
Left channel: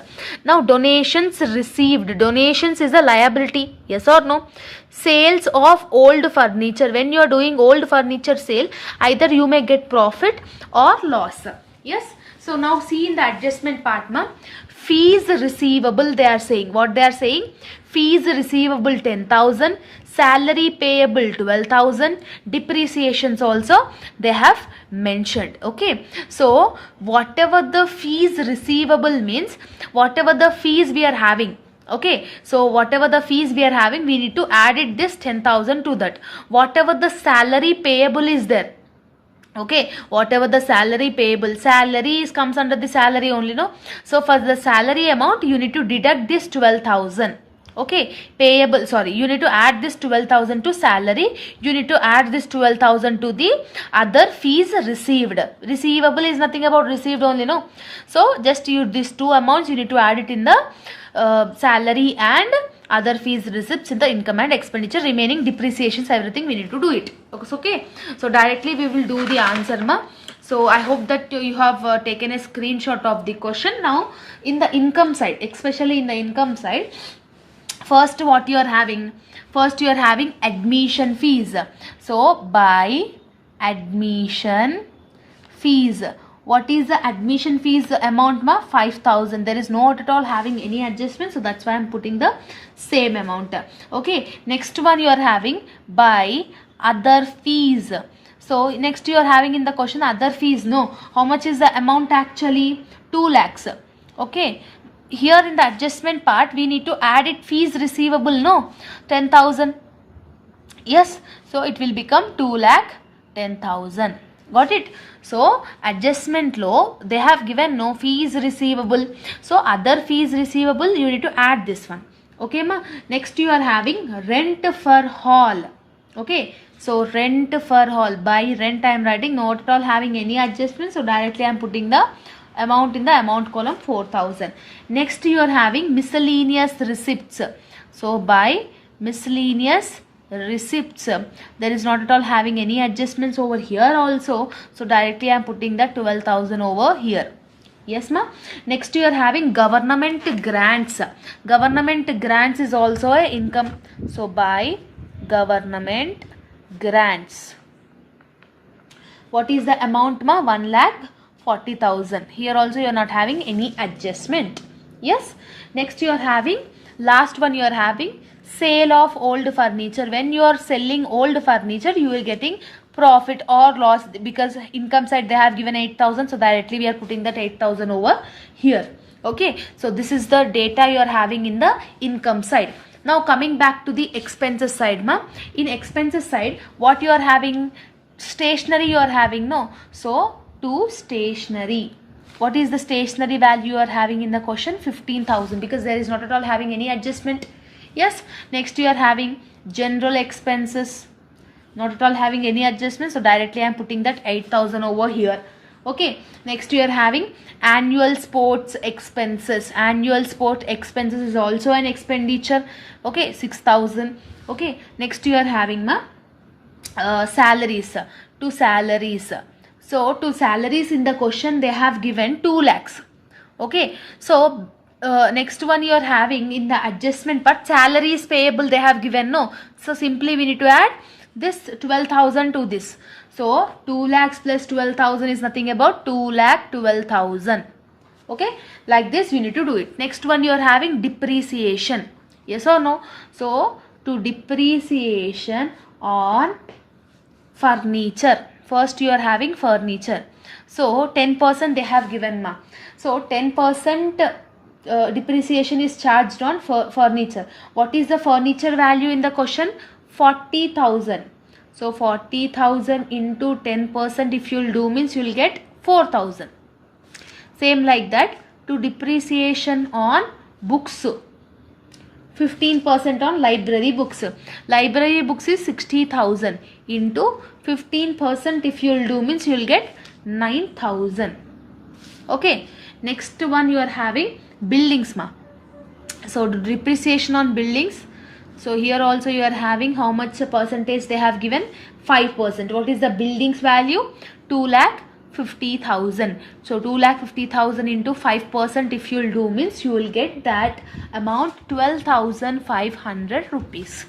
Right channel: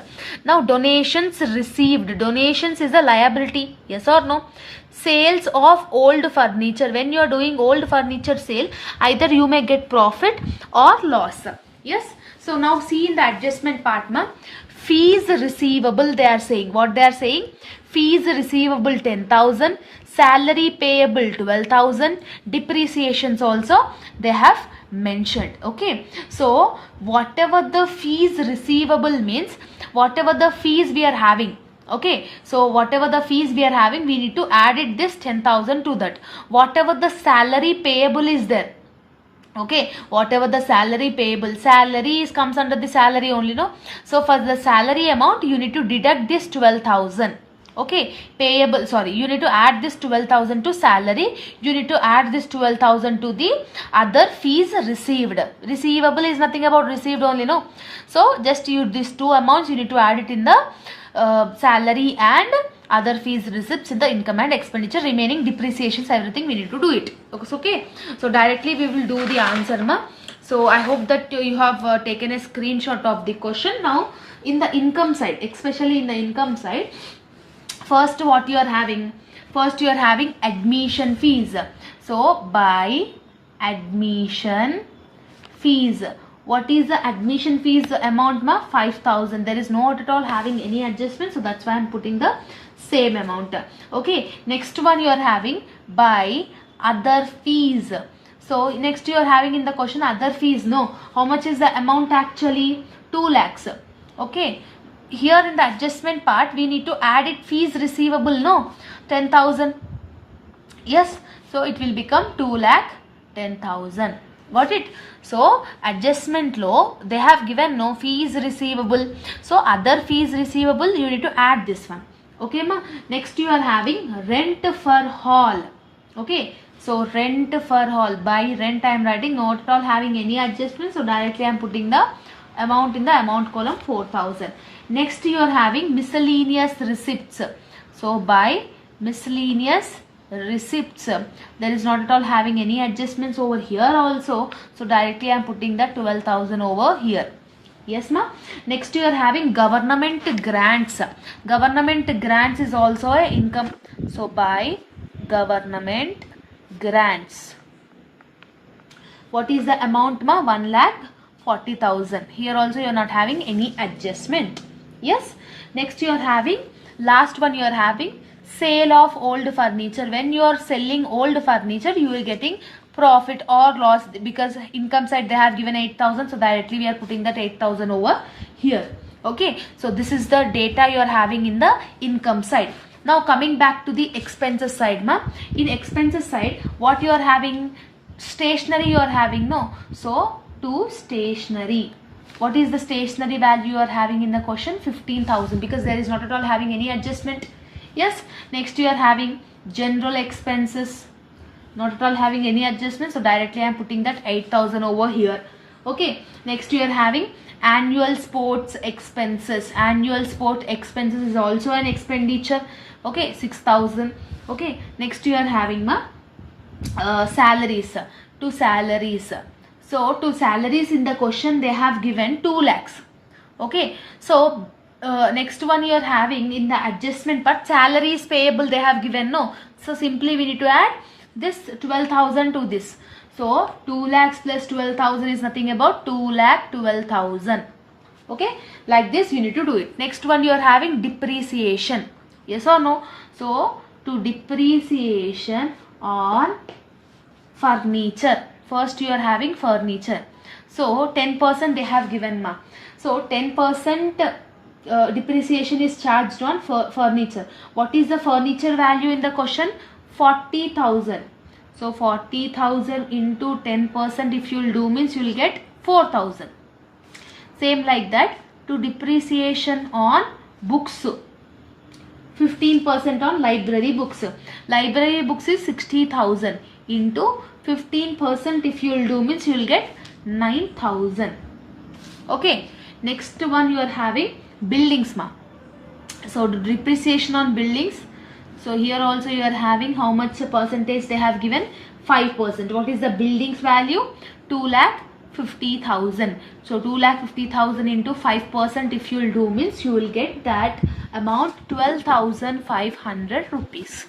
Now donations received, donations is a liability, yes or no? Sales of old furniture, when you are doing old furniture sale, either you may get profit or loss. Yes, so now see in the adjustment part, fees receivable, they are saying, what they are saying, fees receivable 10,000, salary payable 12,000, depreciations also they have mentioned. Okay, so whatever the fees receivable means, whatever the fees we are having. Okay, so whatever the fees we are having, we need to add it this 10,000 to that. Whatever the salary payable is there, okay, whatever the salary payable, salary comes under the salary only, no? So for the salary amount you need to deduct this 12,000. Okay, payable, sorry, you need to add this 12,000 to salary, you need to add this 12,000 to the other fees received. Receivable is nothing about received only, no? So just you these two amounts you need to add it in the salary and other fees receipts in the income and expenditure. Remaining depreciations, everything we need to do it. Okay, so directly we will do the answer, So I hope that you have taken a screenshot of the question. Now in the income side, especially in the income side, first what you are having, first you are having admission fees. So by admission fees, what is the admission fees amount? 5,000. There is not at all having any adjustment, so that's why I am putting the same amount. Okay, next one you are having by other fees. So next you are having in the question other fees. No, how much is the amount actually? 2 lakhs. Okay, here in the adjustment part we need to add it fees receivable, no, 10,000. Yes, so it will become 2,10,000. Got it? So adjustment law, they have given no fees receivable. So other fees receivable you need to add this one. Okay, ma. Next you are having rent for hall. Okay, So rent for hall, by rent I am writing, not at all having any adjustment. So directly I am putting the amount in the amount column 4000. Next you are having miscellaneous receipts. So by miscellaneous receipts, there is not at all having any adjustments over here also. So directly I am putting the 12,000 over here. Yes ma. Next you are having government grants. Government grants is also a income. So by government grants, what is the amount ma? 1,40,000. Here also you are not having any adjustment. Yes. Next you are having, last one you are having sale of old furniture. When you are selling old furniture, you will getting profit or loss, because income side they have given 8,000. So directly we are putting that 8,000 over here. Okay. So this is the data you are having in the income side. Now coming back to the expenses side ma. In expenses side, what you are having? Stationery you are having, no? So to stationery, what is the stationery value you are having in the question? 15,000, because there is not at all having any adjustment. Yes. Next you are having general expenses, not at all having any adjustment. So directly I am putting that 8,000 over here. Okay. Next you are having annual sports expenses. Annual sport expenses is also an expenditure. Okay. 6,000. Okay. Next you are having salaries. To salaries. So to salaries in the question they have given 2 lakhs. Okay. So next one you are having in the adjustment part, salaries payable they have given, no? So simply we need to add this 12,000 to this. So 2 lakhs plus 12,000 is nothing about 2,12,000. Okay. Like this you need to do it. Next one you are having depreciation. Yes or no? So to depreciation on furniture. First you are having furniture. So 10% they have given ma. So 10% depreciation is charged on furniture. What is the furniture value in the question? 40,000. So 40,000 into 10% if you will do means you will get 4,000. Same like that to depreciation on books. 15% on library books. Library books is 60,000 into 15% if you will do means you will get 9,000. Okay. Next one you are having buildings ma. So depreciation on buildings. So here also you are having how much percentage they have given? 5%. What is the buildings value? 2,50,000. So 2,50,000 into 5% if you will do means you will get that amount 12,500 rupees.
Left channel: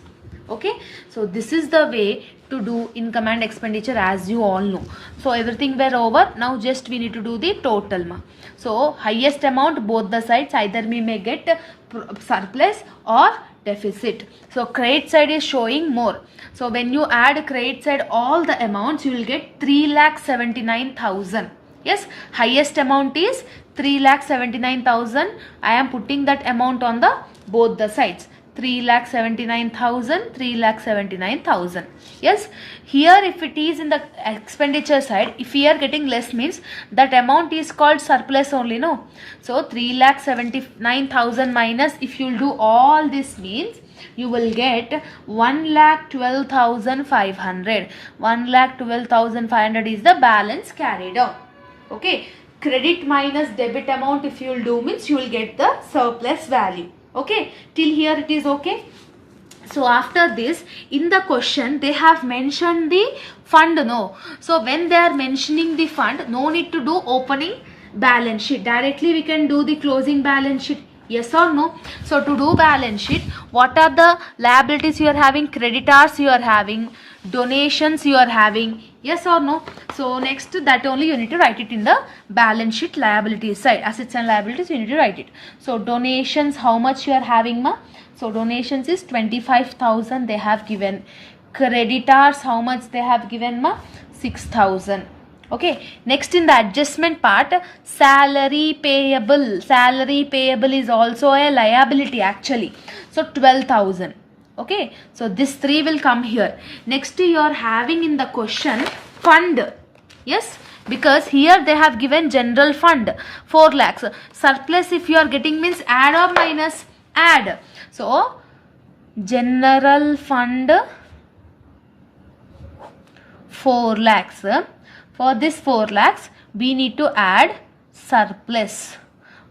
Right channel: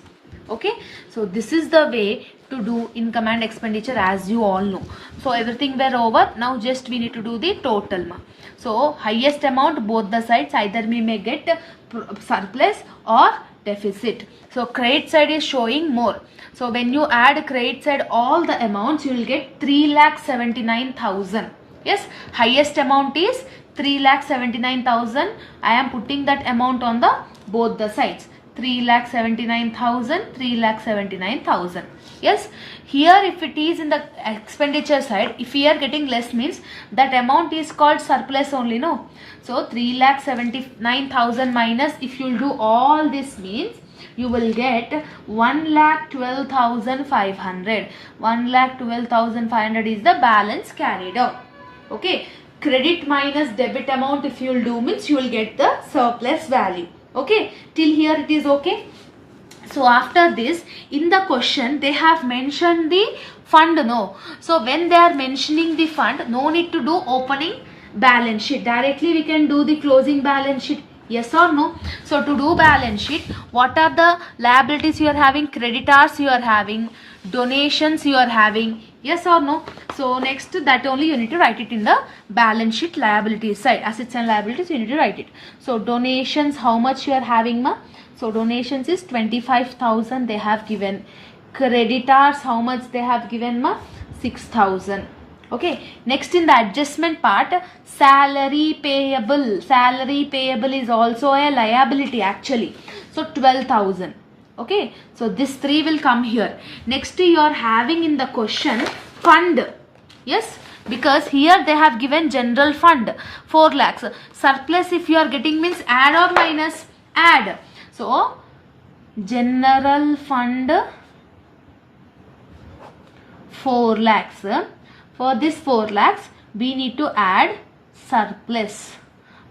Okay. So this is the way to do income and expenditure, as you all know. So everything were over. Now just we need to do the total ma. So highest amount both the sides, either we may get surplus or deficit. So credit side is showing more. So when you add credit side all the amounts, you will get 3,79,000. Yes, highest amount is 3,79,000. I am putting that amount on the both the sides. 3,79,000, 3,79,000. Yes, here if it is in the expenditure side, if we are getting less means that amount is called surplus only, no? So 3,79,000 minus, if you will do all this means you will get 1,12,500. 1,12,500 is the balance carried out. Okay, credit minus debit amount if you will do means you will get the surplus value. Okay, till here it is okay. So after this, in the question they have mentioned the fund, no? So when they are mentioning the fund, no need to do opening balance sheet. Directly we can do the closing balance sheet. Yes or no? So to do balance sheet, what are the liabilities you are having? Creditors you are having, donations you are having. Yes or no? So next to that only you need to write it in the balance sheet liabilities side. Assets and liabilities you need to write it. So donations, how much you are having ma? So donations is 25,000 they have given. Creditors, how much they have given ma? 6,000. Okay, next in the adjustment part, salary payable. Salary payable is also a liability actually. So 12,000. Okay, so this 3 will come here. Next you are having in the question fund. Yes, because here they have given general fund 4 lakhs. Surplus if you are getting means add or minus? Add. So general fund 4 lakhs. For this 4 lakhs, we need to add surplus.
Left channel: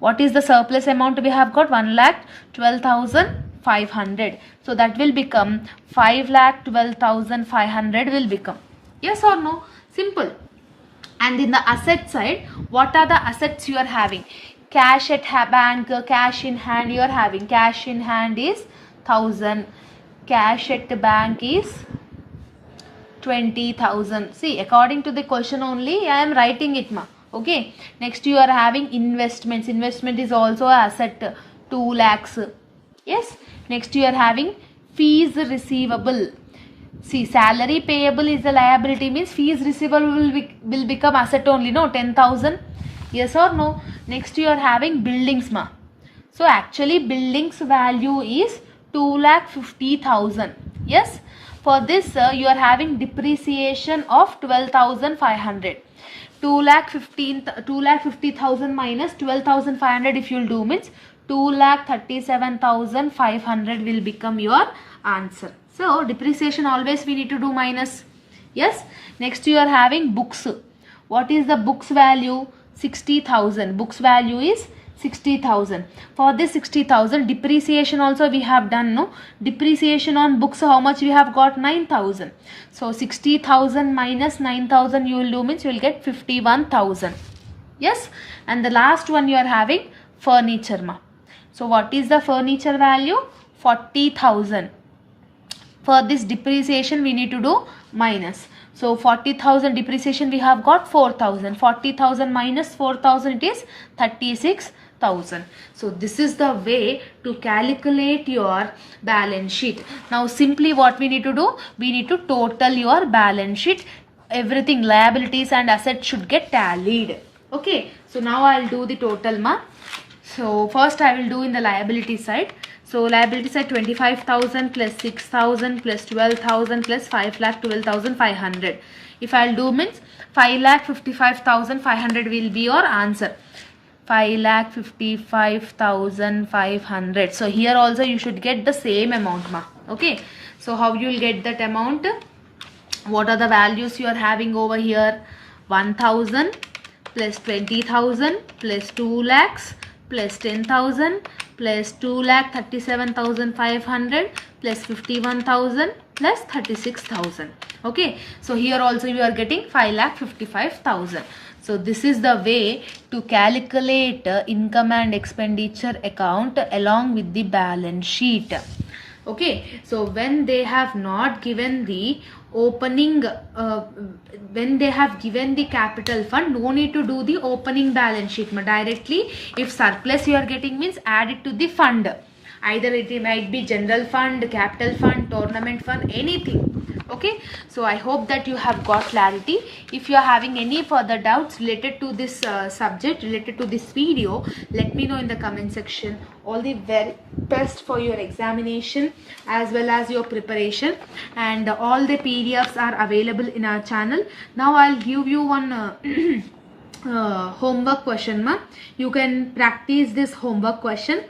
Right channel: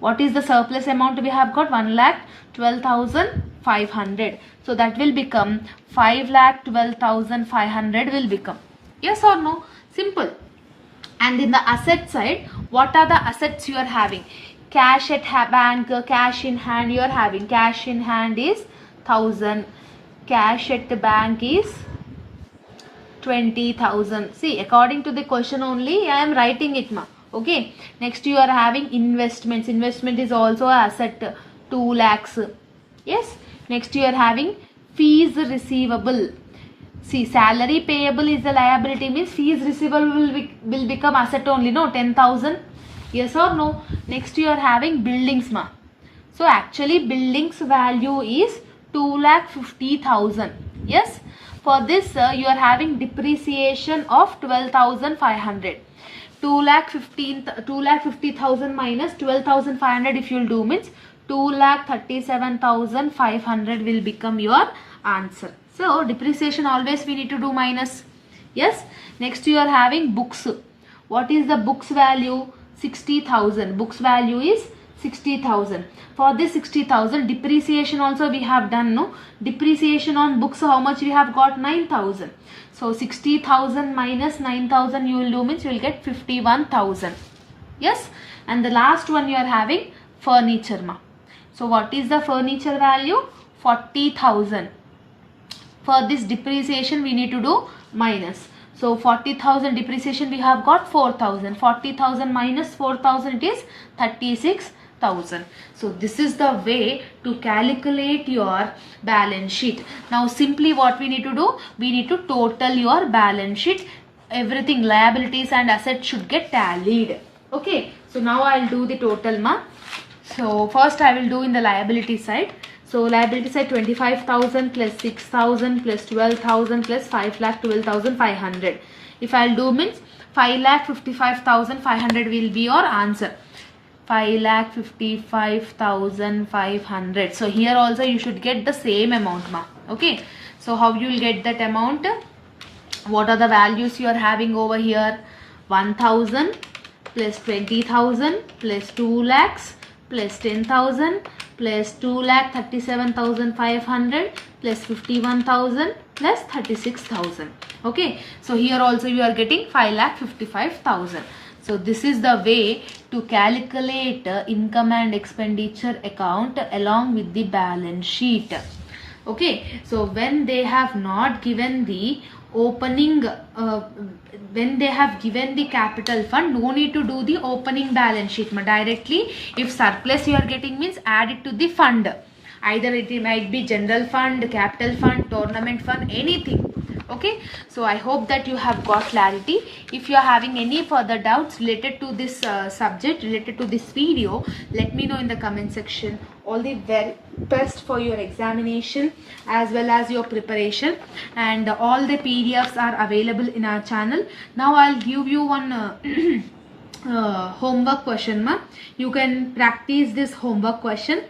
What is the surplus amount we have got? 1,12,500. So that will become 5,12,500 will become. Yes or no? Simple. And in the asset side, what are the assets you are having? Cash at bank, cash in hand you are having. Cash in hand is 1,000. Cash at the bank is 20,000. See, according to the question only, I am writing it, ma. Okay. Next, you are having investments. Investment is also an asset, 2 lakhs. Yes. Next, you are having fees receivable. See, salary payable is a liability, means fees receivable will become asset only, no? 10,000. Yes or no? Next, you are having buildings, ma. So, actually, buildings value is 2,50,000. Yes. For this, you are having depreciation of 12,500. 2,50,000 minus 12,500 if you will do means 2,37,500 will become your answer. So depreciation always we need to do minus. Yes. Next you are having books. What is the books value? 60,000. Books value is 60,000. For this 60,000, depreciation also we have done, no? Depreciation on books, how much we have got? 9,000. So 60,000 minus 9,000 you will do means you will get 51,000. Yes. And the last one you are having furniture, ma. So what is the furniture value? 40,000. For this depreciation we need to do minus. So 40,000 depreciation we have got 4,000. 40,000 minus 4,000 it is 36,000. So this is the way to calculate your balance sheet. Now simply what we need to do? We need to total your balance sheet. Everything, liabilities and assets should get tallied. Okay. So now I will do the total, ma. So first I will do in the liability side. So liability side 25,000 plus 6,000 plus 12,000 plus 5,12,500. If I will do means 5,55,500 will be your answer. 5,55,500. So here also you should get the same amount, ma. Okay. So how you will get that amount? What are the values you are having over here? 1,000 plus 20,000 plus 2 lakhs plus 10,000 plus 2,37,500 plus 51,000 plus 36,000. Okay. So here also you are getting 5,55,000. So this is the way to calculate income and expenditure account along with the balance sheet. Okay. So when they have not given the opening, when they have given the capital fund, no need to do the opening balance sheet. Directly, if surplus you are getting means add it to the fund. Either it might be general fund, capital fund, tournament fund, anything. Okay. So I hope that you have got clarity. If you are having any further doubts related to this subject, related to this video, let me know in the comment section. All the very best for your examination as well as your preparation, and all the PDFs are available in our channel. Now I'll give you one homework question, ma. You can practice this homework question.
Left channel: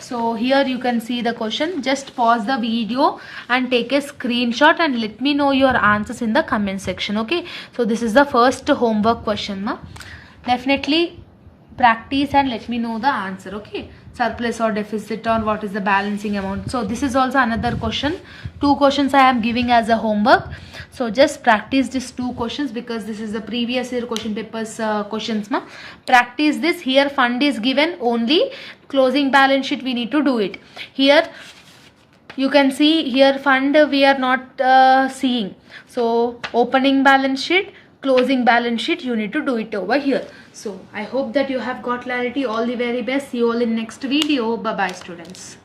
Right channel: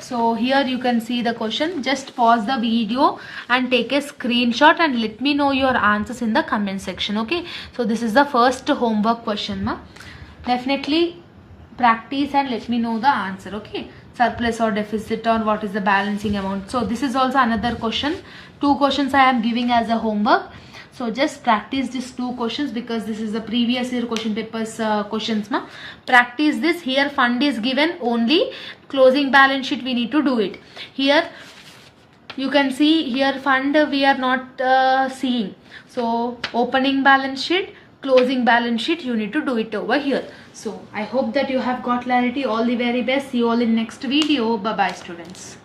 So here you can see the question. Just pause the video and take a screenshot and let me know your answers in the comment section. Okay. So this is the first homework question, ma. Definitely practice and let me know the answer. Okay. Surplus or deficit, or what is the balancing amount. So this is also another question. 2 questions I am giving as a homework. So just practice these 2 questions because this is the previous year question papers questions, ma. Practice this. Here fund is given, only closing balance sheet we need to do it. Here you can see, here fund we are not seeing. So opening balance sheet, closing balance sheet, you need to do it over here. So I hope that you have got clarity. All the very best. See you all in next video. Bye bye, students.